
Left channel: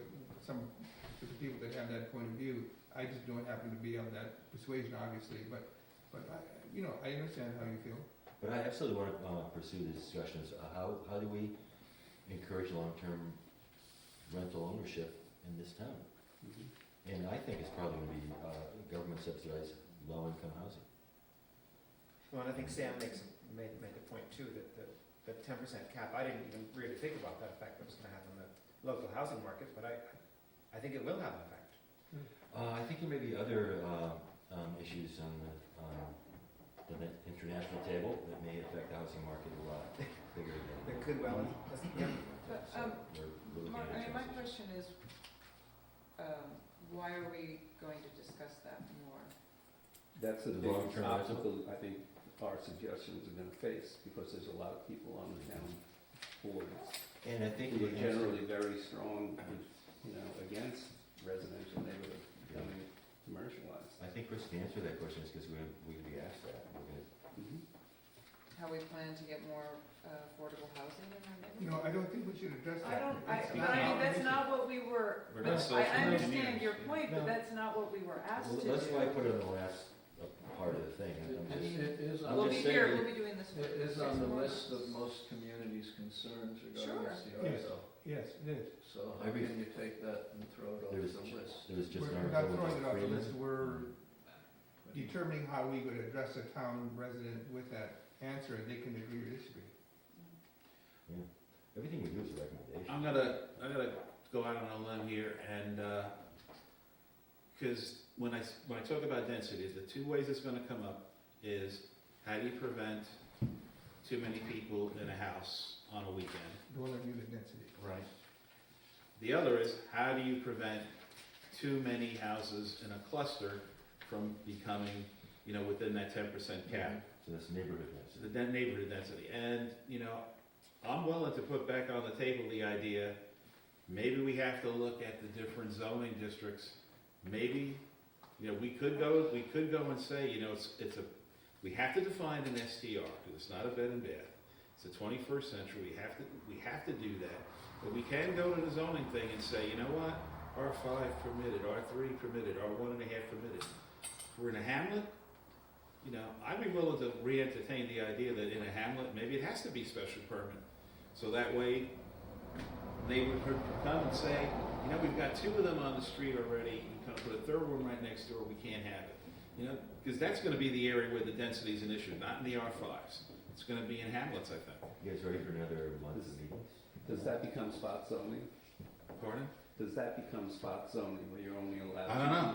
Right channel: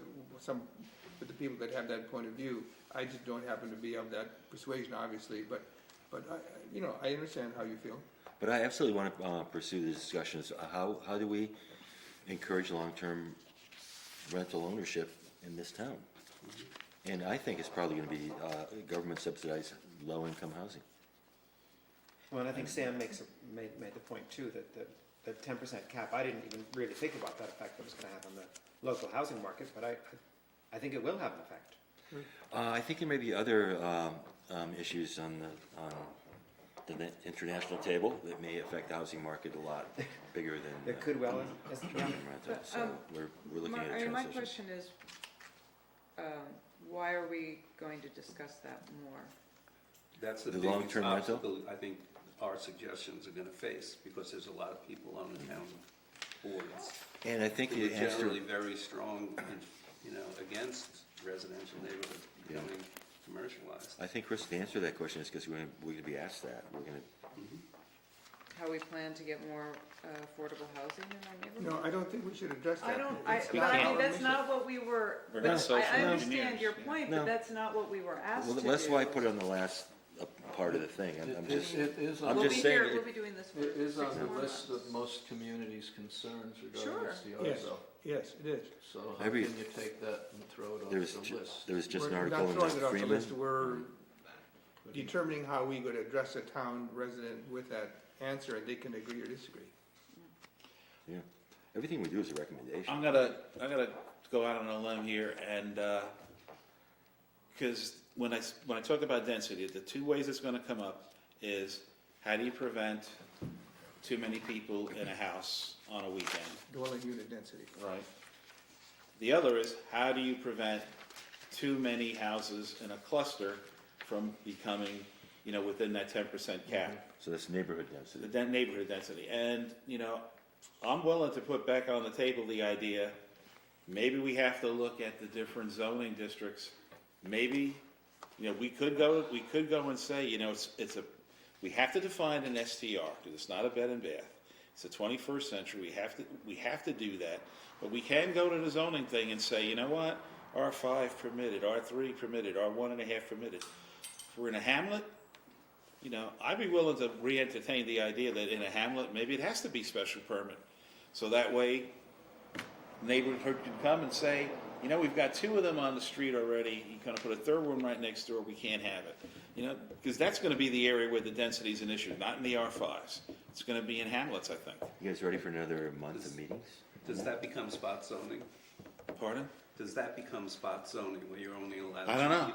the people that have that point of view. I just don't happen to be of that persuasion, obviously, but I understand how you feel. But I absolutely want to pursue the discussions. How do we encourage long-term rental ownership in this town? And I think it's probably going to be government subsidized low-income housing. Well, and I think Sam made the point too, that the 10% cap, I didn't even really think about that effect that was gonna have on the local housing market, but I think it will have an effect. I think there may be other issues on the international table that may affect the housing market a lot bigger than. It could well, yeah. So we're looking at a My transition. question is, why are we going to discuss that more? that's the The biggest long-term rental? obstacle I think our suggestions are gonna face, because there's a lot of people on the town boards And I think who the are answer, generally very strong, against residential neighborhoods becoming commercialized. I think, Chris, the answer to that question is because we're going to be asked that. We're going to. Mhm. How we plan to get more affordable housing in our neighborhood? No, I don't think we should address that. It's But not I mean, our that's mission. not what we were, We're but not social I understand engineers. your point, No. but that's not what we were asked to Well, do. that's why I put it on the last part of the thing. I'm just. It is I'm on, We'll just be saying here, that- we'll be doing this for it is 6 on the more list months. of most communities' concerns Sure. regarding SDRs, Yes. though. Yes, it is. So how Every- can you take that and throw it off There was the ju- list? There was just an We're article not in throwing it off the Freeman. list, we're determining how we could address a town resident with that answer, and they can agree or disagree. Yeah. Everything we do is a recommendation. I'm gonna go out on a limb here and, because when I talk about density, the two ways it's gonna come up is, how do you prevent too many people in a house on a weekend? Dwelling unit density. Right. The other is, how do you prevent too many houses in a cluster from becoming, within that 10% cap? So that's neighborhood density. That neighborhood density. And, I'm willing to put back on the table the idea, maybe we have to look at the different zoning districts. Maybe, we could go and say, we have to define an STR, because it's not a bed and bath. It's the 21st century, we have to do that. But we can go to the zoning thing and say, you know what, R5 permitted, R3 permitted, R1.5 permitted. If we're in a hamlet, I'd be willing to re-entertain the idea that in a hamlet, maybe it has to be special permit. So that way, neighborhood could come and say, we've got two of them on the street already, you're gonna put a third one right next door, we can't have it. Because that's gonna be the area where the density is an issue, not in the R5s. It's gonna be in hamlets, I think. You guys ready for another month of meetings? Does that become spot zoning? Pardon? Does that become spot zoning, where you're only allowed I don't know.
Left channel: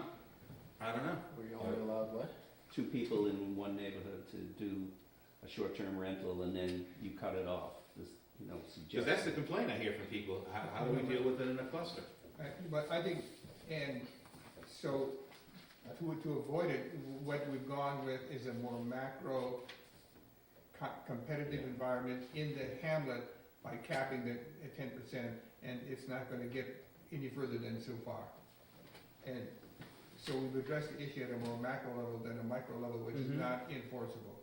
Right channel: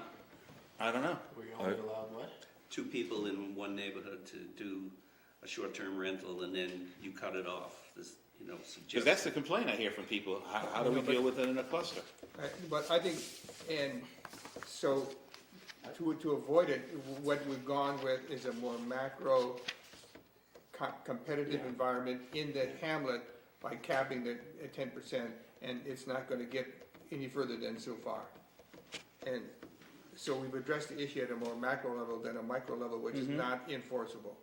I don't know. Were you only allowed what? two people in one neighborhood to do a short-term rental, and then you cut it off, Because that's the complaint I hear from people, how do we deal with it in a cluster? But I think, and so, to avoid it, what we've gone with is a more macro competitive environment in the hamlet by capping it at 10%, and it's not gonna get any further than so far. And so we've addressed the issue at a more macro level than a micro level, which is not enforceable.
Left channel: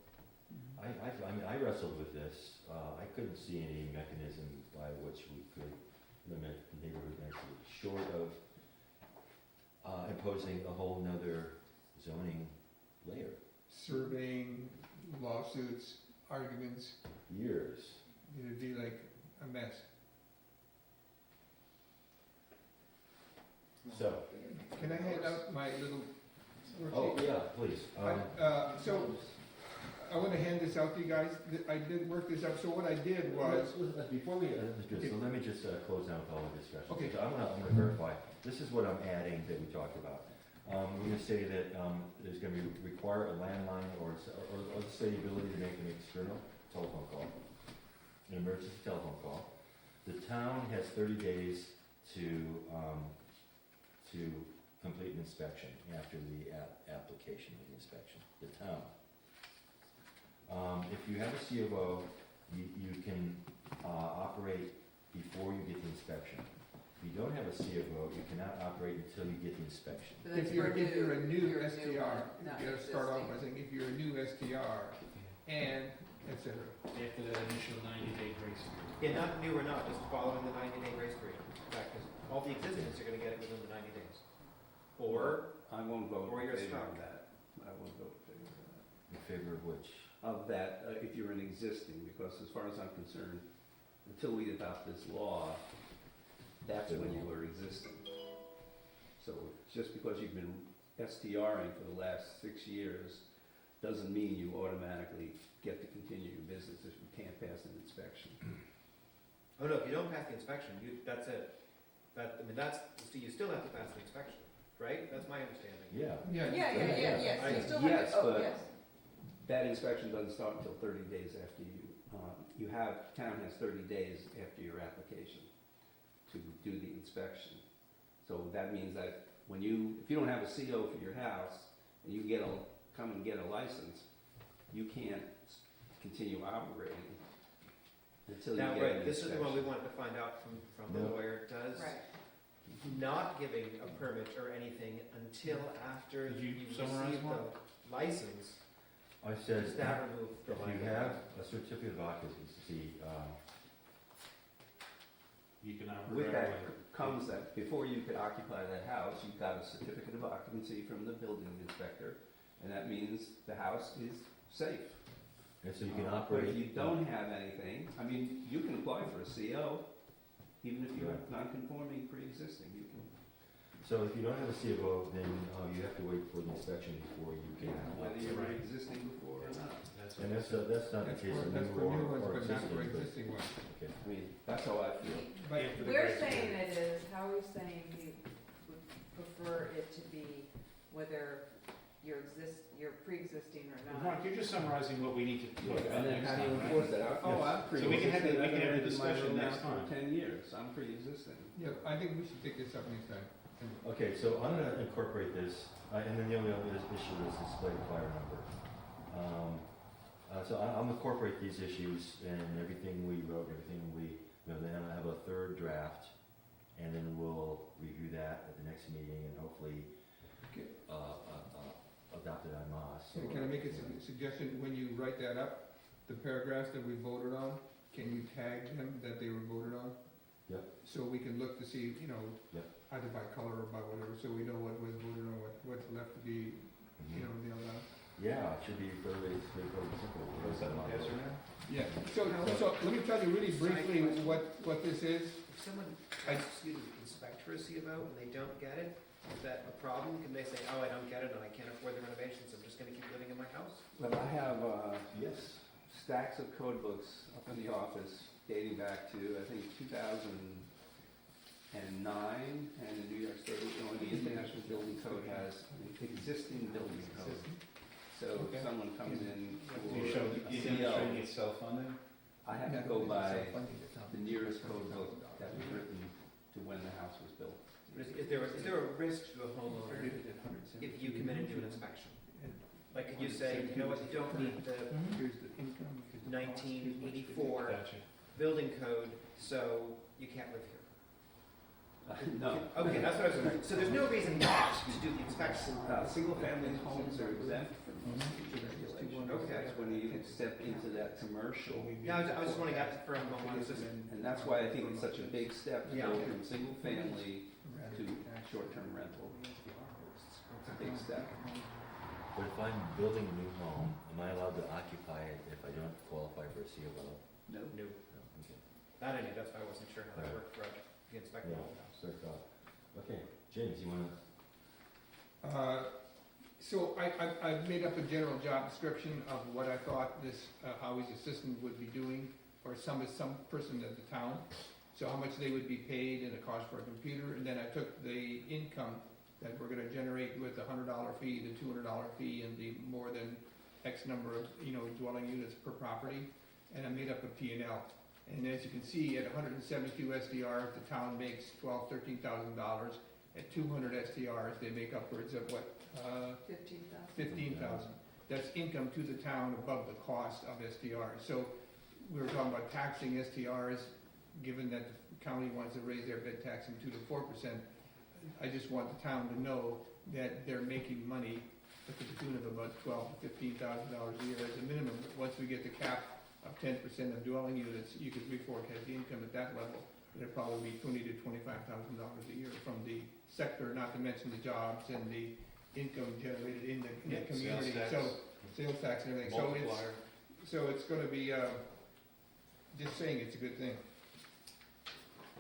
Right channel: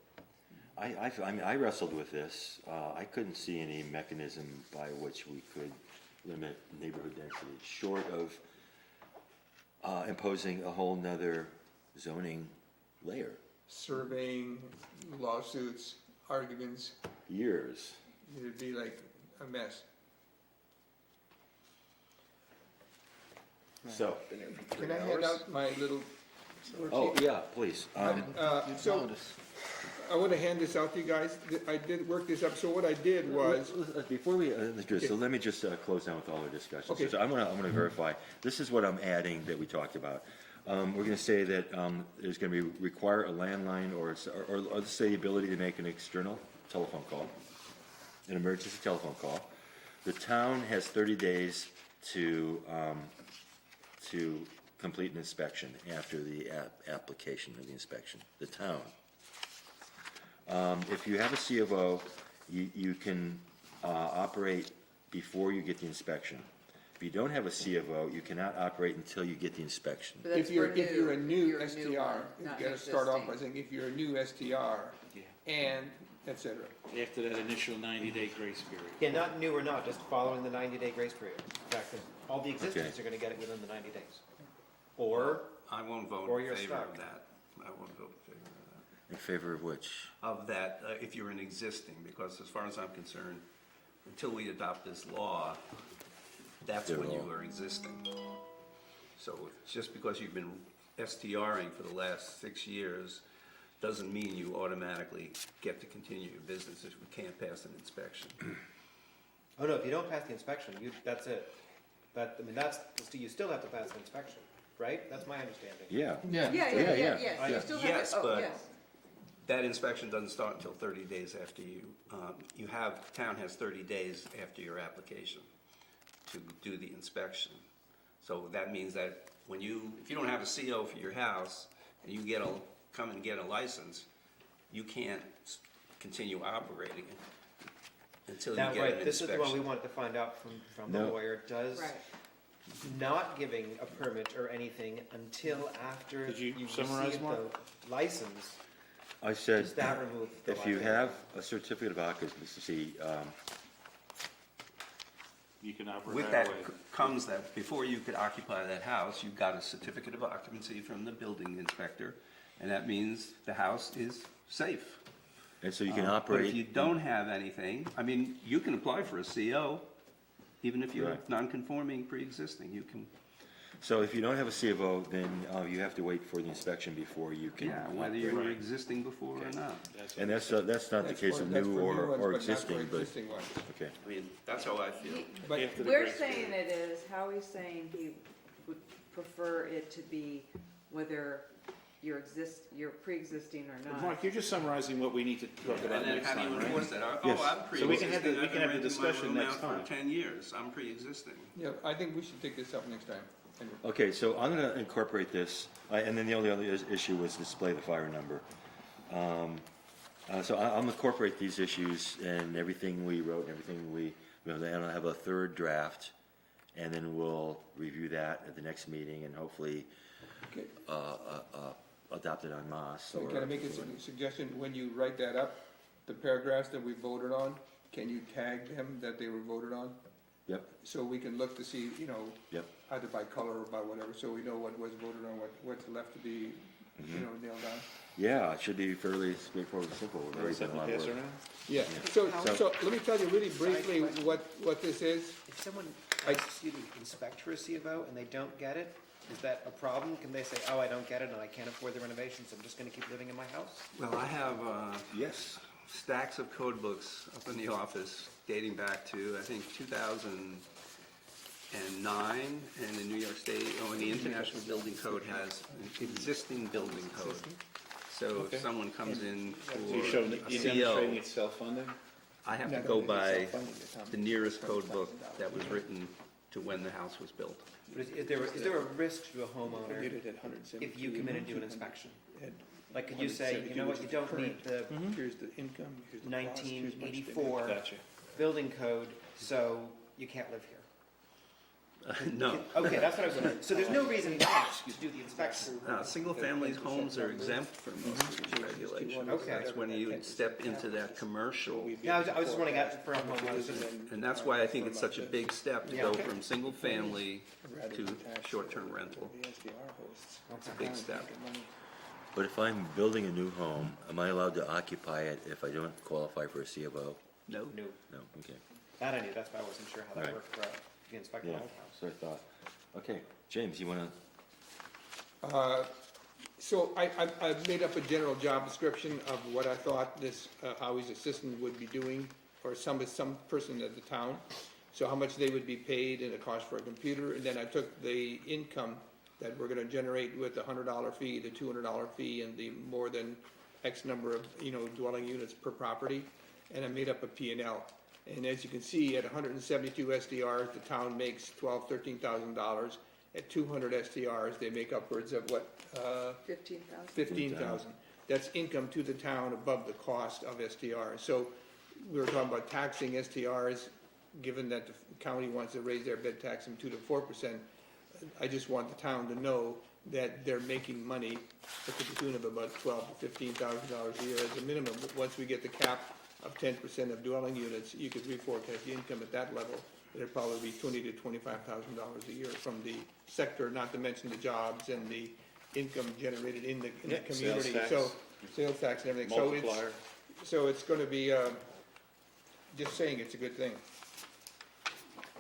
I wrestled with this. I couldn't see any mechanism by which we could limit neighborhood density, short of imposing a whole nother zoning layer. Surveying, lawsuits, arguments, Years. it'd be like a mess. So, Can I hand out my little oh, worksheet? yeah, please. So, I want to hand this out to you guys. I did work this up, so what I did was, Before we, so let me just close down with all our discussions. Okay. So I'm gonna verify, this is what I'm adding that we talked about. We're gonna say that there's gonna be, require a landline or let's say the ability to make an external telephone call. an emergency telephone call. The town has 30 days to complete an inspection after the application of the inspection, the town. If you have a C of O, you can operate before you get the inspection. If you don't have a C of O, you cannot operate until you get the inspection. But that's If you're for a new you're a STR, one, you not gotta start off by existing. saying, if you're a new STR, and et cetera. After that initial 90-day grace period. Yeah, not new or not, just following the 90-day grace period. In fact, all the existings are gonna get it within the 90 days. Or, I won't vote Or in you're favor stuck. of that. I won't vote in favor of that. In favor of which? Of that, if you're an existing, because as far as I'm concerned, until we adopt this law, that's when you are existing. So just because you've been STRing for the last 6 years, doesn't mean you automatically get to continue your business if we can't pass an inspection. oh no, if you don't pass the inspection, that's it. But, I mean, you still have to pass the inspection, right? That's my understanding. Yeah. Yeah, you still have Yes, to, oh, but- yes. That inspection doesn't start until 30 days after town has 30 days after your application to do the inspection. So that means that if you don't have a CO for your house, and you come and get a license, you can't continue operating until you Now, get right, an this is the one we inspection. wanted to find out from the No. lawyer. Does Right. not giving a permit or anything until after Did you you summarize, receive Mark? the license, I said, does that remove the if you liability? have a certificate of occupancy, You can operate With right that away. comes that before you could occupy that house, you got a certificate of occupancy from the building inspector, and that means the house is safe. and so you can But operate. if you don't have anything, I mean, you can apply for a CO, even if you're Right. non-conforming pre-existing, you can, So if you don't have a C of O, then you have to wait for the inspection before you can. whether you were Right. existing before or not. And that's not the That's case for- of that's new for or ones, but not for existing, but, existing ones. okay. I mean, that's how I feel. But After the We're grace saying period. it is, Howie's saying he would prefer it to be whether you're pre-existing or not. Mark, you're just summarizing what we need to talk about And then next how do you time, right? enforce that? Yes. Oh, I'm So we can have the- pre-existing, we I've can been have the renting my discussion room next out time. for 10 years, I'm pre-existing. Yeah, I think we should take this up next time. Okay, so I'm gonna incorporate this, and then the only other issue was display the fire number. So I'm gonna incorporate these issues and everything we wrote, and then I'll have a third draft, and then we'll review that at the next meeting and hopefully Okay. adopt it en masse. So can I make a suggestion, when you write that up, the paragraphs that we voted on, can you tag them that they were voted on? Yep. So we can look to see, Yep. either by color or by whatever, so we know what was voted on, what's left to be, Mhm. nailed down. Yeah, it should be fairly straightforward and simple. Very simple. Yes or no? Yeah, so let me tell you really briefly what this is. If someone I- asks you to inspect for a C of O and they don't get it, is that a problem? Can they say, oh, I don't get it and I can't afford the renovations, I'm just gonna keep living in my house? Well, I have Yes. stacks of code books up in the office dating back to, I think, 2009, and the New York State, the International Building Code has an existing building code. So if someone comes in So you're showing, for a you're CO, demonstrating it's self-funding? I have to go by the nearest code book that was written to when the house was built. But is there a risk to a homeowner if you come in and do an inspection? Like, could you say, you know what, you don't meet the Here's the income, here's the cost, here's much they 1984 Gotcha. building code, so you can't live here? No. Okay, that's what I was wondering. So there's no reason not to do the inspection. Single-family homes are exempt from most of these regulations. Okay. That's when you step into that commercial. Yeah, I was just wondering, for homeowners, And that's why I think it's such a big step to go Yeah. from single-family to short-term rental. It's a big step. But if I'm building a new home, am I allowed to occupy it if I don't qualify for a C of O? No? no, No, okay. that I knew, that's why I wasn't sure how that Alright. worked for the inspector Yeah, of the house. so I thought. Okay, James, you wanna, So I've made up a general job description of what I thought this Howie's assistant would be doing, or some person at the town. So how much they would be paid and the cost for a computer, and then I took the income that we're gonna generate with the $100 fee, the $200 fee, and the more than X number of, dwelling units per property, and I made up a P&L. And as you can see, at 172 SDRs, the town makes $12,000-13,000. At 200 SDRs, they make upwards of what, 15,000. 15,000. That's income to the town above the cost of SDRs. So we were talking about taxing STRs, given that the county wants to raise their bed tax from 2 to 4%. I just want the town to know that they're making money to the tune of about $12,000 to $15,000 a year as a minimum. But once we get the cap of 10% of dwelling units, you could reforecast the income at that level. It'd probably be $20,000 to $25,000 a year from the sector, not to mention the jobs and the income generated in the community. So sales tax and everything. Multiplier. So it's going to be, just saying it's a good thing.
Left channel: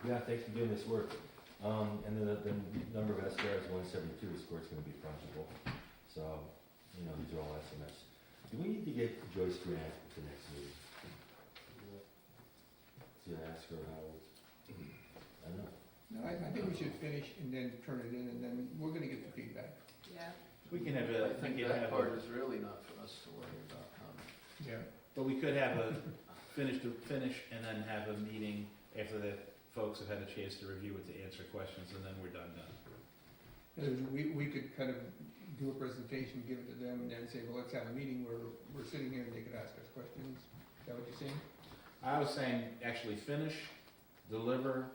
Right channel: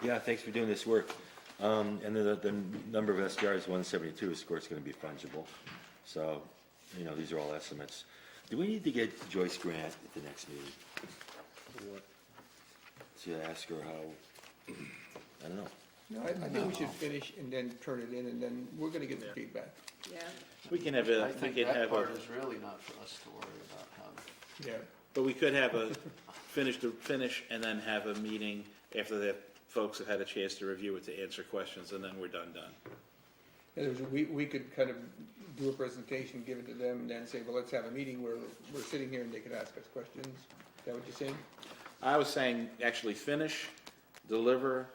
Yeah, thanks for doing this work. And the number of SDRs, 172, of course, going to be fungible. So, you know, these are all estimates. Do we need to get Joyce Grant at the next meeting? To ask her how, I don't know. No, I think we should finish and then turn it in, and then we're going to get the feedback. Yeah, We can have a, I we think can that have part a, is really not for us to worry about how. Yeah. but we could have a finish and then have a meeting after the folks have had a chance to review it to answer questions, and then we're done. And we could kind of do a presentation, give it to them, and then say, well, let's have a meeting where we're sitting here and they can ask us questions. Is that what you're saying? I was saying, actually finish, deliver,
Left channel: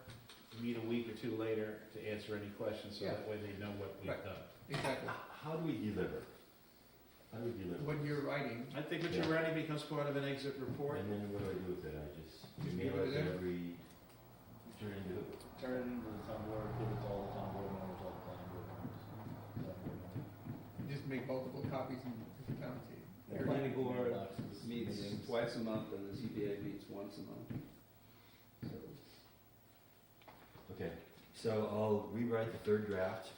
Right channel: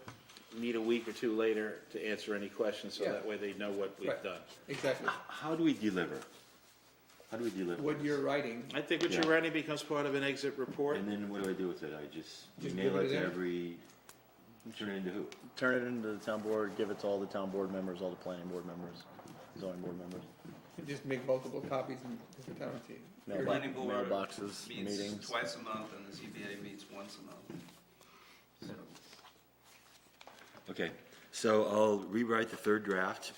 meet a week or two later to answer any questions, so Yeah. that way they know what we've Right. done. Exactly. How do we deliver? How do we deliver? What this? you're writing, I think what Yeah. you're writing becomes part of an exit report. And then what do I do with it? I just Just mail give it it to in. every, turn it into who? Turn it into the town board, give it to all the town board members, all the planning board members, zoning board members. you just make multiple copies and give it down to you. Mailbox- Planning board Mailboxes, meets meetings. twice a month, and the ZBA meets once a month. So, Okay, so I'll rewrite the third draft,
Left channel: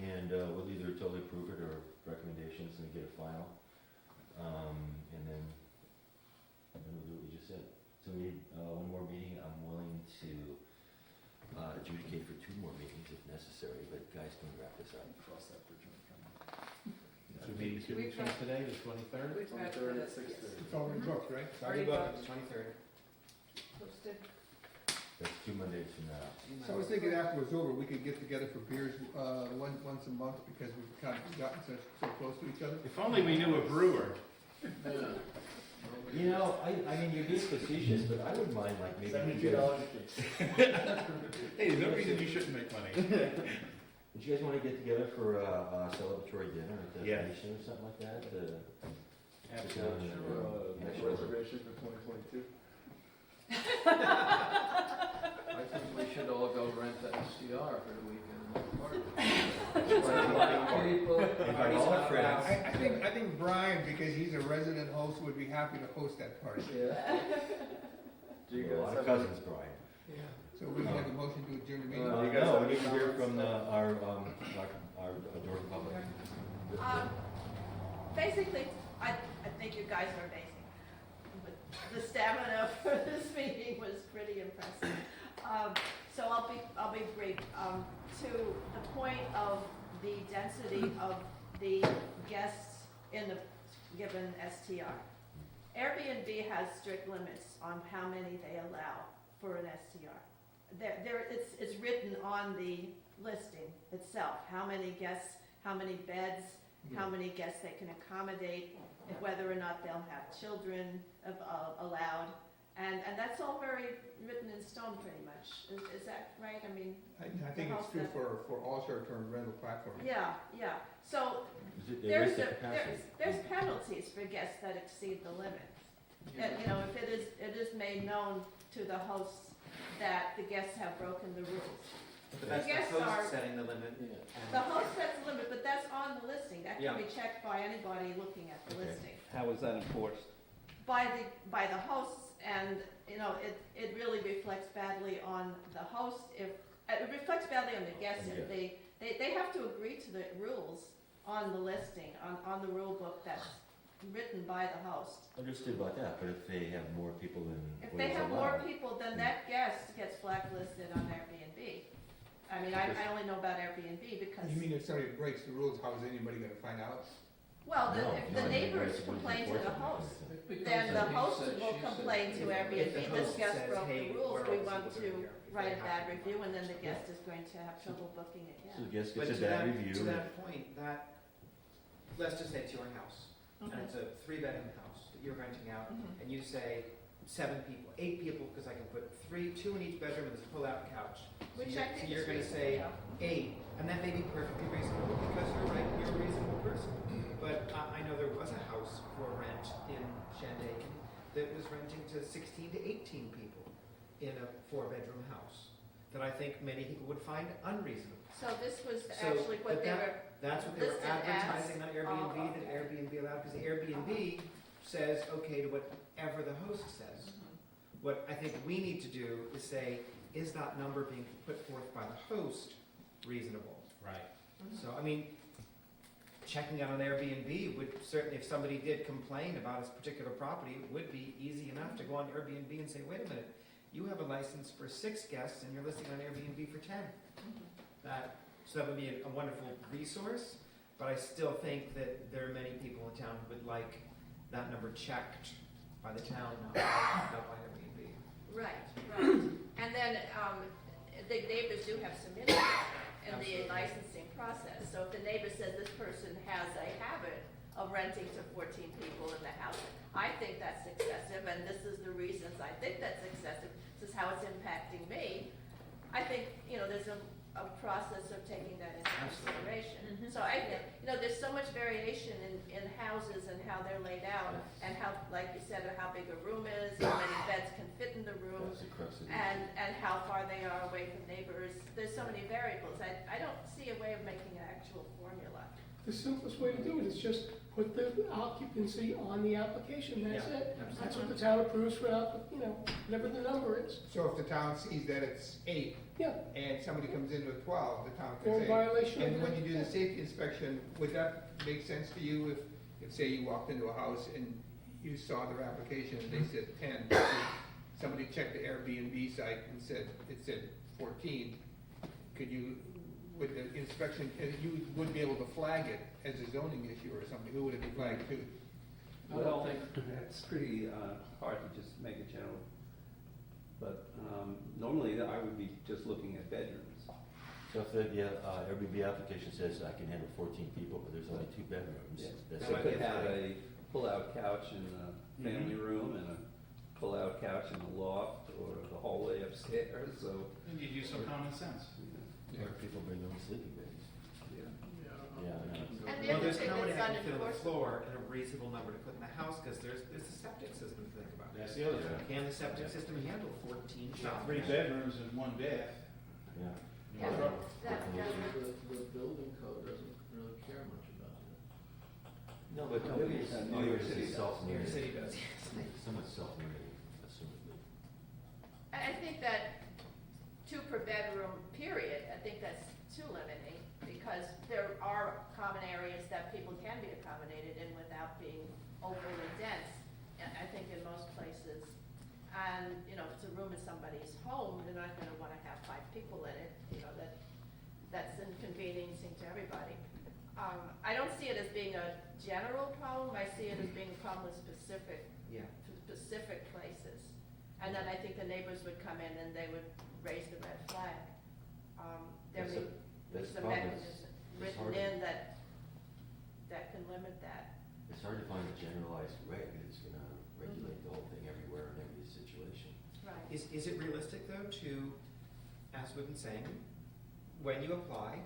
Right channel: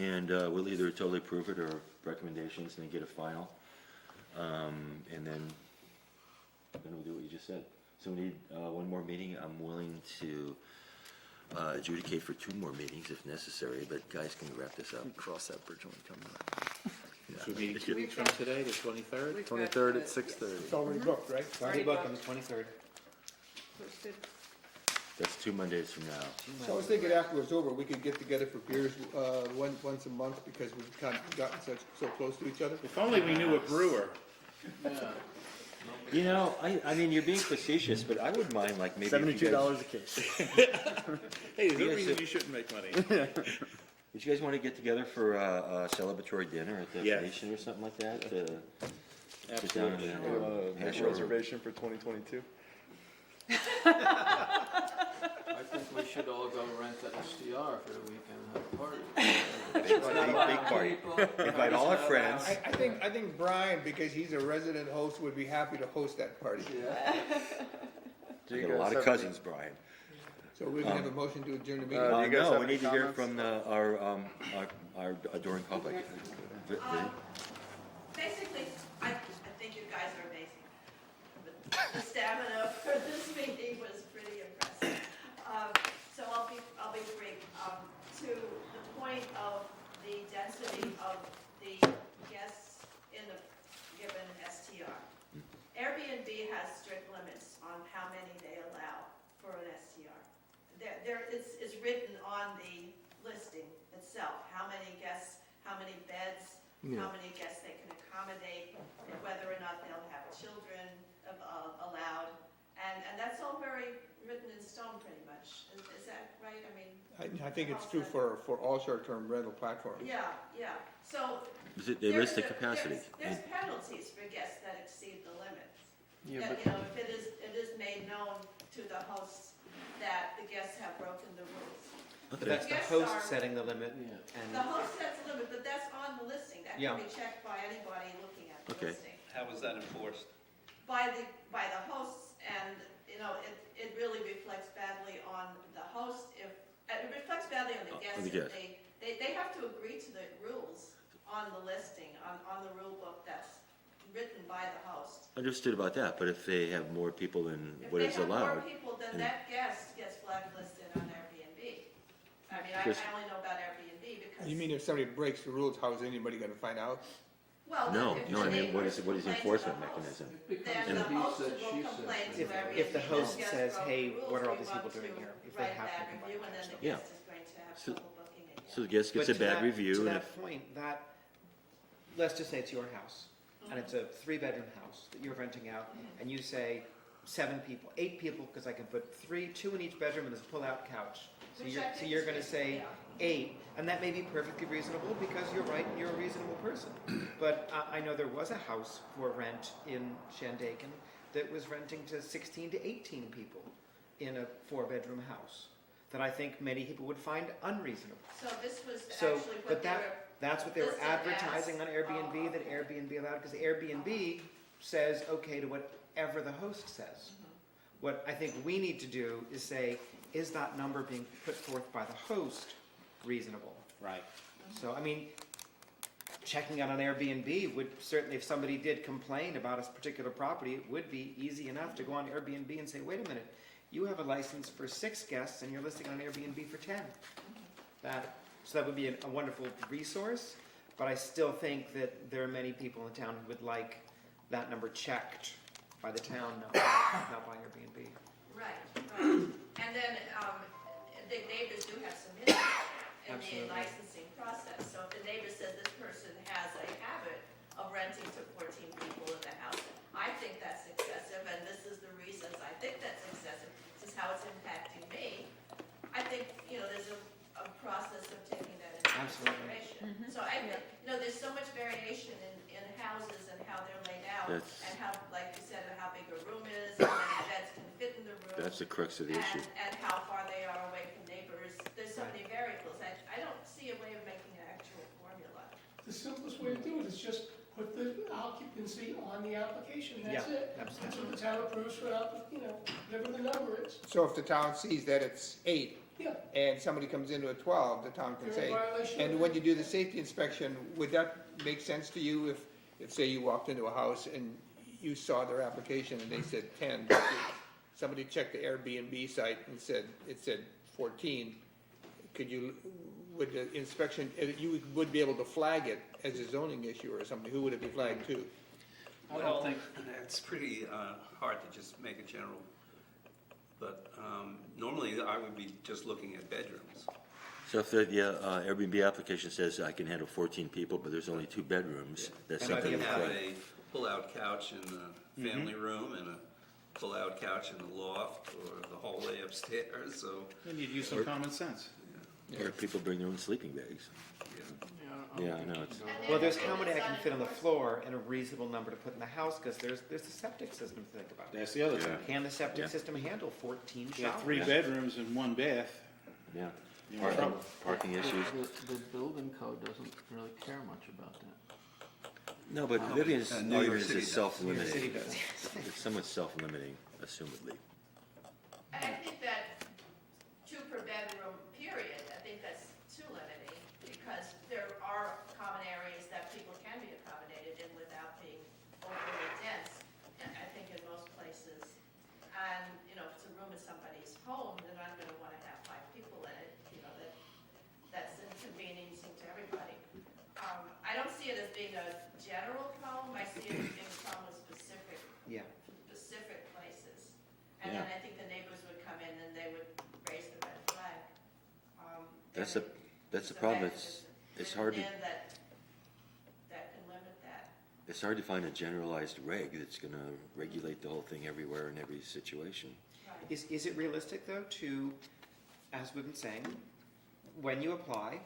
and we'll either totally approve it or recommendations, and then get a final. And then we'll do what you just said. So we need one more meeting. I'm willing to adjudicate for 2 more meetings if necessary, but guys can wrap this up. Cross that bridge when we come to So meeting 2 weeks from today, the 23rd? We've got 23rd the- at 6:30. It's already booked, right? Already Book on booked. the 23rd. Posted. That's 2 Mondays from now. So I was thinking after it's over, we could get together for beers once a month, because we've kind of gotten so close to each other. If only we knew a brewer. Yeah. You know, I mean, you're being facetious, but I wouldn't mind, like, maybe. if you $72 guys- a case. Hey, there's no reason you shouldn't make money. Would you guys want to get together for a celebratory dinner at the Yeah. Phoenician or something like that? Sit down Absolutely. and Make hash a over? reservation for 2022. I think we should all go rent the STR for the weekend and have a party. Big party. Invite all our friends. I think Brian, because he's a resident host, would be happy to host that party. I got a lot of cousins, Brian. So we can have a motion to adjourn the meeting. Do you guys No, have we any need to hear comments? from our adoring public. Basically, I think you guys are amazing. But the stamina for this meeting was pretty impressive. So I'll be brief. To the point of the density of the guests in the given STR. Airbnb has strict limits on how many they allow for an STR. It's written on the listing itself, how many guests, how many beds, how many guests they can accommodate, and whether or not they'll have children allowed. And that's all very written in stone pretty much. Is that right? I mean, I think it's true for all short-term rental platforms. yeah. So They list the capacity. there's penalties for guests that exceed the limits. Yeah, You know, if it is made known to the hosts that the guests have broken the rules. but that's the Guests host are- setting the limit, Yeah. The and host sets the limit, but that's on the listing. That Yeah. can be checked by anybody looking at the Okay. listing. how is that enforced? By the hosts, and, you know, it really reflects badly on the host if, it reflects badly on the guests On the if they have to agree to the rules on the listing, on the rule book that's written by the host. Understood about that, but if they have more people than If what they is have more allowed, people, then Yeah. that guest gets blacklisted on Airbnb. I mean, I Because- only know about Airbnb because. You mean if somebody breaks the rules, how is anybody gonna find out? Well, No, if no, the I mean, what neighbors is the complain to the enforcement host, mechanism? then the He host said, will she said. complain to If Airbnb, the this host guest says, broke "Hey, the rules, what are all we these want people doing to here?" If they write a have bad to review, and then the Yeah. guest is going to have So- trouble booking again. So the guest gets But a to bad that- review, To and that point, that, let's just say it's your house, and it's a 3-bedroom house that you're renting out, Mhm. and you say 7 people, 8 people, because I can put 2 in each bedroom and this pull-out couch. So Which you're, I so think you're is gonna say reasonable. 8, and that may be perfectly reasonable, because you're right, you're a reasonable person. But I know there was a house for rent in Shandaken that was renting to 16 to 18 people in a 4-bedroom house, that I think many people would find unreasonable. So this was So, actually what but they were, That's what they were listed as- advertising on Airbnb, Oh, that okay. Airbnb allowed, because Airbnb says okay to whatever the host says. What I think we need to do is say, is that number being put forth by the host reasonable? Right. So, I mean, checking out on Airbnb would certainly, if somebody did complain about a particular property, it would be easy enough to go on Airbnb and say, wait a minute, you have a license for 6 guests and you're listing on Airbnb for 10. So that would be a wonderful resource, but I still think that there are many people in town who would like that number checked by the town, not by Airbnb. right, right. And then, the neighbors do have some input in the Absolutely. licensing process. So if the neighbor says this person has a habit of renting to 14 people in the house, I think that's excessive, and this is the reasons I think that's excessive, this is how it's impacting me. I think, there's a process of taking that into Absolutely. consideration. Mhm. So I think, there's so much variation in houses and how they're laid out, That's- and how, like you said, how big a room is, how many beds can fit in the room. that's the crux of the issue. And how far they are away from neighbors. There's so many variables. I don't see a way of making an actual formula. The simplest way to do it is just put the occupancy on the application, that's Yeah, it. That's absolutely. what the town approves for, whatever the number is. So if the town sees that it's 8, Yeah, and somebody comes into a 12, the town can they're in say. violation. of And it. when you do the safety inspection, would that make sense to you if say you walked into a house and you saw their application and they said 10, somebody checked the Airbnb site and it said 14, would the inspection, you would be able to flag it as a zoning issue or something, who would it be flagged to? I don't think, It's pretty hard to just make a general, but normally I would be just looking at bedrooms. So if the Airbnb application says I can handle 14 people, but there's only 2 bedrooms, that's And if something you to have flag. a pull-out couch in the family room and a pull-out couch in the loft or the hallway upstairs, so, And you'd use some common sense. Or people bring their own sleeping bags. yeah. Yeah, I know. It's- And Well, there's if how many it's that can fit on the unenforceable. floor and a reasonable number to put in the house, because there's the septic system to think about. That's the other thing. Can the septic Yeah. system handle 14 You got showers? 3 bedrooms and 1 bath. Yeah, You parking, know, parking issues. the building code doesn't really care much about that. No, but No, Vivian's New York argument City is does. self-limiting. City does. It's somewhat self-limiting, assumedly. I think that 2 per bedroom, period, I think that's too limiting, because there are common areas that people can be accommodated in without being overly dense, and I think in most places. And, if it's a room in somebody's home, they're not gonna wanna have 5 people in it, that's inconveniencing to everybody. I don't see it as being a general problem, I see it as being a problem with specific Yeah. places. And then I think the neighbors would come in and they would raise the red flag. That's There the, may that's be the some problem, mechanism it's hard to, written in that can limit that. it's hard to find a generalized reg that's gonna regulate the whole thing everywhere in every situation. Right. Is it realistic, though, to, as we've been saying, when you apply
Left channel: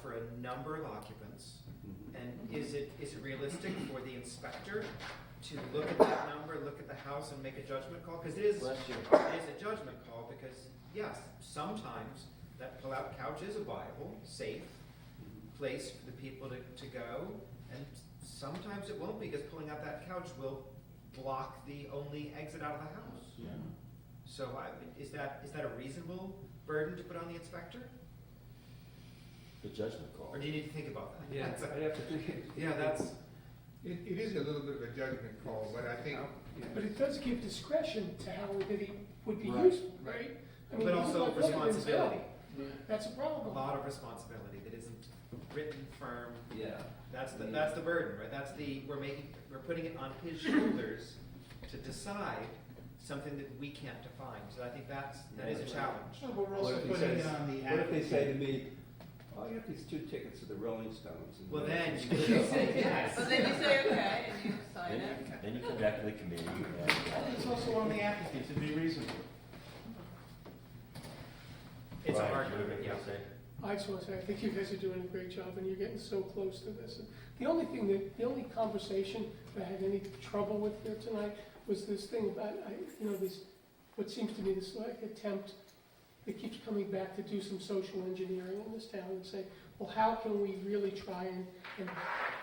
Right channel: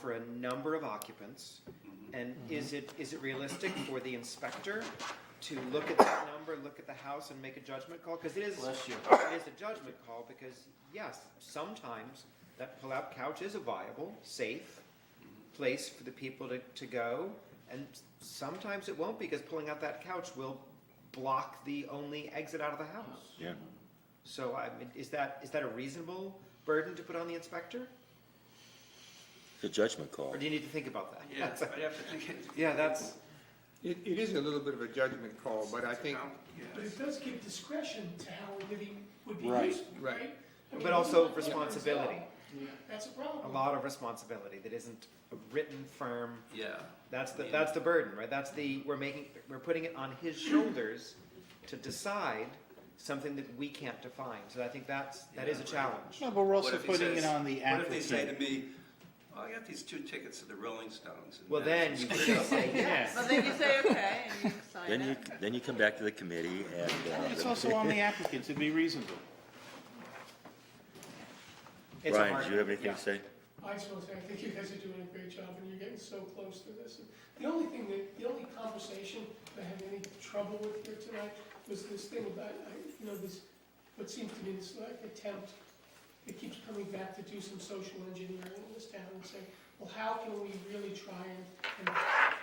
for a number of occupants, Mhm. and is it realistic for the inspector to look at that number, look at the house, and make a judgment call? Because it is a judgment call, because, yes, sometimes that pull-out couch is a viable, safe place for the people to go, and sometimes it won't, because pulling out that couch will block the only exit out of the house. Yeah. So is that a reasonable burden to put on the inspector? It's a judgment call. Or do you need to think about that? Yeah, That's- I'd have to think it. Yeah, that's, It is a little bit of a judgment call, but I think, But it does give discretion to how it would be Right. used, Right. right? I mean, but also like what it is now. responsibility. That's a a problem. lot of responsibility that isn't written firm. Yeah. That's the burden, right? We're putting it on his shoulders to decide something that we can't define. So I think that is a challenge. No, but we're also What if he putting it says- on the What if they say to applicant. me, "Oh, I got these 2 tickets to the Rolling Stones. in Well, then Madison you Square could say yes. Well, then you say, okay, and you sign Then it. then you come back to the committee and, It's also on the applicant to be reasonable. It's a Brian, hard- do you have anything yeah. to say? I just want to say, I think you guys are doing a great job, and you're getting so close to this. The only conversation that I had any trouble with here tonight was this thing about, what seems to me this like attempt, it keeps coming back to do some social engineering in this town and say, well, how can we really try and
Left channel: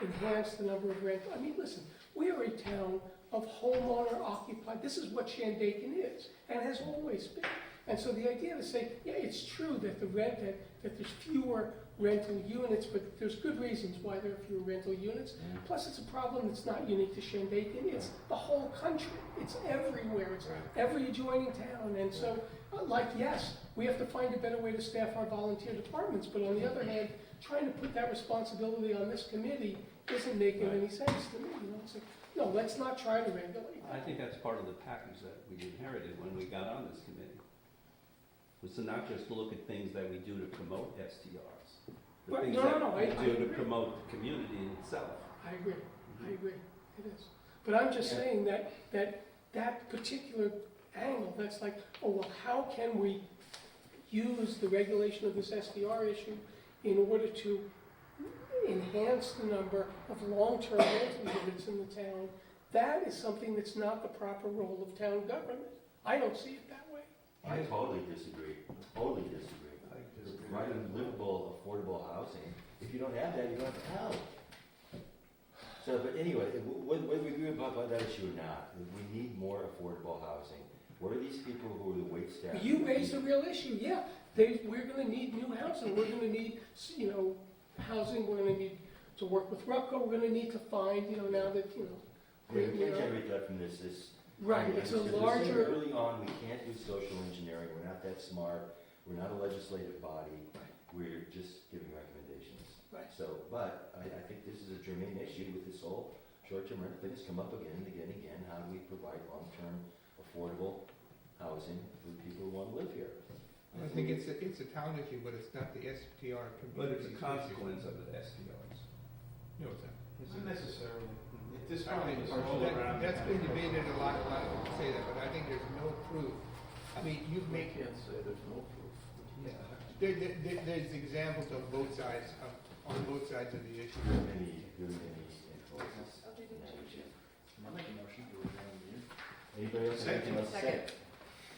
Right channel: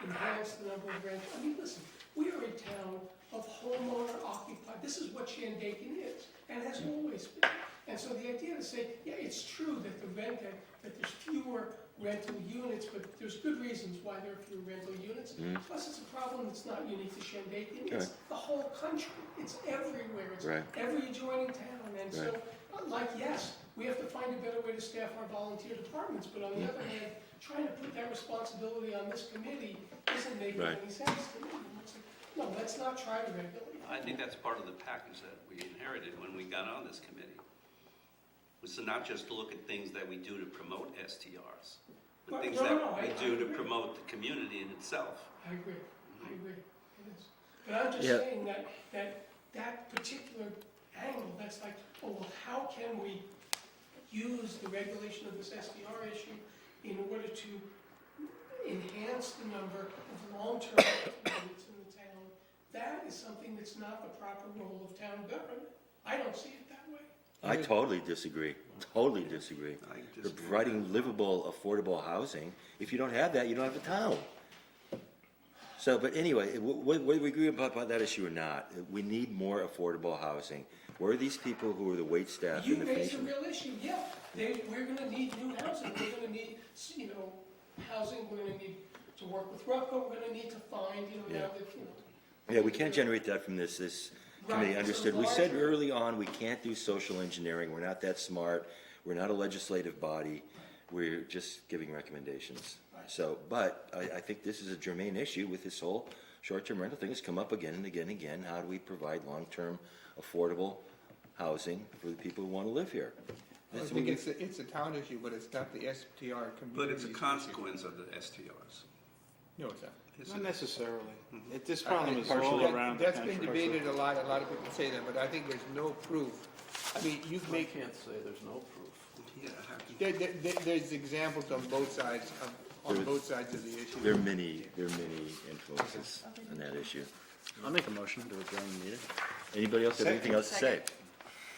enhance the number of rent? I mean, listen, we are a town of homeowner occupied, this is what Shandaken is, and has always been. And so the idea to say, yeah, it's true that that there's fewer rental units, but there's good reasons why there are fewer rental units. Plus, it's a problem that's not unique to Shandaken, it's the whole country, it's everywhere, it's Right. every adjoining town. And so, yes, we have to find a better way to staff our volunteer departments, but on the other hand, trying to put that responsibility on this committee isn't making Right. any sense to me. It's like, no, let's not try to regulate. I think that's part of the package that we inherited when we got on this committee. Was to not just look at things that we do to promote STRs, but Well, things no, that no, we I do to agree. promote the community in itself. I agree, it is. But I'm just Yeah. saying that particular angle, that's like, oh, well, how can we use the regulation of this SDR issue in order to enhance the number of long-term rental units in the town? That is something that's not the proper role of town government. I don't see it that way. I totally disagree, totally disagree. I We're disagree. providing livable, affordable housing. If you don't have that, you don't have a town. So, but anyway, whether we agree about that issue or not, we need more affordable housing. Where are these people who are the wait staff? You and the raised a fees? real issue, yeah. We're gonna need new housing, we're gonna need, housing, we're gonna need to work with RUPCO, we're gonna need to find, now that, Yeah, we can't generate that from this Right, committee, it's a understood. We said larger- early on, we can't do social engineering, we're not that smart, we're not a legislative body, we're just giving recommendations. Right. So, but I think this is a germane issue with this whole short-term rental thing, it's come up again and again and again. How do we provide long-term, affordable housing for the people who want to live here? I That's think what it's a town issue, but it's not the STR community. But it's a consequence of the STRs. No, it's not. Not necessarily. Mhm. This problem is all That- around the That's been country. debated a lot of people say that, but I think there's no proof. I mean, you make, say there's no proof. Yeah. there's examples on both sides, on both sides of the issue. There are many influences on that issue. I'll make a motion to adjourn the meeting. Anybody else have anything else to say?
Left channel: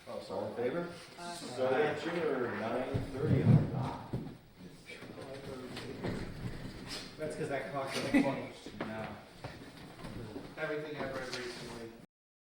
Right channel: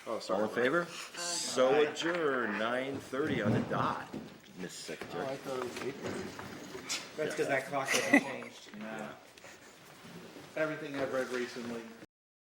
Oh, All sorry. in favor? So adjourned, 9:30 on the dot, Ms. Secretary. That's because that clock was changed. Everything I've read recently